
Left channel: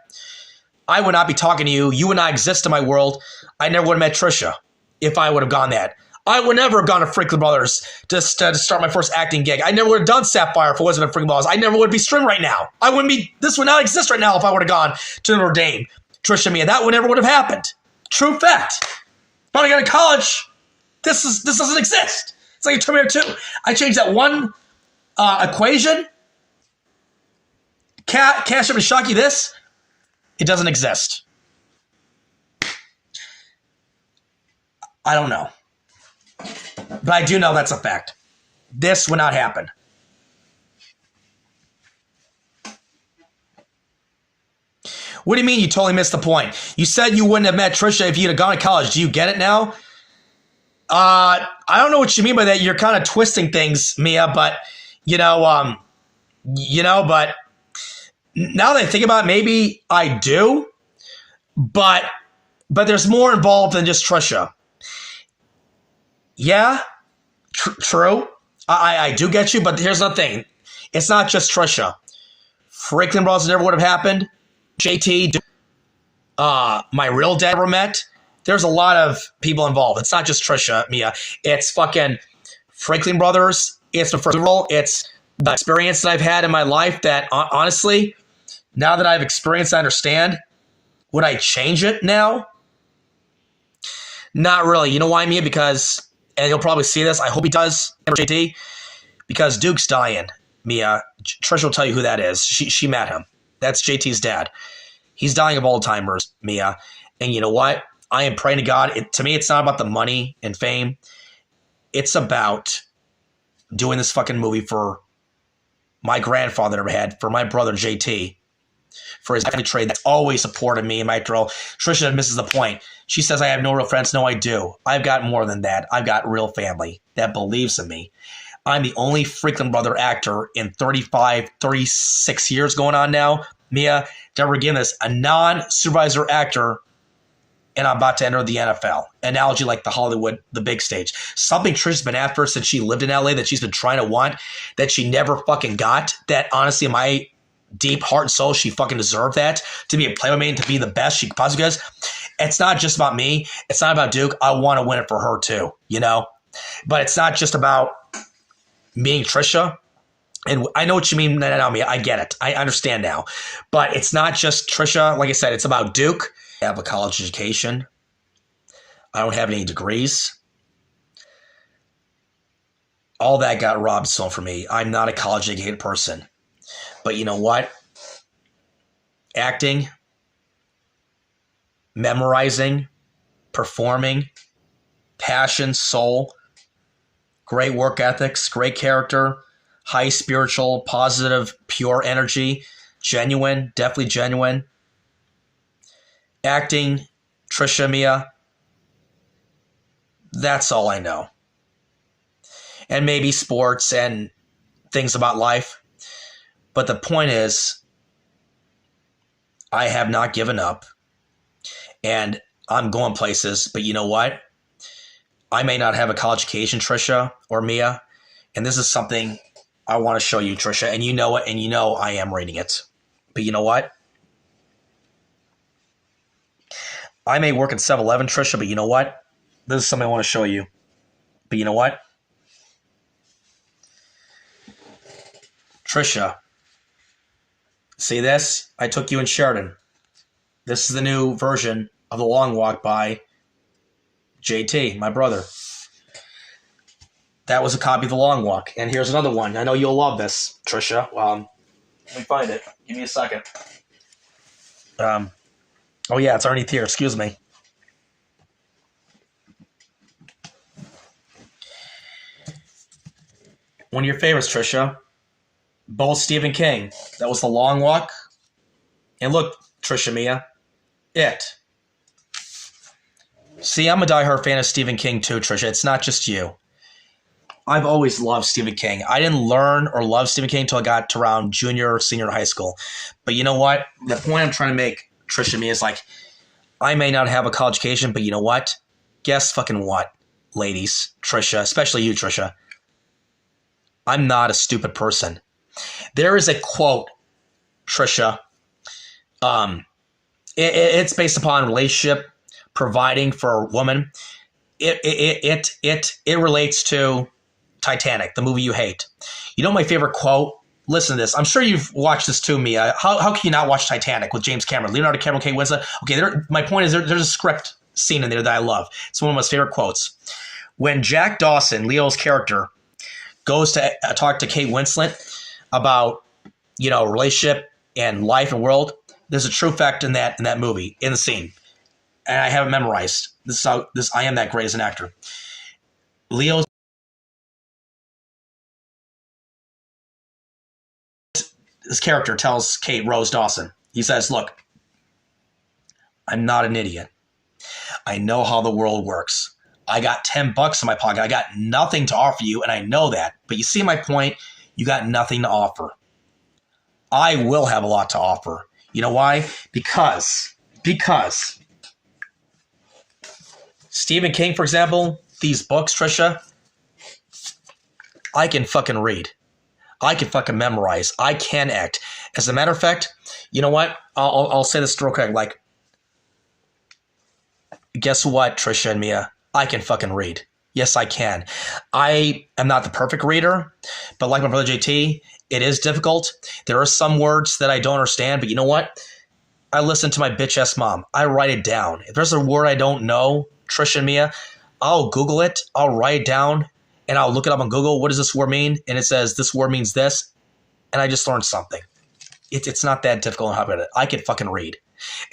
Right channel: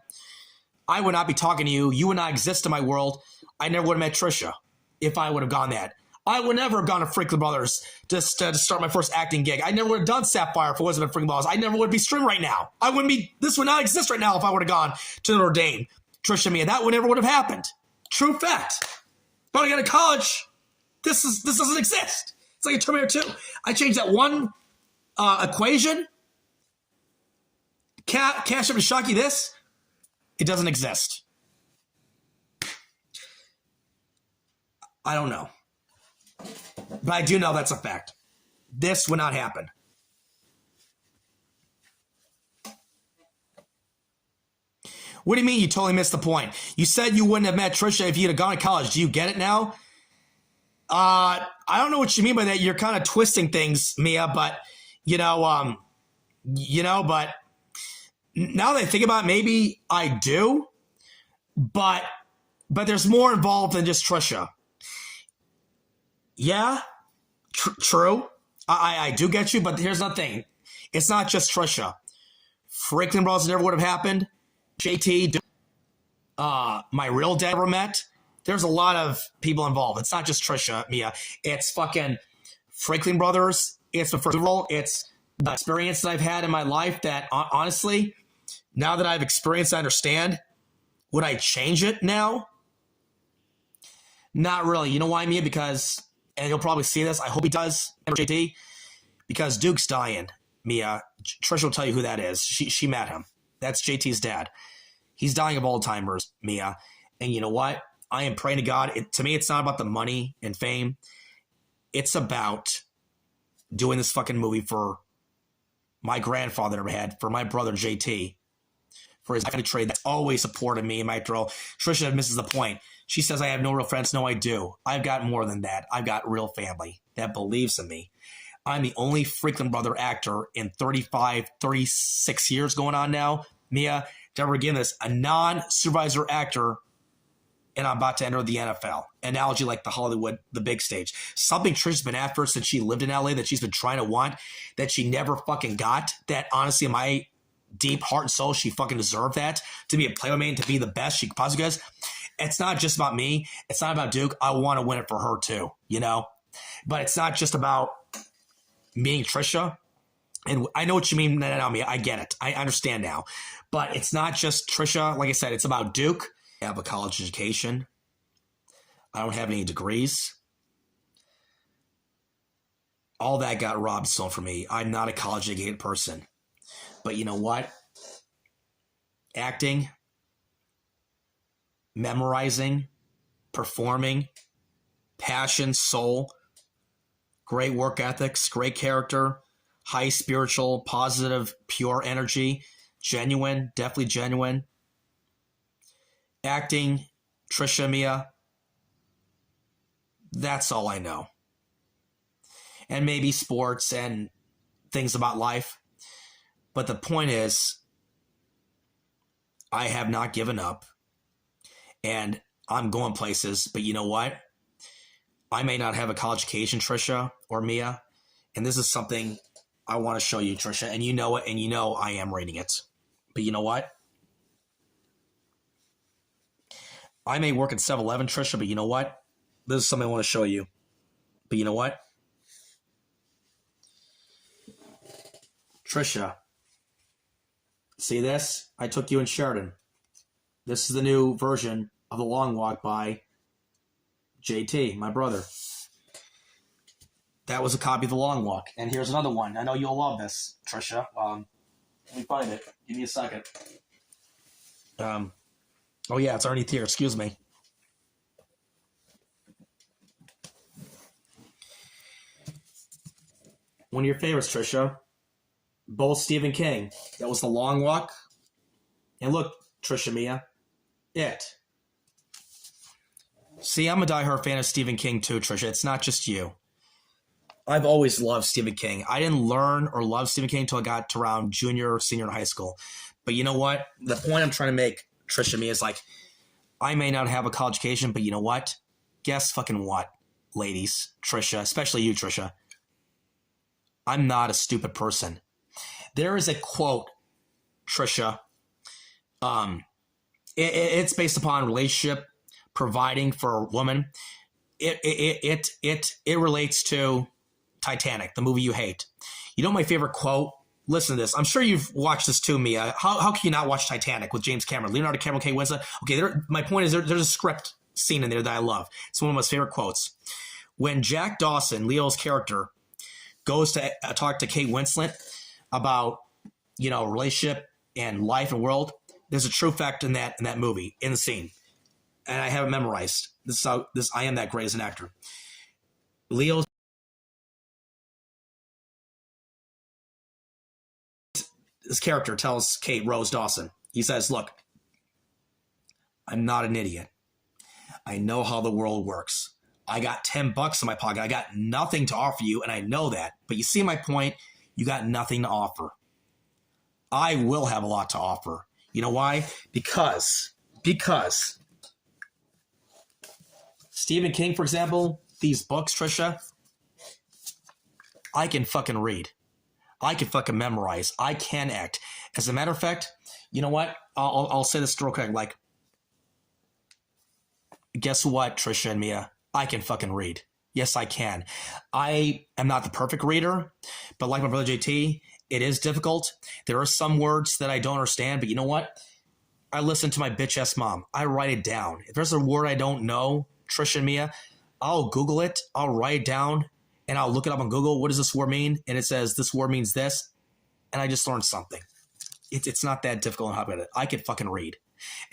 I would not be talking to you. You would not exist in my world. I never would have met Trisha if I would have gone that. I would never have gone to Franklin Brothers to start my first acting gig. I never would have done Sapphire if it wasn't a Franklin Brothers. I never would be streaming right now. I wouldn't be. This would not exist right now if I would have gone to Notre Dame. Trisha, Mia, that would never would have happened. True fact. If I got to college, this doesn't exist. It's like a Terminator 2. I changed that one equation. Cash up to shock you this. It doesn't exist. I don't know. But I do know that's a fact. This would not happen. What do you mean you totally missed the point? You said you wouldn't have met Trisha if you'd have gone to college. Do you get it now? I don't know what you mean by that. You're kind of twisting things, Mia, but but now that I think about it, maybe I do. But there's more involved than just Trisha. Yeah, true. I do get you, but here's the thing. It's not just Trisha. Franklin Brothers never would have happened. JT, my real dad ever met. There's a lot of people involved. It's not just Trisha, Mia. It's fucking Franklin Brothers. It's the first role. It's the experience that I've had in my life that, honestly, now that I've experienced, I understand. Would I change it now? Not really. You know why, Mia? Because, and he'll probably see this. I hope he does, JT. Because Duke's dying, Mia. Trisha will tell you who that is. She met him. That's JT's dad. He's dying of Alzheimer's, Mia. And you know what? I am praying to God. To me, it's not about the money and fame. It's about doing this fucking movie for my grandfather never had, for my brother JT, for his family trade that's always supported me and my role. Trisha misses the point. She says, I have no real friends. No, I do. I've got more than that. I've got real family that believes in me. I'm the only Franklin Brother actor in 35, 36 years going on now, Mia, to ever give this, a non-supervisor actor, and I'm about to enter the NFL. Analogy like the Hollywood, the big stage. Something Trisha's been after since she lived in LA that she's been trying to want, that she never fucking got, that honestly in my deep heart and soul, she fucking deserved that, to be a Playmate and to be the best she possibly does. It's not just about me. It's not about Duke. I want to win it for her too, you know? But it's not just about me and Trisha. And I know what you mean, Naomi. I get it. I understand now. But it's not just Trisha. Like I said, it's about Duke. I have a college education. I don't have any degrees. All that got robbed stolen from me. I'm not a college educated person. But you know what? Acting, memorizing, performing, passion, soul, great work ethics, great character, high spiritual, positive, pure energy, genuine, definitely genuine. Acting, Trisha, Mia, that's all I know. And maybe sports and things about life. But the point is, I have not given up, and I'm going places. But you know what? I may not have a college education, Tricia or Mia, and this is something I want to show you, Tricia, and you know it, and you know I am reading it. But you know what? I may work at 7-Eleven, Tricia, but you know what? This is something I want to show you. But you know what? Tricia, see this? I took you in Sheridan. This is the new version of The Long Walk by JT, my brother. That was a copy of The Long Walk. And here's another one. I know you'll love this, Tricia. Let me find it. Give me a second. Oh, yeah, it's underneath here. Excuse me. One of your favorites, Tricia. Both Stephen King. That was The Long Walk. And look, Tricia Mia. It. See, I'm a diehard fan of Stephen King too, Tricia. It's not just you. I've always loved Stephen King. I didn't learn or love Stephen King until I got to around junior or senior in high school. But you know what? The point I'm trying to make, Tricia Mia, is like, I may not have a college education, but you know what? Guess fucking what, ladies, Tricia, especially you, Tricia. I'm not a stupid person. There is a quote, Tricia. It's based upon relationship, providing for a woman. It relates to Titanic, the movie you hate. You know my favorite quote? Listen to this. I'm sure you've watched this too, Mia. How can you not watch Titanic with James Cameron, Leonardo DiCaprio, Kate Winslet? Okay, my point is there's a script scene in there that I love. It's one of my favorite quotes. When Jack Dawson, Leo's character, goes to talk to Kate Winslet about, relationship and life and world, there's a true fact in that movie, in the scene. And I have it memorized. I am that great as an actor. Leo's his character tells Kate Rose Dawson, he says, look, I'm not an idiot. I know how the world works. I got $10 in my pocket. I got nothing to offer you, and I know that. But you see my point? You got nothing to offer. I will have a lot to offer. You know why? Because Stephen King, for example, these books, Tricia, I can fucking read. I can fucking memorize. I can act. As a matter of fact, you know what? I'll say this real quick. Like, guess what, Tricia and Mia? I can fucking read. Yes, I can. I am not the perfect reader, but like my brother JT, it is difficult. There are some words that I don't understand, but you know what? I listen to my bitch-ass mom. I write it down. If there's a word I don't know, Tricia and Mia, I'll Google it. I'll write it down, and I'll look it up on Google. What does this word mean? And it says this word means this, and I just learned something. It's not that difficult. How about it? I can fucking read.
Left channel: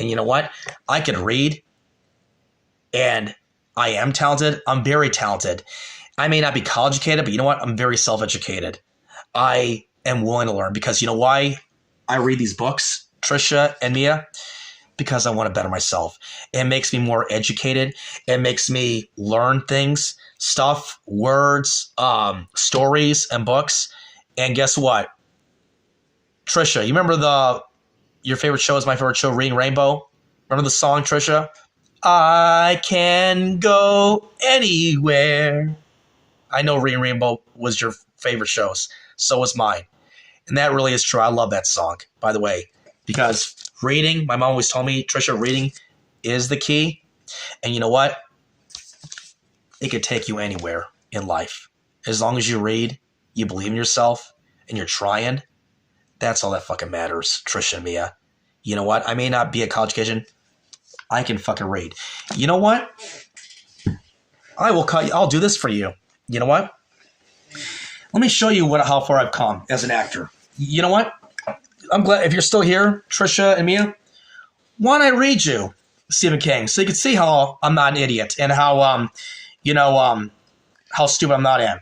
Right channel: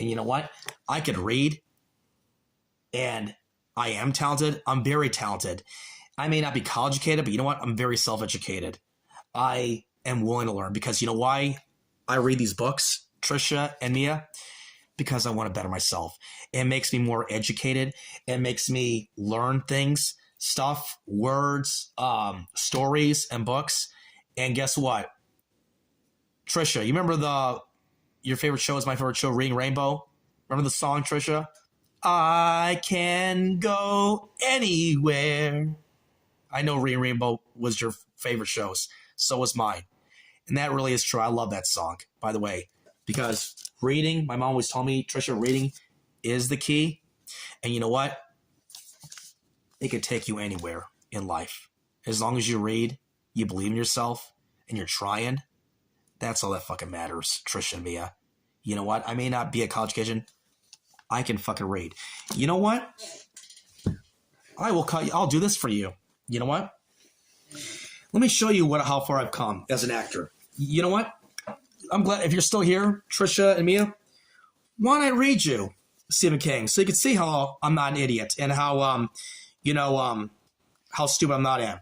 And you know what? I can read, and I am talented. I'm very talented. I may not be college educated, but you know what? I'm very self-educated. I am willing to learn because you know why I read these books, Tricia and Mia? Because I want to better myself. It makes me more educated. It makes me learn things, stuff, words, stories, and books. And guess what? Tricia, you remember your favorite show is my favorite show, Reading Rainbow? Remember the song, Tricia? I can go anywhere. I know Reading Rainbow was your favorite shows. So was mine. And that really is true. I love that song, by the way. Because reading, my mom always told me, Tricia, reading is the key. And you know what? It could take you anywhere in life. As long as you read, you believe in yourself, and you're trying, that's all that fucking matters, Tricia and Mia. You know what? I may not be a college education. I can fucking read. You know what? I'll do this for you. You know what? Let me show you how far I've come as an actor. You know what? I'm glad if you're still here, Tricia and Mia. Why don't I read you Stephen King so you can see how I'm not an idiot and how stupid I'm not am.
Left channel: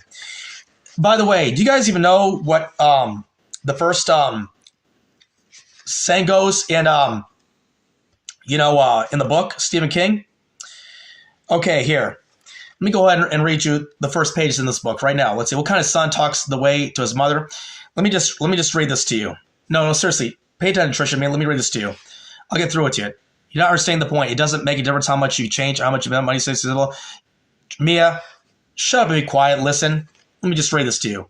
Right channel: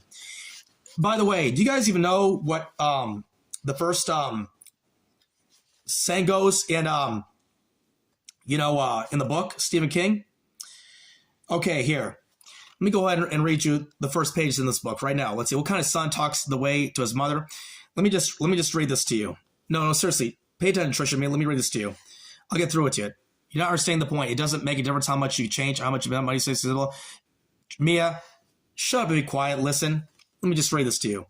By the way, do you guys even know what the first saying goes in in the book Stephen King? Okay, here. Let me go ahead and read you the first page in this book right now. Let's see what kind of son talks the way to his mother. Let me just read this to you. No, seriously. Pay attention, Tricia. Let me read this to you. I'll get through it to you. You're not understanding the point. It doesn't make a difference how much you change, how much money you say. Mia, shut up and be quiet. Listen. Let me just read this to you.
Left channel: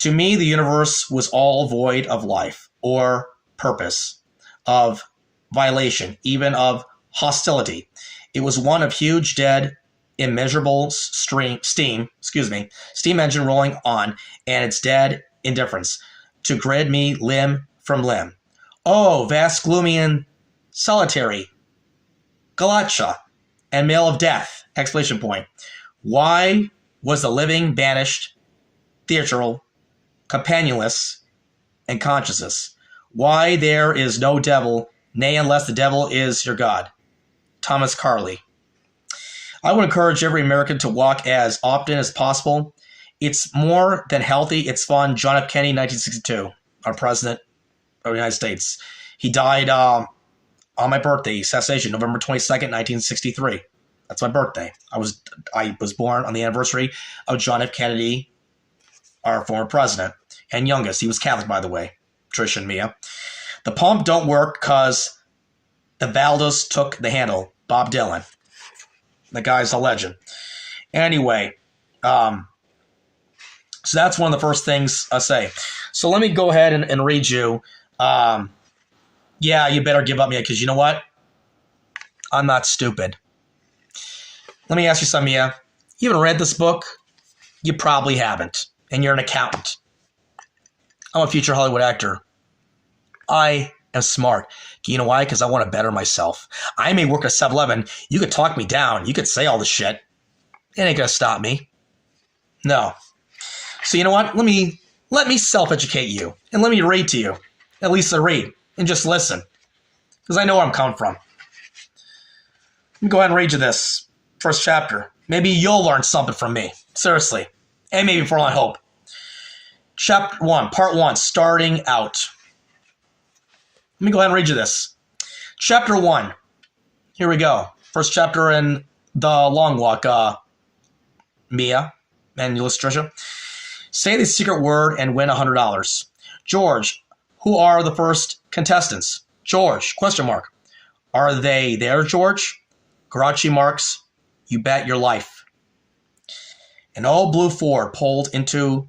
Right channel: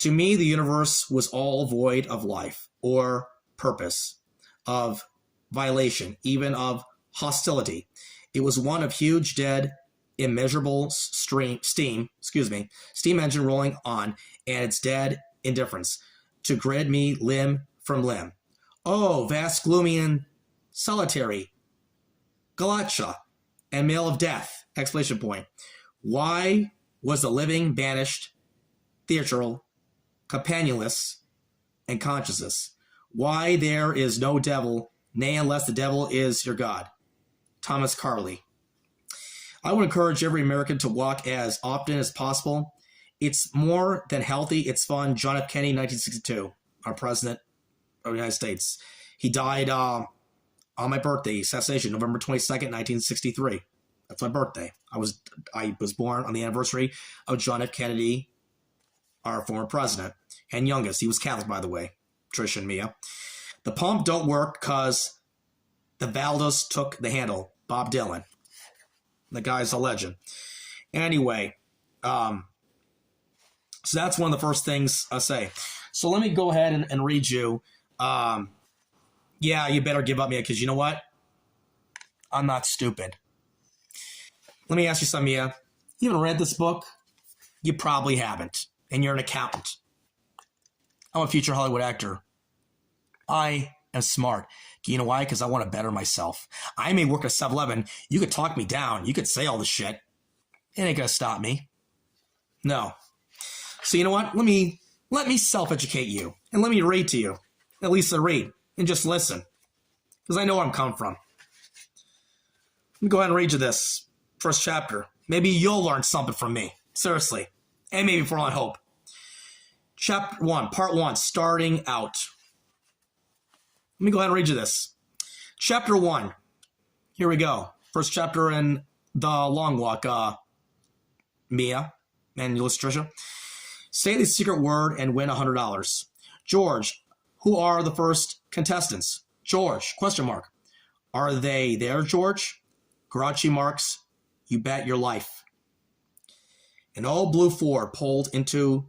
To me, the universe was all void of life or purpose, of violation, even of hostility. It was one of huge, dead, immeasurable steam engine rolling on, and its dead indifference to grid me limb from limb. Oh, vast, gloomy, and solitary, Galacha, and male of death! Exclamation point. Why was the living banished, theatrical, companionless, and consciousness? Why there is no devil, nay, unless the devil is your God? Thomas Carlyle. I would encourage every American to walk as often as possible. It's more than healthy. It's fun. John F. Kennedy, 1962, our president of the United States. He died on my birthday, assassination, November 22nd, 1963. That's my birthday. I was born on the anniversary of John F. Kennedy, our former president, and youngest. He was Catholic, by the way, Tricia and Mia. The pump don't work because the Valdos took the handle. Bob Dylan. The guy's a legend. Anyway, so that's one of the first things I say. So let me go ahead and read you. Yeah, you better give up, Mia, because you know what? I'm not stupid. Let me ask you something, Mia. You haven't read this book? You probably haven't. And you're an accountant. I'm a future Hollywood actor. I am smart. You know why? Because I want to better myself. I may work at 7-Eleven. You could talk me down. You could say all this shit. It ain't going to stop me. No. So you know what? Let me self-educate you. And let me read to you. At least I read. And just listen. Because I know where I'm coming from. Let me go ahead and read you this first chapter. Maybe you'll learn something from me. Seriously. And maybe for all I hope. Chapter 1, Part 1, Starting Out. Let me go ahead and read you this. Chapter 1. Here we go. First chapter in The Long Walk. Mia and Tricia. Say the secret word and win $100. George, who are the first contestants? George, question mark. Are they there, George? Grouchy marks. You bet your life. An old blue Ford pulled into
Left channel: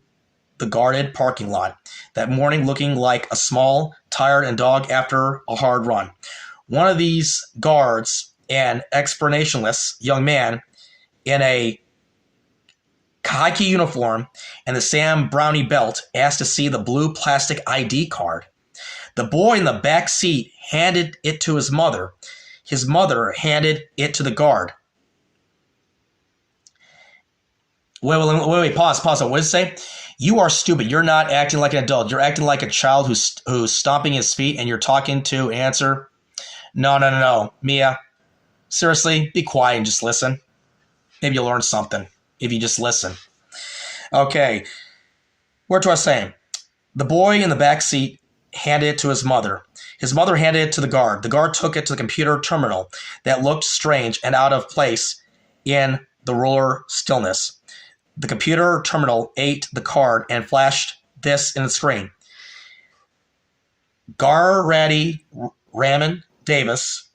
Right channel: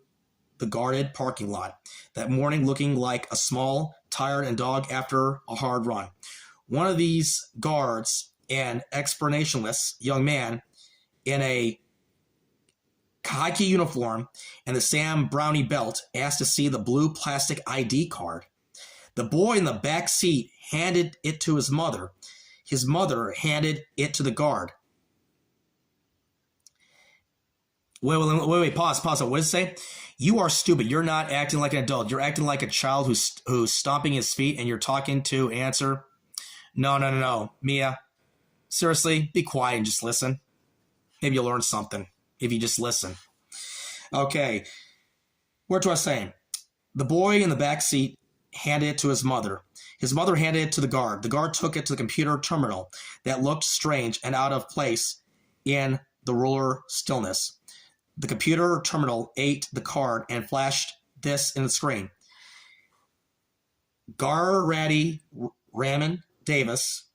the guarded parking lot that morning, looking like a small, tired and dog after a hard run. One of these guards, an expressionless young man in a khaki uniform and the Sam Brownie belt, asked to see the blue plastic ID card. The boy in the back seat handed it to his mother. His mother handed it to the guard. Wait, pause. What does it say? You are stupid. You're not acting like an adult. You're acting like a child who's stomping his feet and you're talking to answer. No. Mia, seriously, be quiet and just listen. Maybe you'll learn something if you just listen. Okay. Where do I say? The boy in the back seat handed it to his mother. His mother handed it to the guard. The guard took it to the computer terminal that looked strange and out of place in the ruler stillness. The computer terminal ate the card and flashed this in the screen. Garratty Raymond Davis,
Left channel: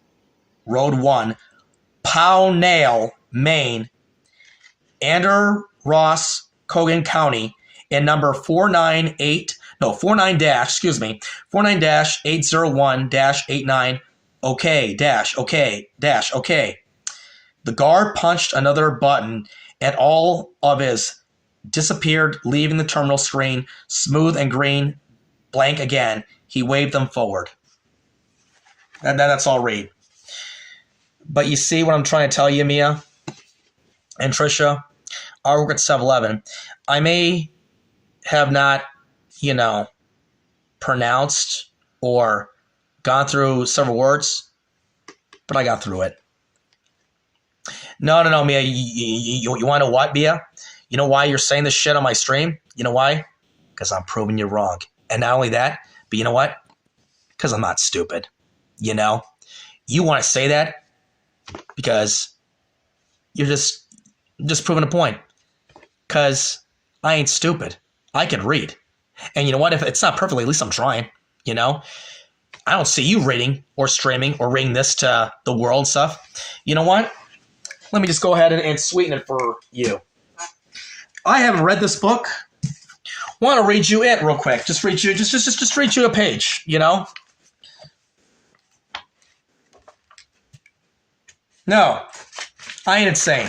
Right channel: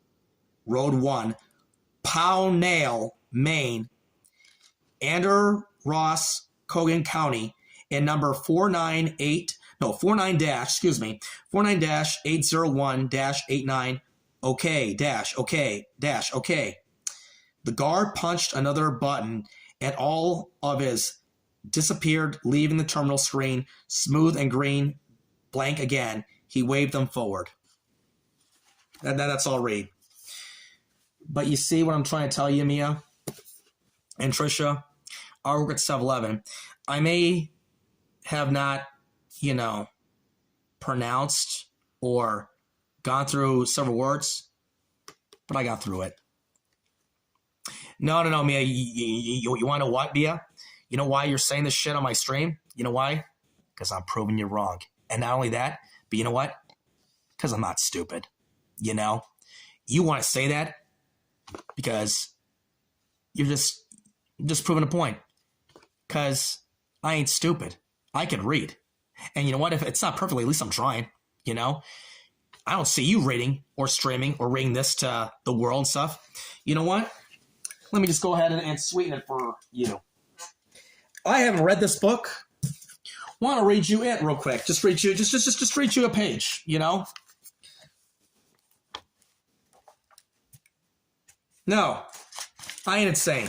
Road 1, Pownell, Maine, Ander Ross, Cogan County, in number 49-801-89 OK. The guard punched another button and all of his disappeared, leaving the terminal screen smooth and green, blank again. He waved them forward. That's all read. But you see what I'm trying to tell you, Mia and Tricia? I work at 7-Eleven. I may have not, pronounced or gone through several words, but I got through it. No, Mia. You want to know what, Mia? You know why you're saying this shit on my stream? You know why? Because I'm proving you wrong. And not only that, but you know what? Because I'm not stupid. You want to say that because you're just proving a point. Because I ain't stupid. I can read. And you know what? If it's not perfectly, at least I'm trying. I don't see you reading or streaming or reading this to the world and stuff. You know what? Let me just go ahead and sweeten it for you. I haven't read this book. Want to read you it real quick? Just read you a page. You know? No, I ain't insane.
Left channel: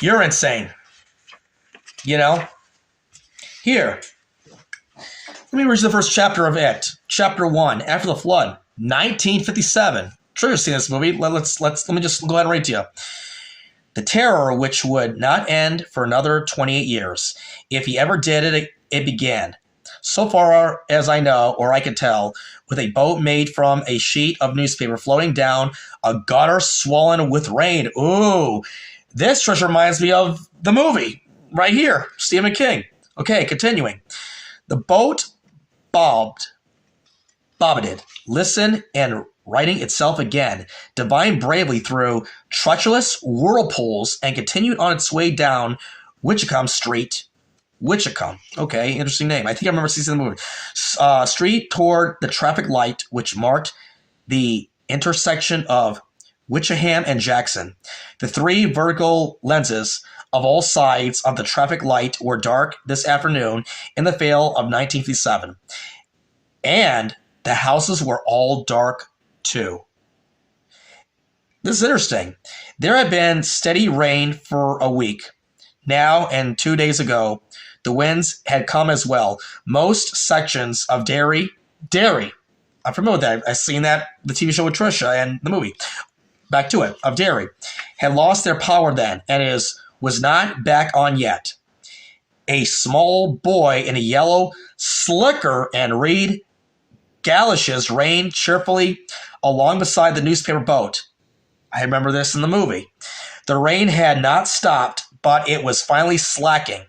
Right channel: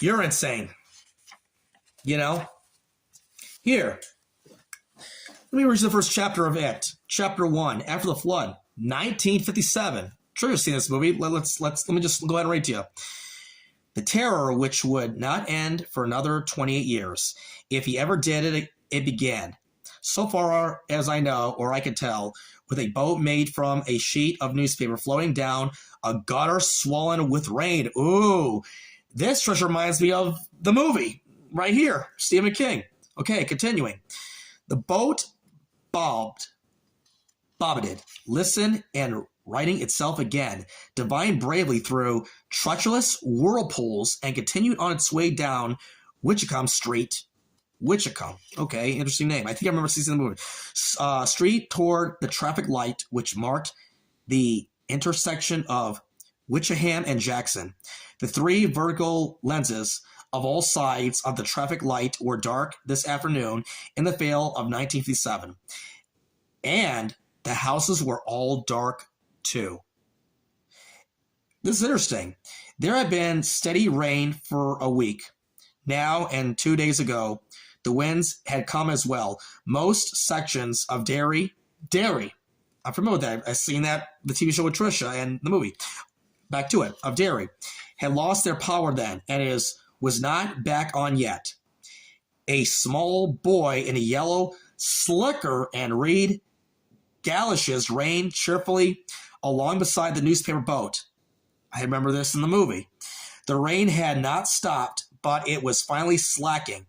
You're insane. You know? Here. Let me read you the first chapter of it. Chapter 1, After the Flood, 1957. Sure, you've seen this movie. Let me just go ahead and read to you. The terror which would not end for another 28 years. If he ever did, it began. So far as I know, or I can tell, with a boat made from a sheet of newspaper floating down a gutter swollen with rain. Ooh, this just reminds me of the movie right here, Stephen King. Okay, continuing. The boat bobbited, listened, and righting itself again, divined bravely through treacherous whirlpools, and continued on its way down Witchacombe Street. Witchacombe. Okay, interesting name. I think I remember seeing the movie. Street toward the traffic light, which marked the intersection of Witcham and Jackson. The three vertical lenses of all sides of the traffic light were dark this afternoon in the fall of 1957. And the houses were all dark too. This is interesting. There had been steady rain for a week now, and 2 days ago, the winds had come as well. Most sections of Derry, I'm familiar with that. I've seen that, the TV show with Tricia and the movie. Back to it, of Derry, had lost their power then, and was not back on yet. A small boy in a yellow slicker and reed galoshes reigned cheerfully along beside the newspaper boat. I remember this in the movie. The rain had not stopped, but it was finally slacking.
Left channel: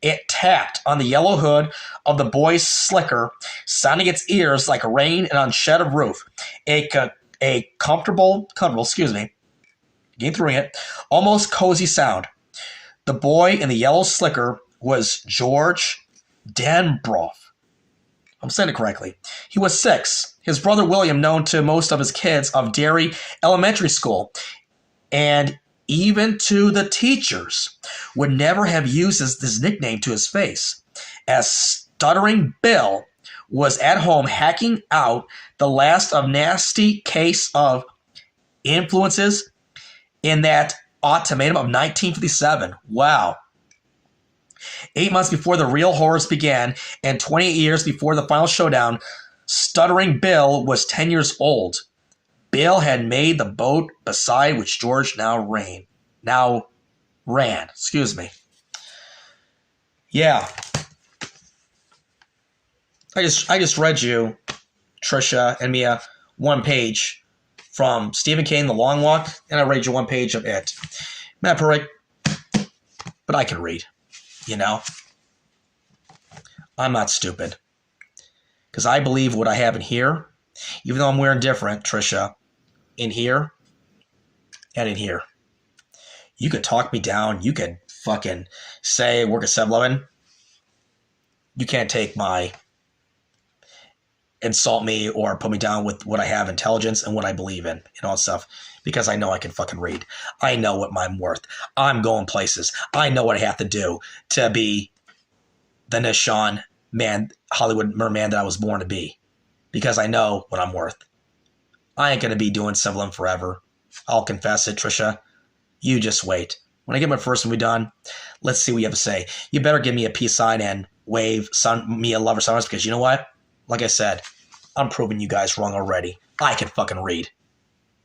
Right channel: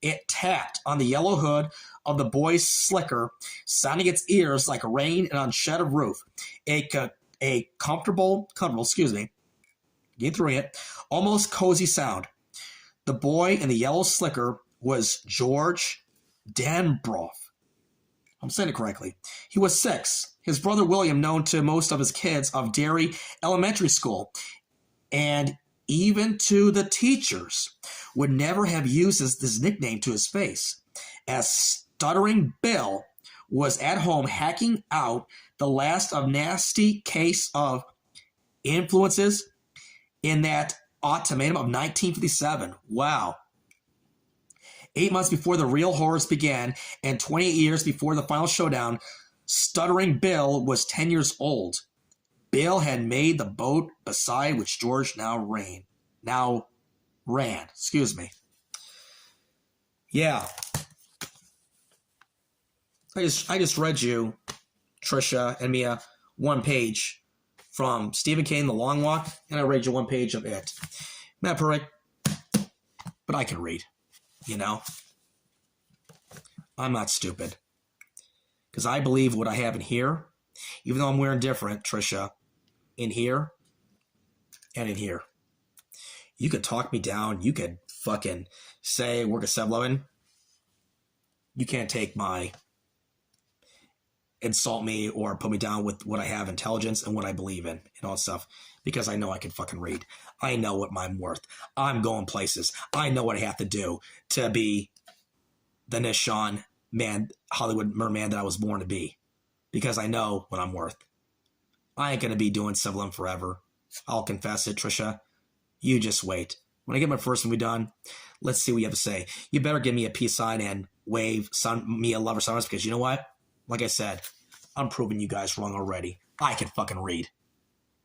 It tapped on the yellow hood of the boy's slicker, sounding its ears like rain and on shed of roof. A comfortable, getting through it, almost cozy sound. The boy in the yellow slicker was George Danbrough. I'm saying it correctly. He was 6. His brother William, known to most of his kids of Derry Elementary School, and even to the teachers, would never have used this nickname to his face, as Stuttering Bill was at home hacking out the last of nasty case of influences in that autumn of 1957. Wow. 8 months before the real horrors began, and 28 years before the final showdown, Stuttering Bill was 10 years old. Bill had made the boat beside which George now ran. Yeah. I just read you, Tricia and Mia, one page from Stephen King, The Long Walk, and I read you one page of it. Not perfect, but I can read. You know? I'm not stupid. Because I believe what I have in here, even though I'm wearing different, Tricia, in here and in here. You could talk me down. You could fucking say work at 7-Eleven. You can't take my insult me or put me down with what I have, intelligence and what I believe in and all that stuff, because I know I can fucking read. I know what I'm worth. I'm going places. I know what I have to do to be the Nishan man, Hollywood merman that I was born to be, because I know what I'm worth. I ain't going to be doing 7-Eleven forever. I'll confess it, Tricia. You just wait. When I get my first movie done, let's see what you have to say. You better give me a peace sign and wave me a lover sunrise, because you know what? Like I said, I'm proving you guys wrong already. I can fucking read.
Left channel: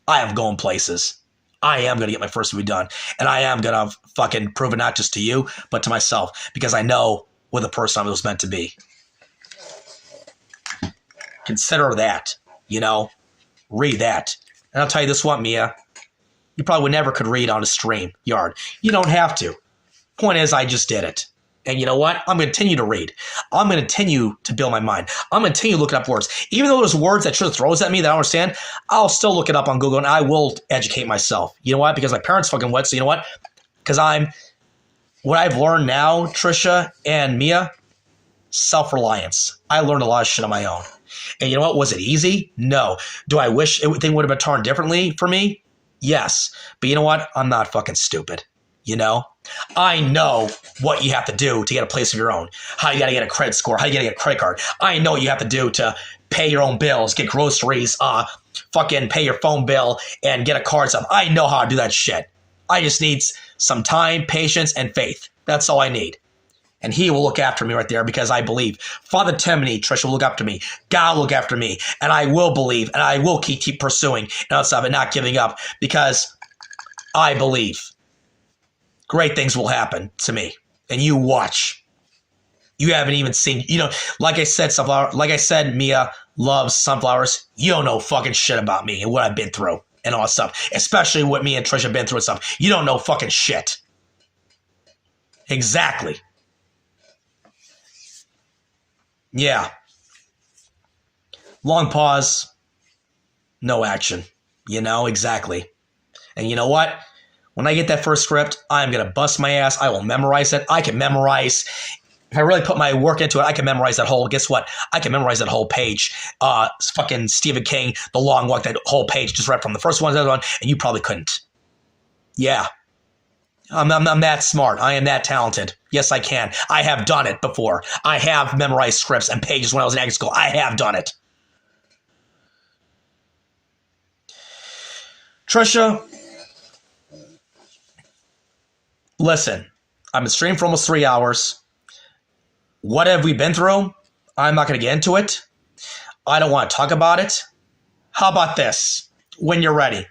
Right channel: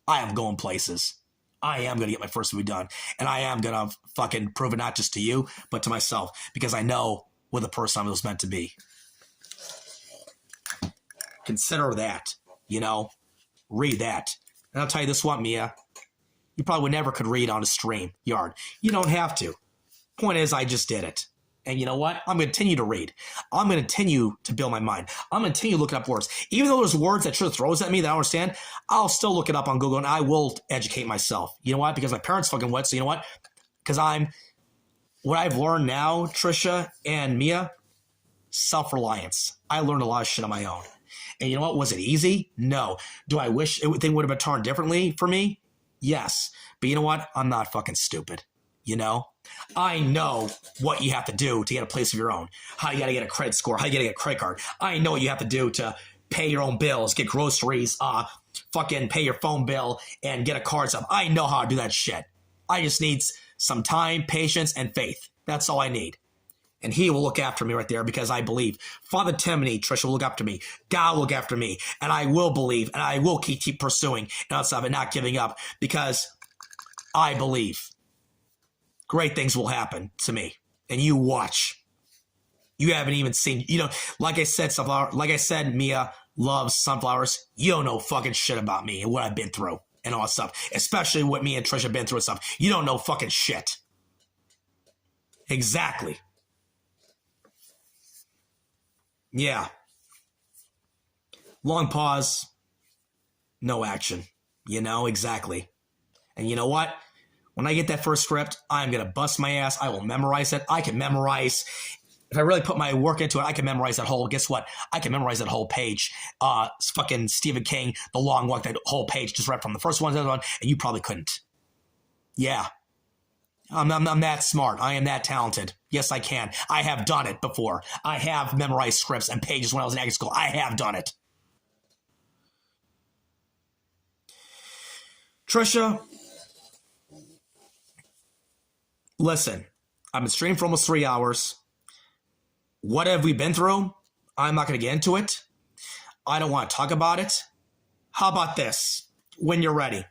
I am going places. I am going to get my first movie done. And I am going to fucking prove it not just to you, but to myself. Because I know what the person I was meant to be. Consider that. You know? Read that. And I'll tell you this one, Mia. You probably never could read on a stream yard. You don't have to. Point is, I just did it. And you know what? I'm going to continue to read. I'm going to continue to build my mind. I'm going to continue looking up words. Even though there's words that Tricia throws at me that I don't understand, I'll still look it up on Google and I will educate myself. You know what? Because my parents fucking went. So you know what? Because what I've learned now, Tricia and Mia, self-reliance. I learned a lot of shit on my own. And you know what? Was it easy? No. Do I wish thing would have been turned differently for me? Yes. But you know what? I'm not fucking stupid. You know? I know what you have to do to get a place of your own. How you got to get a credit score. How you got to get a credit card. I know what you have to do to pay your own bills, get groceries, fucking pay your phone bill, and get a card stuff. I know how to do that shit. I just need some time, patience, and faith. That's all I need. And he will look after me right there because I believe. Father Timothy, Tricia, will look after me. God will look after me. And I will believe. And I will keep pursuing and all stuff and not giving up because I believe. Great things will happen to me. And you watch. You haven't even seen, like I said, Mia loves sunflowers. You don't know fucking shit about me and what I've been through and all that stuff. Especially what me and Tricia have been through and stuff. You don't know fucking shit. Exactly. Yeah. Long pause. No action. Exactly. And you know what? When I get that first script, I'm going to bust my ass. I will memorize it. I can memorize. If I really put my work into it, I can memorize that whole, guess what? I can memorize that whole page. Fucking Stephen King, The Long Walk, that whole page just read from the first one to the other one, and you probably couldn't. Yeah. I'm that smart. I am that talented. Yes, I can. I have done it before. I have memorized scripts and pages when I was in acting school. I have done it. Tricia, listen, I've been streaming for almost 3 hours. What have we been through? I'm not going to get into it. I don't want to talk about it. How about this? When you're ready,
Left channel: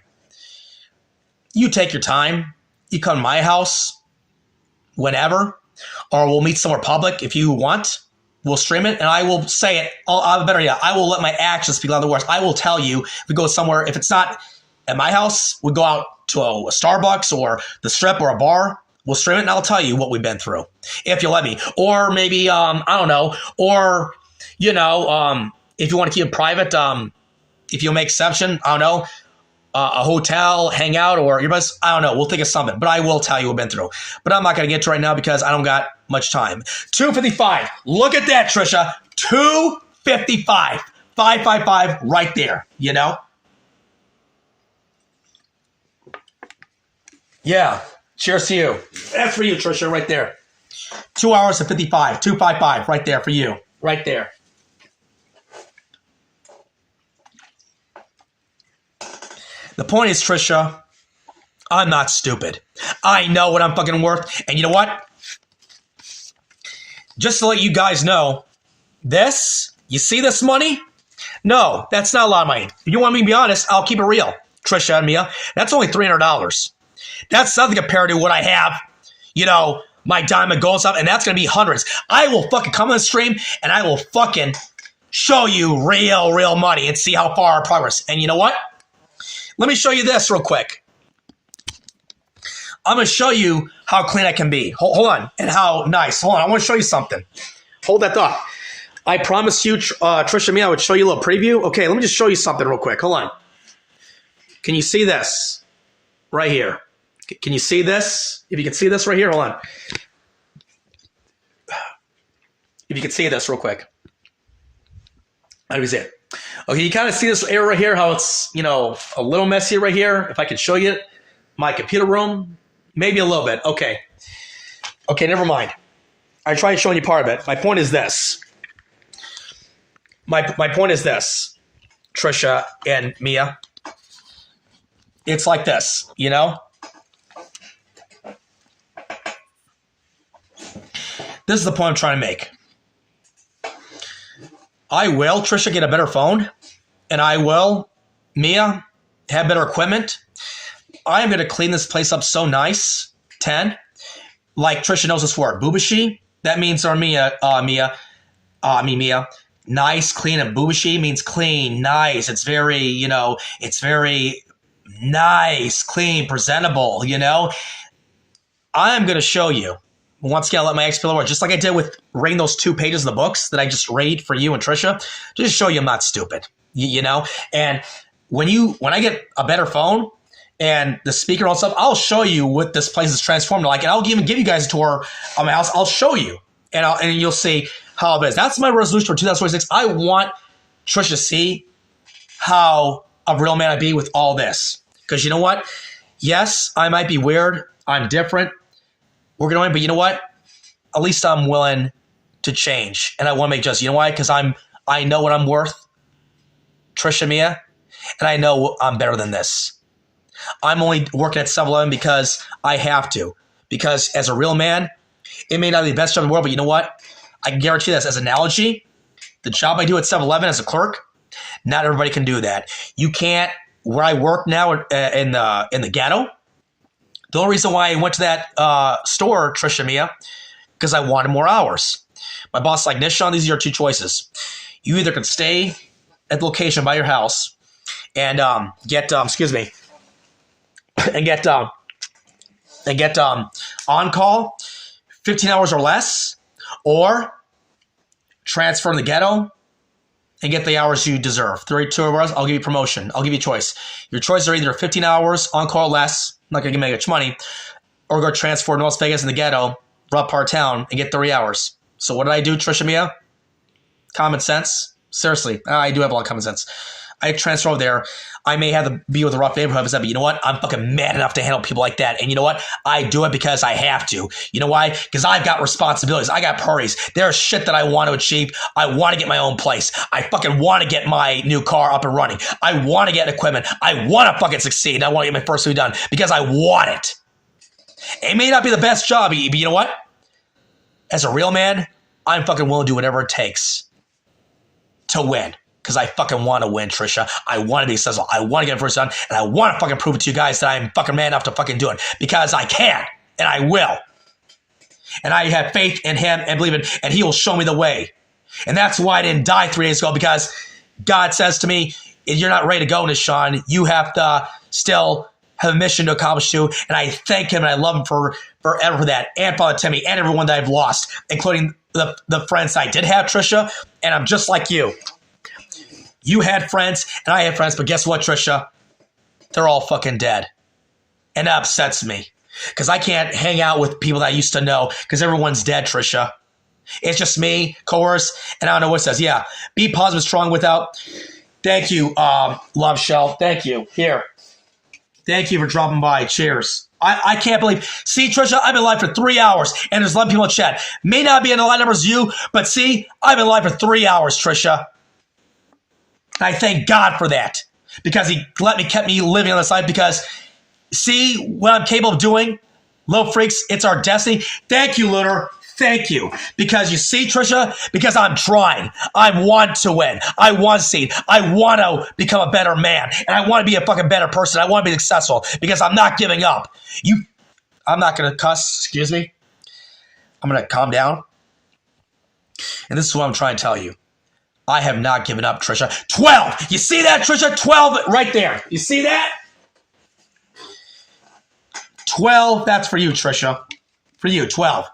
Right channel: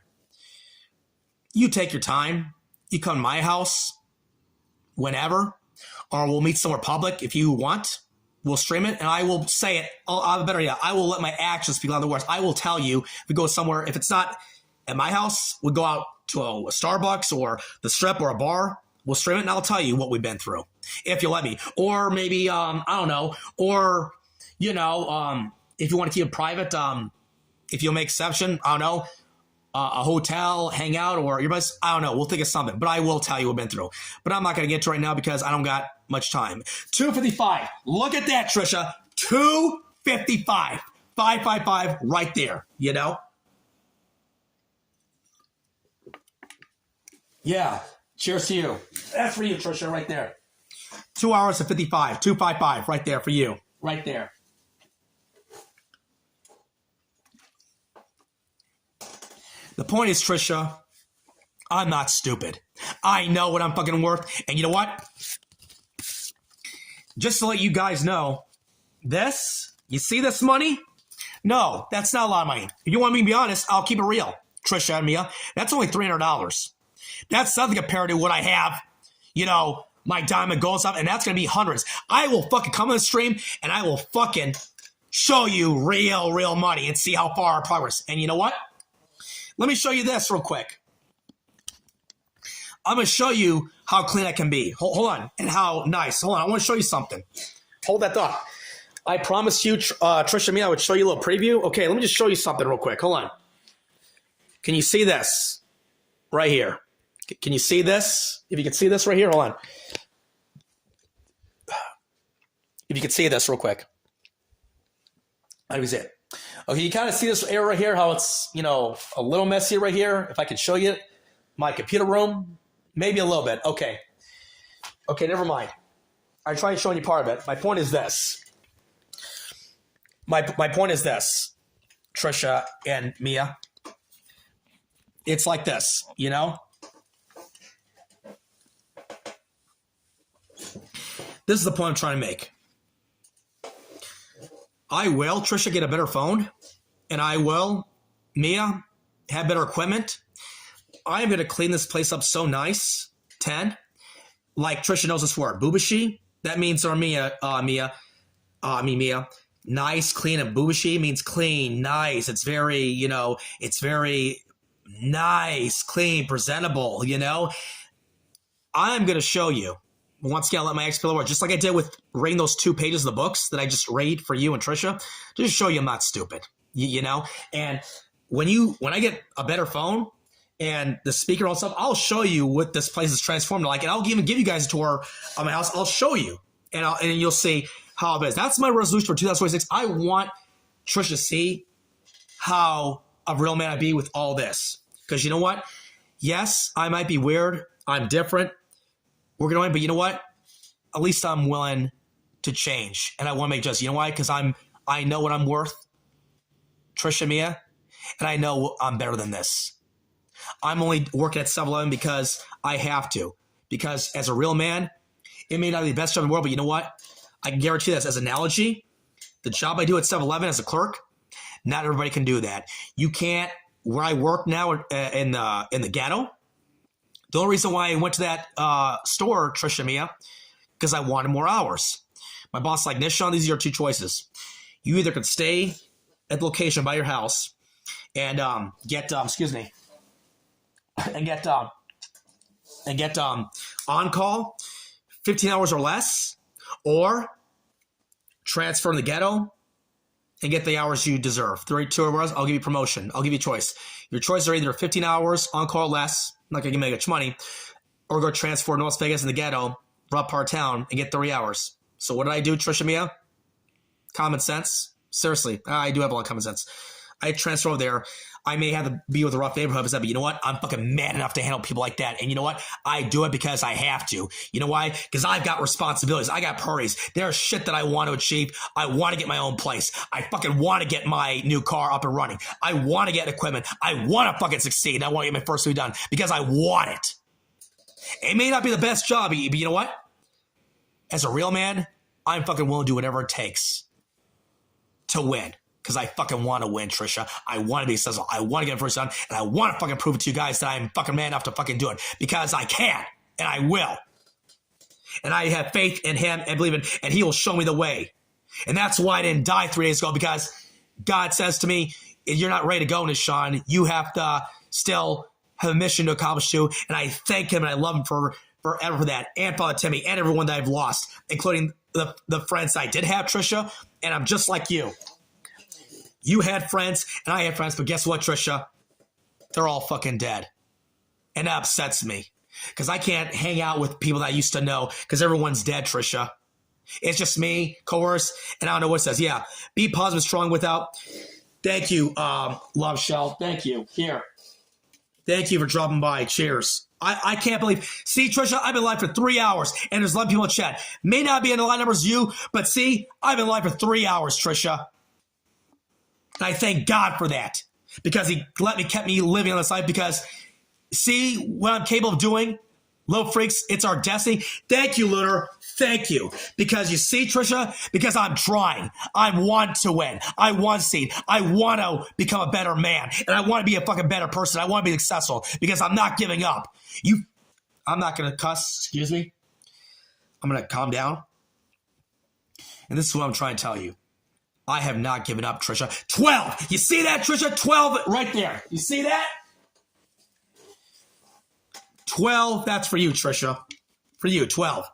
you take your time. You come to my house whenever, or we'll meet somewhere public if you want. We'll stream it, and I will say it. I will let my actions speak louder than words. I will tell you if we go somewhere. If it's not at my house, we go out to a Starbucks or the Strip or a bar. We'll stream it, and I'll tell you what we've been through, if you'll let me. Or maybe, I don't know. Or, if you want to keep it private, if you'll make exception, I don't know. A hotel, hang out, or your best, I don't know. We'll think of something, but I will tell you what I've been through. But I'm not going to get to right now because I don't got much time. 2:55. Look at that, Tricia. 2:55. 555 right there, Yeah. Cheers to you. That's for you, Tricia, right there. 2 hours and 55. 2:55 right there for you. Right there. The point is, Tricia, I'm not stupid. I know what I'm fucking worth. And you know what? Just to let you guys know, you see this money? No, that's not a lot of money. If you want me to be honest, I'll keep it real, Tricia and Mia. That's only $300. That's nothing compared to what I have, my diamond gold stuff, and that's going to be hundreds. I will fucking come on the stream, and I will fucking show you real money and see how far our progress. And you know what? Let me show you this real quick. I'm going to show you how clean I can be. Hold on. And how nice. Hold on. I want to show you something. Hold that thought. I promised you, Tricia and me, I would show you a little preview. Okay, let me just show you something real quick. Hold on. Can you see this? Right here. Can you see this? If you can see this right here, hold on. If you can see this real quick. How do we see it? Okay, you kind of see this area right here, how it's, a little messy right here. If I could show you my computer room, maybe a little bit. Okay, never mind. I tried showing you part of it. My point is this. My point is this, Tricia and Mia. It's like this, This is the point I'm trying to make. I will, Tricia, get a better phone, and I will, Mia, have better equipment. I am going to clean this place up so nice. 10. Like Tricia knows this word. Boobashi. That means, Mia. Nice, clean, and boobashi means clean, nice. It's very, it's very nice, clean, presentable, I'm going to show you. Once again, I'll let my expert work, just like I did with reading those 2 pages of the books that I just read for you and Tricia, just to show you I'm not stupid, And when I get a better phone and the speaker and all stuff, I'll show you what this place is transformed like, and I'll even give you guys a tour of my house. I'll show you, and you'll see how it is. That's my resolution for 2026. I want Trisha, see how a real man I be with all this. Because you know what? Yes, I might be weird. I'm different. We're going to win, but you know what? At least I'm willing to change. And I want to make adjustments. You know why? Because I know what I'm worth, Trisha Mia, and I know I'm better than this. I'm only working at 7-Eleven because I have to. Because as a real man, it may not be the best job in the world, but you know what? I can guarantee this as an analogy. The job I do at 7-Eleven as a clerk, not everybody can do that. You can't. Where I work now in the ghetto, the only reason why I went to that store, Trisha Mia, because I wanted more hours. My boss like, Nishan, these are your two choices. You either can stay at the location by your house and get on call 15 hours or less, or transfer in the ghetto and get the hours you deserve. 32 hours, I'll give you promotion. I'll give you a choice. Your choices are either 15 hours on call or less, not going to make much money, or go transfer to Las Vegas in the ghetto, rough part of town, and get 30 hours. So what did I do, Trisha Mia? Common sense. Seriously, I do have a lot of common sense. I transfer over there. I may have to be with a rough neighborhood, but you know what? I'm fucking mad enough to handle people like that. And you know what? I do it because I have to. You know why? Because I've got responsibilities. I got priorities. There's shit that I want to achieve. I want to get my own place. I fucking want to get my new car up and running. I want to get equipment. I want to fucking succeed. I want to get my first movie done because I want it. It may not be the best job, but you know what? As a real man, I'm fucking willing to do whatever it takes to win. Because I fucking want to win, Trisha. I want to be successful. I want to get it first done. And I want to fucking prove it to you guys that I'm fucking man enough to fucking do it. Because I can. And I will. And I have faith in him and believe it. And he will show me the way. And that's why I didn't die 3 days ago. Because God says to me, you're not ready to go, Nishan. You have to still have a mission to accomplish too. And I thank him and I love him forever for that. And Father Timmy and everyone that I've lost. Including the friends I did have, Trisha. And I'm just like you. You had friends, and I had friends, but guess what, Trisha? They're all fucking dead. And that upsets me. Because I can't hang out with people that I used to know, because everyone's dead, Trisha. It's just me, coerce, and I don't know what it says. Yeah, be positive, strong without. Thank you, Love Shell. Thank you. Here. Thank you for dropping by. Cheers. I can't believe. See, Trisha, I've been live for 3 hours, and there's 11 people in chat. May not be in the line numbers as you, but see, I've been live for 3 hours, Trisha. And I thank God for that, because he kept me living on this life, because see what I'm capable of doing? Little freaks, it's our destiny. Thank you, Lunar. Thank you. Because you see, Trisha, because I'm trying. I want to win. I want to succeed. I want to become a better man. And I want to be a fucking better person. I want to be successful because I'm not giving up. I'm not going to cuss. Excuse me. I'm going to calm down. And this is what I'm trying to tell you. I have not given up, Trisha. 12. You see that, Trisha? 12 right there. You see that? 12. That's for you, Trisha. For you, 12.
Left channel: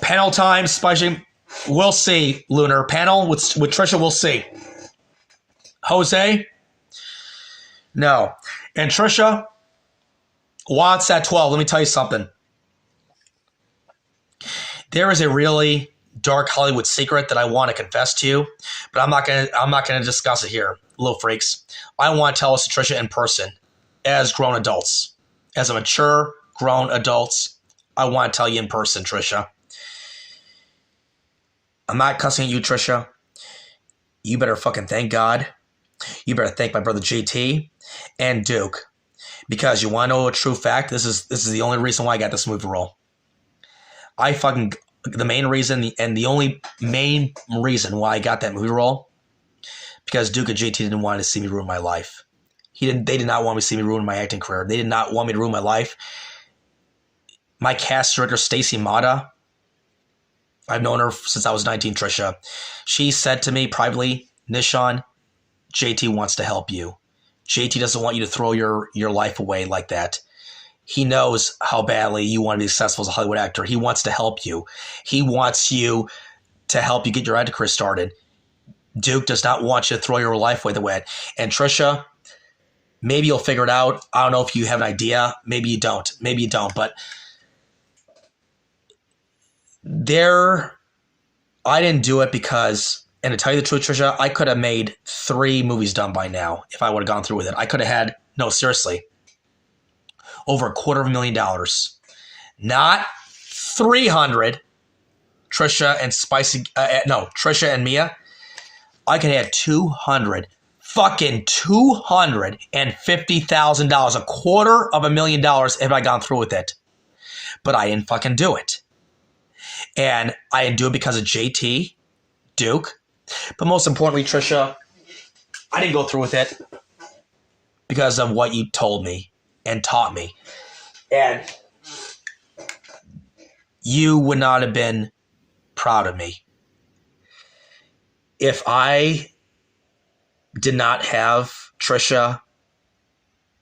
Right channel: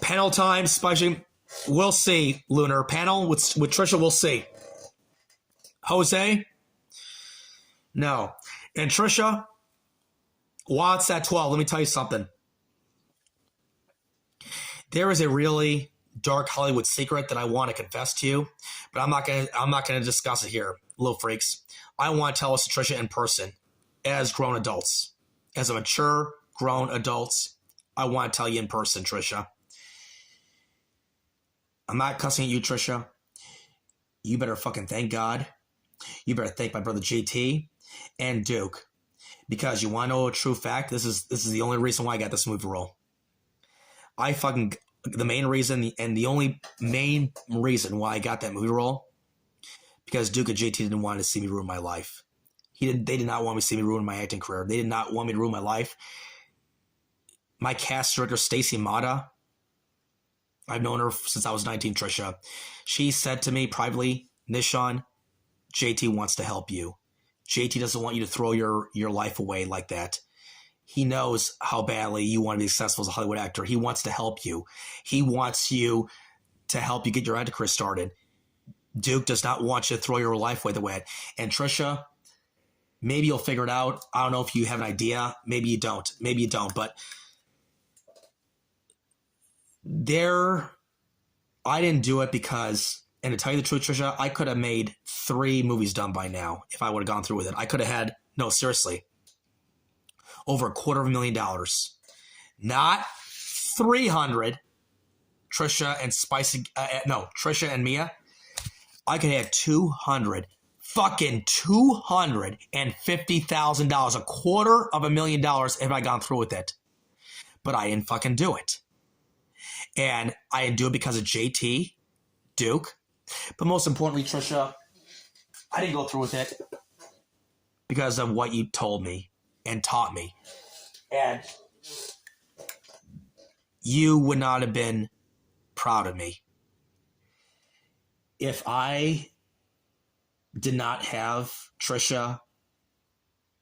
Panel time, Spudging. We'll see, Lunar. Panel with Trisha, we'll see. Jose? No. And Trisha wants that 12. Let me tell you something. There is a really dark Hollywood secret that I want to confess to you, but I'm not gonna discuss it here, little freaks. I want to tell us to Trisha in person, as grown adults, as a mature grown adults. I want to tell you in person, Trisha. I'm not cussing at you, Trisha. You better fucking thank God. You better thank my brother JT and Duke, because you want to know a true fact. This is the only reason why I got this movie role. The main reason and the only main reason why I got that movie role, because Duke and JT didn't want to see me ruin my life. They did not want me to see me ruin my acting career. They did not want me to ruin my life. My cast director, Stacy Mata, I've known her since I was 19, Trisha. She said to me privately, Nishan, JT wants to help you. JT doesn't want you to throw your life away like that. He knows how badly you want to be successful as a Hollywood actor. He wants to help you. He wants you to help you get your acting career started. Duke does not want you to throw your life away the way. And Trisha, maybe you'll figure it out. I don't know if you have an idea. Maybe you don't. But I didn't do it because, and to tell you the truth, Trisha, I could have made 3 movies done by now if I would have gone through with it. I could have had, no, seriously, over $250,000. Not 300. Trisha and Trisha and Mia. I could have had $250,000, $250,000 if I gone through with it. But I didn't fucking do it. And I didn't do it because of JT, Duke. But most importantly, Trisha, I didn't go through with it because of what you told me and taught me. And you would not have been proud of me if I did not have Trisha,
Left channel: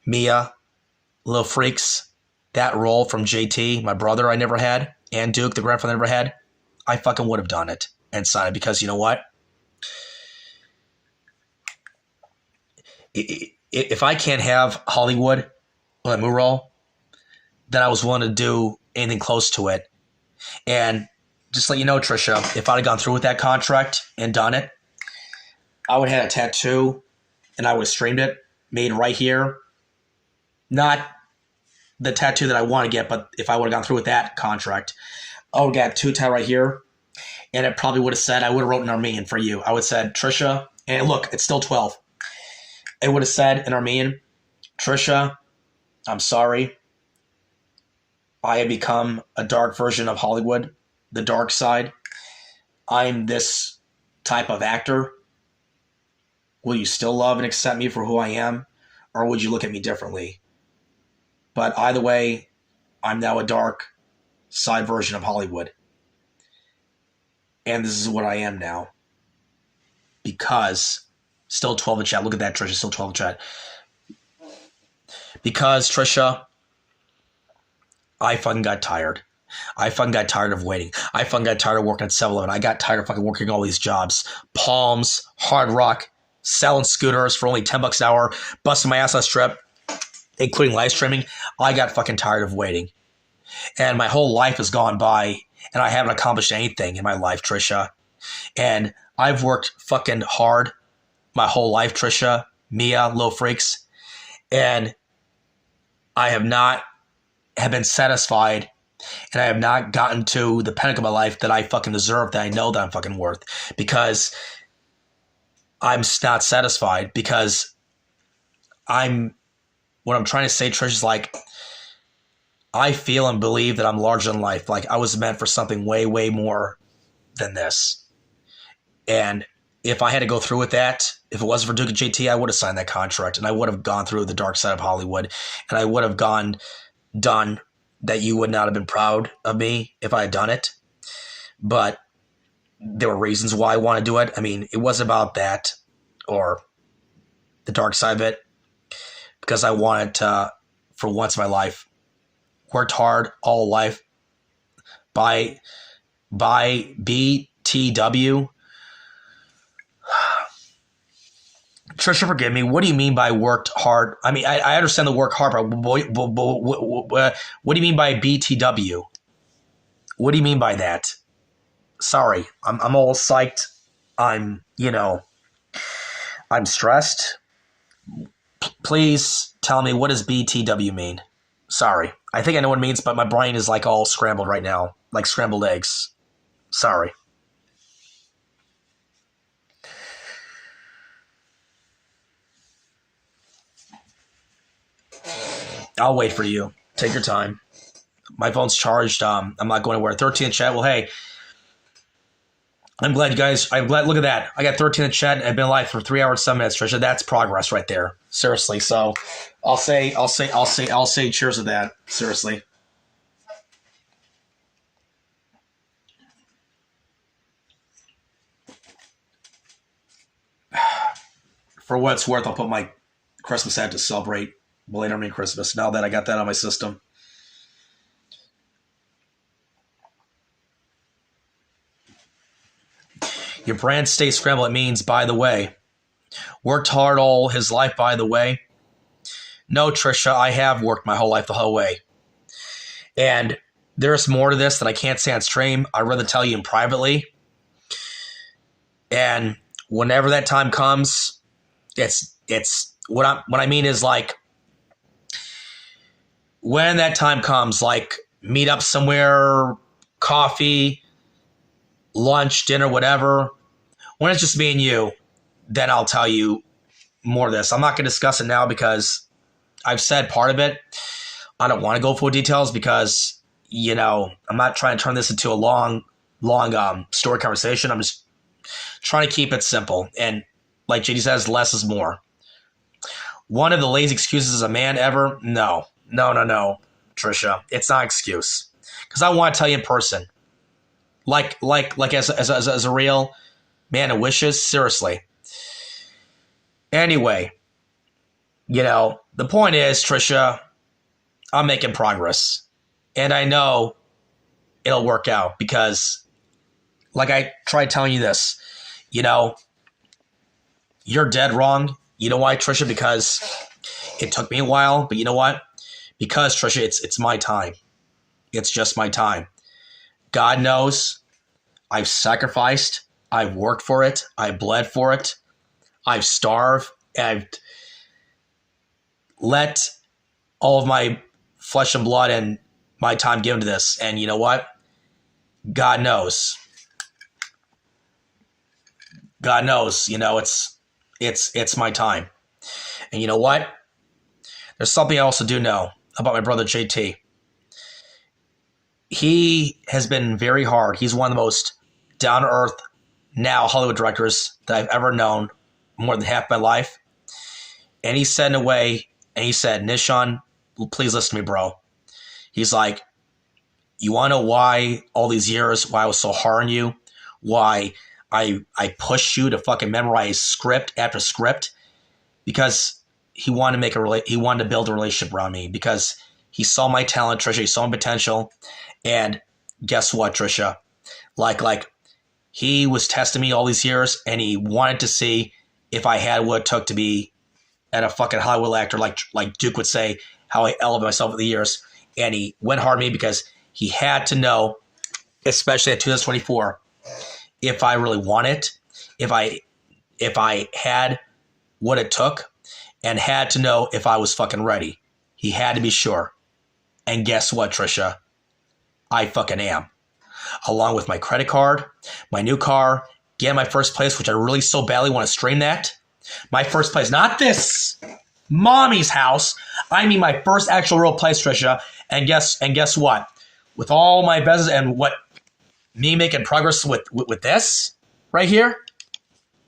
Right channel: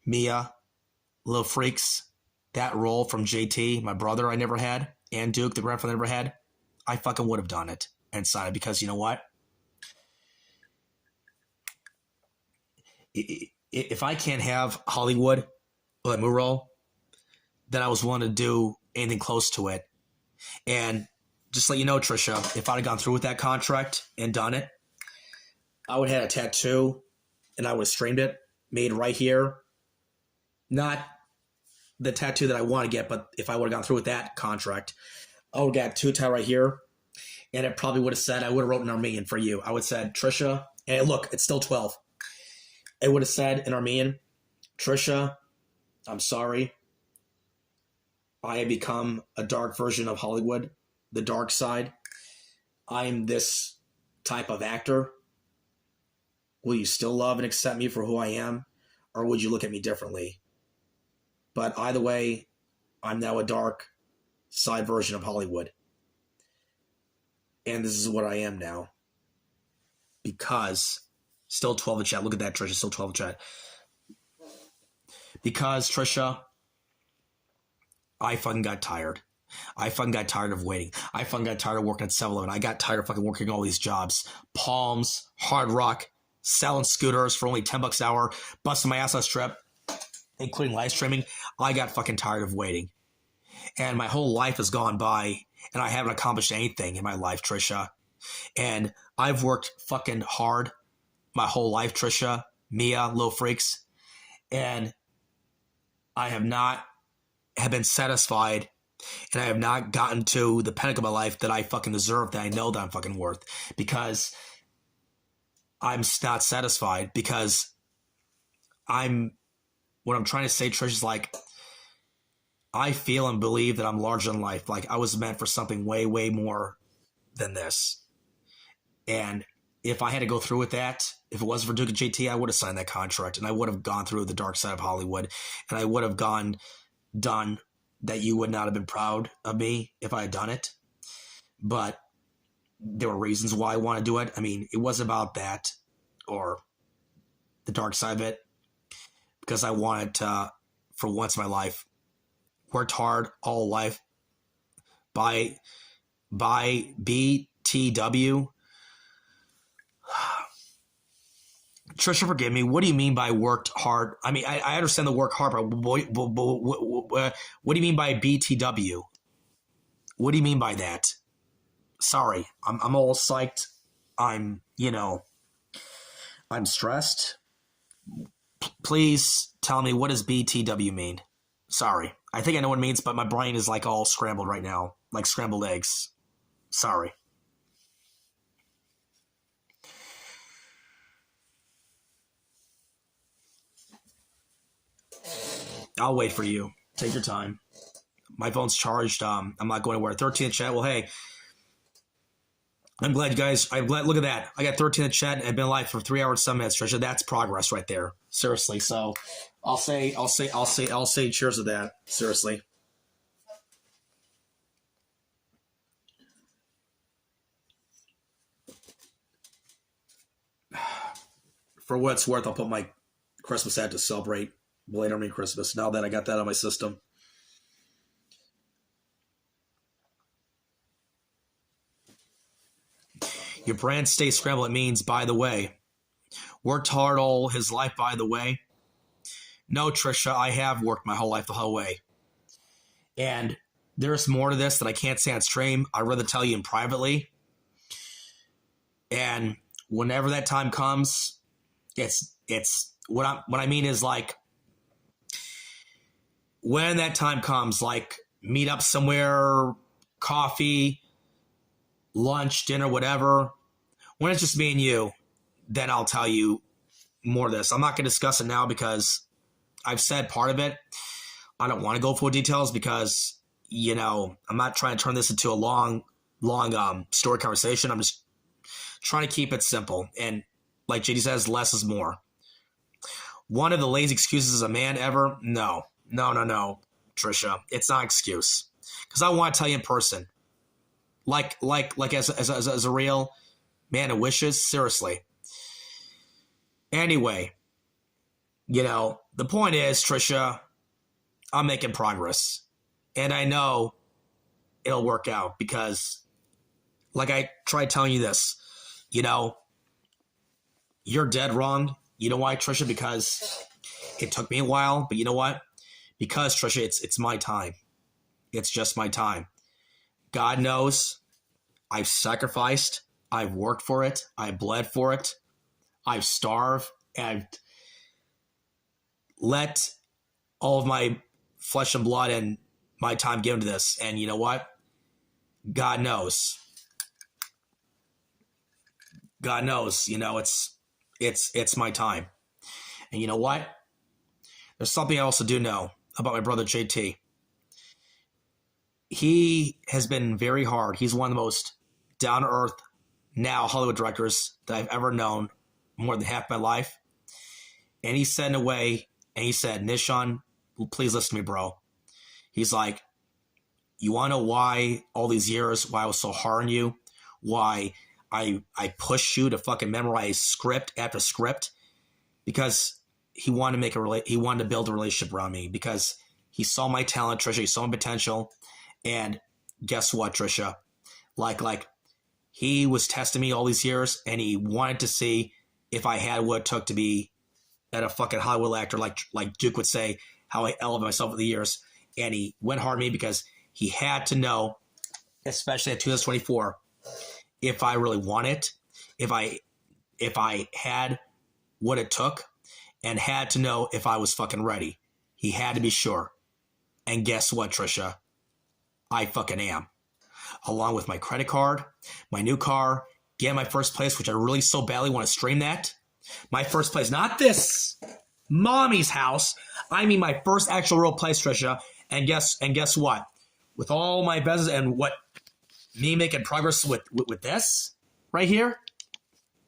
Mia, Little Freaks, that role from JT, my brother I never had, and Duke, the grandfather I never had. I fucking would have done it and signed it because you know what? If I can't have Hollywood on my role, then I was willing to do anything close to it. And just let you know, Trisha, if I'd have gone through with that contract and done it, I would have had a tattoo and I would have streamed it, made right here. Not the tattoo that I want to get, but if I would have gone through with that contract, I would have got 2 tat right here. And it probably would have said, I would have wrote in Armenian for you. I would have said, Trisha, and look, it's still 12. It would have said in Armenian, Trisha, I'm sorry. I have become a dark version of Hollywood, the dark side. I'm this type of actor. Will you still love and accept me for who I am? Or would you look at me differently? But either way, I'm now a dark side version of Hollywood. And this is what I am now. Because, still 12 in chat. Look at that, Trisha, still 12 in chat. Because, Trisha, I fucking got tired. I fucking got tired of waiting. I fucking got tired of working at 7-Eleven. I got tired of fucking working all these jobs. Palms, Hard Rock, selling scooters for only $10 an hour, busting my ass on a strip, including live streaming. I got fucking tired of waiting. And my whole life has gone by, and I haven't accomplished anything in my life, Trisha. And I've worked fucking hard my whole life, Trisha, Mia, Lil Freaks. And I have been satisfied, and I have not gotten to the pinnacle of my life that I fucking deserve, that I know that I'm fucking worth. Because I'm not satisfied, because what I'm trying to say, Trish, is like, I feel and believe that I'm larger than life. Like, I was meant for something way, way more than this. And if I had to go through with that, if it wasn't for Duke and JT, I would have signed that contract, and I would have gone through the dark side of Hollywood, and I would have done that. You would not have been proud of me if I had done it. But there were reasons why I want to do it. I mean, it wasn't about that or the dark side of it, because I wanted to, for once in my life, worked hard all life by BTW. Trisha, forgive me. What do you mean by worked hard? I mean, I understand the work hard, but what do you mean by BTW? What do you mean by that? Sorry, I'm all psyched. I'm stressed. Please tell me, what does BTW mean? Sorry. I think I know what it means, but my brain is like all scrambled right now, like scrambled eggs. Sorry. I'll wait for you. Take your time. My phone's charged. I'm not going to wear 13 in chat. Well, hey, I'm glad you guys. Look at that. I got 13 in chat. I've been live for 3 hours, 7 minutes, Trisha. That's progress right there. Seriously. So I'll say cheers to that. Seriously. For what it's worth, I'll put my Christmas hat to celebrate belated Armenian Christmas. Now that I got that on my system. Your brand stays scrambled. It means, by the way. Worked hard all his life, by the way. No, Trisha, I have worked my whole life the whole way. And there's more to this that I can't say on stream. I'd rather tell you in privately. And whenever that time comes, it's what I mean is like, when that time comes, like meet up somewhere, coffee, lunch, dinner, whatever. When it's just me and you, then I'll tell you more of this. I'm not going to discuss it now because I've said part of it. I don't want to go full details because, you know, I'm not trying to turn this into a long story conversation. I'm just trying to keep it simple. And like JD says, less is more. One of the lazy excuses as a man ever? No, Tricia. It's not an excuse. Because I want to tell you in person. Like as a real man of wishes, seriously. Anyway, you know, the point is, Tricia, I'm making progress. And I know it'll work out because, like I tried telling you this, you know, you're dead wrong. You know why, Tricia? Because it took me a while, but you know what? Because, Tricia, it's my time. It's just my time. God knows I've sacrificed. I've worked for it. I bled for it. I've starved. I've let all of my flesh and blood and my time given to this. And you know what? God knows. God knows, you know, it's my time. And you know what? There's something I also do know about my brother JT. He has been very hard. He's one of the most down-to-earth now Hollywood directors that I've ever known, more than half my life. And he said in a way, and he said, Nishan, please listen to me, bro. He's like, you want to know why all these years, why I was so hard on you, why I pushed you to fucking memorize script after script? Because he wanted to build a relationship around me because he saw my talent, Tricia. He saw my potential. And guess what, Tricia? Like he was testing me all these years and he wanted to see if I had what it took to be at a fucking Hollywood actor, like Duke would say, how I elevated myself over the years. And he went hard on me because he had to know, especially at 2024, if I really want it, if I had what it took, and had to know if I was fucking ready. He had to be sure. And guess what, Tricia? I fucking am. Along with my credit card, my new car, getting my first place, which I really so badly want to stream that. My first place, not this mommy's house. I mean my first actual real place, Tricia. And guess what? With all my business and what me making progress with this right here,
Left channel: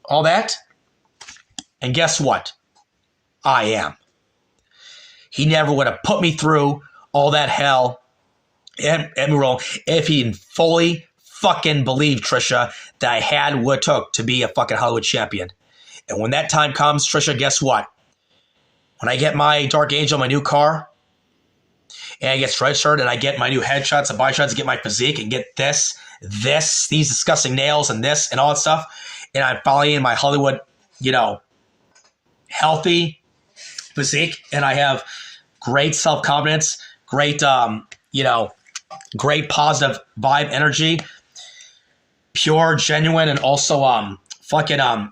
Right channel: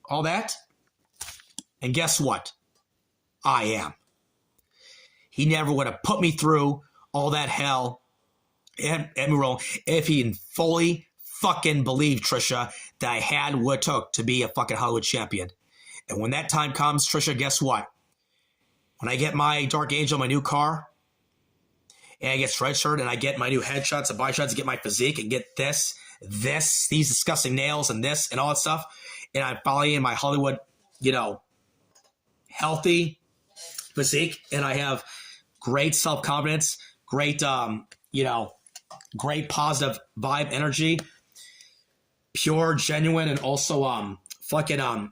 all that. And guess what? I am. He never would have put me through all that hell and roll if he fully fucking believed, Tricia, that I had what it took to be a fucking Hollywood champion. And when that time comes, Tricia, guess what? When I get my Dark Angel, my new car, and I get stretch shirt and I get my new headshots and body shots and get my physique and get these disgusting nails and this and all that stuff, and I'm finally in my Hollywood, you know, healthy physique, and I have great self-confidence, great, great positive vibe energy, pure, genuine, and also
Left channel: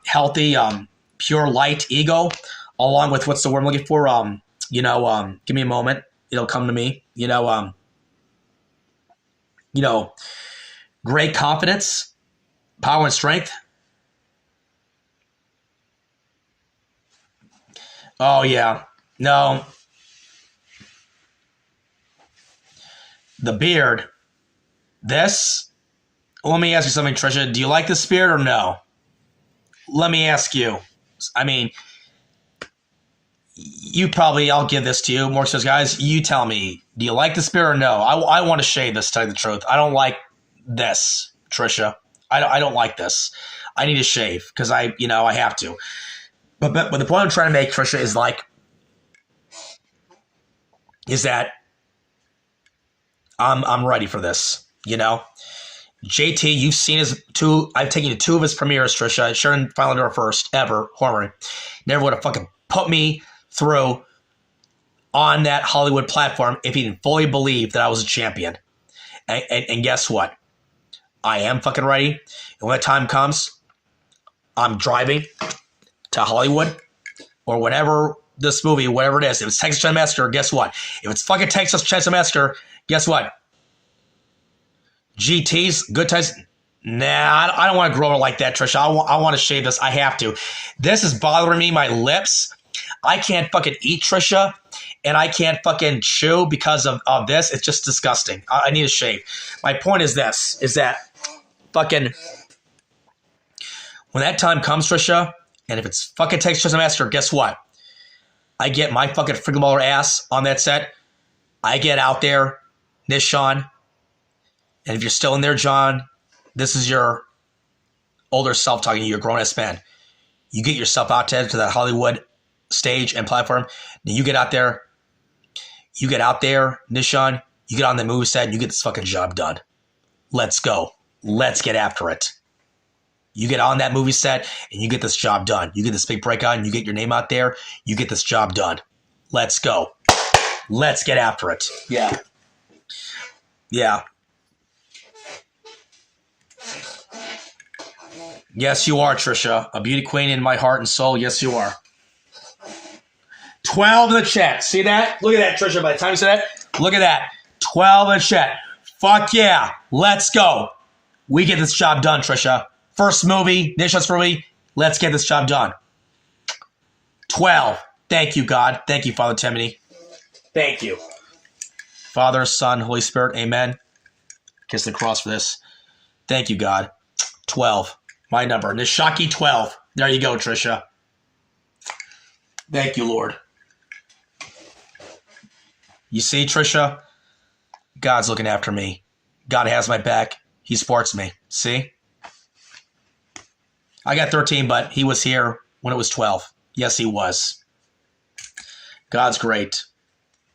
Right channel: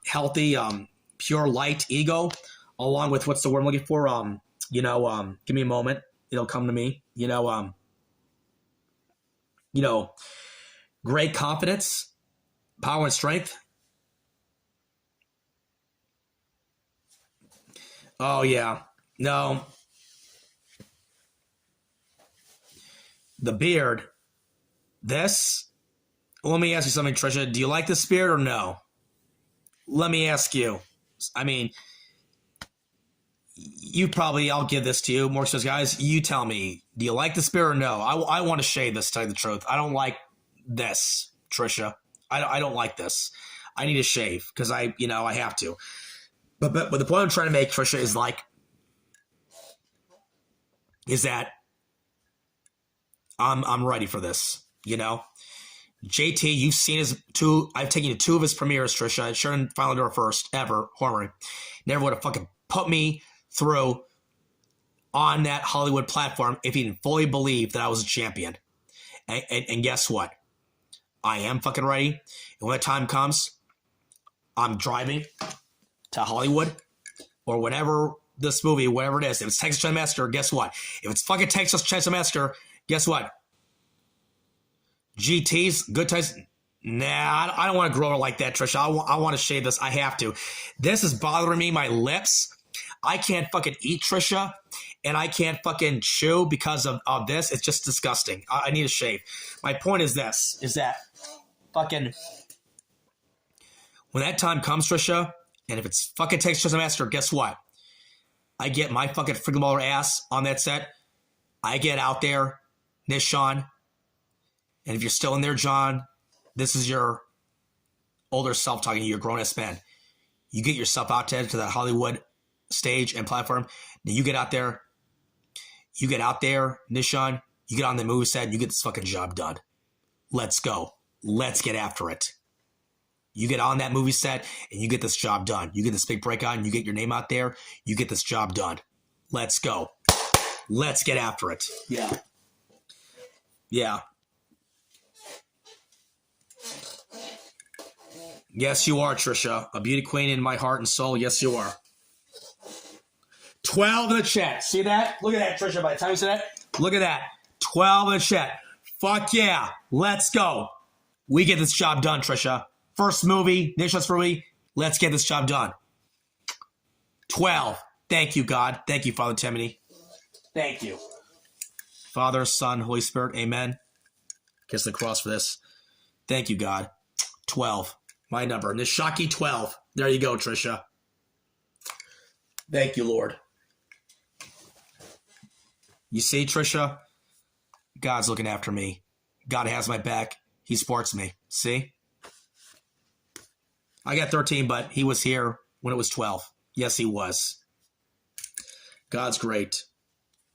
healthy, pure light ego, along with what's the word I'm looking for? Give me a moment. It'll come to me. Great confidence, power and strength. Oh, yeah. No. The beard. This. Let me ask you something, Tricia. Do you like this beard or no? Let me ask you. I mean, I'll give this to you. More so, guys, you tell me. Do you like this beard or no? I want to shave this, to tell you the truth. I don't like this, Tricia. I don't like this. I need to shave because I have to. But the point I'm trying to make, Tricia, is that I'm ready for this. JT, you've seen I've taken you to 2 of his premieres, Tricia. Sharon finally did her first ever horror. Never would have fucking put me through on that Hollywood platform if he didn't fully believe that I was a champion. And guess what? I am fucking ready. And when the time comes, I'm driving to Hollywood or whatever this movie, whatever it is. If it's Texas Chainsaw Massacre, guess what? If it's fucking Texas Chainsaw Massacre, guess what? GT's, Good Times. Nah, I don't want to grow it like that, Trisha. I want to shave this. I have to. This is bothering me, my lips. I can't fucking eat, Trisha, and I can't fucking chew because of this. It's just disgusting. I need a shave. My point is this, is that fucking when that time comes, Trisha, and if it's fucking Texas Chainsaw Massacre, guess what? I get my fucking freaking baller ass on that set. I get out there, Nishan, and if you're still in there, John, this is your older self talking to you, your grown-ass man. You get yourself out there to that Hollywood stage and platform. Then you get out there, Nishan, you get on the movie set and you get this fucking job done. Let's go. Let's get after it. You get on that movie set and you get this job done. You get this big breakout and you get your name out there. You get this job done. Let's go. Let's get after it. Yeah. Yeah. Yes, you are, Trisha. A beauty queen in my heart and soul. Yes, you are. 12 in the chat. See that? Look at that, Trisha. By the time you said that, look at that. 12 in the chat. Fuck yeah. Let's go. We get this job done, Trisha. First movie, Nishan's movie. Let's get this job done. 12. Thank you, God. Thank you, Father Timothy. Thank you. Father, Son, Holy Spirit. Amen. Kiss the cross for this. Thank you, God. 12. My number. Nishaki 12. There you go, Trisha. Thank you, Lord. You see, Trisha? God's looking after me. God has my back. He supports me. See? I got 13, but he was here when it was 12. Yes, he was. God's great.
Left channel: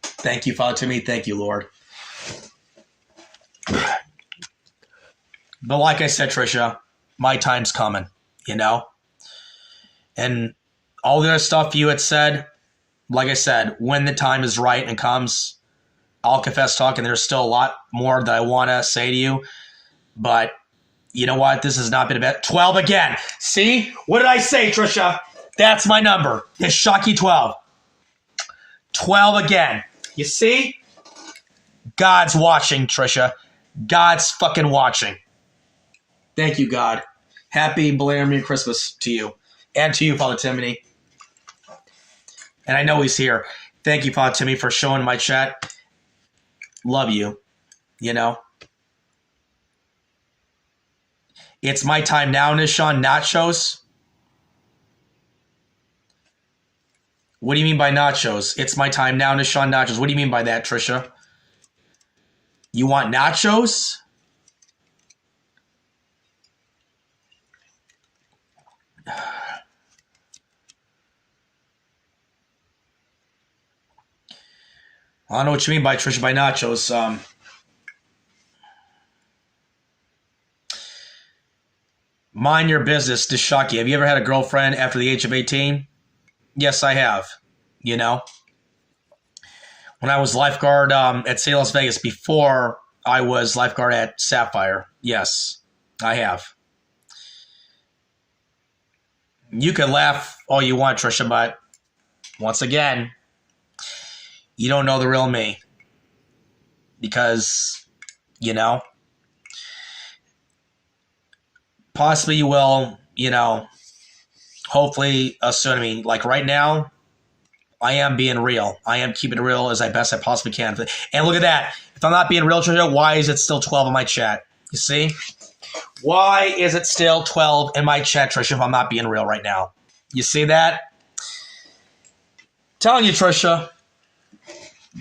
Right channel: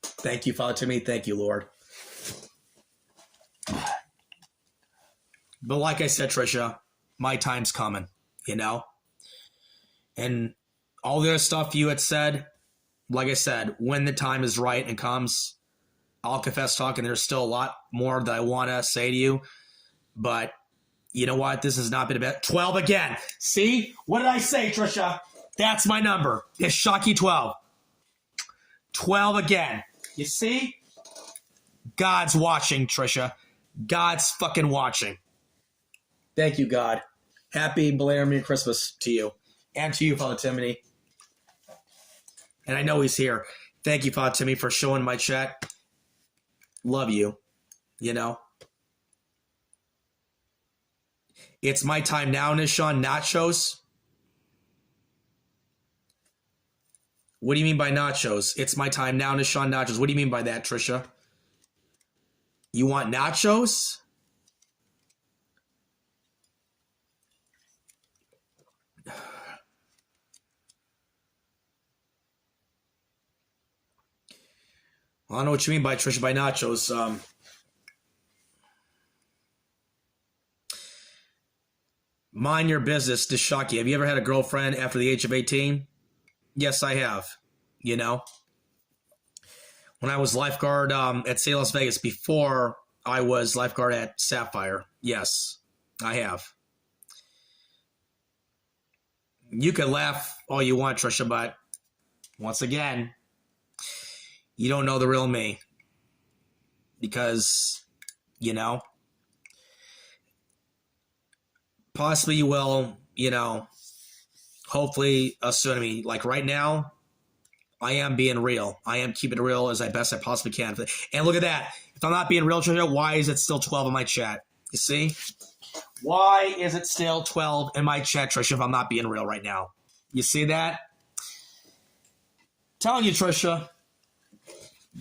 Thank you, Father Timothy. Thank you, Lord. But like I said, Trisha, my time's coming, you know? And all the other stuff you had said, like I said, when the time is right and comes, I'll confess talk, and there's still a lot more that I want to say to you. But you know what? This has not been about 12 again. See? What did I say, Trisha? That's my number. It's Shocky 12. 12 again. You see? God's watching, Trisha. God's fucking watching. Thank you, God. Happy belated Merry Christmas to you. And to you, Father Timothy. And I know he's here. Thank you, Father Timothy, for showing my chat. Love you. You know? It's my time now, Nishan. Nachos? What do you mean by nachos? It's my time now, Nishan. Nachos. What do you mean by that, Trisha? You want nachos? I don't know what you mean by Trisha by nachos. Mind your business, Dishaki. Have you ever had a girlfriend after the age of 18? Yes, I have. You know? When I was lifeguard at St. Las Vegas, before I was lifeguard at Sapphire. Yes, I have. You can laugh all you want, Trisha, but once again, you don't know the real me. Because, you know, possibly you will, you know, hopefully soon. I mean, like right now, I am being real. I am keeping it real as best I possibly can. And look at that. If I'm not being real, Trisha, why is it still 12 in my chat? You see? Why is it still 12 in my chat, Trisha, if I'm not being real right now? You see that? Telling you, Trisha,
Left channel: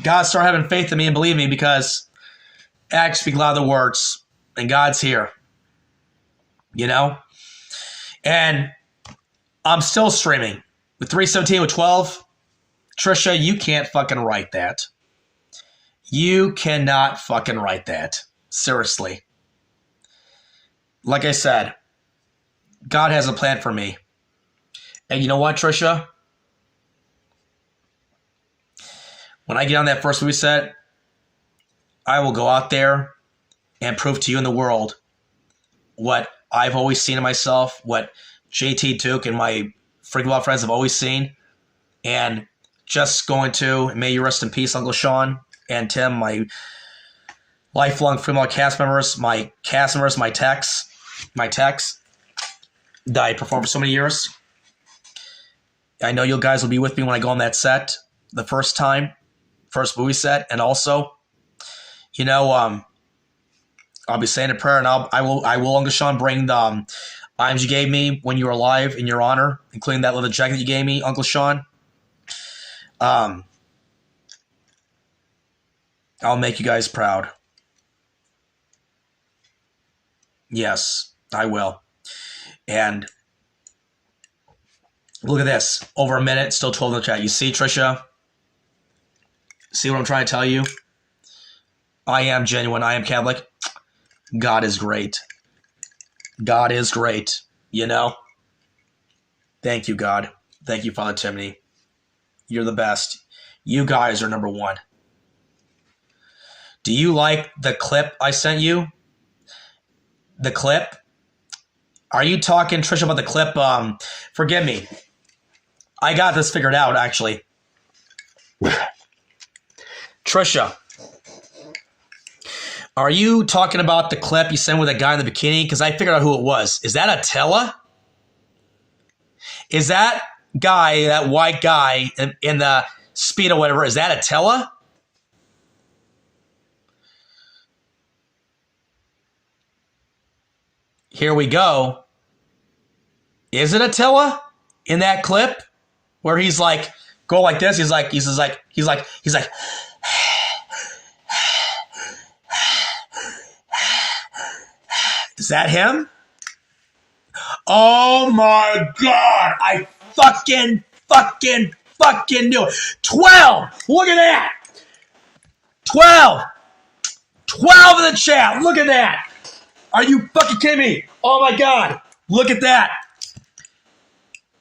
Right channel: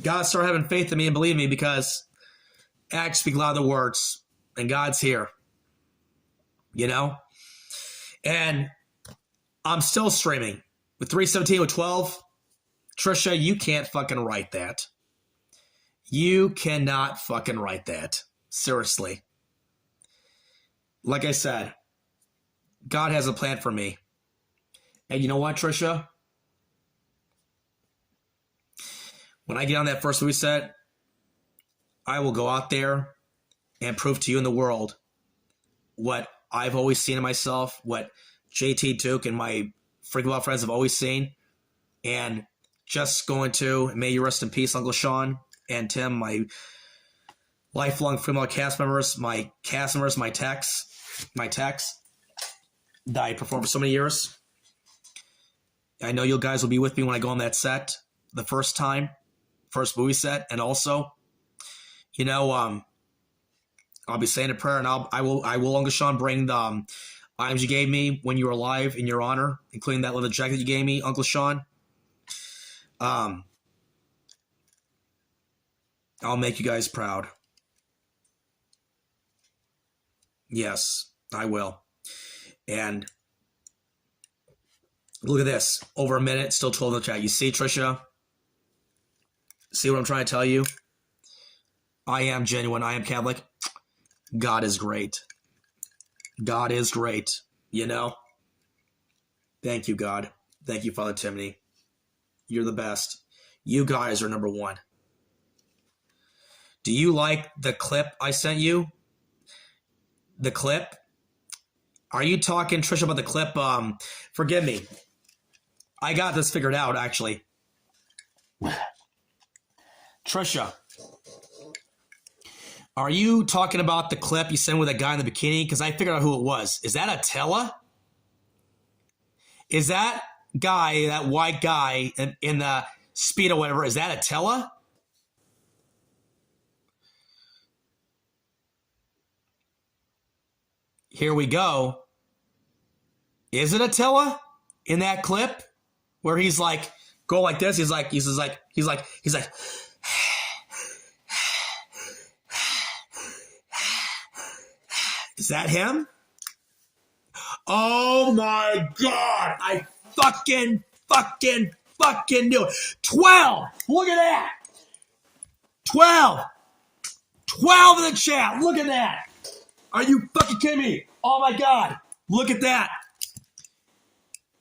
God, start having faith in me and believe me, because acts speak louder than words, and God's here. You know? And I'm still streaming with 317 with 12. Trisha, you can't fucking write that. You cannot fucking write that. Seriously. Like I said, God has a plan for me. And you know what, Trisha? When I get on that first movie set, I will go out there and prove to you in the world what I've always seen in myself, what JT Duke and my freaking love friends have always seen. And just going to, may you rest in peace, Uncle Sean and Tim, my lifelong female cast members, my techs that I performed for so many years. I know you guys will be with me when I go on that set the first movie set. And also, I'll be saying a prayer, and I will, Uncle Sean, bring the items you gave me when you were alive in your honor, including that leather jacket you gave me, Uncle Sean. I'll make you guys proud. Yes, I will. And look at this. Over a minute, still 12 in the chat. You see, Tricia? See what I'm trying to tell you? I am genuine. I am Catholic. God is great. God is great. Thank you, God. Thank you, Father Timothy. You're the best. You guys are number one. Do you like the clip I sent you? The clip? Are you talking, Trisha, about the clip? Forgive me. I got this figured out, actually. Trisha, are you talking about the clip you sent with that guy in the bikini? Because I figured out who it was. Is that Attila? Is that guy, that white guy in the Speed or whatever, is that Attila? Here we go. Is it Attila in that clip where he's like, go like this? He's like, is that him? Oh my God. I fucking knew it. 12. Look at that. 12. 12 in the chat. Look at that. Are you fucking kidding me? Oh my God. Look at that.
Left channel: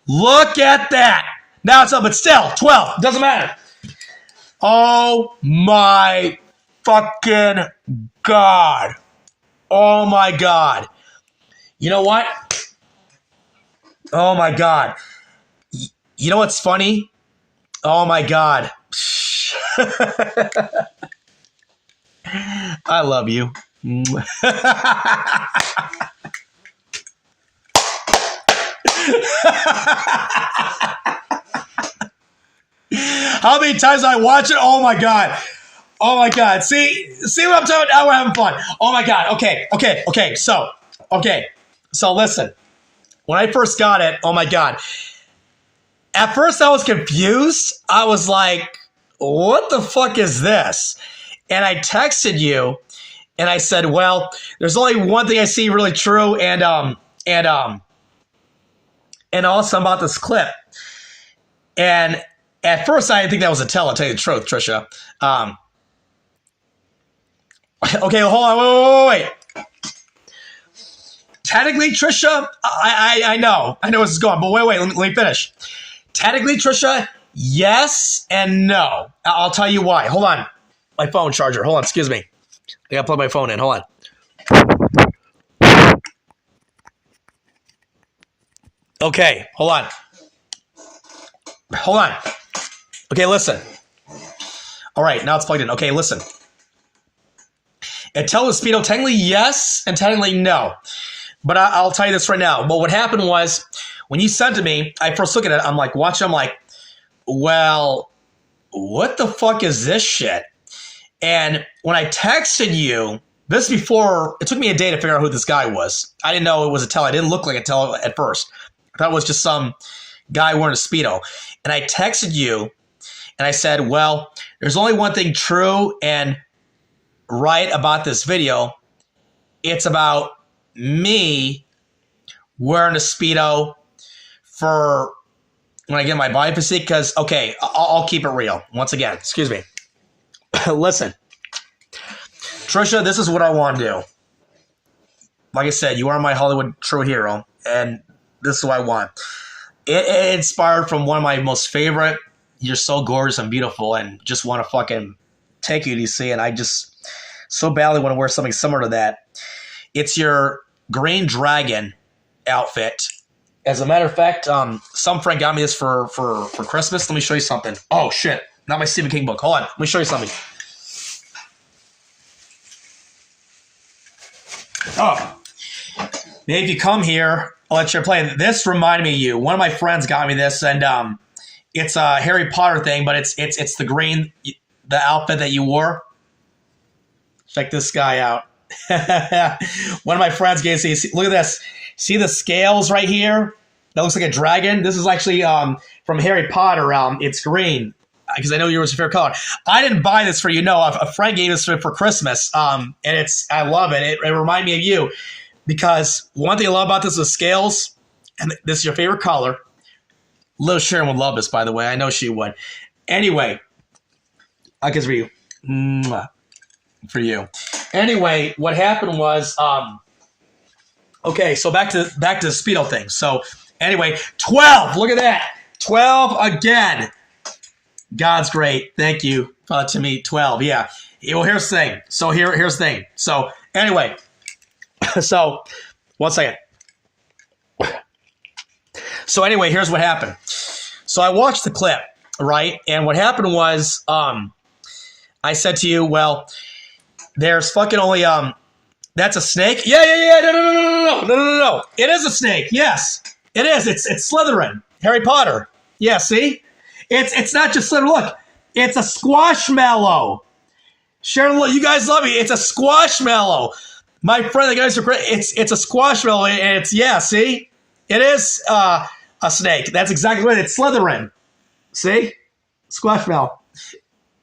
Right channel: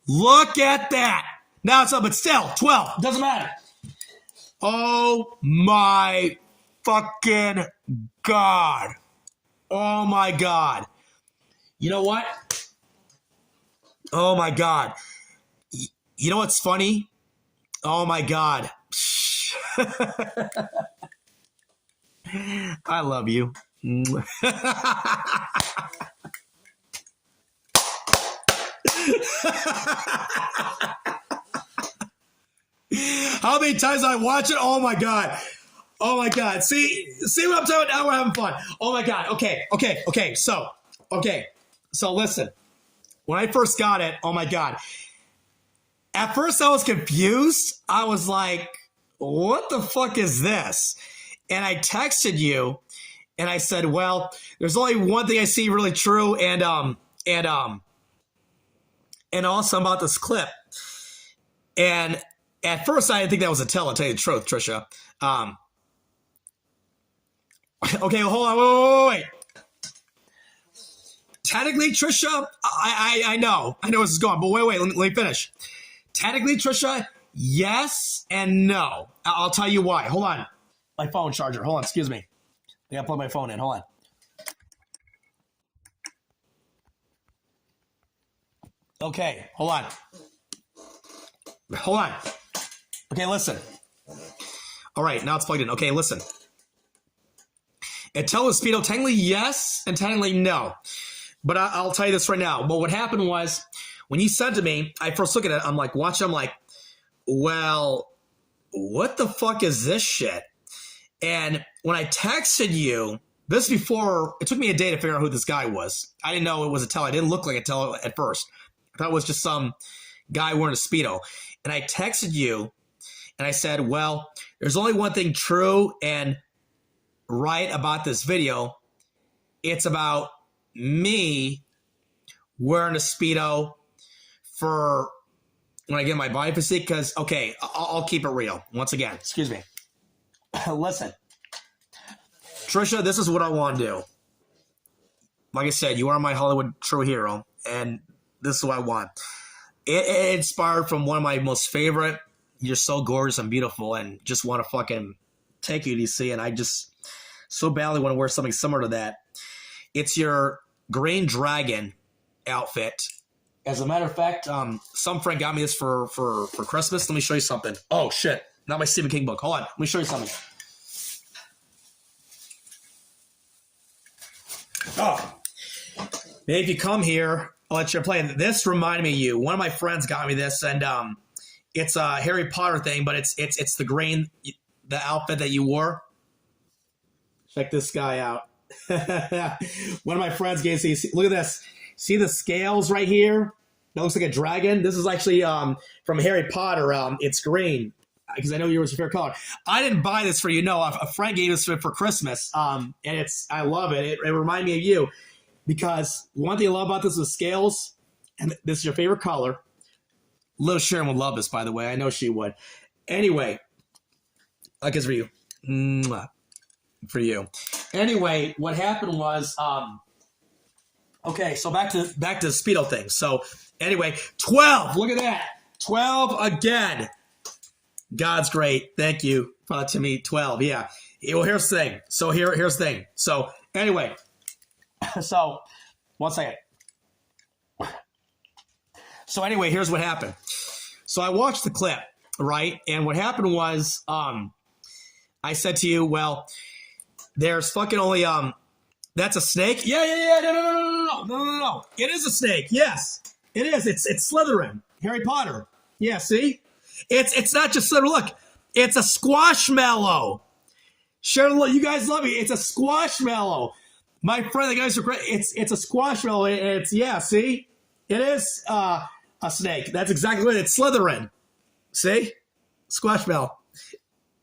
Look at that. Now it's up, but still, 12. Doesn't matter. Oh my fucking God. Oh my God. You know what? Oh my God. You know what's funny? Oh my God. I love you. How many times I watch it? Oh my God. Oh my God. See what I'm talking about? Now we're having fun. Oh my God. Okay. So listen. When I first got it, oh my God. At first I was confused. I was like, what the fuck is this? And I texted you and I said, well, there's only one thing I see really true and awesome about this clip. And at first I didn't think that was Attila, to tell you the truth, Trisha. Okay, hold on, wait. Technically, Trisha, I know where this is going, but wait, let me finish. Technically, Trisha, yes and no. I'll tell you why. Hold on. My phone charger. Hold on, excuse me. I gotta plug my phone in. Hold on. Okay, hold on. Okay, listen. All right, now it's plugged in. Okay, listen. Attila Speedo, technically yes and technically no. But I'll tell you this right now. But what happened was, when you sent to me, I first look at it, I'm like, watching, I'm like, well, what the fuck is this shit? And when I texted you, this before, it took me a day to figure out who this guy was. I didn't know it was Attila. It didn't look like Attila at first. I thought it was just some guy wearing a Speedo. And I texted you, and I said, well, there's only one thing true and right about this video. It's about me wearing a Speedo for when I get my body physique. Because, okay, I'll keep it real. Once again, excuse me. Listen, Trisha, this is what I want to do. Like I said, you are my Hollywood true hero, and this is what I want. It inspired from one of my most favorite. You're so gorgeous and beautiful, and just want to fucking take you to see. And I just so badly want to wear something similar to that. It's your green dragon outfit. As a matter of fact, some friend got me this for Christmas. Let me show you something. Oh, shit. Not my Stephen King book. Hold on. Let me show you something. Oh. Maybe if you come here, I'll let you play. This reminded me of you. One of my friends got me this, and it's a Harry Potter thing, but it's the green, the outfit that you wore. Check this guy out. One of my friends gave me. Look at this. See the scales right here? That looks like a dragon. This is actually from Harry Potter. It's green because I know yours is your favorite color. I didn't buy this for you. No, a friend gave this for Christmas, and I love it. It reminded me of you because one thing I love about this is the scales, and this is your favorite color. Little Sharon would love this, by the way. I know she would. Anyway, I guess for you. Mwah. For you. Anyway, what happened was, okay, so back to the Speedo thing. So anyway, 12. Look at that. 12 again. God's great. Thank you to me. 12. Yeah. Well, here's the thing. So here's the thing. So anyway, so one second. So anyway, here's what happened. So I watched the clip, right? And what happened was, I said to you, well, there's fucking only that's a snake? Yeah. No. It is a snake. Yes. It is. It's Slytherin. Harry Potter. Yeah, see? It's not just Slytherin. Look, it's a squashmallow. Sharon, look, you guys love me. It's a squashmallow. My friend, the guys are great. It's a squashmallow, and it's, yeah, see? It is a snake. That's exactly right. It's Slytherin. See? Squashmallow.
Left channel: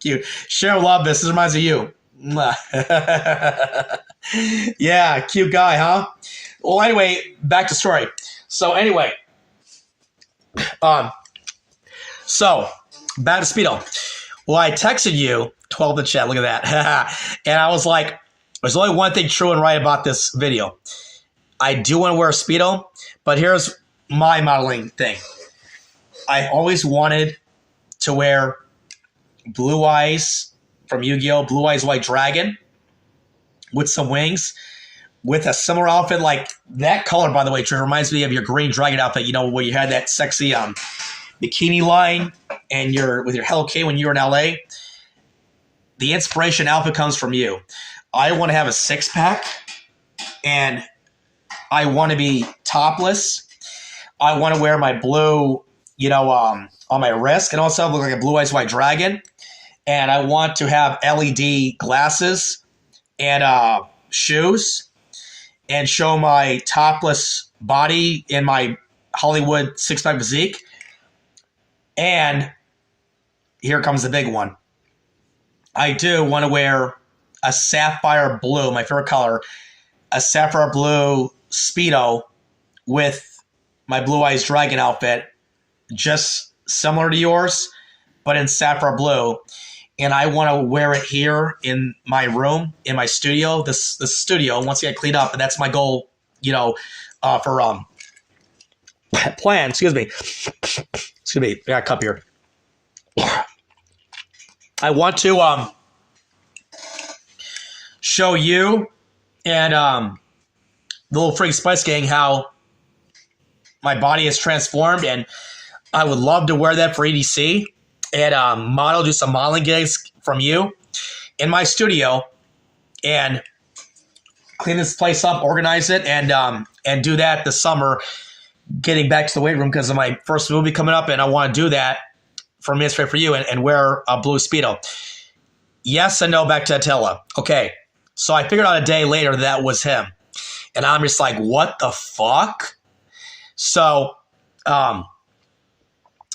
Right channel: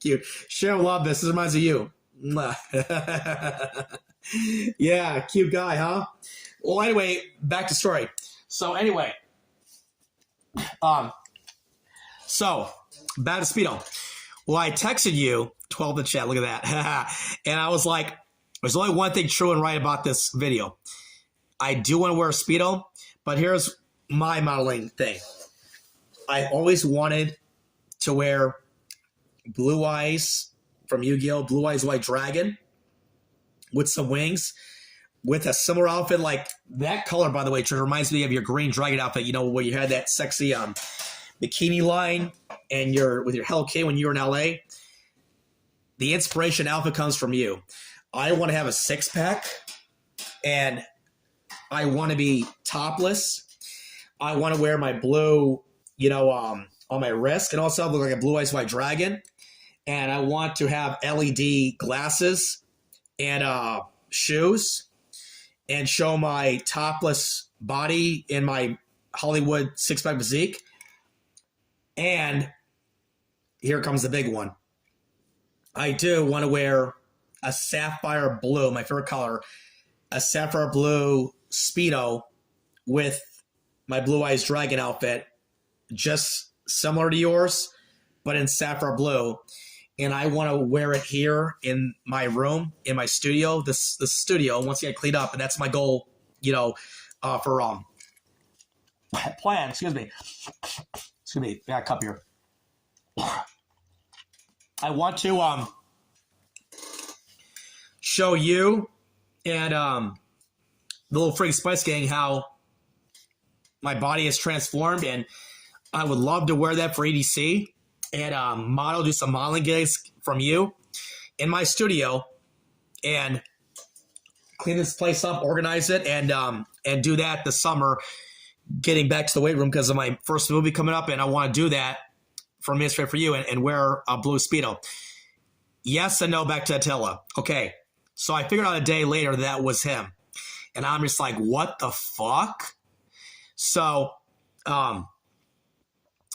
Cute. Sharon, love this. This reminds me of you. Yeah, cute guy, huh? Well, anyway, back to story. So anyway, so back to Speedo. Well, I texted you 12 in chat. Look at that. And I was like, there's only one thing true and right about this video. I do want to wear a Speedo, but here's my modeling thing. I always wanted to wear Blue Eyes from Yu-Gi-Oh! Blue Eyes White Dragon with some wings with a similar outfit like that color, by the way, which reminds me of your green dragon outfit, you know, where you had that sexy bikini line and with your Hello Kitty when you were in LA. The inspiration outfit comes from you. I want to have a six-pack and I want to be topless. I want to wear my blue, on my wrist and also look like a Blue Eyes White Dragon. And I want to have LED glasses and shoes and show my topless body in my Hollywood six-pack physique. And here comes the big one. I do want to wear a sapphire blue, my favorite color, a sapphire blue Speedo with my Blue Eyes Dragon outfit, just similar to yours, but in sapphire blue. And I want to wear it here in my room, in my studio, the studio, once I get cleaned up. And that's my goal, for plan. Excuse me. I got a cup here. I want to show you and the little Freak Spice Gang how my body is transformed. And I would love to wear that for EDC. And do some modeling gigs from you in my studio and clean this place up, organize it, and do that this summer, getting back to the weight room because of my first movie coming up, and I want to do that for me, straight for you, and wear a blue Speedo. Yes and no, back to Attila. Okay, so I figured out a day later that was him. And I'm just like, what the fuck? So,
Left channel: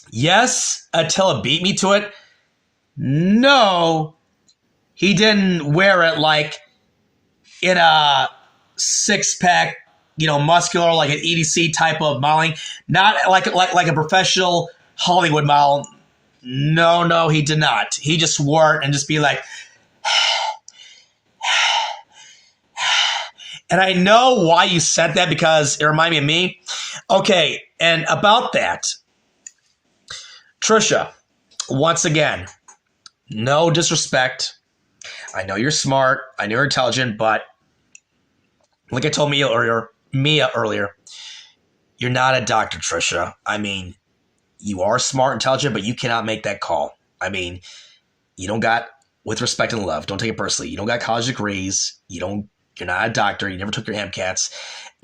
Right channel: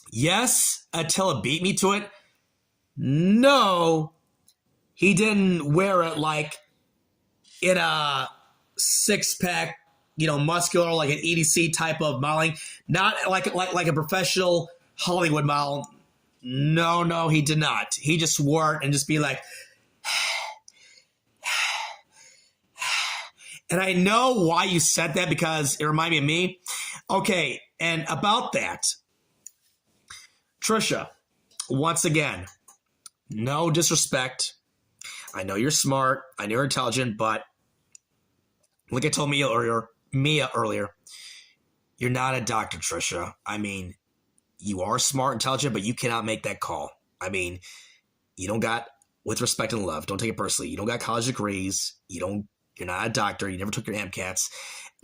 yes, Attila beat me to it. No, he didn't wear it like in a six-pack, muscular, like an EDC type of modeling. Not like a professional Hollywood model. No, he did not. He just wore it and just be like, and I know why you said that because it reminded me of me. Okay, and about that, Tricia, once again, no disrespect. I know you're smart. I know you're intelligent, but like I told Mia earlier, you're not a doctor, Tricia. I mean, you are smart, intelligent, but you cannot make that call. I mean, you don't got, with respect and love, don't take it personally. You don't got college degrees. You're not a doctor. You never took your MCATs.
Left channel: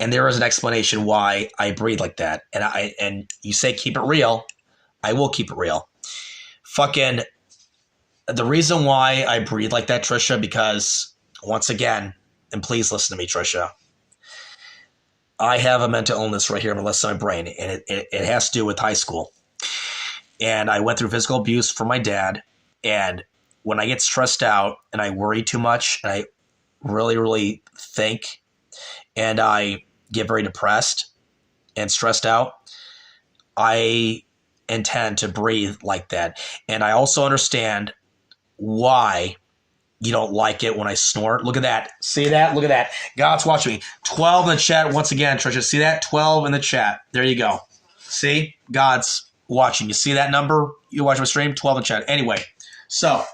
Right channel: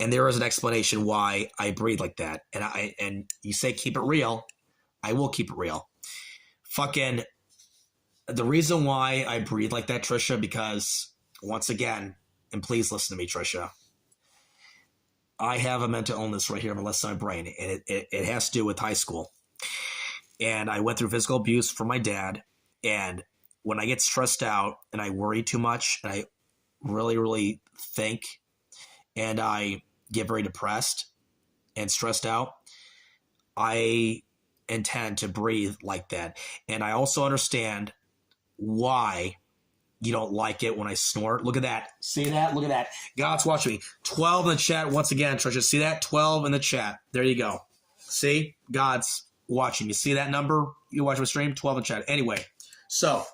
And there is an explanation why I breathe like that. And you say keep it real. I will keep it real. Fucking the reason why I breathe like that, Tricia, because once again, and please listen to me, Tricia, I have a mental illness right here on the left side of my brain, and it has to do with high school. And I went through physical abuse from my dad. And when I get stressed out and I worry too much and I really, really think and I get very depressed and stressed out, I intend to breathe like that. And I also understand why you don't like it when I snort. Look at that. See that? Look at that. God's watching me. 12 in the chat once again, Tricia. See that? 12 in the chat. There you go. See? God's watching. You see that number? You watch my stream? 12 in the chat. Anyway, so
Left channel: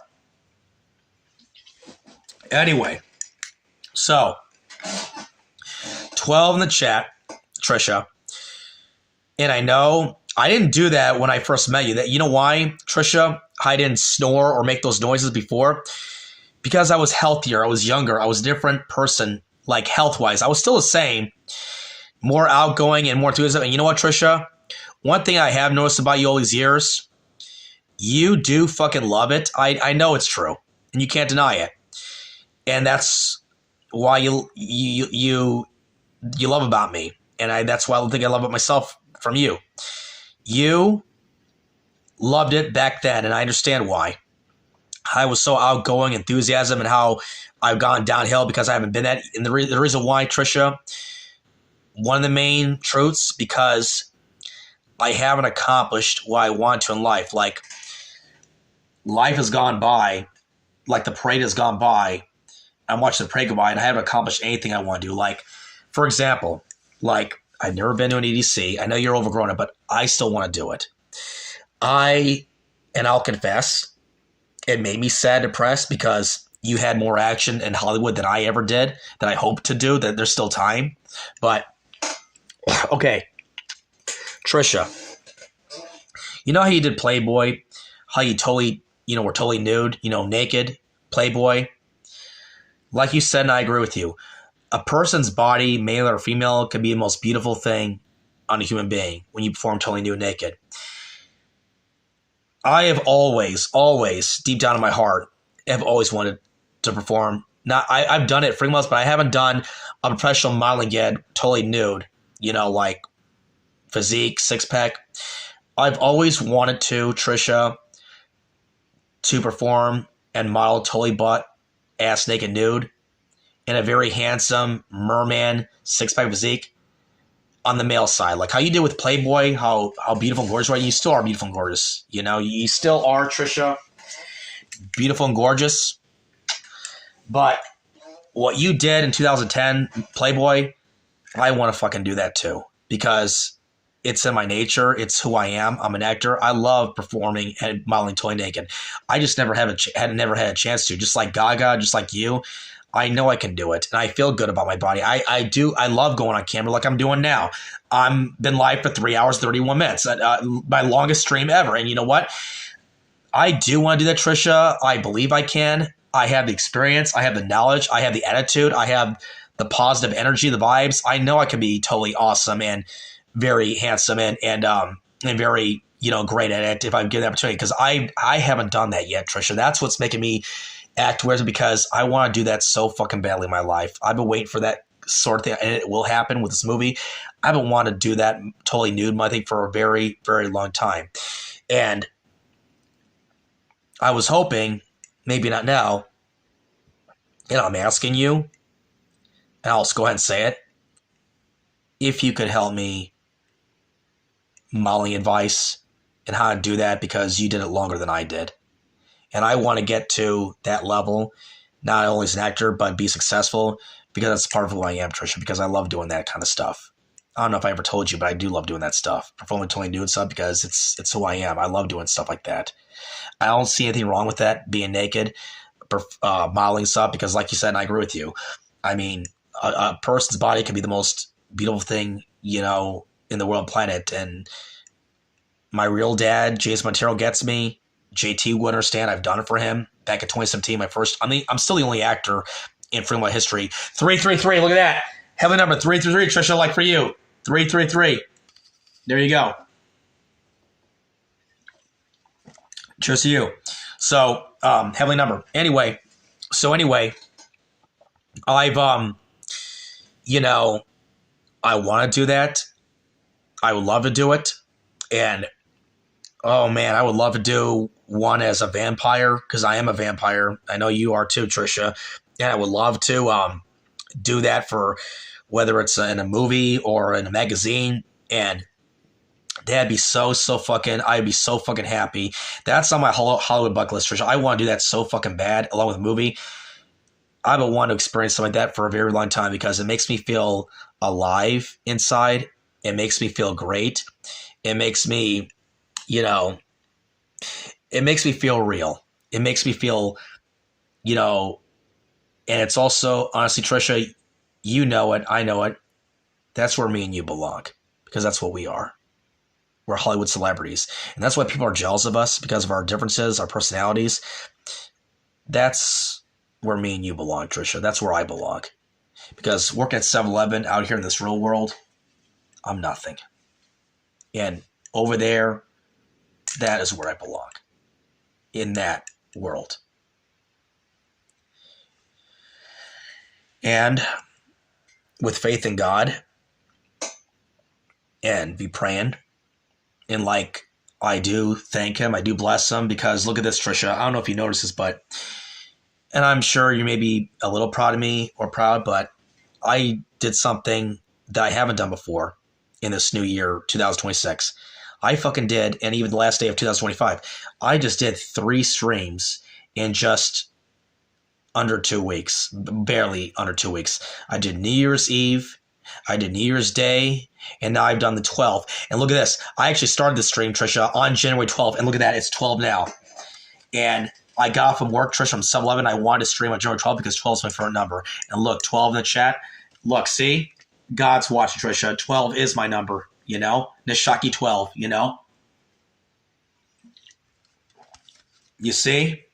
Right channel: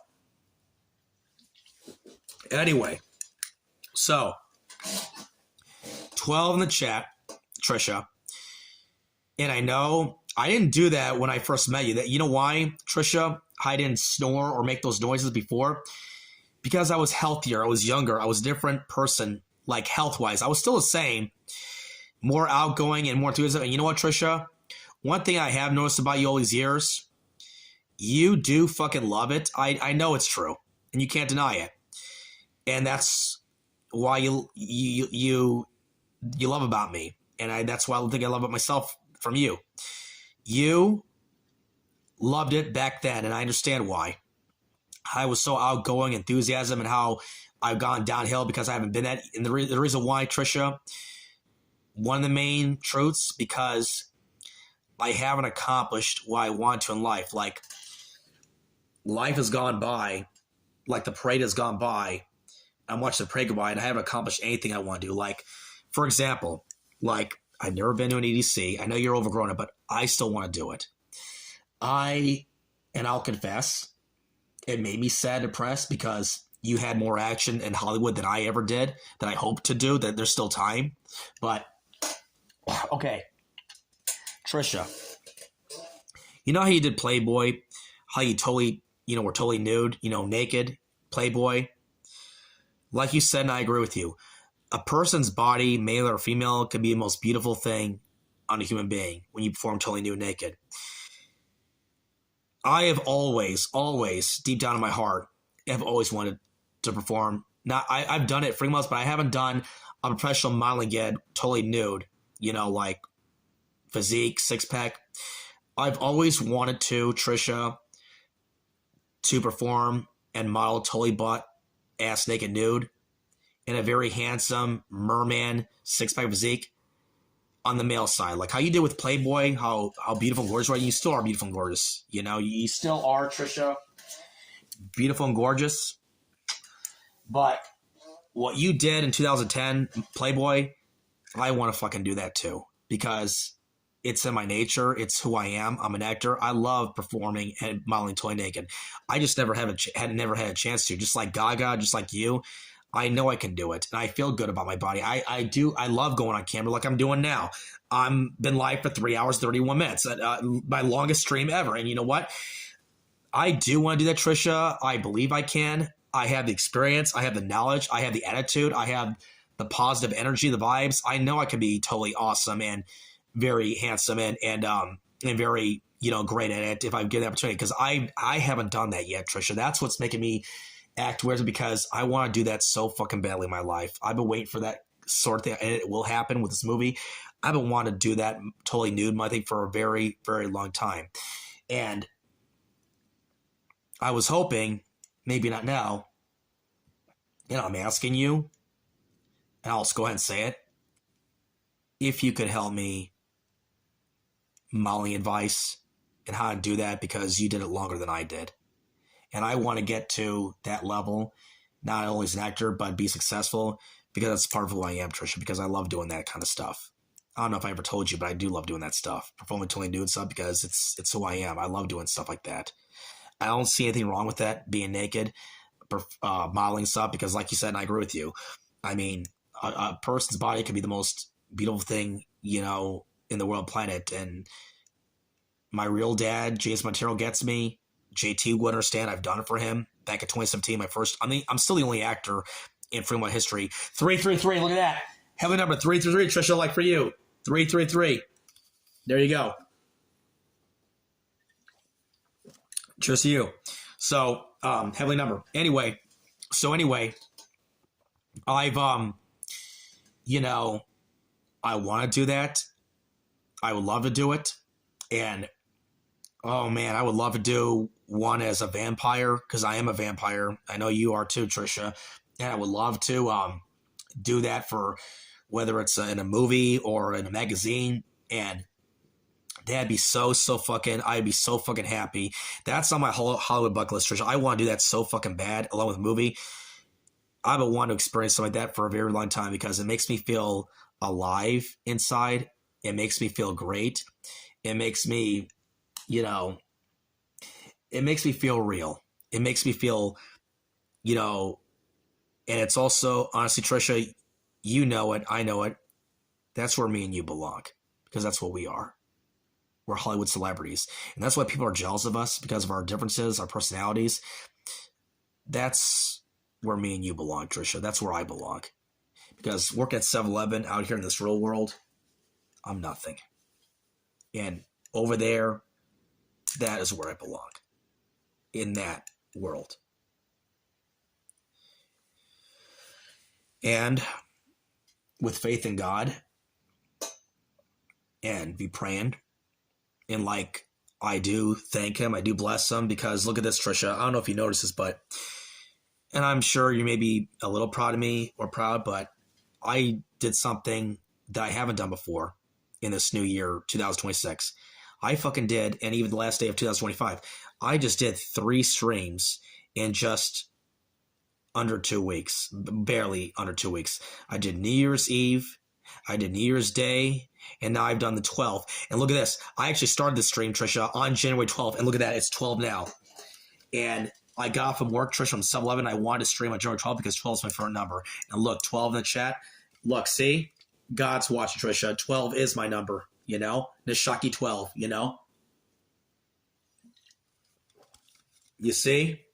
12 in the chat, Tricia. And I know I didn't do that when I first met you. That, you know why, Tricia? I didn't snore or make those noises before? Because I was healthier. I was younger. I was a different person, like health-wise. I was still the same, more outgoing and more enthusiastic. And you know what, Tricia? One thing I have noticed about you all these years, you do fucking love it. I know it's true, and you can't deny it. And that's why you love about me. And that's why I think I love it myself from you. You loved it back then, and I understand why. I was so outgoing, enthusiasm, and how I've gone downhill because I haven't been that. And the reason why, Tricia, one of the main truths, because I haven't accomplished what I want to in life. Like, life has gone by, like the parade has gone by. I'm watching the parade go by, and I haven't accomplished anything I want to do. Like, for example, like, I've never been to an EDC. I know you're overgrown it, but I still want to do it. And I'll confess, it made me sad, depressed, because you had more action in Hollywood than I ever did, that I hope to do, that there's still time. But, okay, Tricia, you know how you did Playboy? How you totally, were totally nude, naked, Playboy? Like you said, and I agree with you, a person's body, male or female, could be the most beautiful thing on a human being when you perform totally nude, naked. I have always, deep down in my heart, have always wanted to perform. I've done it frequently, but I haven't done a professional modeling yet, totally nude, like physique, six-pack. I've always wanted to, Tricia, to perform and model totally butt, ass naked nude in a very handsome merman, six-pack physique on the male side. Like how you did with Playboy, how beautiful and gorgeous, right? You still are beautiful and gorgeous. You still are, Tricia, beautiful and gorgeous. But what you did in 2010, Playboy, I want to fucking do that too, because it's in my nature. It's who I am. I'm an actor. I love performing and modeling totally naked. I just never had a chance to. Just like Gaga, just like you, I know I can do it, and I feel good about my body. I do. I love going on camera like I'm doing now. I'm been live for 3 hours, 31 minutes, my longest stream ever. And you know what? I do want to do that, Tricia. I believe I can. I have the experience. I have the knowledge. I have the attitude. I have the positive energy, the vibes. I know I can be totally awesome and very handsome and very great at it if I give the opportunity. Because I haven't done that yet, Tricia. That's what's making me act weird, because I want to do that so fucking badly in my life. I've been waiting for that sort of thing, and it will happen with this movie. I've been wanting to do that totally nude, I think, for a very, very long time. And I was hoping, maybe not now, I'm asking you, and I'll just go ahead and say it, if you could help me modeling advice and how to do that, because you did it longer than I did. And I want to get to that level, not only as an actor, but be successful, because that's part of who I am, Tricia, because I love doing that kind of stuff. I don't know if I ever told you, but I do love doing that stuff. Performing totally nude stuff, because it's who I am. I love doing stuff like that. I don't see anything wrong with that, being naked. modeling stuff because, like you said, and I agree with you. I mean, a person's body can be the most beautiful thing, you know, in the world planet. And my real dad, James Montero, gets me. JT will understand. I've done it for him back in 2017. I'm still the only actor in Freedom of History. 333. Look at that. Heavenly number 333. Trisha, like for you. 333. There you go. Cheers to you. So, heavenly number. Anyway, I've, you know, I want to do that. I would love to do it. And, oh man, I would love to do one as a vampire because I am a vampire. I know you are too, Trisha. And I would love to do that for whether it's in a movie or in a magazine. And I'd be so fucking happy. That's on my Hollywood bucket list, Trisha. I want to do that so fucking bad, along with a movie. I would want to experience something like that for a very long time because it makes me feel alive inside. It makes me feel great. It makes me, you know, it makes me feel real. It makes me feel, you know, and it's also, honestly, Trisha, you know it, I know it. That's where me and you belong because that's what we are. We're Hollywood celebrities. And that's why people are jealous of us because of our differences, our personalities. That's where me and you belong, Trisha. That's where I belong. Because working at 7-Eleven out here in this real world, I'm nothing. And over there, that is where I belong. In that world. And with faith in God and be praying. And like I do thank him, I do bless him because look at this, Trisha. I don't know if you noticed this, but, and I'm sure you may be a little proud of me or proud, but I did something that I haven't done before in this new year, 2026. I fucking did, and even the last day of 2025, I just did 3 streams in just under 2 weeks, barely under 2 weeks. I did New Year's Eve, I did New Year's Day, and now I've done the 12th. And look at this. I actually started the stream, Trisha, on January 12th, and look at that. It's 12 now. And I got off from work, Trisha, from 7-Eleven. I wanted to stream on January 12th because 12 is my favorite number. And look, 12 in the chat. Look, see? God's watching, Trisha. 12 is my number, you know? Nishaki 12, you know? You see?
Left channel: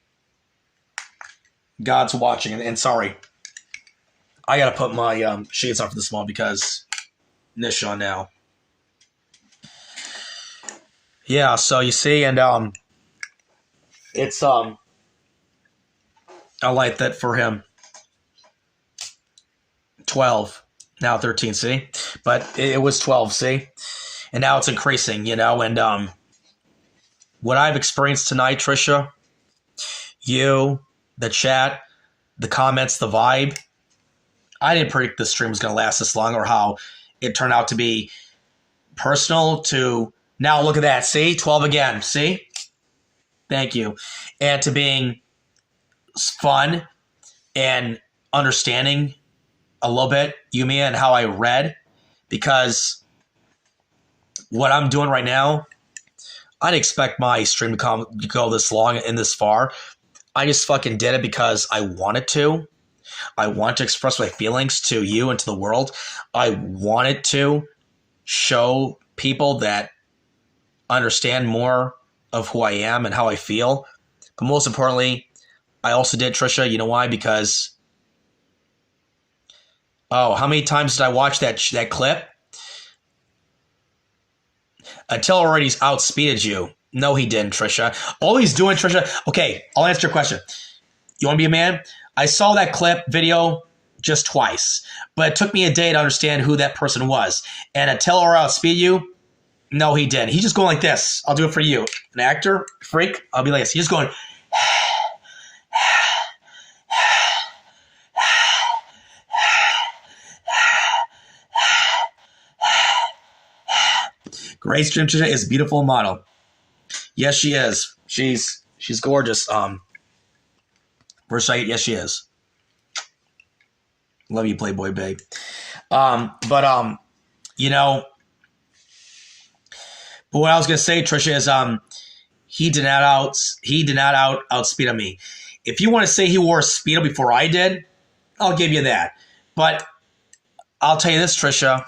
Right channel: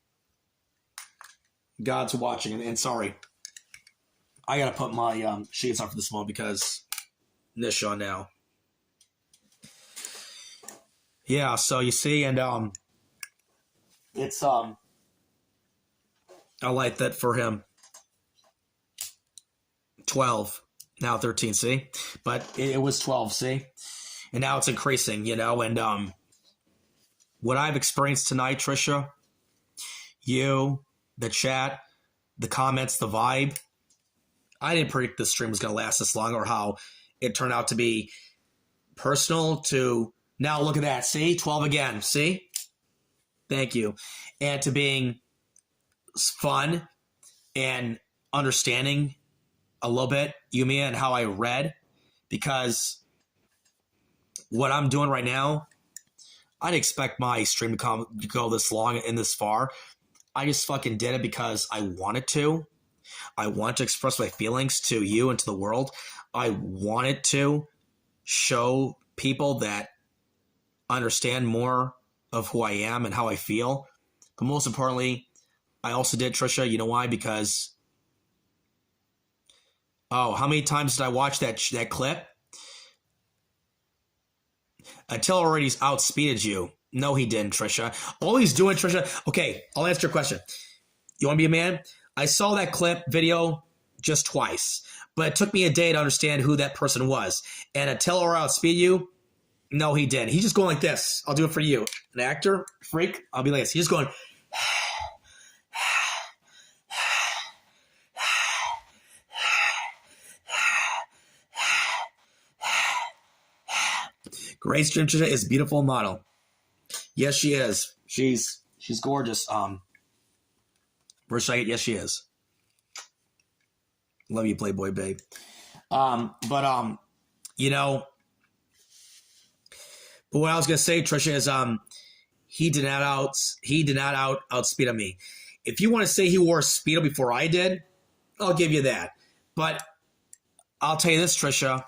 God's watching. And sorry, I got to put my shades on for this one because Nishan now. Yeah, so you see, and it's I like that for him. 12, now 13, see? But it was 12, see? And now it's increasing, you know, and what I've experienced tonight, Trisha, you, the chat, the comments, the vibe, I didn't predict this stream was going to last this long or how it turned out to be personal to now look at that. See, 12 again. See, thank you. And to being fun and understanding a little bit, Yumi, and how I read, because what I'm doing right now, I didn't expect my stream to go this long and this far. I just fucking did it because I wanted to. I want to express my feelings to you and to the world. I wanted to show people that understand more of who I am and how I feel. But most importantly, I also did, Trisha, you know why? Because, how many times did I watch that clip? Attila already outspeeded you. No, he didn't, Trisha. All he's doing, Trisha, okay, I'll answer your question. You want to be a man? I saw that clip video just twice, but it took me a day to understand who that person was. And Attila outspeed you? No, he didn't. He's just going like this. I'll do it for you. An actor, freak, I'll be like this. He's just going. Grace Trinchia is a beautiful model. Yes, she is. She's gorgeous. Versailles, yes, she is. Love you, Playboy babe. You know, but what I was gonna say, Trisha, is he did not outspeed on me. if you want to say he wore a Speedo before I did, I'll give you that. But I'll tell you this, Trisha.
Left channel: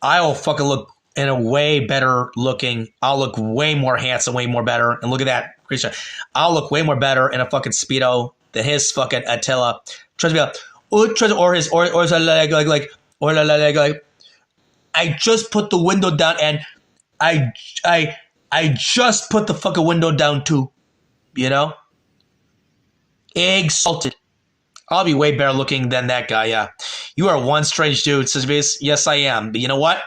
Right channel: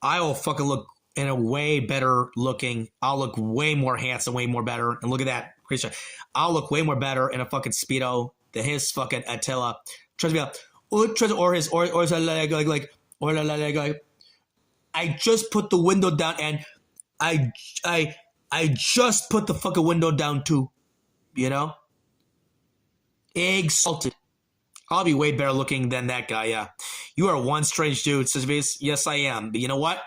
I will fucking look in a way better looking. I'll look way more handsome, way more better. And look at that, Trisha. I'll look way more better in a fucking Speedo than his fucking Attila. Trust me, or his like. I just put the window down, and I just put the fucking window down too. You know, exalted. I'll be way better looking than that guy. Yeah, you are one strange dude, says yes, I am. But you know what?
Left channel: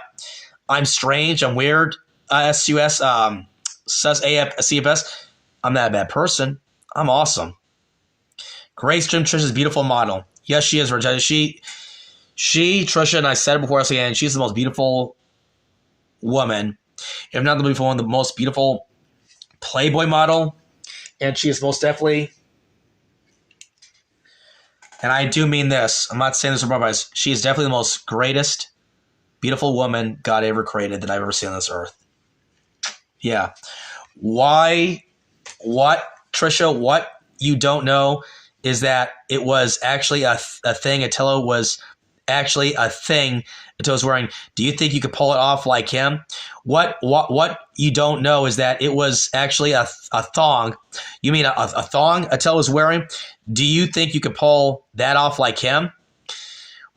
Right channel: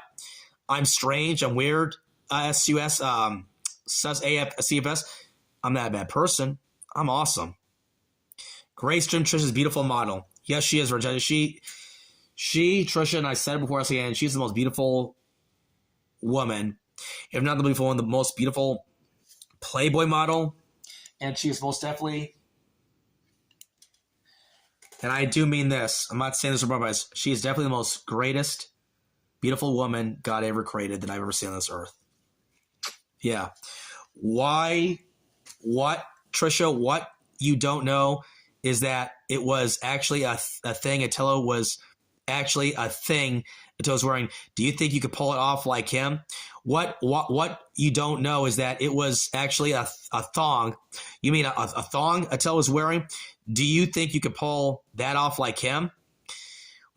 I'm strange. I'm weird. SUS says CFS. I'm not a bad person. I'm awesome. Grace Jim Trisha's beautiful model. Yes, she is. She Trisha, and I said it before, I say, and she's the most beautiful woman, if not the beautiful one, the most beautiful Playboy model, and she is most definitely. And I do mean this. I'm not saying this for purpose. She is definitely the most greatest, beautiful woman God ever created that I've ever seen on this earth. Yeah. Why? What, Trisha? What you don't know is that it was actually a thing. Attila was actually a thing Attila was wearing. Do you think you could pull it off like him? What you don't know is that it was actually a thong. You mean a thong Attila was wearing? Do you think you could pull that off like him?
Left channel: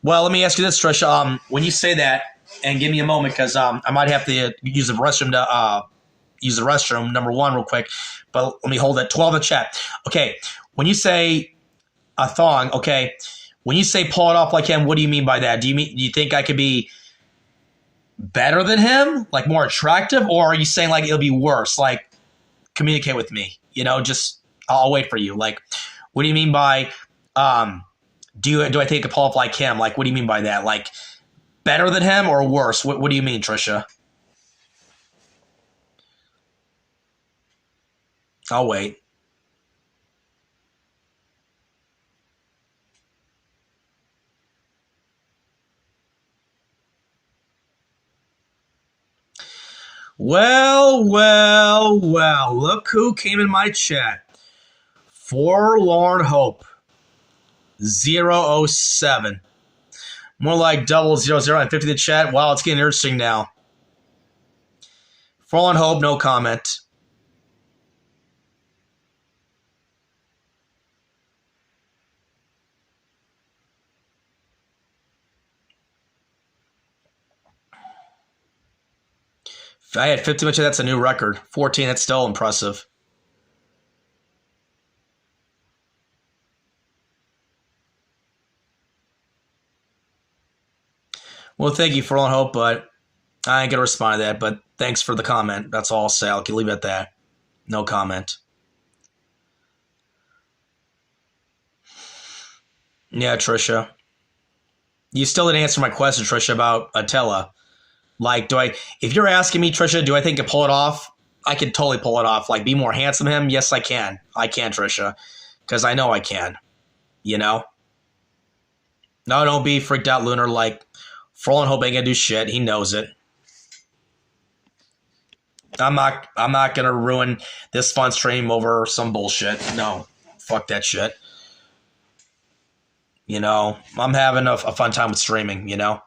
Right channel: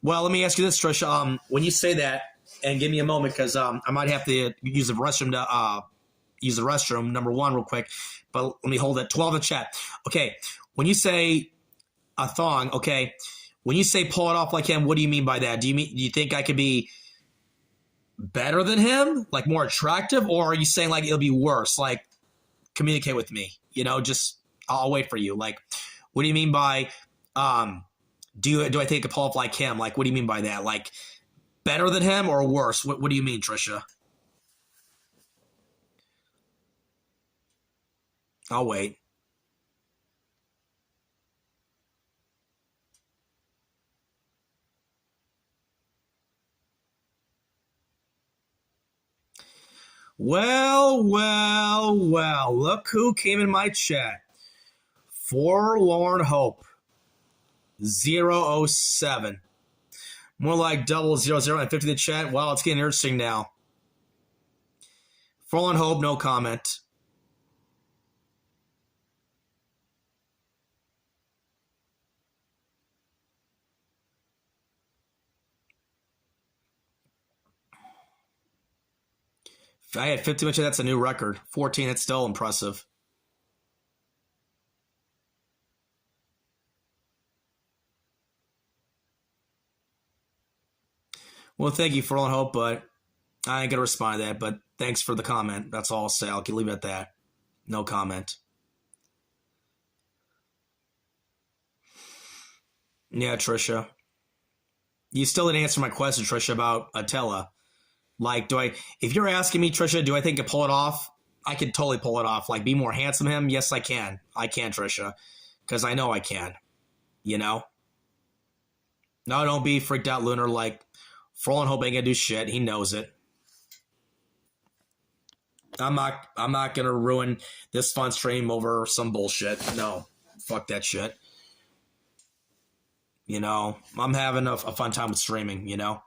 Well, let me ask you this, Trisha. When you say that, and give me a moment, because I might have to use the restroom to use the restroom, number one, real quick. But let me hold that 12 in the chat. Okay, when you say a thong, okay, when you say pull it off like him, what do you mean by that? Do you think I could be better than him, like more attractive, or are you saying like it'll be worse? Like, communicate with me. You know, just I'll wait for you. Like, what do you mean by do I think I could pull off like him? Like, what do you mean by that? Like, better than him or worse? What do you mean, Trisha? I'll wait. Well, look who came in my chat. Forlorn Hope 007. More like 000 and 50 in the chat. Wow, it's getting interesting now. Forlorn Hope, no comment. I had 50 much of that's a new record. 14, that's still impressive. Well, thank you for all hope, but I ain't gonna respond to that. But thanks for the comment. That's all I'll say. I'll leave it at that. No comment. Yeah, Trisha. You still didn't answer my question, Trisha, about Attila. Like, if you're asking me, Trisha, do I think I can pull it off? I can totally pull it off. Like, be more handsome than him? Yes, I can. I can, Trisha. Because I know I can. You know? No, don't be freaked out, Lunar. Like, Forlorn Hope ain't gonna do shit. He knows it. I'm not gonna ruin this fun stream over some bullshit. No. Fuck that shit. You know? I'm having a fun time with streaming, you know?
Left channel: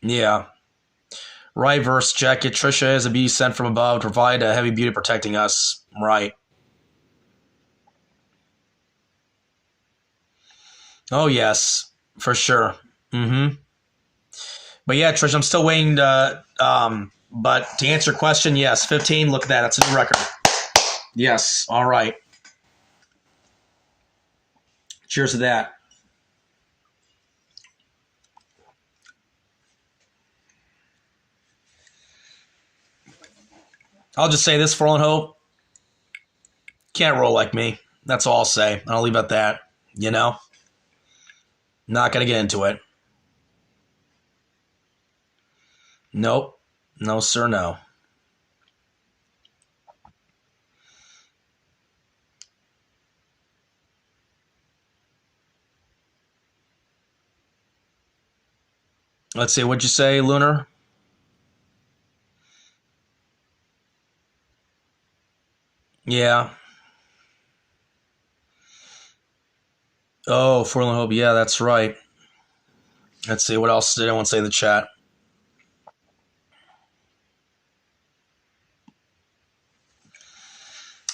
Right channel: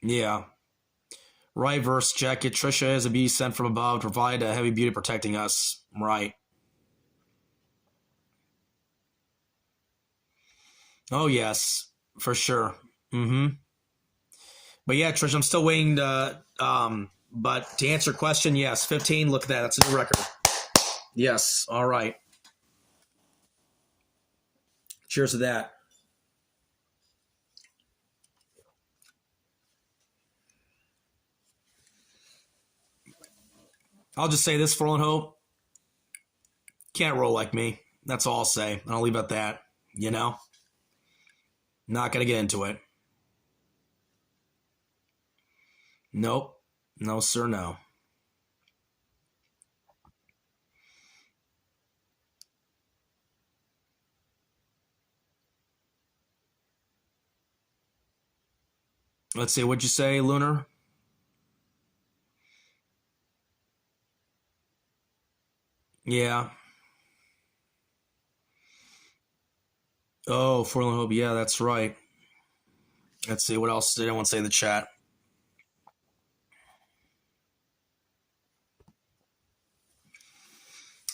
Yeah. Right, verse jacket. Trisha is a beauty sent from above to provide a heavy beauty protecting us. Right. Oh, yes. For sure. Mm-hmm. But yeah, Trisha, I'm still waiting to, but to answer your question, yes, 15, look at that. That's a new record. Yes. All right. Cheers to that. I'll just say this, Forlorn Hope. Can't roll like me. That's all I'll say. I'll leave it at that. You know? Not going to get into it. Nope. No, sir, no. Let's see. What'd you say, Lunar? Yeah. Oh, Forlorn Hope. Yeah, that's right. Let's see. What else did anyone say in the chat?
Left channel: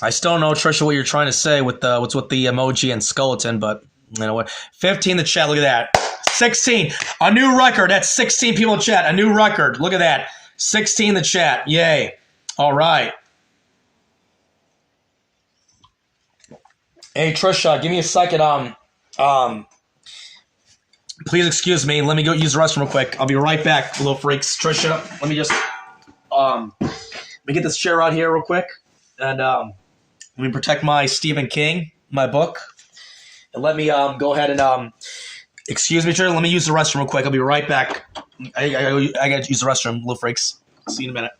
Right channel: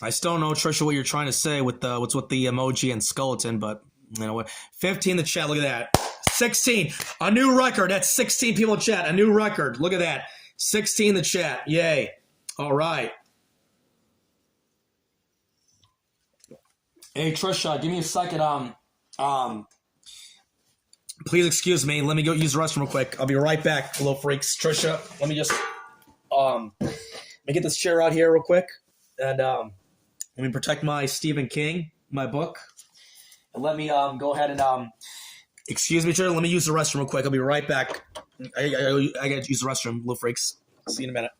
I still don't know, Trisha, what you're trying to say with the what's with the emoji and skeleton, but you know what? 15 in the chat. Look at that. 16. A new record. That's 16 people in chat. A new record. Look at that. 16 in the chat. Yay. All right. Hey, Trisha, give me a second. Please excuse me. Let me go use the restroom real quick. I'll be right back, little freaks. Trisha, let me just let me get this chair out here real quick, and let me protect my Stephen King, my book, and let me go ahead and excuse me, Trisha. Let me use the restroom real quick. I'll be right back. I gotta use the restroom, little freaks. See you in a minute.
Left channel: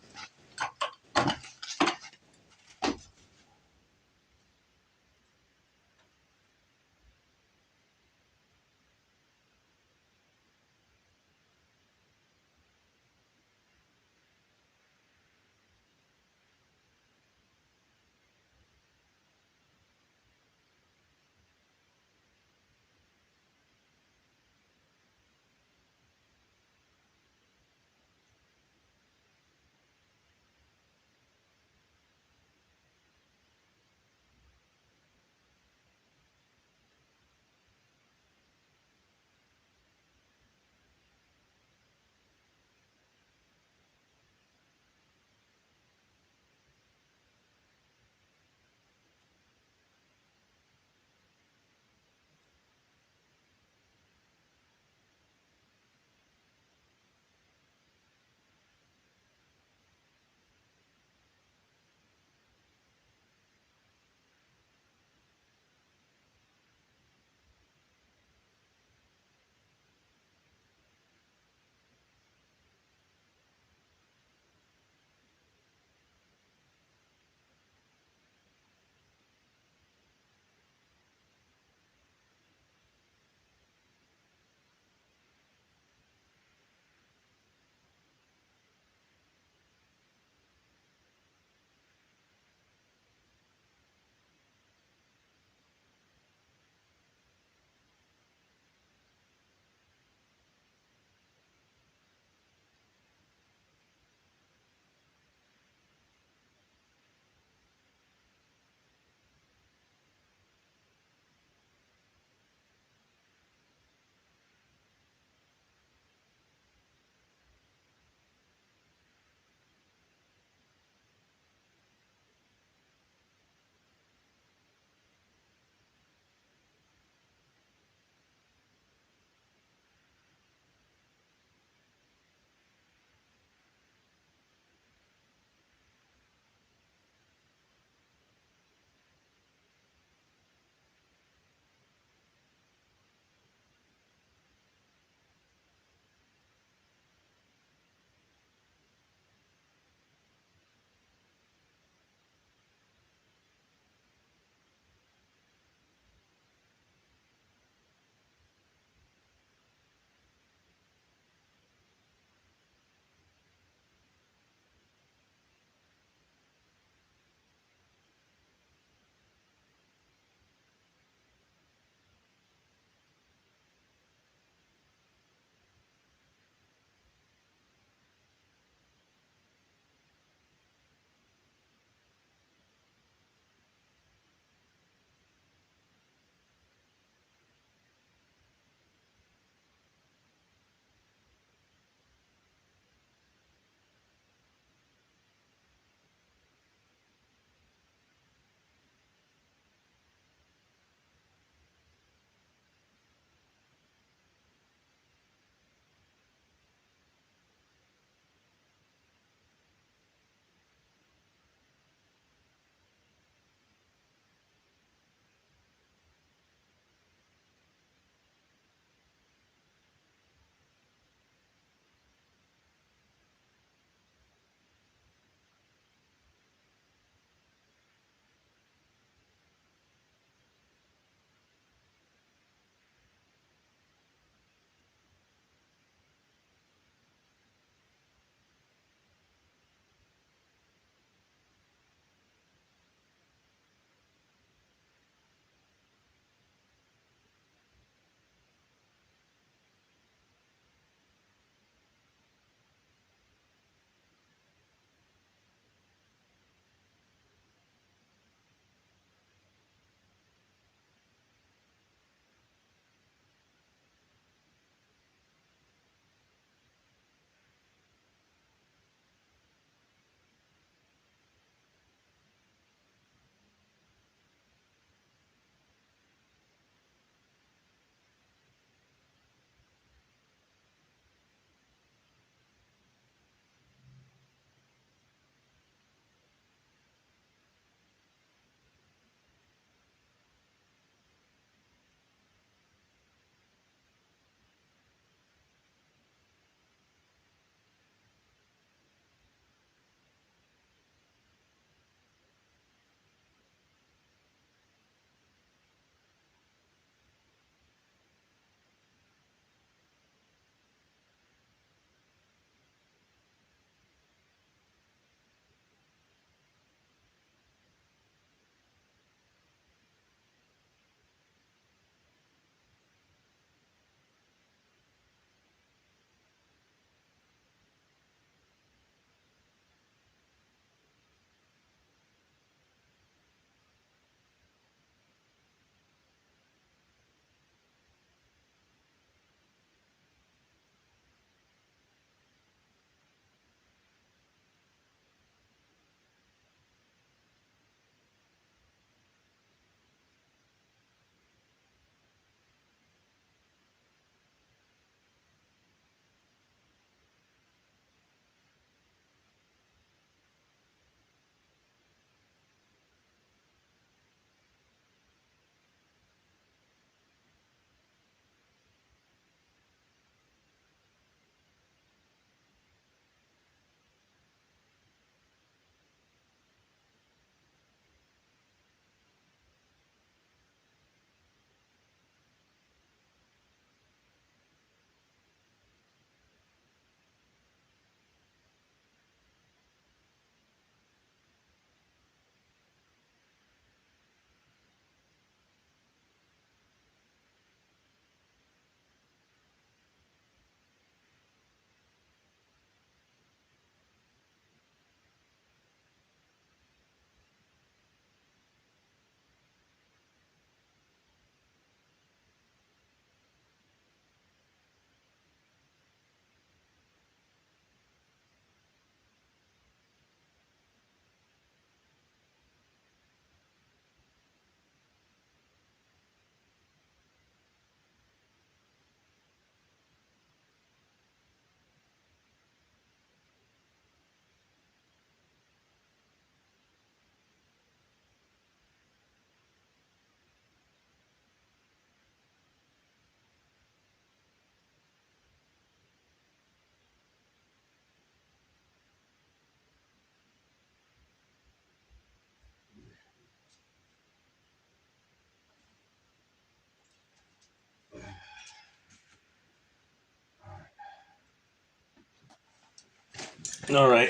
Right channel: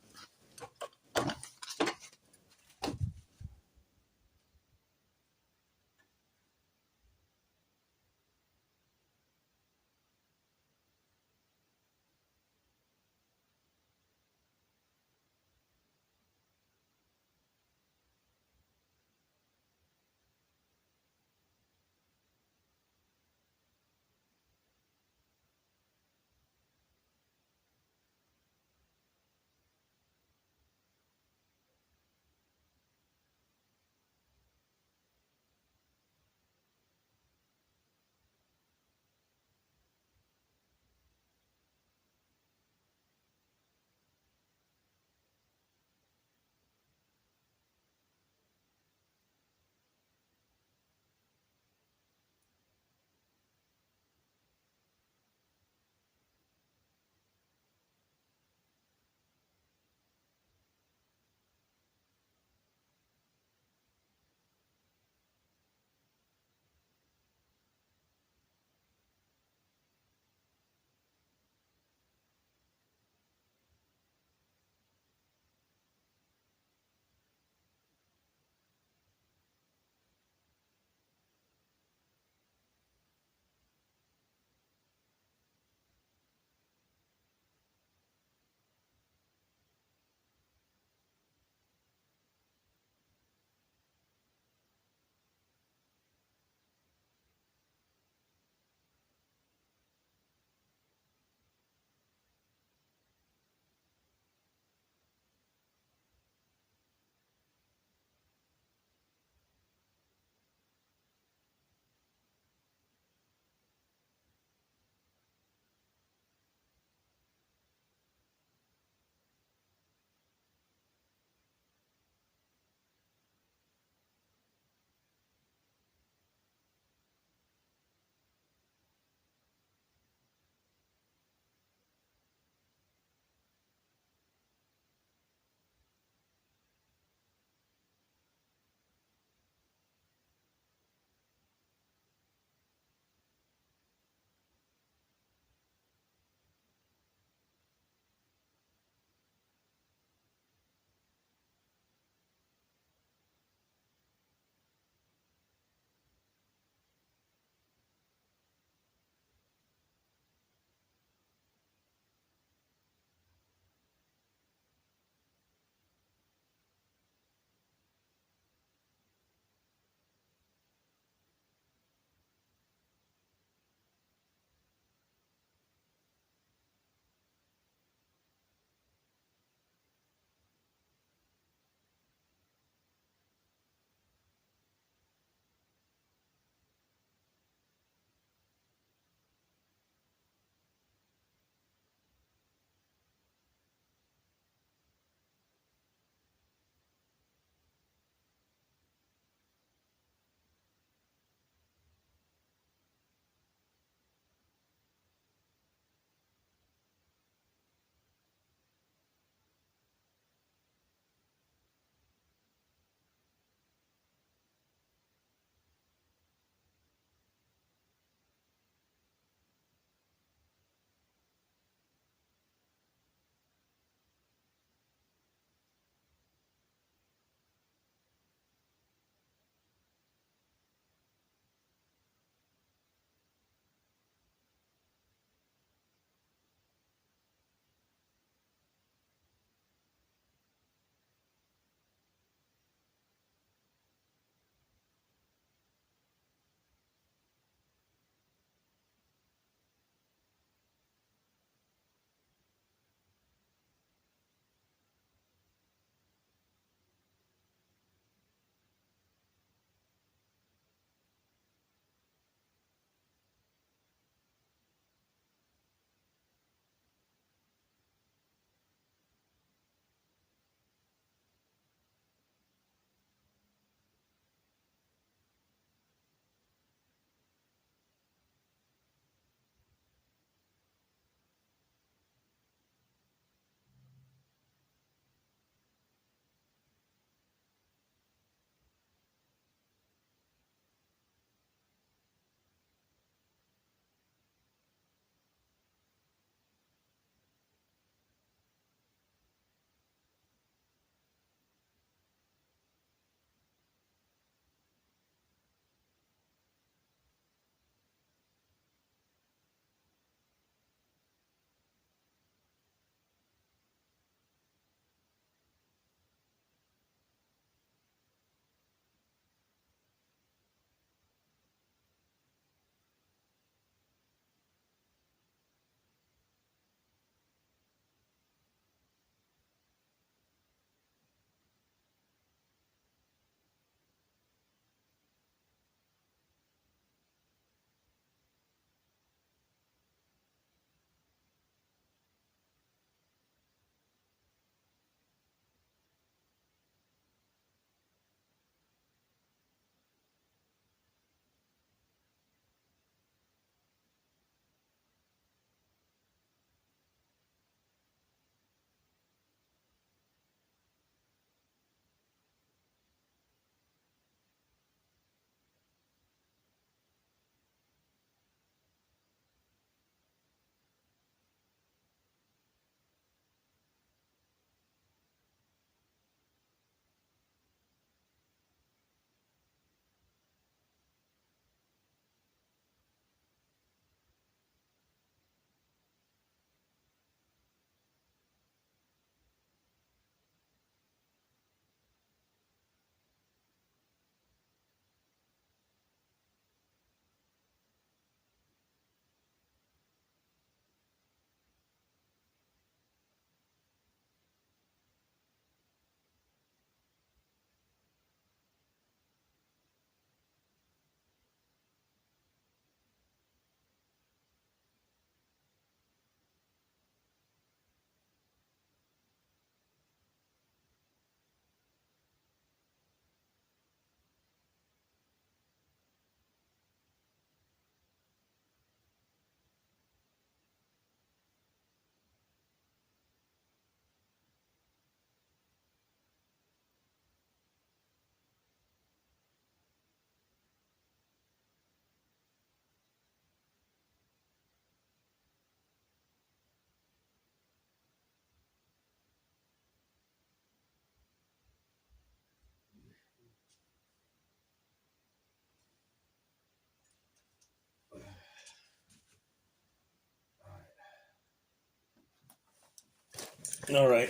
All right.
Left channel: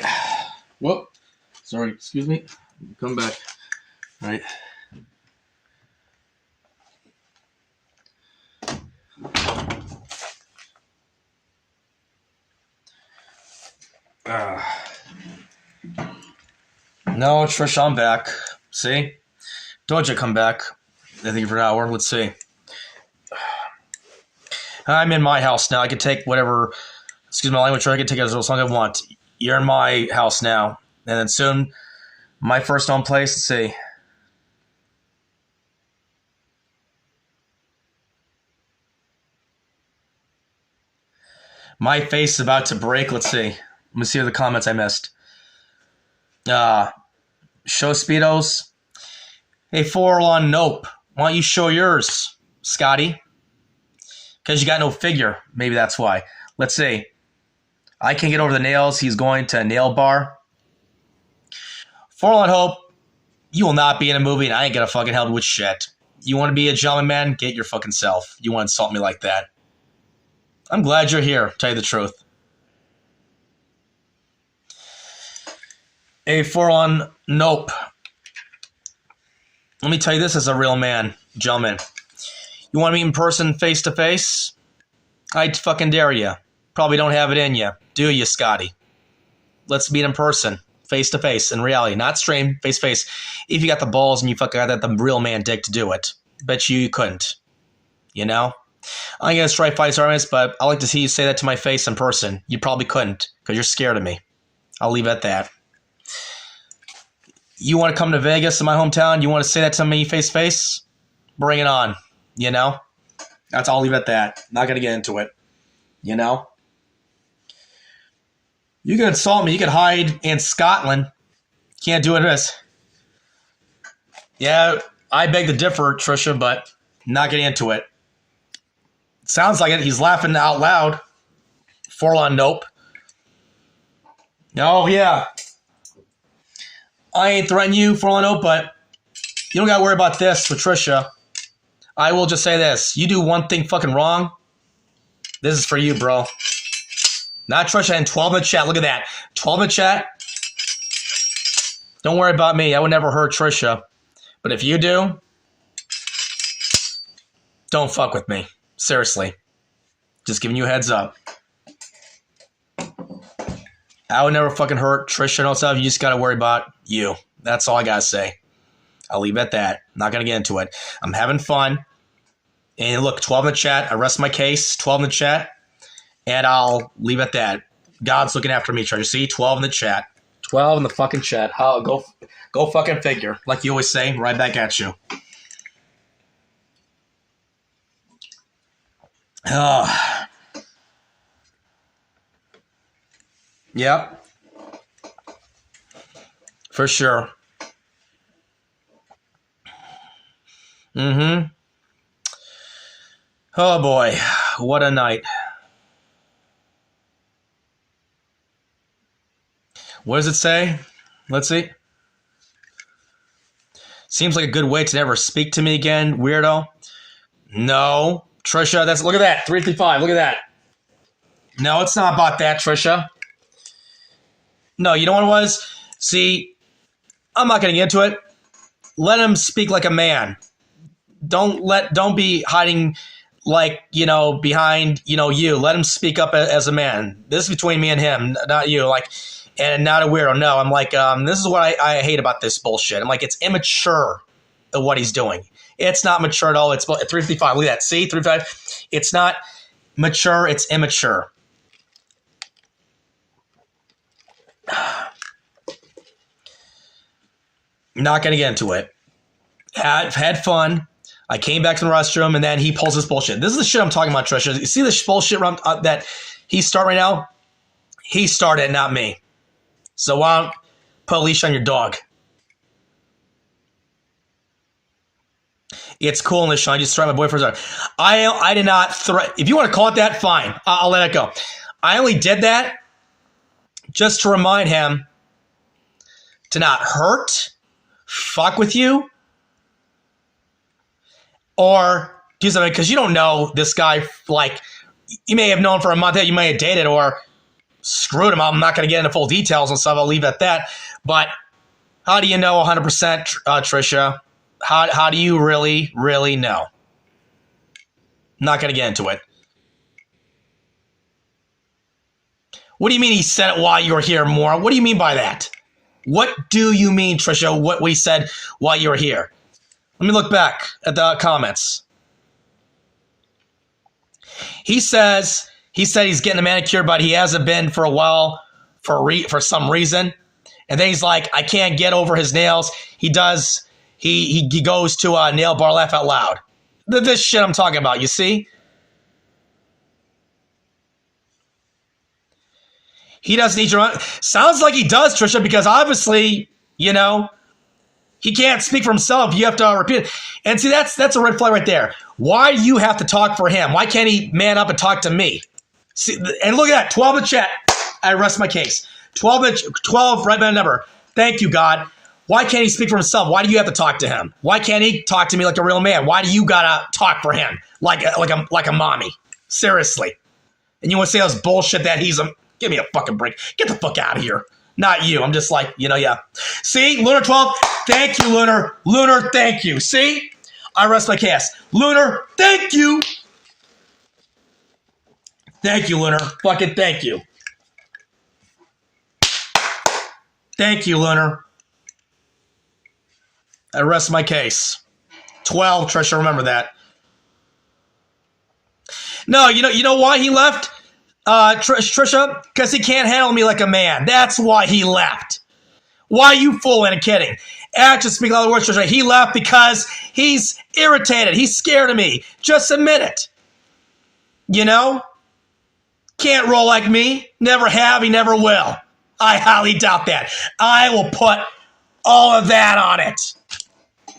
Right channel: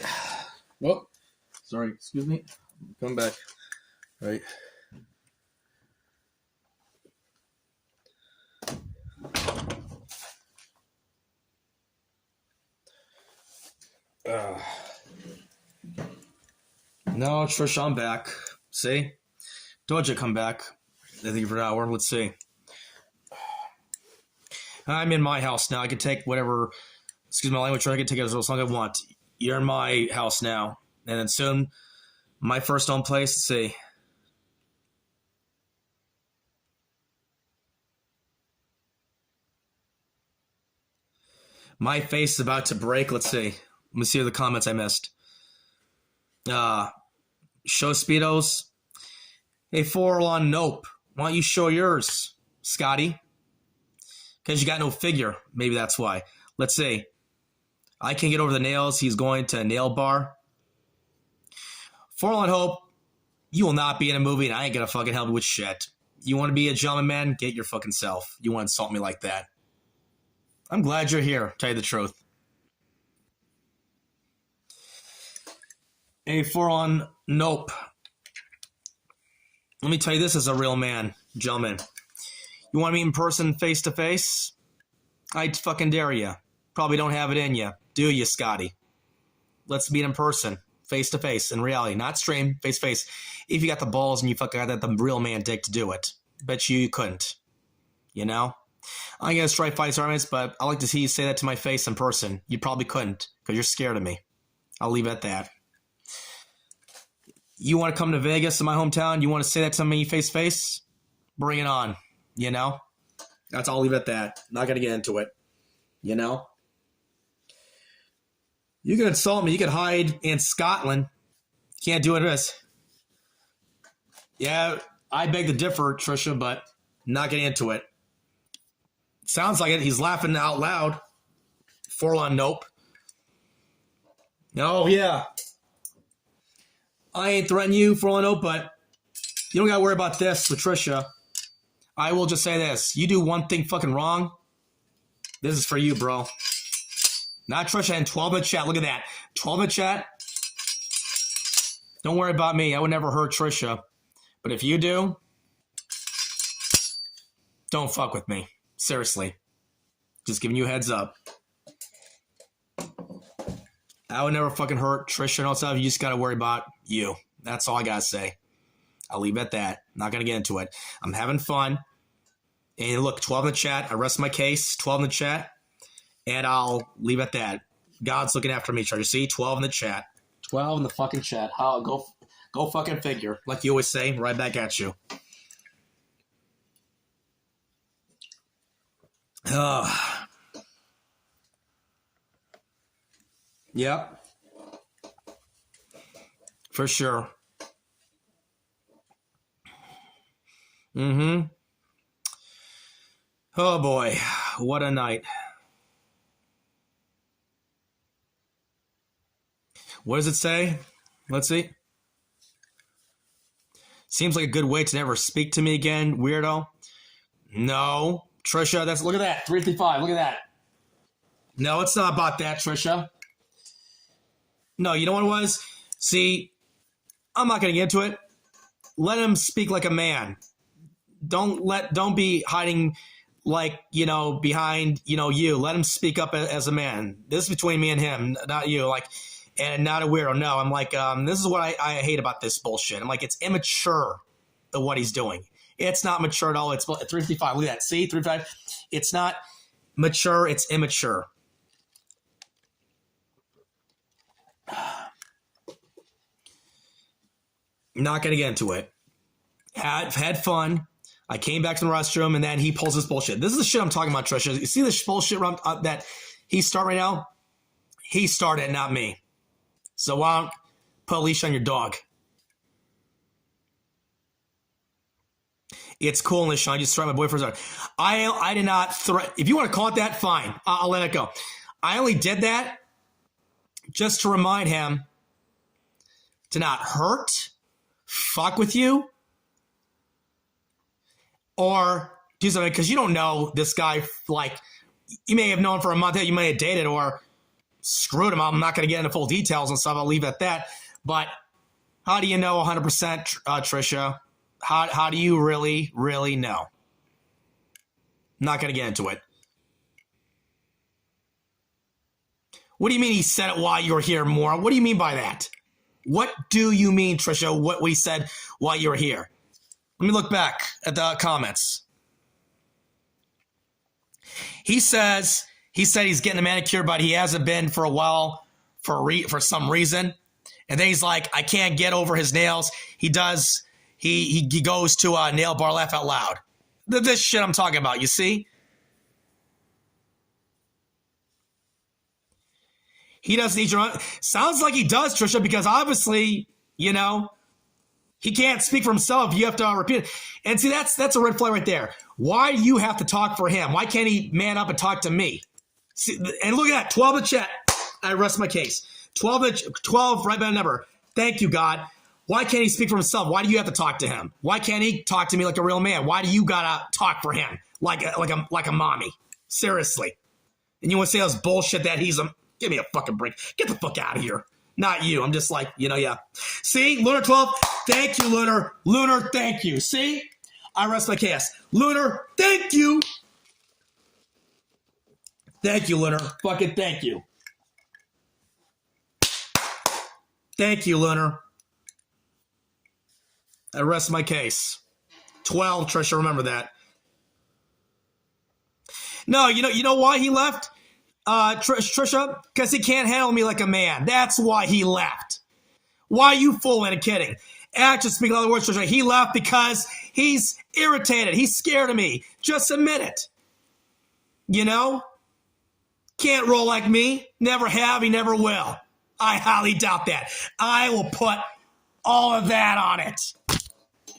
Whoop. Sorry. Excuse me. Come back. All right. No, Trish, I'm back. See? Told you come back. I think for an hour. Let's see. I'm in my house now. I can take whatever, excuse my language, I can take it as long as I want. You're in my house now. And then soon, my first own place. Let's see. My face is about to break. Let's see. Let me see the comments I missed. Show Speedos. Hey, Forlon, nope. Why don't you show yours, Scotty? Because you got no figure. Maybe that's why. Let's see. I can't get over the nails. He's going to a nail bar. Forlon Hope, you will not be in a movie, and I ain't gonna fucking help you with shit. You want to be a gentleman, man? Get your fucking self. You want to insult me like that? I'm glad you're here, to tell you the truth. A Forlon, nope. Let me tell you this as a real man, gentlemen. You want to meet in person, face to face? I'd fucking dare you. Probably don't have it in you, do you, Scotty? Let's meet in person, face to face, in reality, not stream, face to face. If you got the balls and you fucking got the real man dick to do it, bet you couldn't. You know? I'm gonna try fight arguments, but I like to see you say that to my face in person. You probably couldn't, because you're scared of me. I'll leave it at that. You want to come to Vegas, in my hometown? You want to say that to me face to face? Bring it on. You know? That's all. I'll leave it at that. Not going to get into it. You know? You can insult me. You can hide in Scotland. Can't do it this. Yeah, I beg to differ, Tricia, but not getting into it. Sounds like it. He's laughing out loud. Forlon, nope. Oh, yeah. I ain't threatening you, Forlon, nope, but you don't got to worry about this, Patricia. I will just say this. You do one thing fucking wrong, this is for you, bro. Not Tricia, and 12 in the chat. Look at that. 12 in the chat. Don't worry about me. I would never hurt Tricia. But if you do, don't fuck with me. Seriously. Just giving you a heads up. I would never fucking hurt Tricia and all stuff. You just got to worry about you. That's all I got to say. I'll leave it at that. Not going to get into it. I'm having fun. And look, 12 in the chat. I rest my case. 12 in the chat. And I'll leave it at that. God's looking after me, Treasure. See? 12 in the chat. 12 in the fucking chat. Go fucking figure. Like you always say, right back at you. Yep. For sure. Mm-hmm. Oh, boy. What a night. What does it say? Let's see. Seems like a good way to never speak to me again, weirdo. No. Trisha, look at that. 335. Look at that. No, it's not about that, Trisha. No, you know what it was? See, I'm not going to get into it. Let him speak like a man. Don't be hiding like, behind, you. Let him speak up as a man. This is between me and him, not you. And not a weirdo. No, I'm like, this is what I hate about this bullshit. I'm like, it's immature of what he's doing. It's not mature at all. It's 355. Look at that. See, 355. It's not mature. It's immature. Not going to get into it. Had fun. I came back to the restroom, and then he pulls this bullshit. This is the shit I'm talking about, Trisha. You see this bullshit that he's starting right now? He started, not me. So why don't put a leash on your dog? It's cool, Nishan. I just threatened my boyfriend's. I did not threat. If you want to call it that, fine. I'll let it go. I only did that just to remind him to not hurt, fuck with you, or do something, because you don't know this guy. Like, you may have known for a month that you may have dated, or screwed him. I'm not going to get into full details and stuff. I'll leave it at that. But how do you know 100%, Tricia? How do you really, really know? I'm not going to get into it. What do you mean he said it while you were here, Maura? What do you mean by that? What do you mean, Tricia, what we said while you were here? Let me look back at the comments. He said he's getting a manicure, but he hasn't been for a while for some reason. And then he's like, I can't get over his nails. He goes to a nail bar, laugh out loud. This shit I'm talking about, you see? He doesn't need your own. Sounds like he does, Tricia, because obviously, you know, he can't speak for himself. You have to repeat it. And see, that's a red flag right there. Why do you have to talk for him? Why can't he man up and talk to me? See, and look at that, 12 in the chat. I rest my case. 12 right by the number. Thank you, God. Why can't he speak for himself? Why do you have to talk to him? Why can't he talk to me like a real man? Why do you gotta talk for him like a mommy? Seriously. And you want to say this bullshit that he's a... Give me a fucking break. Get the fuck out of here. Not you. I'm just like, you know, yeah. See? Lunar 12. Thank you, Lunar. Lunar, thank you. See? I rest my case. Lunar, thank you. Thank you, Lunar. Fucking thank you. Thank you, Lunar. I rest my case. 12, Tricia, remember that. No, you know why he left? Tricia, because he can't handle me like a man. That's why he left. Why are you fooling and kidding? Actually, speaking other words, Tricia, he left because he's irritated. He's scared of me. Just admit it. You know? Can't roll like me. Never have. He never will. I highly doubt that. I will put all of that on it.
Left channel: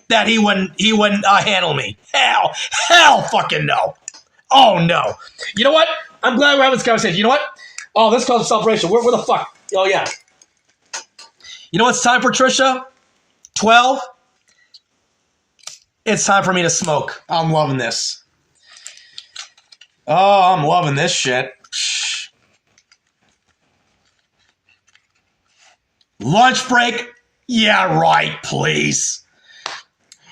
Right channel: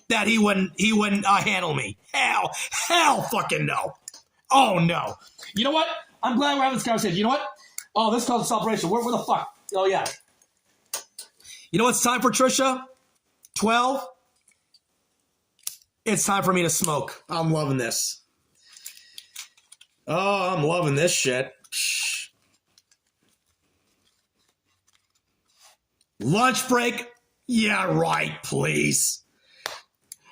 That he wouldn't handle me. Hell fucking no. Oh no. You know what? I'm glad we're having this conversation. You know what? Oh, this calls a celebration. Where the fuck? Oh, yeah. You know what it's time for, Tricia? 12? It's time for me to smoke. I'm loving this. Oh, I'm loving this shit. Lunch break? Yeah, right, please.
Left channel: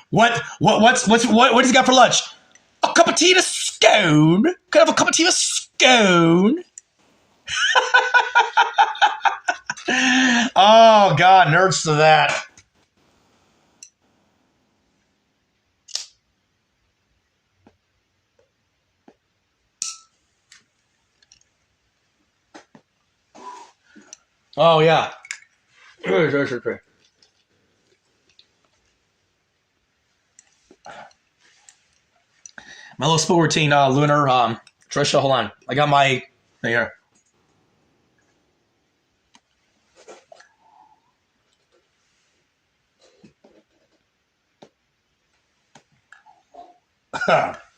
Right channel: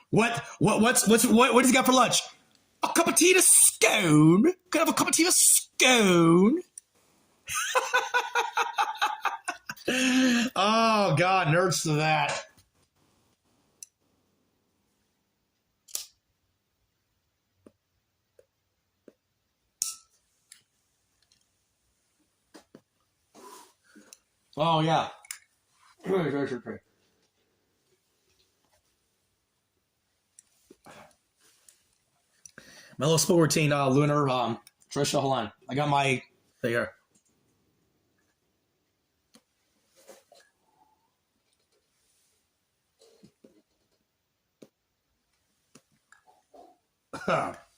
What does he got for lunch? A cup of tea and a scone? Could I have a cup of tea and a scone? Oh, God, nerds to that. Oh, yeah. My little sport routine, Lunar, Tricia, hold on. I got my thing here.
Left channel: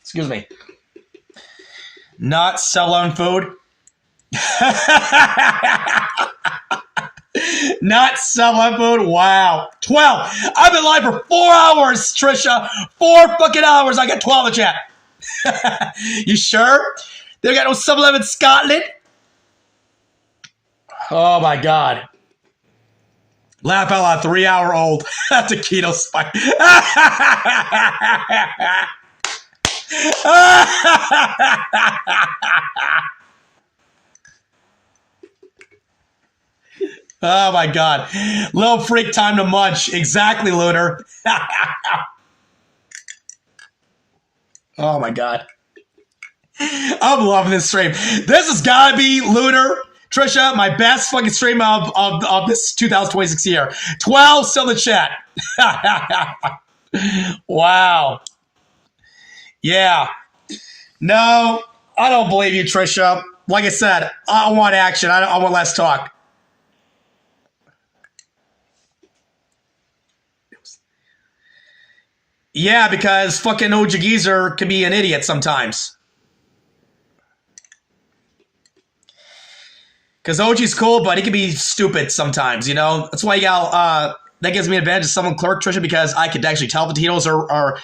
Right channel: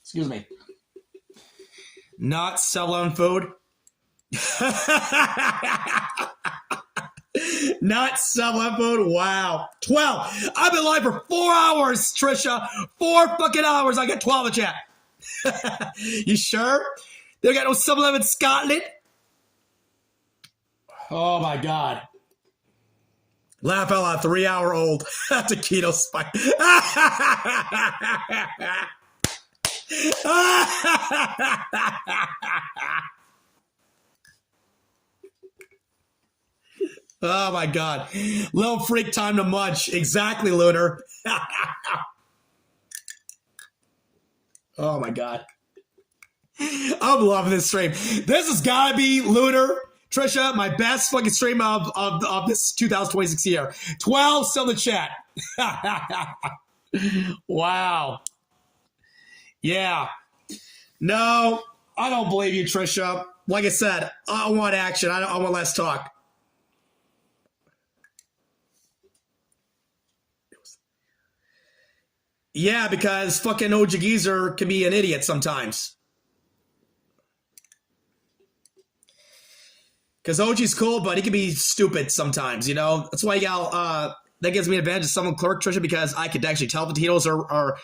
Excuse me. Not selling food. Not selling food. Wow. 12. I've been live for 4 hours, Tricia. 4 fucking hours. I got 12 in the chat. You sure? They got no 7-Eleven in Scotland? Oh my God. Laugh out loud, 3-hour-old taquito spike. Oh my God. Little freak time to munch. Exactly, Lunar. Oh my God. I'm loving this stream. This has got to be, Lunar, Tricia, my best fucking stream of this 2026 year. 12 still in the chat. Wow. Yeah. No, I don't believe you, Tricia. Like I said, I want action. I want less talk. Yeah, because fucking OG Geezer can be an idiot sometimes. Because OG's cool, but he can be stupid sometimes, you know? That's why you got, that gives me an advantage of someone clerk, Tricia, because I could actually tell if the potatoes are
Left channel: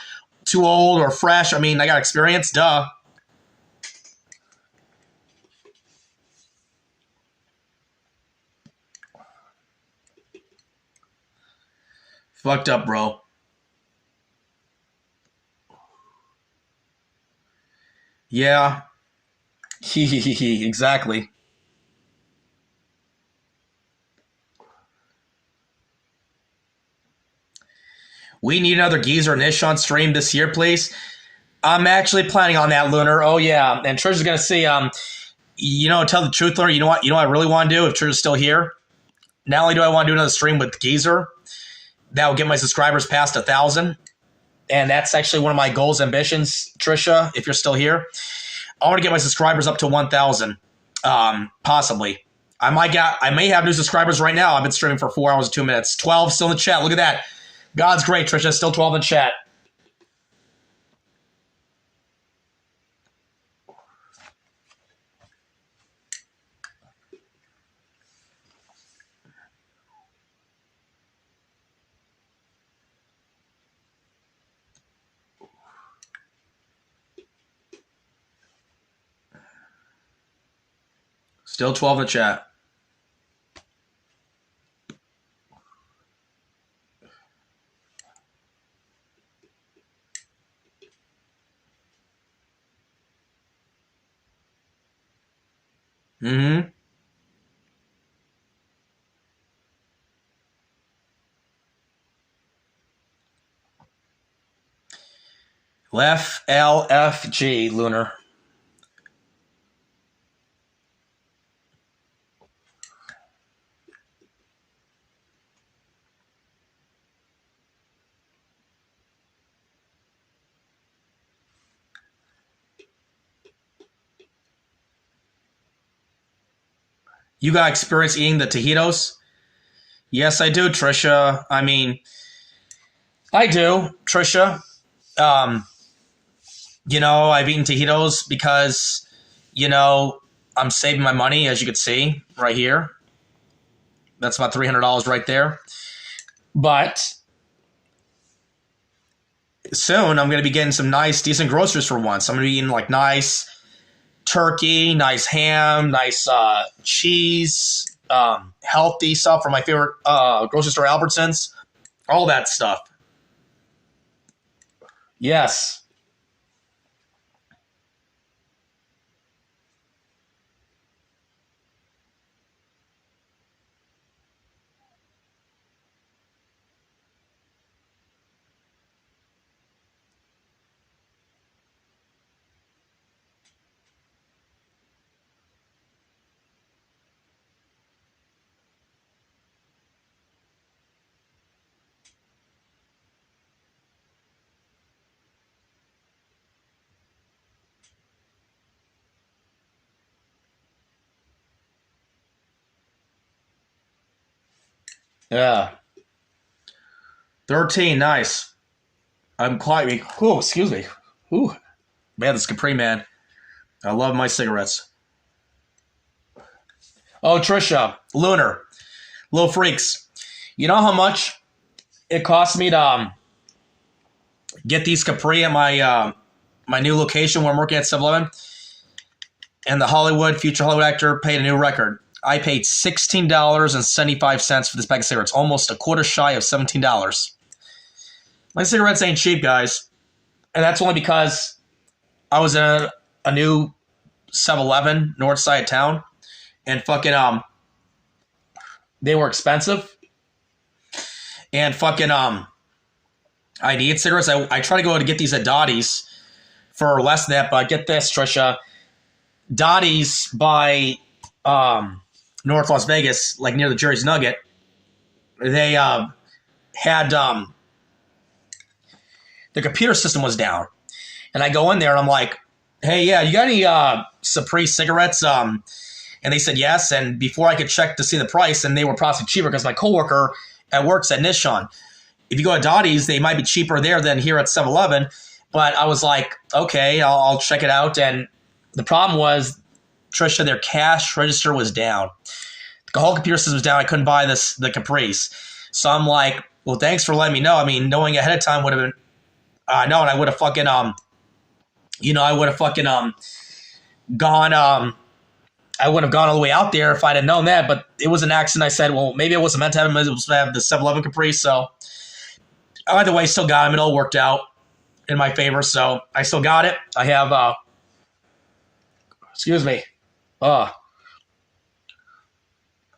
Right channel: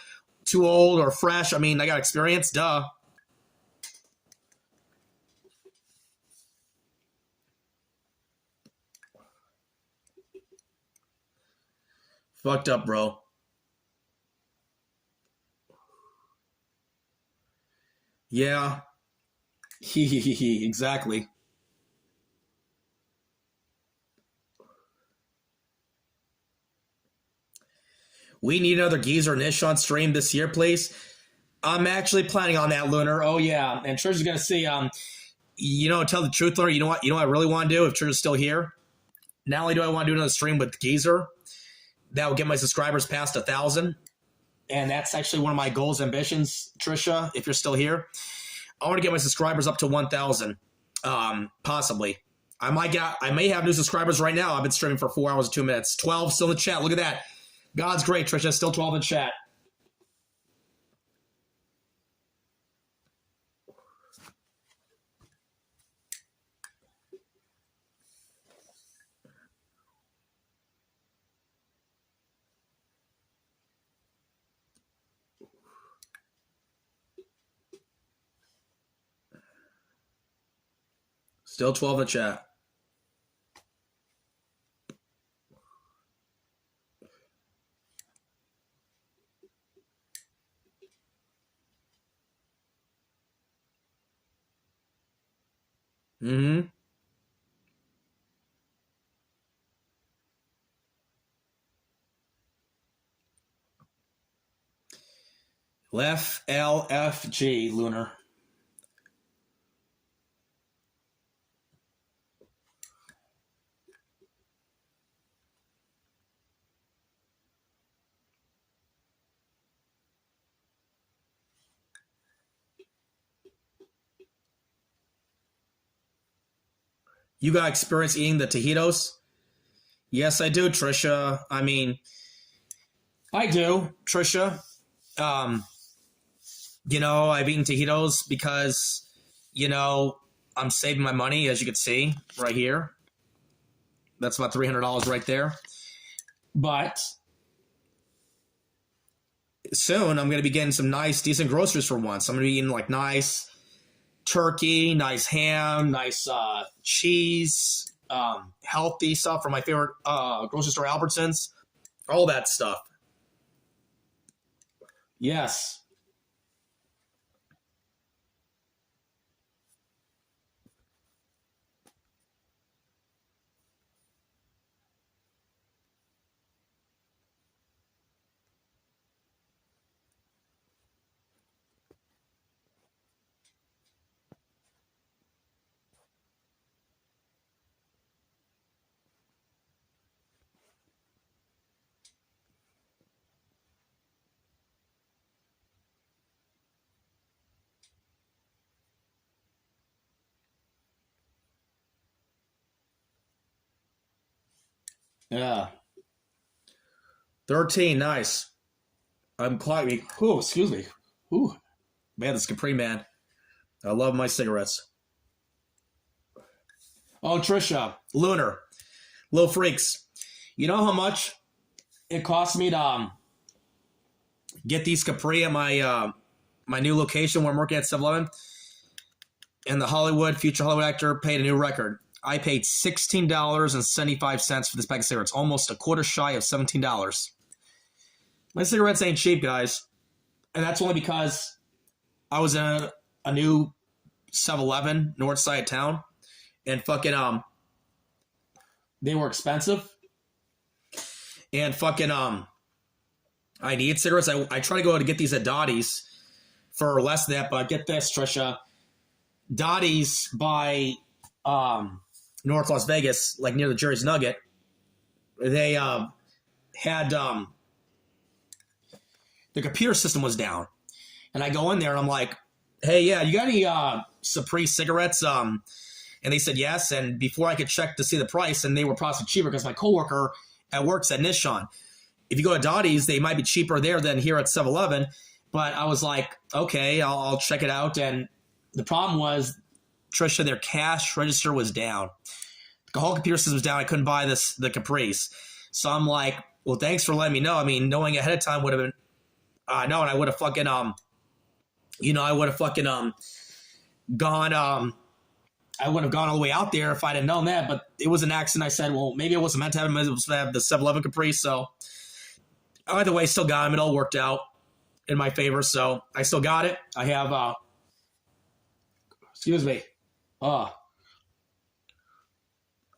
too old or fresh. I mean, I got experience, duh. Fucked up, bro. Yeah. Exactly. We need another Geezer Nish on stream this year, please. I'm actually planning on that, Lunar. Oh yeah, and Trisha's gonna see. Tell the truth, Lunar. You know what? You know what I really want to do if Trisha's still here. Not only do I want to do another stream with Geezer, that will get my subscribers past 1,000, and that's actually one of my goals, ambitions, Trisha. If you're still here, I want to get my subscribers up to 1,000, possibly. I may have new subscribers right now. I've been streaming for 4 hours and 2 minutes. 12 still in the chat. Look at that. God's great, Trisha. Still 12 in chat. Still 12 in the chat. Mm-hmm. LFG, Lunar. You got experience eating the tajitos? Yes, I do, Trisha. I mean, I do, Trisha. I've eaten tajitos because, I'm saving my money, as you can see right here. That's about $300 right there. But soon I'm going to be getting some nice, decent groceries for once. I'm going to be eating like nice turkey, nice ham, nice cheese, healthy stuff from my favorite grocery store, Albertsons, all that stuff. Yes. Yeah. 13, nice. I'm quite. Oh, excuse me. Ooh, man, this Capri, man. I love my cigarettes. Oh, Trisha, Lunar, little freaks. You know how much it cost me to get these Capri at my my new location where I'm working at 7-Eleven? And the future Hollywood actor paid a new record. I paid $16.75 for this pack of cigarettes, almost a quarter shy of $17. My cigarettes ain't cheap, guys. And that's only because I was in a new 7-Eleven north side of town, and fucking they were expensive. And fucking I need cigarettes. I try to go to get these at Dottie's for less than that, but get this, Trisha. Dottie's by North Las Vegas, like near the Jerry's Nugget, they had the computer system was down. And I go in there and I'm like, hey, yeah, you got any Capri cigarettes? And they said yes. And before I could check to see the price, and they were possibly cheaper because my coworker at work said, Nishan, if you go to Dottie's, they might be cheaper there than here at 7-Eleven. But I was like, okay, I'll check it out. And the problem was, Trisha, their cash register was down. The whole computer system was down. I couldn't buy the Caprice. So I'm like, well, thanks for letting me know. I mean, knowing ahead of time would have been, no, and I would have fucking, I would have fucking gone, I would have gone all the way out there if I'd have known that. But it was an accident. I said, well, maybe it wasn't meant to have him. It was meant to have the 7-Eleven Caprice. So Either way, still got him. It all worked out in my favor, so I still got it. I have, excuse me. I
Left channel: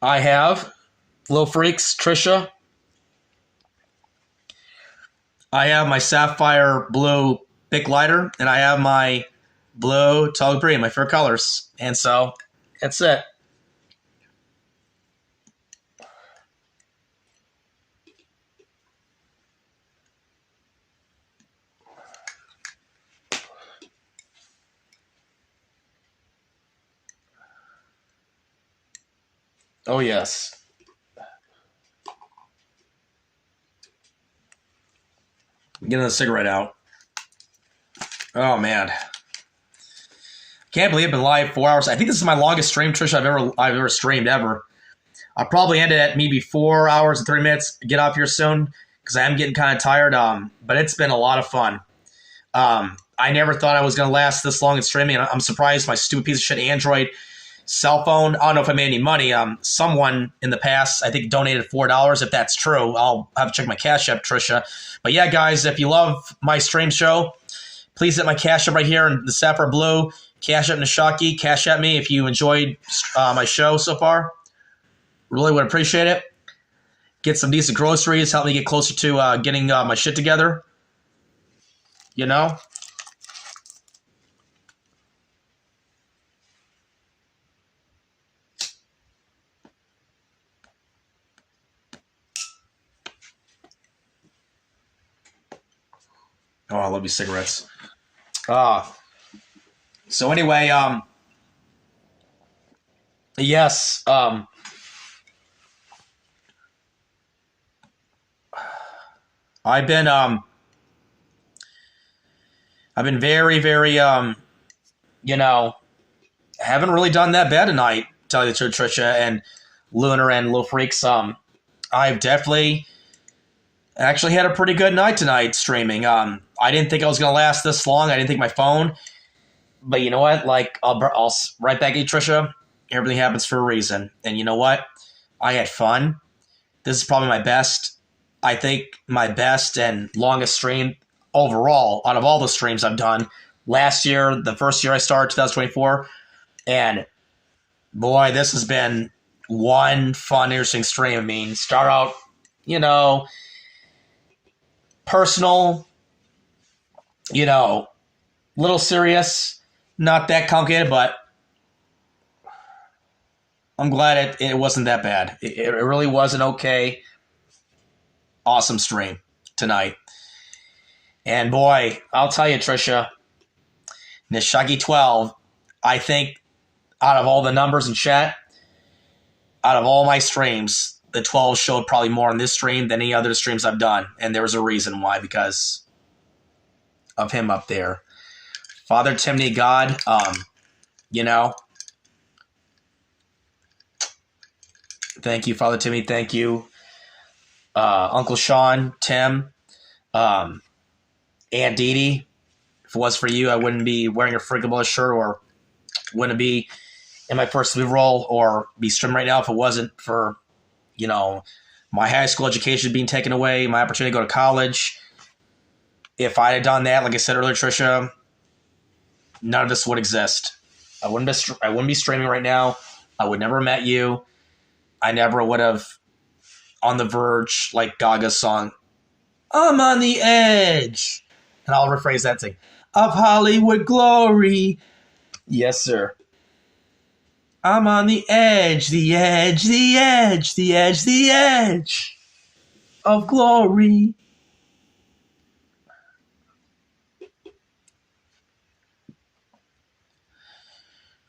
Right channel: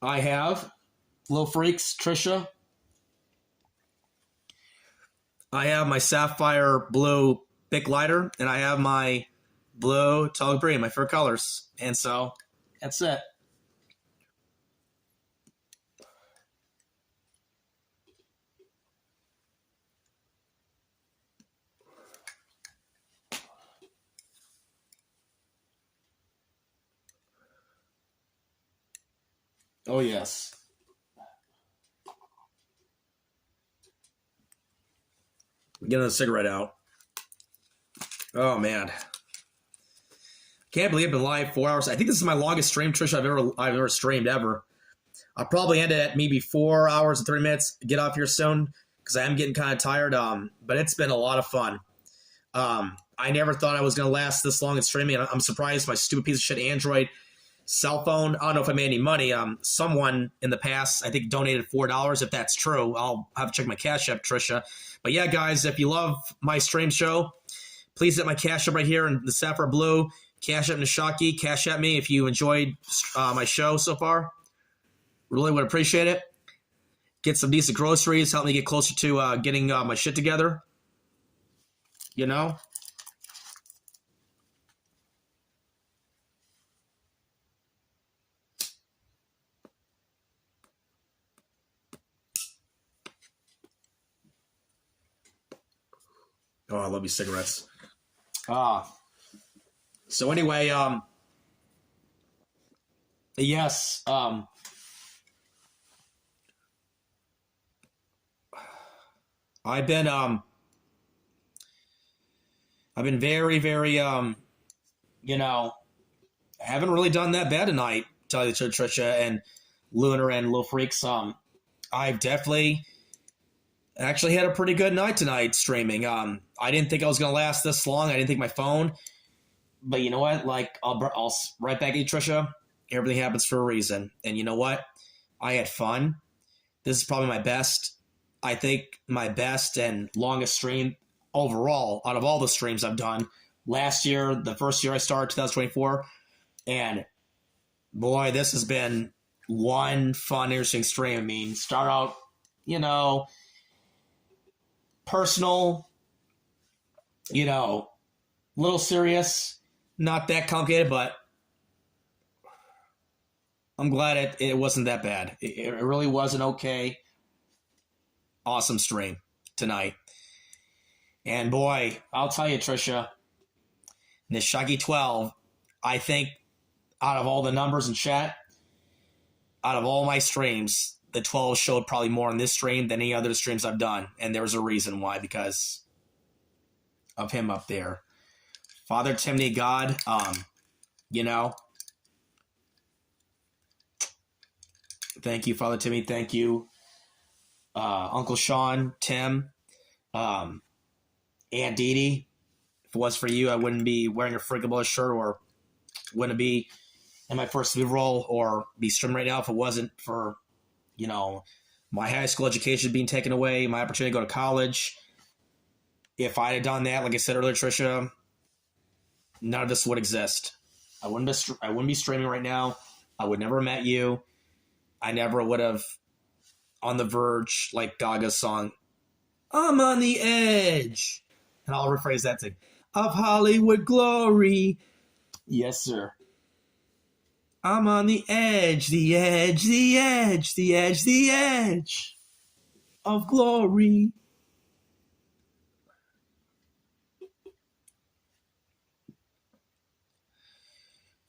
have Little Freaks, Tricia. I have my Sapphire Blue Bic Lighter, and I have my Blue Tall Brie, my favorite colors. And so, that's it. Oh, yes. Getting the cigarette out. Oh, man. Can't believe I've been live 4 hours. I think this is my longest stream, Trisha, I've ever streamed ever. I'll probably end it at maybe 4 hours and 3 minutes. Get off here soon because I am getting kind of tired. But it's been a lot of fun. I never thought I was going to last this long in streaming. I'm surprised my stupid piece of shit Android cell phone. I don't know if I made any money. Someone in the past, I think, donated $4. If that's true, I'll have to check my Cash App, Trisha. But yeah, guys, if you love my stream show, please hit my Cash App right here in the Sapphire Blue. Cash App Nishaki. Cash App me if you enjoyed my show so far. Really would appreciate it. Get some decent groceries. Help me get closer to getting my shit together. You know? Oh, I love these cigarettes. So anyway, yes, I've been very, very, you know, haven't really done that bad tonight, to tell you the truth, Trisha and Lunar and Little Freaks. I've definitely actually had a pretty good night tonight streaming. I didn't think I was going to last this long. I didn't think my phone. But you know what? Like, I'll right back at you, Trisha. Everything happens for a reason. And you know what? I had fun. This is probably my best, I think, my best and longest stream overall out of all the streams I've done. Last year, the first year I started, 2024. And boy, this has been one fun, interesting stream. I mean, start out, you know, personal, you know, little serious, not that complicated, but I'm glad it wasn't that bad. It really was an okay, awesome stream tonight. And boy, I'll tell you, Trisha, Nishagi 12, I think out of all the numbers in chat, out of all my streams, the 12 showed probably more in this stream than any other streams I've done. And there was a reason why, because of him up there. Father Timney God, you know. Thank you, Father Timmy. Thank you, Uncle Sean, Tim, Aunt Dee Dee. If it was for you, I wouldn't be wearing a Freaking Blood shirt or wouldn't be in my first move role or be streaming right now if it wasn't for, you know, my high school education being taken away, my opportunity to go to college. If I had done that, like I said earlier, Trisha, none of this would exist. I wouldn't be streaming right now. I would never have met you. I never would have On the Verge, like Gaga's song, I'm on the edge. And I'll rephrase that thing. Of Hollywood glory. Yes, sir. I'm on the edge, the edge, the edge, the edge, the edge of glory.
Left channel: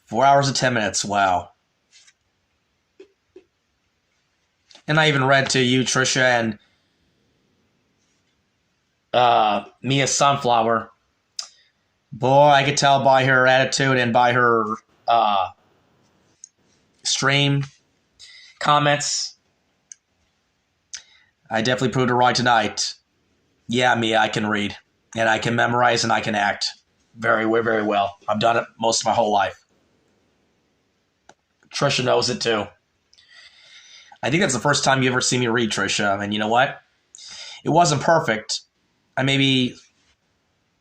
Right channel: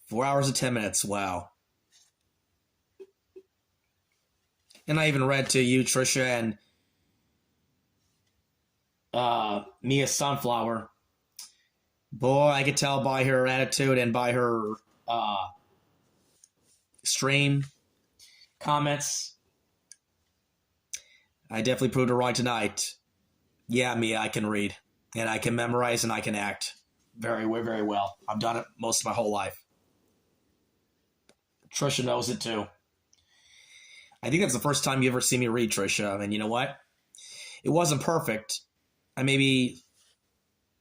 Four hours and 10 minutes. Wow. And I even read to you, Trisha, and Mia Sunflower. Boy, I could tell by her attitude and by her stream comments. I definitely proved her right tonight. Yeah, Mia, I can read. And I can memorize and I can act very, very well. I've done it most of my whole life. Trisha knows it too. I think that's the first time you ever see me read, Trisha. And you know what? It wasn't perfect. I maybe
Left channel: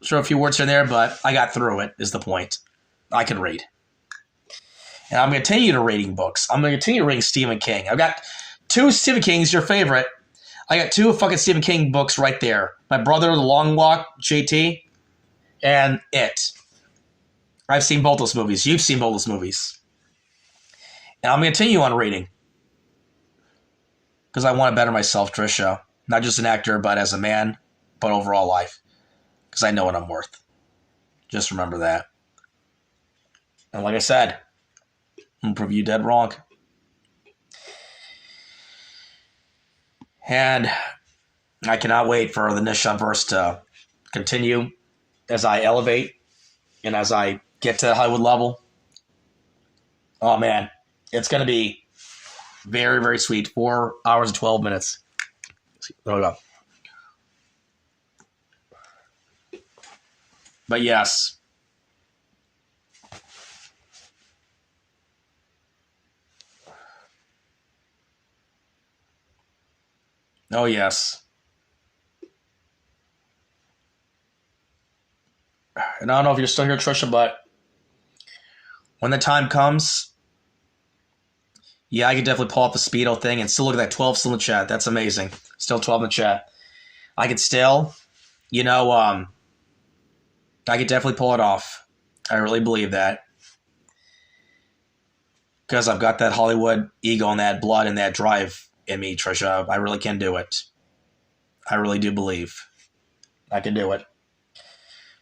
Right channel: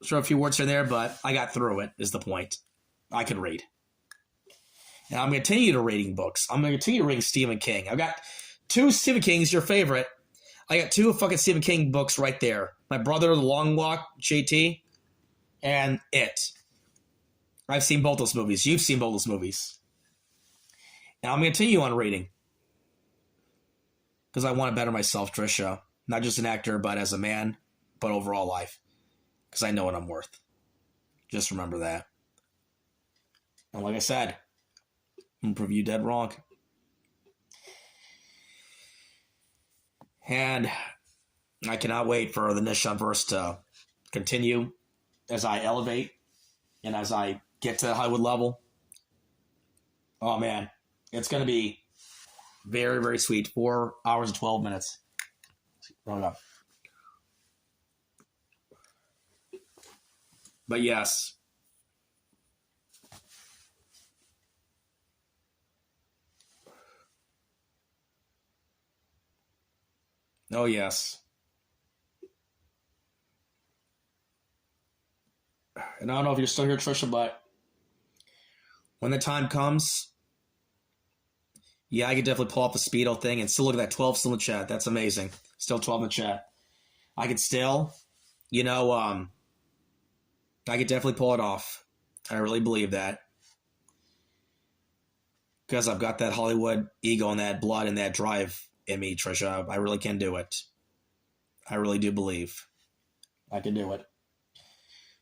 threw a few words here and there, but I got through it, is the point. I can read. And I'm going to continue to reading books. I'm going to continue reading Stephen King. I've got 2 Stephen King's, your favorite. I got 2 fucking Stephen King books right there. My Brother, The Long Walk, JT, and It. I've seen both those movies. You've seen both those movies. And I'm going to continue on reading. Because I want to better myself, Tricia. Not just an actor, but as a man, but overall life. Because I know what I'm worth. Just remember that. And like I said, I'm going to prove you dead wrong. And I cannot wait for the NISHANVERSE to continue as I elevate and as I get to the Hollywood level. Oh, man. It's going to be very, very sweet. 4 hours and 12 minutes. There we go. But yes. Oh, yes. And I don't know if you're still here, Tricia, but when the time comes, yeah, I could definitely pull off the Speedo thing and still look at that 12 still in the chat. That's amazing. Still 12 in the chat. I could still, I could definitely pull it off. I really believe that. Because I've got that Hollywood ego and that blood and that drive in me, Tricia. I really can do it. I really do believe I can do it.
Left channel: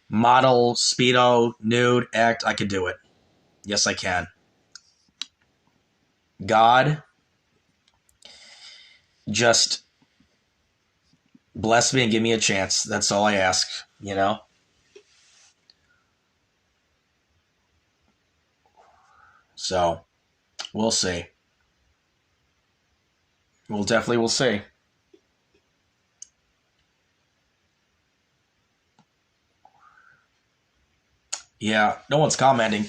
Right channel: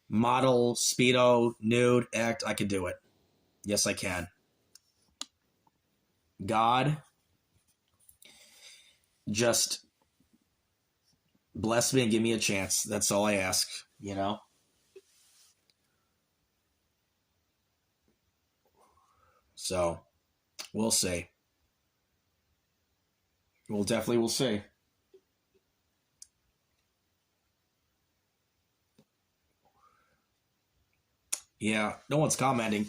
Model, Speedo, nude, act, I can do it. Yes, I can. God, just bless me and give me a chance. That's all I ask, So, we'll see. We'll see. Yeah, no one's commenting.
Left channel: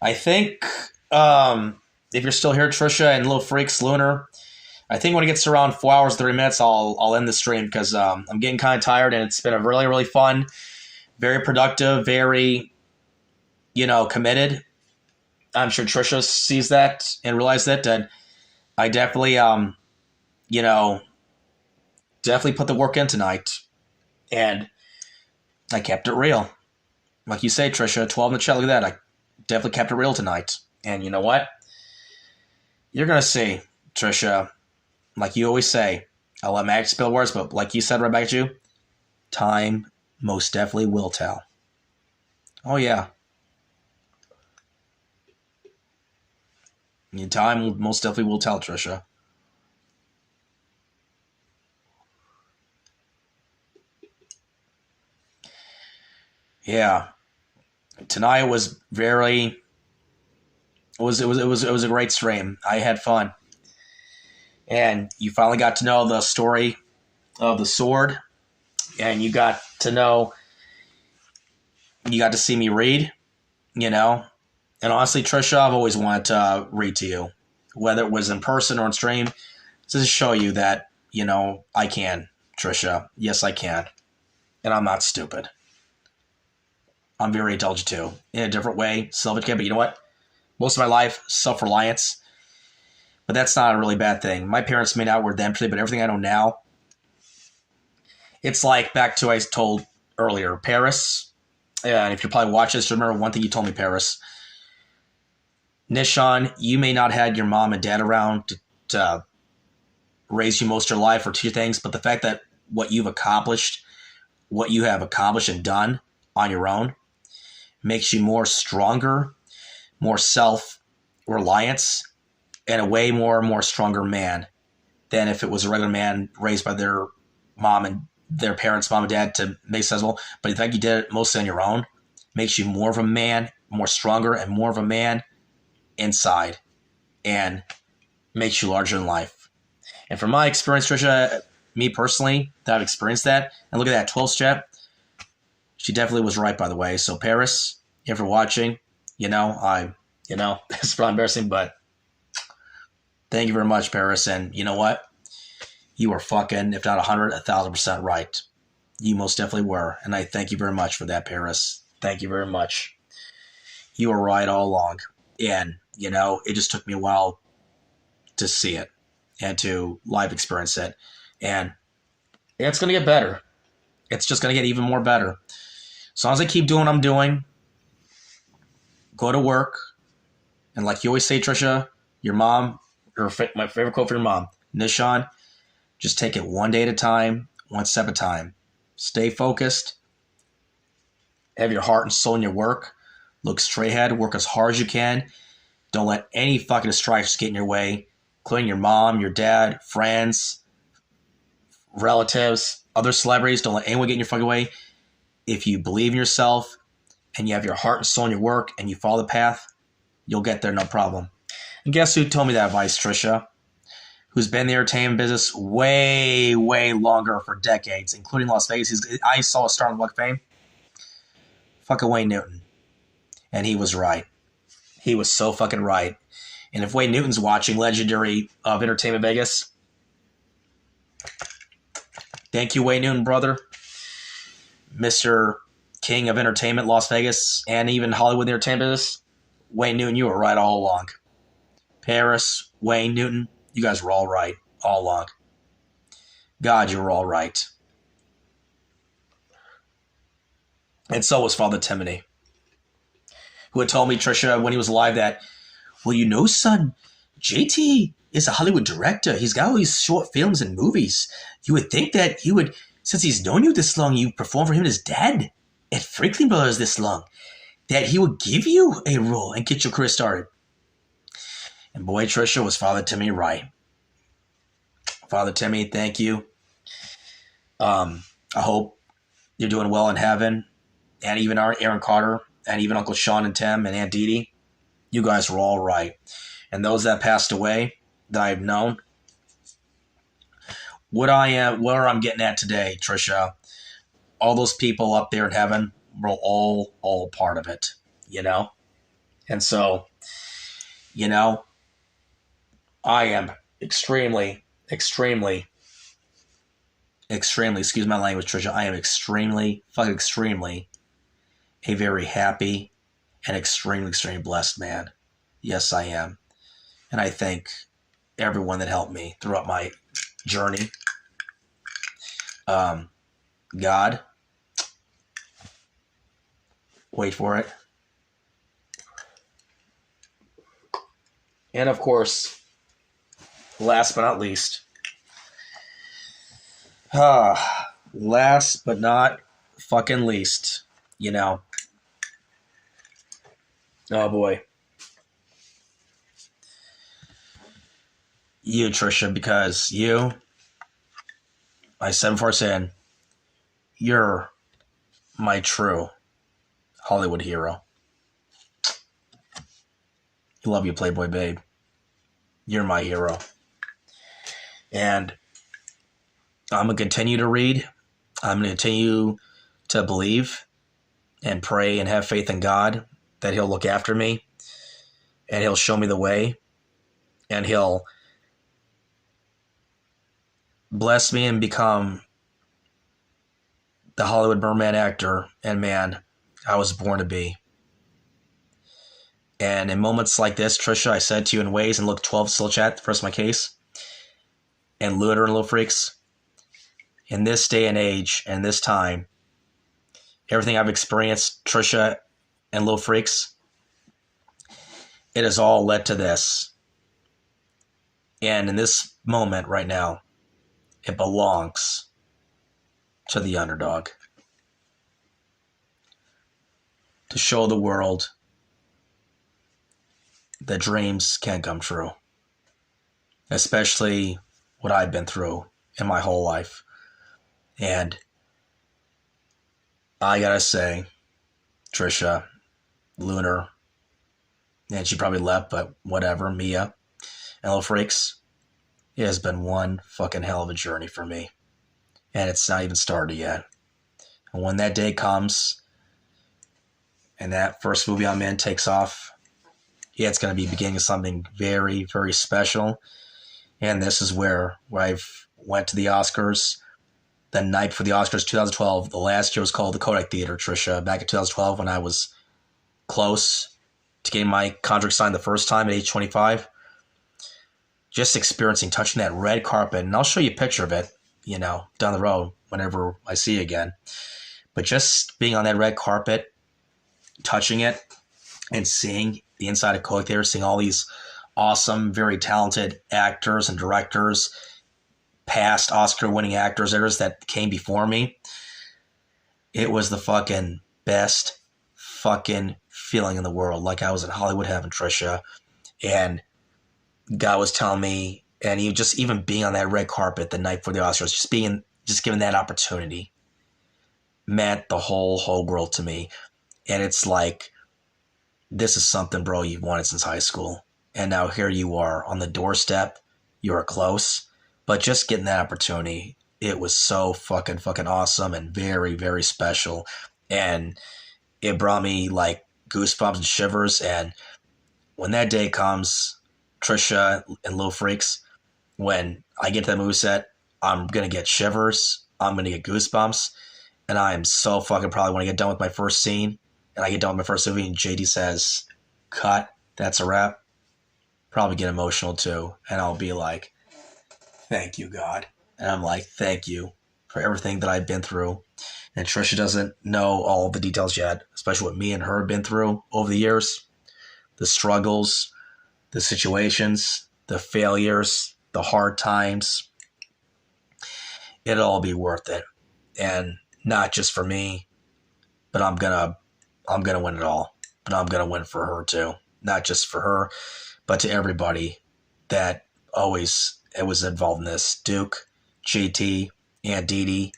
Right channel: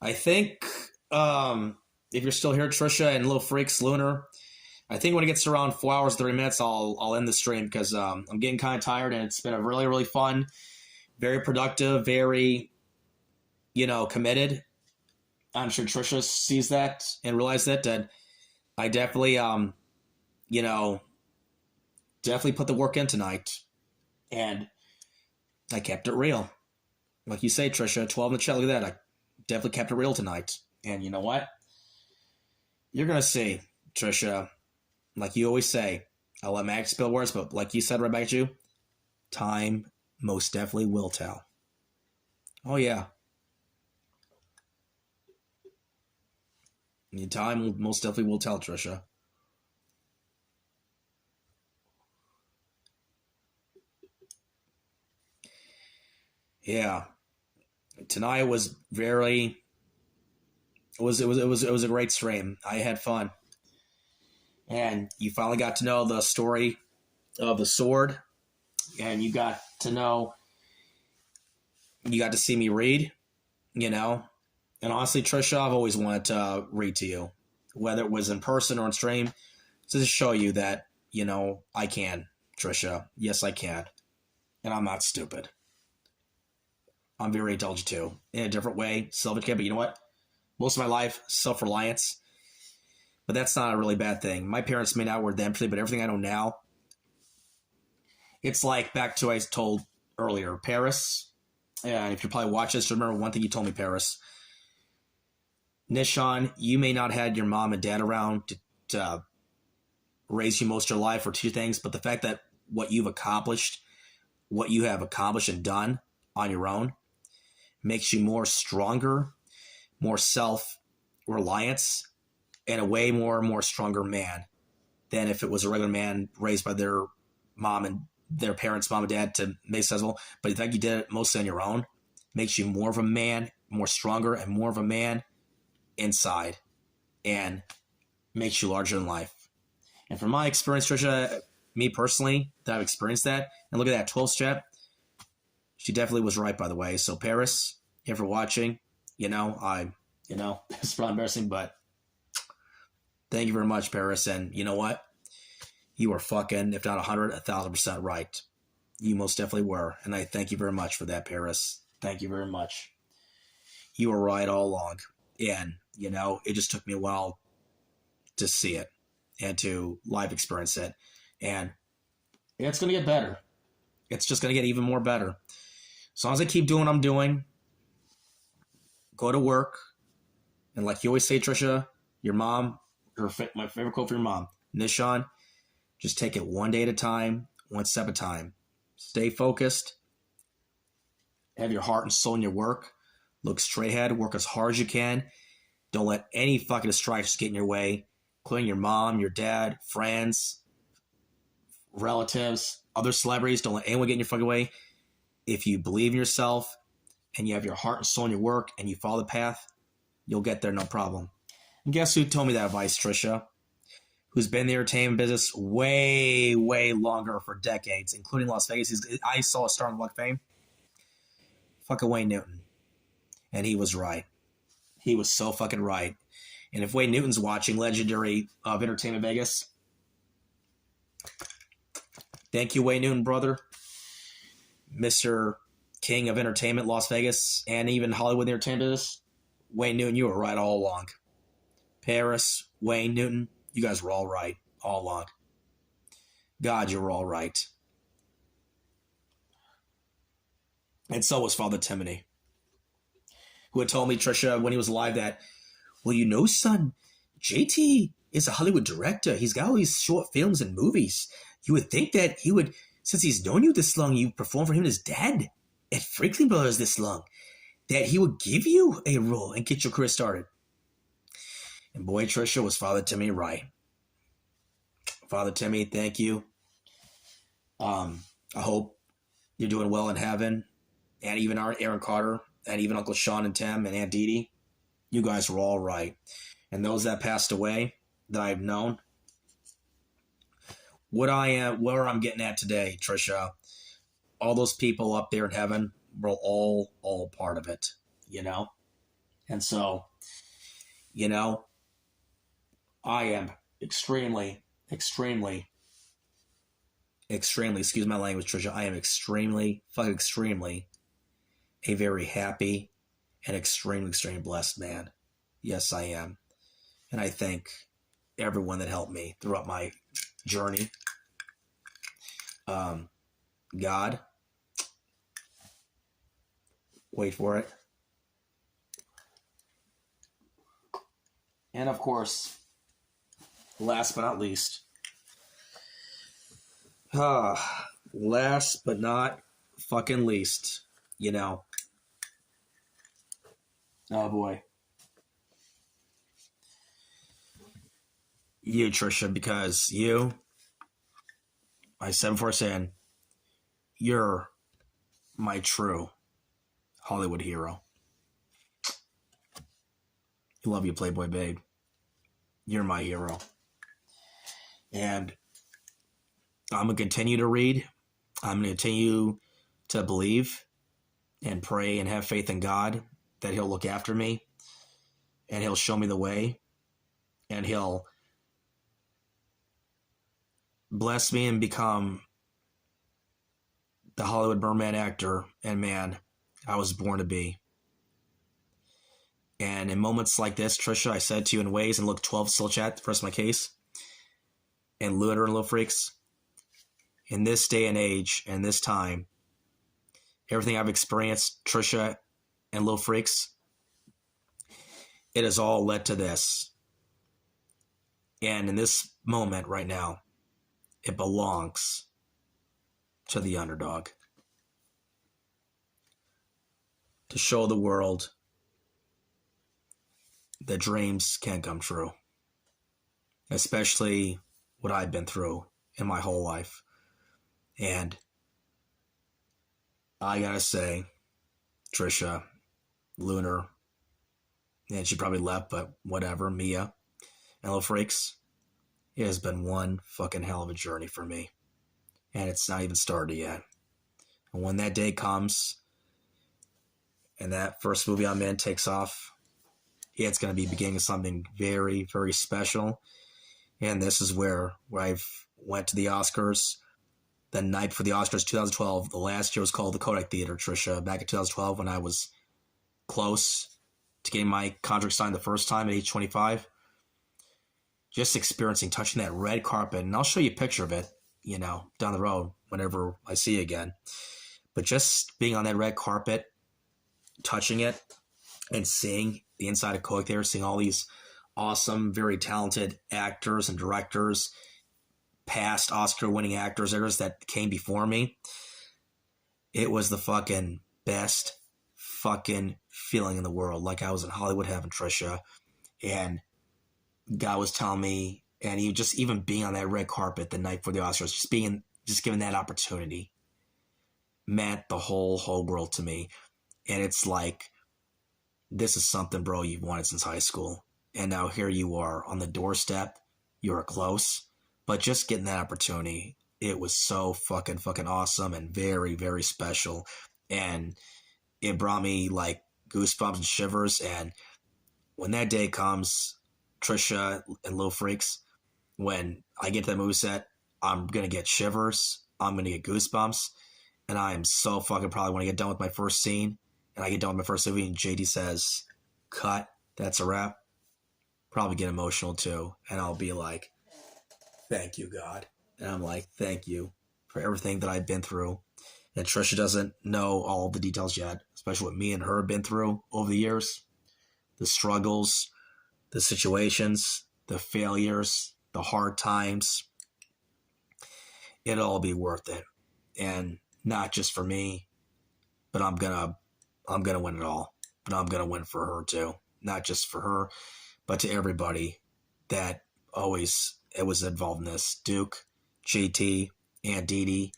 I think if you're still here, Tricia and Little Freaks, Lunar, I think when it gets to around 4 hours, 30 minutes, I'll end the stream because I'm getting kind of tired and it's been a really, really fun, very productive, very, committed. I'm sure Tricia sees that and realizes that. And I definitely, definitely put the work in tonight. And I kept it real. Like you say, Tricia, 12 in the chat, look at that. I definitely kept it real tonight. And you know what? You're going to see, Tricia, like you always say, I'll let Magic spill words, but like you said right back at you, time most definitely will tell. Oh, yeah. Time most definitely will tell, Tricia. Yeah. Tonight was very... It was a great stream. I had fun. And you finally got to know the story of the sword. And you got to see me read, And honestly, Tricia, I've always wanted to read to you. Whether it was in person or on stream. To show you that, I can, Tricia. Yes, I can. And I'm not stupid. I'm very intelligent too. In a different way. Self-educated, but you know what? Most of my life, self-reliance. But that's not a really bad thing. My parents may not were them today, but everything I know now, it's like back to what I told earlier. Paris, and if you're probably watching this, remember one thing you told me, Paris. Nishan, you may not have had your mom and dad around to raise you most of your life or teach you things, but the fact that what you have accomplished and done on your own makes you more stronger, more self-reliance, and a way more stronger man than if it was a regular man raised by their mom and their parents, mom and dad, to make sense. Well, but the fact you did it mostly on your own makes you more of a man, more stronger, and more of a man inside, and makes you larger in life. And from my experience, Tricia, me personally, that I've experienced that, and look at that 12 step, she definitely was right, by the way. So Paris, if you're watching, it's probably embarrassing, but thank you very much, Paris. And you know what? You were fucking, if not 100, 1,000% right. You most definitely were. And I thank you very much for that, Paris. Thank you very much. You were right all along. And, you know, it just took me a while to see it and to live experience it. And it's going to get better. It's just going to get even more better. As long as I keep doing what I'm doing, go to work, and like you always say, Tricia, your mom, or my favorite quote for your mom, Nishan, just take it one day at a time, one step at a time. Stay focused. Have your heart and soul in your work. Look straight ahead. Work as hard as you can. Don't let any fucking distractions get in your way, including your mom, your dad, friends, relatives, other celebrities. Don't let anyone get in your fucking way. If you believe in yourself and you have your heart and soul in your work and you follow the path, you'll get there, no problem. And guess who told me that advice, Tricia? Who's been in the entertainment business way, way longer for decades, including Las Vegas. I saw a Star on the Walk of Fame. Fucking Wayne Newton. And he was right. He was so fucking right. And if Wayne Newton's watching, legendary of Entertainment Vegas, thank you, Wayne Newton, brother. Mr. King of Entertainment, Las Vegas, and even Hollywood entertainment business. Wayne Newton, you were right all along. Paris, Wayne Newton, you guys were all right all along. God, you were all right. And so was Father Timony, who had told me, Tricia, when he was alive that, well, you know, son, JT is a Hollywood director. He's got all these short films and movies. You would think that he would, since he's known you this long, you performed for him and his dad at Franklin Brothers this long, that he would give you a role and get your career started. And boy, Tricia, was Father Timmy right. Father Timmy, thank you. I hope you're doing well in heaven. And even our Aaron Carter, and even Uncle Sean and Tim and Aunt Dee Dee, you guys were all right. And those that passed away that I've known, where I'm getting at today, Tricia, all those people up there in heaven were all part of it, you know? And so, you know, I am extremely, excuse my language, Tricia, I am extremely a very happy and extremely blessed man. Yes, I am. And I thank everyone that helped me throughout my journey. God, wait for it. And of course, last but not least, last but not fucking least, you know, oh boy, you, Tricia, because you, I said before saying, you're my true Hollywood hero. You love you, Playboy babe. You're my hero. And I'm going to continue to read. I'm going to continue to believe and pray and have faith in God that he'll look after me and he'll show me the way and he'll bless me and become the Hollywood merman actor and man I was born to be. And in moments like this, Tricia, I said to you in ways, and look, 12 still chat, first my case, and Lunar and Little Freaks, in this day and age and this time, everything I've experienced, Tricia and Little Freaks, it has all led to this. And in this moment right now, it belongs to the underdog. To show the world that dreams can come true. Especially what I've been through in my whole life. And I gotta say, Tricia, Lunar, and she probably left, but whatever, Mia, and Little Freaks, it has been one fucking hell of a journey for me. And it's not even started yet. And when that day comes, and that first movie I'm in takes off, yeah, it's going to be beginning of something very, very special. And this is where went to the Oscars the night before the Oscars 2012. The last year was called the Kodak Theater, Tricia. Back in 2012 when I was close to getting my contract signed the first time at age 25. Just experiencing, touching that red carpet. And I'll show you a picture of it, down the road whenever I see you again. But just being on that red carpet, touching it, and seeing the inside of Kodak Theater, seeing all these awesome, very talented actors and directors, past Oscar-winning actors that came before me. It was the fucking best fucking feeling in the world. Like I was in Hollywood heaven, Tricia. And God was telling me, and even being on that red carpet the night before the Oscars, just given that opportunity meant the whole world to me. And it's like, this is something, bro, you've wanted since high school. And now here you are on the doorstep. You are close. But just getting that opportunity, it was so fucking awesome and very, very special. And it brought me like goosebumps and shivers. And when that day comes, Tricia and Little Freaks, when I get to the movie set, I'm going to get shivers. I'm going to get goosebumps. And I am so fucking proud when I get done with my first scene and I get done with my first movie and JD says, cut, that's a wrap. Probably get emotional too. And I'll be like, thank you, God. And I'm like, thank you for everything that I've been through. And Tricia doesn't know all the details yet, especially what me and her have been through over the years. The struggles, the situations, the failures, the hard times. It'll all be worth it. And not just for me, but I'm gonna win it all. But I'm gonna win for her too. Not just for her, but to everybody that always was involved in this. Duke, JT, Aunt Dee Dee,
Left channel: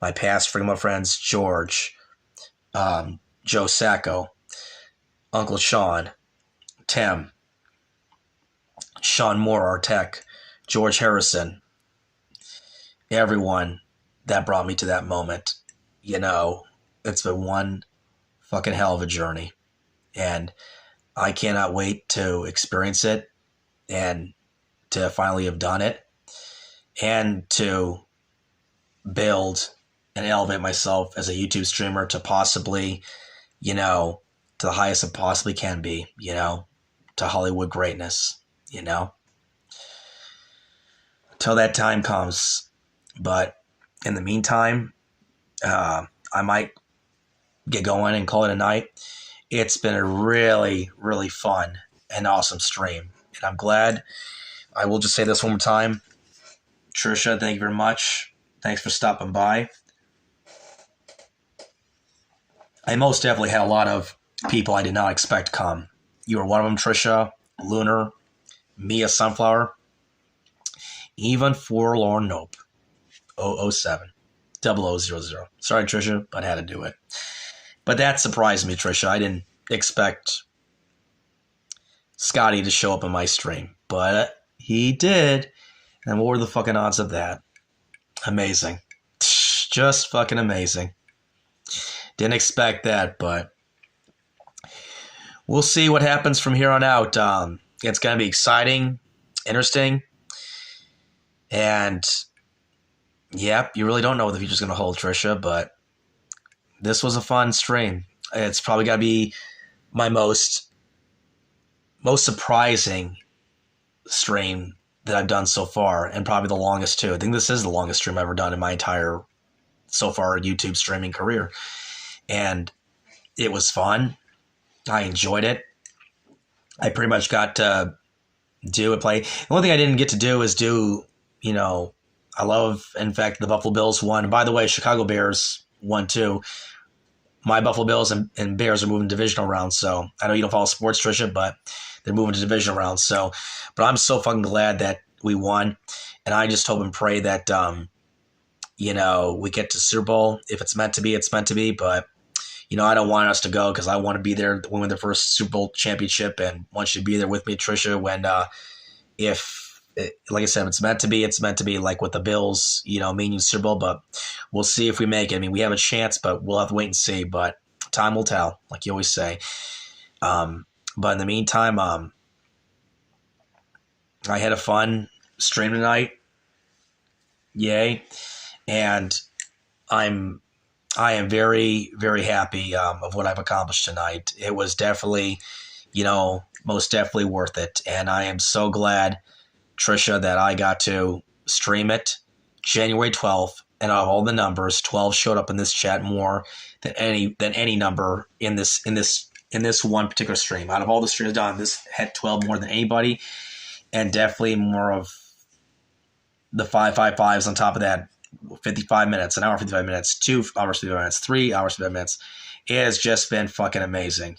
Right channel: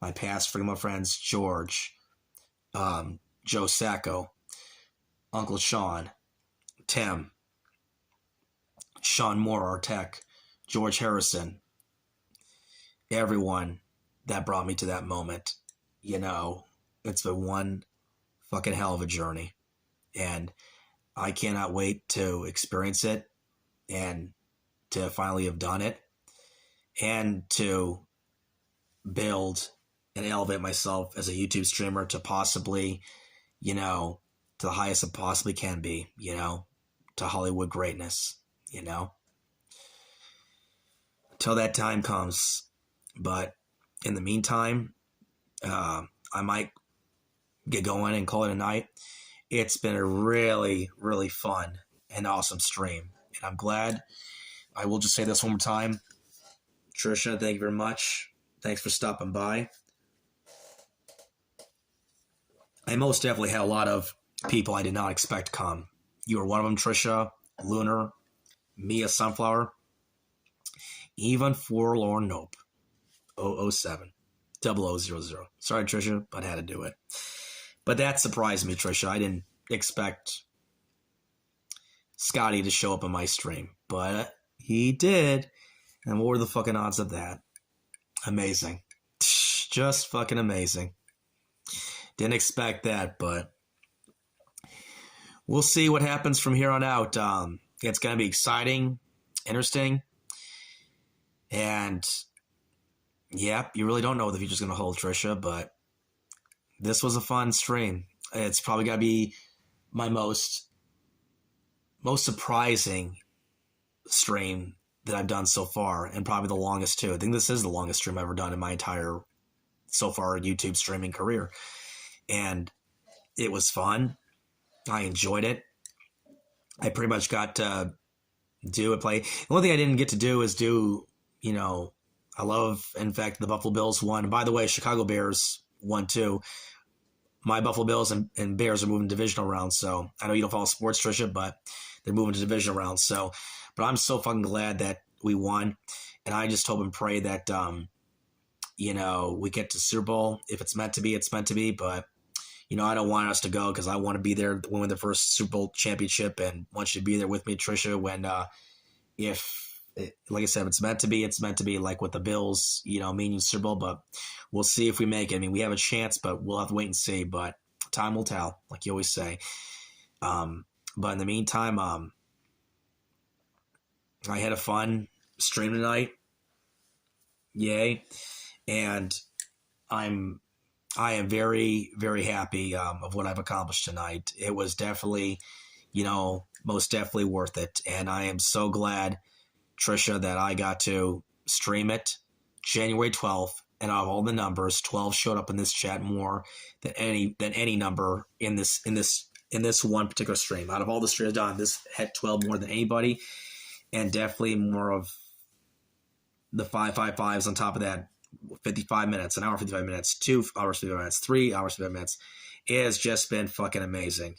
my past Freedom friends, George, Joe Sacco, Uncle Sean, Tim, Sean Moore, our tech, George Harrison, everyone that brought me to that moment. It's been one fucking hell of a journey. And I cannot wait to experience it and to finally have done it and to build and elevate myself as a YouTube streamer to possibly, to the highest it possibly can be, to Hollywood greatness, till that time comes. But in the meantime, I might get going and call it a night. It's been a really, really fun and awesome stream. And I'm glad. I will just say this one more time. Tricia, thank you very much. Thanks for stopping by. I most definitely had a lot of people I did not expect to come. You were one of them, Tricia, Lunar, Mia Sunflower, even Forlorn Nope, 007, 0000. Sorry, Tricia, but I had to do it. But that surprised me, Tricia. I didn't expect Scotty to show up in my stream, but he did. And what were the fucking odds of that? Amazing. Just fucking amazing. Didn't expect that, but we'll see what happens from here on out. It's going to be exciting, interesting, and yep, you really don't know what the future's going to hold, Tricia, but this was a fun stream. It's probably got to be my most surprising stream that I've done so far, and probably the longest too. I think this is the longest stream I've ever done in my entire so far YouTube streaming career. And it was fun. I enjoyed it. I pretty much got to do and play. The only thing I didn't get to do is I love, in fact, the Buffalo Bills won. And by the way, Chicago Bears won too. My Buffalo Bills and Bears are moving divisional rounds. So I know you don't follow sports, Tricia, but they're moving to divisional rounds. So, but I'm so fucking glad that we won. And I just hope and pray that, we get to Super Bowl. If it's meant to be, it's meant to be. But, I don't want us to go because I want to be there when we win the first Super Bowl championship, and want you to be there with me, Tricia, when, like I said, if it's meant to be, it's meant to be, like with the Bills, meaning Super Bowl. But we'll see if we make it. I mean, we have a chance, but we'll have to wait and see. But time will tell, like you always say. But in the meantime, I had a fun stream tonight. Yay. And I am very, very happy of what I've accomplished tonight. It was definitely, most definitely worth it. And I am so glad, Tricia, that I got to stream it January 12th. And out of all the numbers, 12 showed up in this chat more than any number in this one particular stream. Out of all the streams done, this had 12 more than anybody, and definitely more of the 555s on top of that. 55 minutes, an hour 55 minutes, 2 hours 55 minutes, 3 hours 55 minutes. It has just been fucking amazing,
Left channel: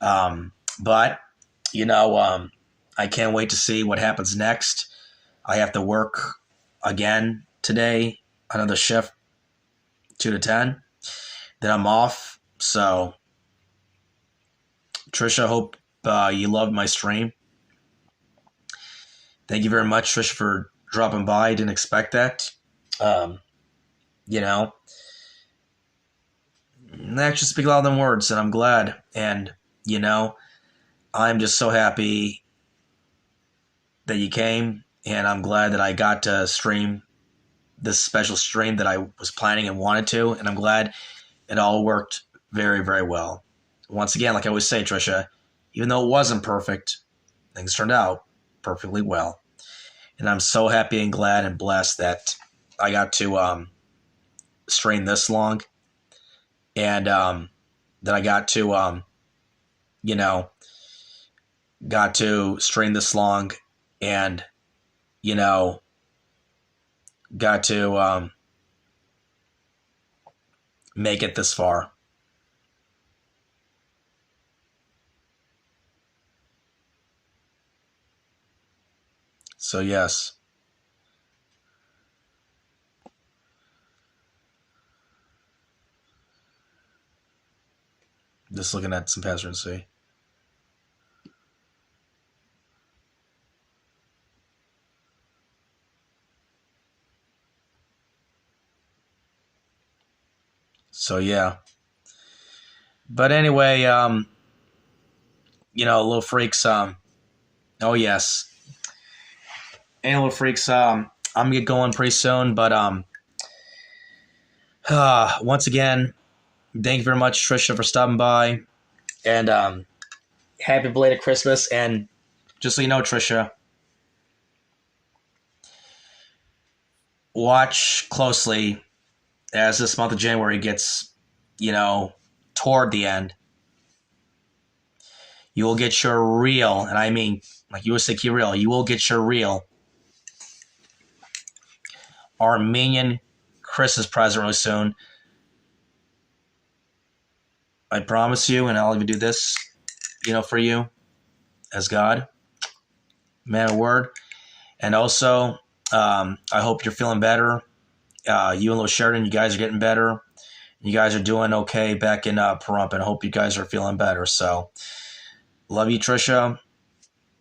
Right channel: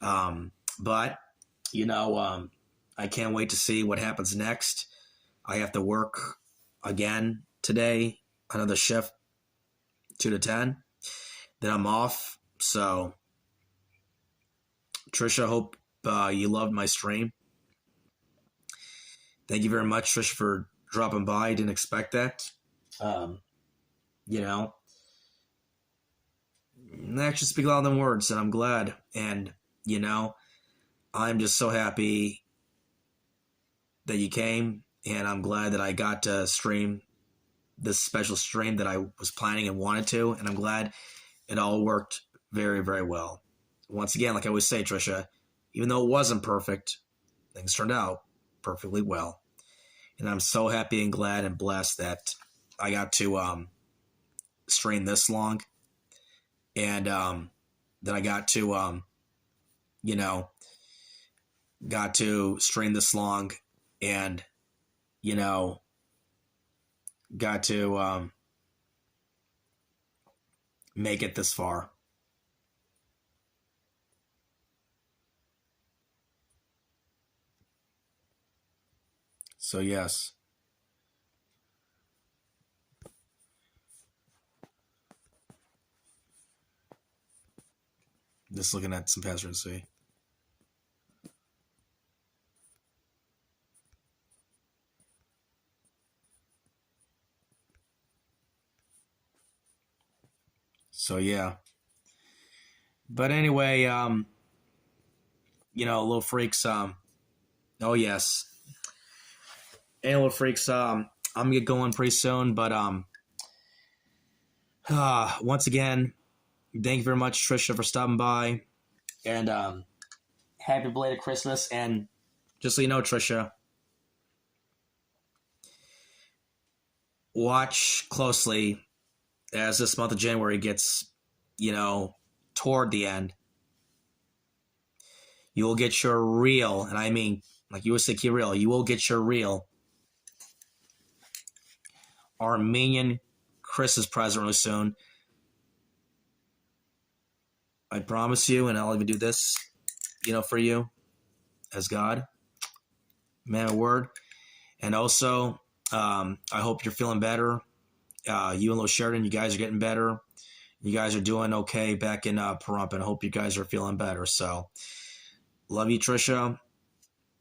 But I can't wait to see what happens next. I have to work again today, another shift, 2 to 10. Then I'm off. So, Tricia, hope you loved my stream. Thank you very much, Tricia, for dropping by. I didn't expect that. Actions speak louder than words, and I'm glad. And, I'm just so happy that you came, and I'm glad that I got to stream this special stream that I was planning and wanted to, and I'm glad it all worked very, very well. Once again, like I always say, Tricia, even though it wasn't perfect, things turned out perfectly well. And I'm so happy and glad and blessed that I got to stream this long, and that I got to got to stream this long, and got to make it this far. So yes. Just looking at some patterns to see. So yeah. But anyway, little freaks, oh yes. Hey, little freaks, I'm gonna get going pretty soon, but once again, thank you very much, Tricia, for stopping by, and happy belated Christmas. And just so you know, Tricia, watch closely as this month of January gets, toward the end. You will get your real, and I mean, like you would say, real. You will get your real Armenian Christmas present really soon. I promise you, and I'll even do this, for you, as God, man of word. And also, I hope you're feeling better. You and Little Sheridan, you guys are getting better. You guys are doing okay back in Pahrump, and I hope you guys are feeling better. So, love you, Tricia.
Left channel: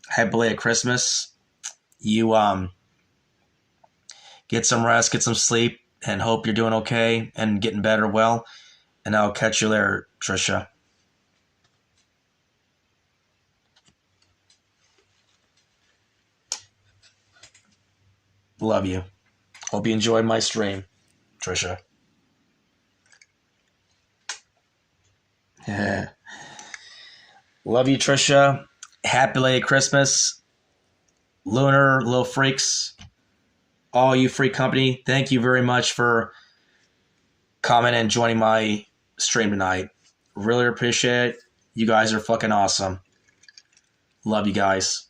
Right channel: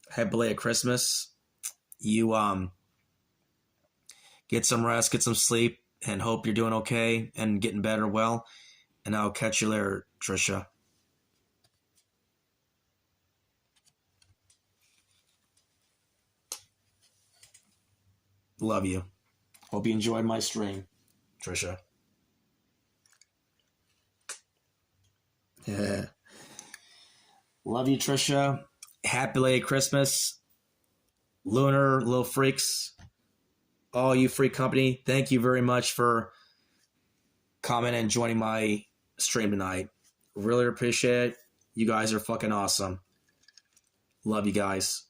Happy belated Christmas. You get some rest, get some sleep, and hope you're doing okay and getting better well. And I'll catch you later, Tricia. Love you. Hope you enjoyed my stream, Tricia. Love you, Tricia. Happy belated Christmas. Lunar, little freaks, all you freak company, thank you very much for coming and joining my stream tonight. Really appreciate it. You guys are fucking awesome. Love you guys.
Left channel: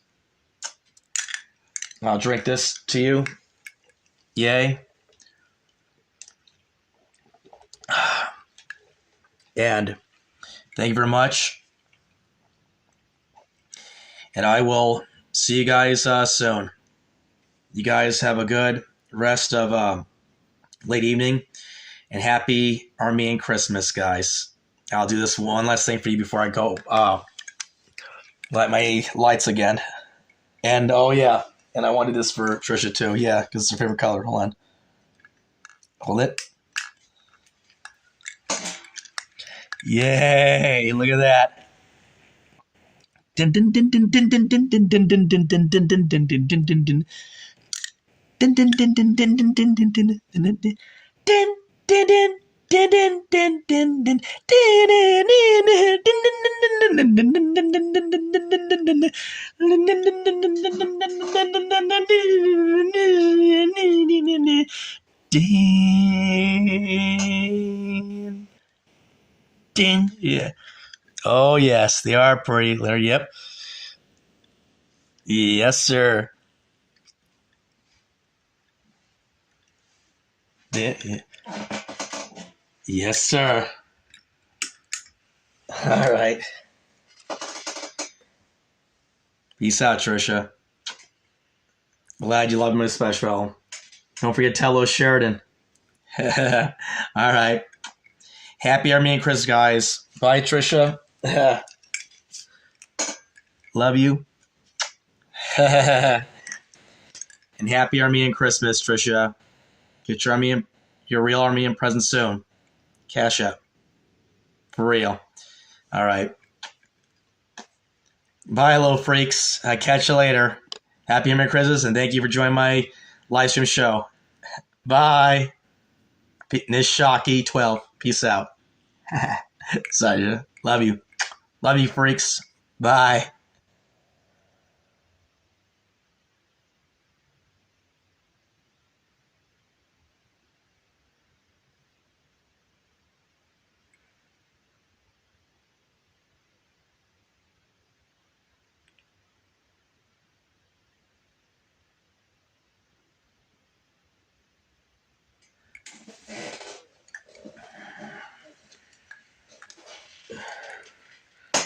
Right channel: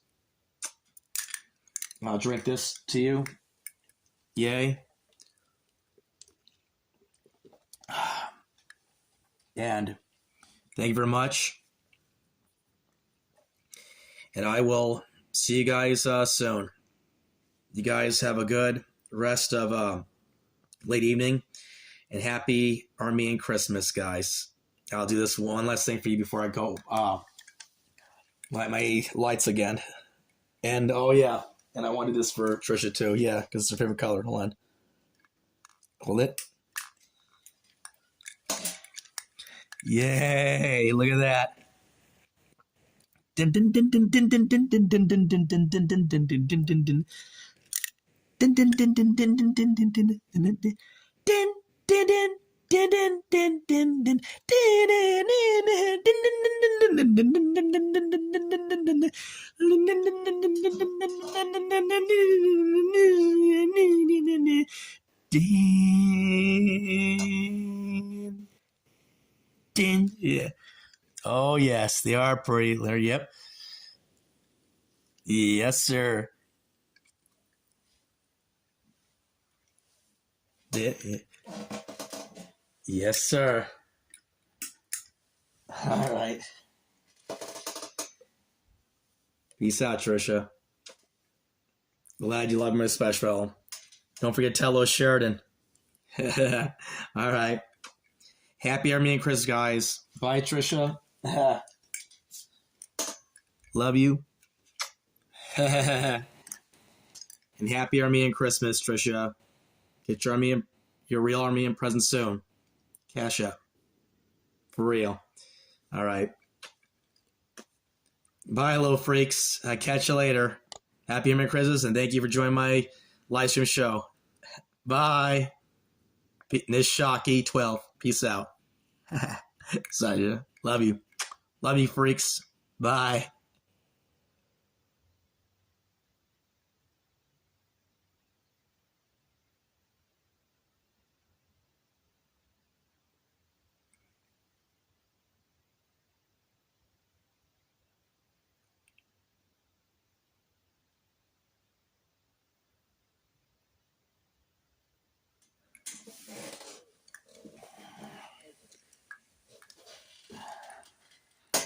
I'll drink this to you. Yay. And thank you very much. And I will see you guys soon. You guys have a good rest of late evening, and happy Armenian Christmas, guys. I'll do this one last thing for you before I go light my lights again. And oh yeah, and I wanted this for Tricia too. Yeah, because it's her favorite color. Hold on. Hold it. Yay! Look at that. Din din din din din din din din din din din din din. Yeah. Oh yes, they are pretty. Yep. Yes, sir. Yeah. Yes, sir. All right. Peace out, Tricia. Glad you love me special. Don't forget Tello Sheridan. All right. Happy Armenian Christmas, guys. Bye, Tricia. Love you. And happy Armenian Christmas, Tricia. Get your real Armenian present soon. Cash up. For real. All right. Bye, little freaks. I catch you later. Happy Armenian Christmas, and thank you for joining my live stream show. Bye. Nishaki 12. Peace out. Sorry. Love you. Love you, freaks. Bye.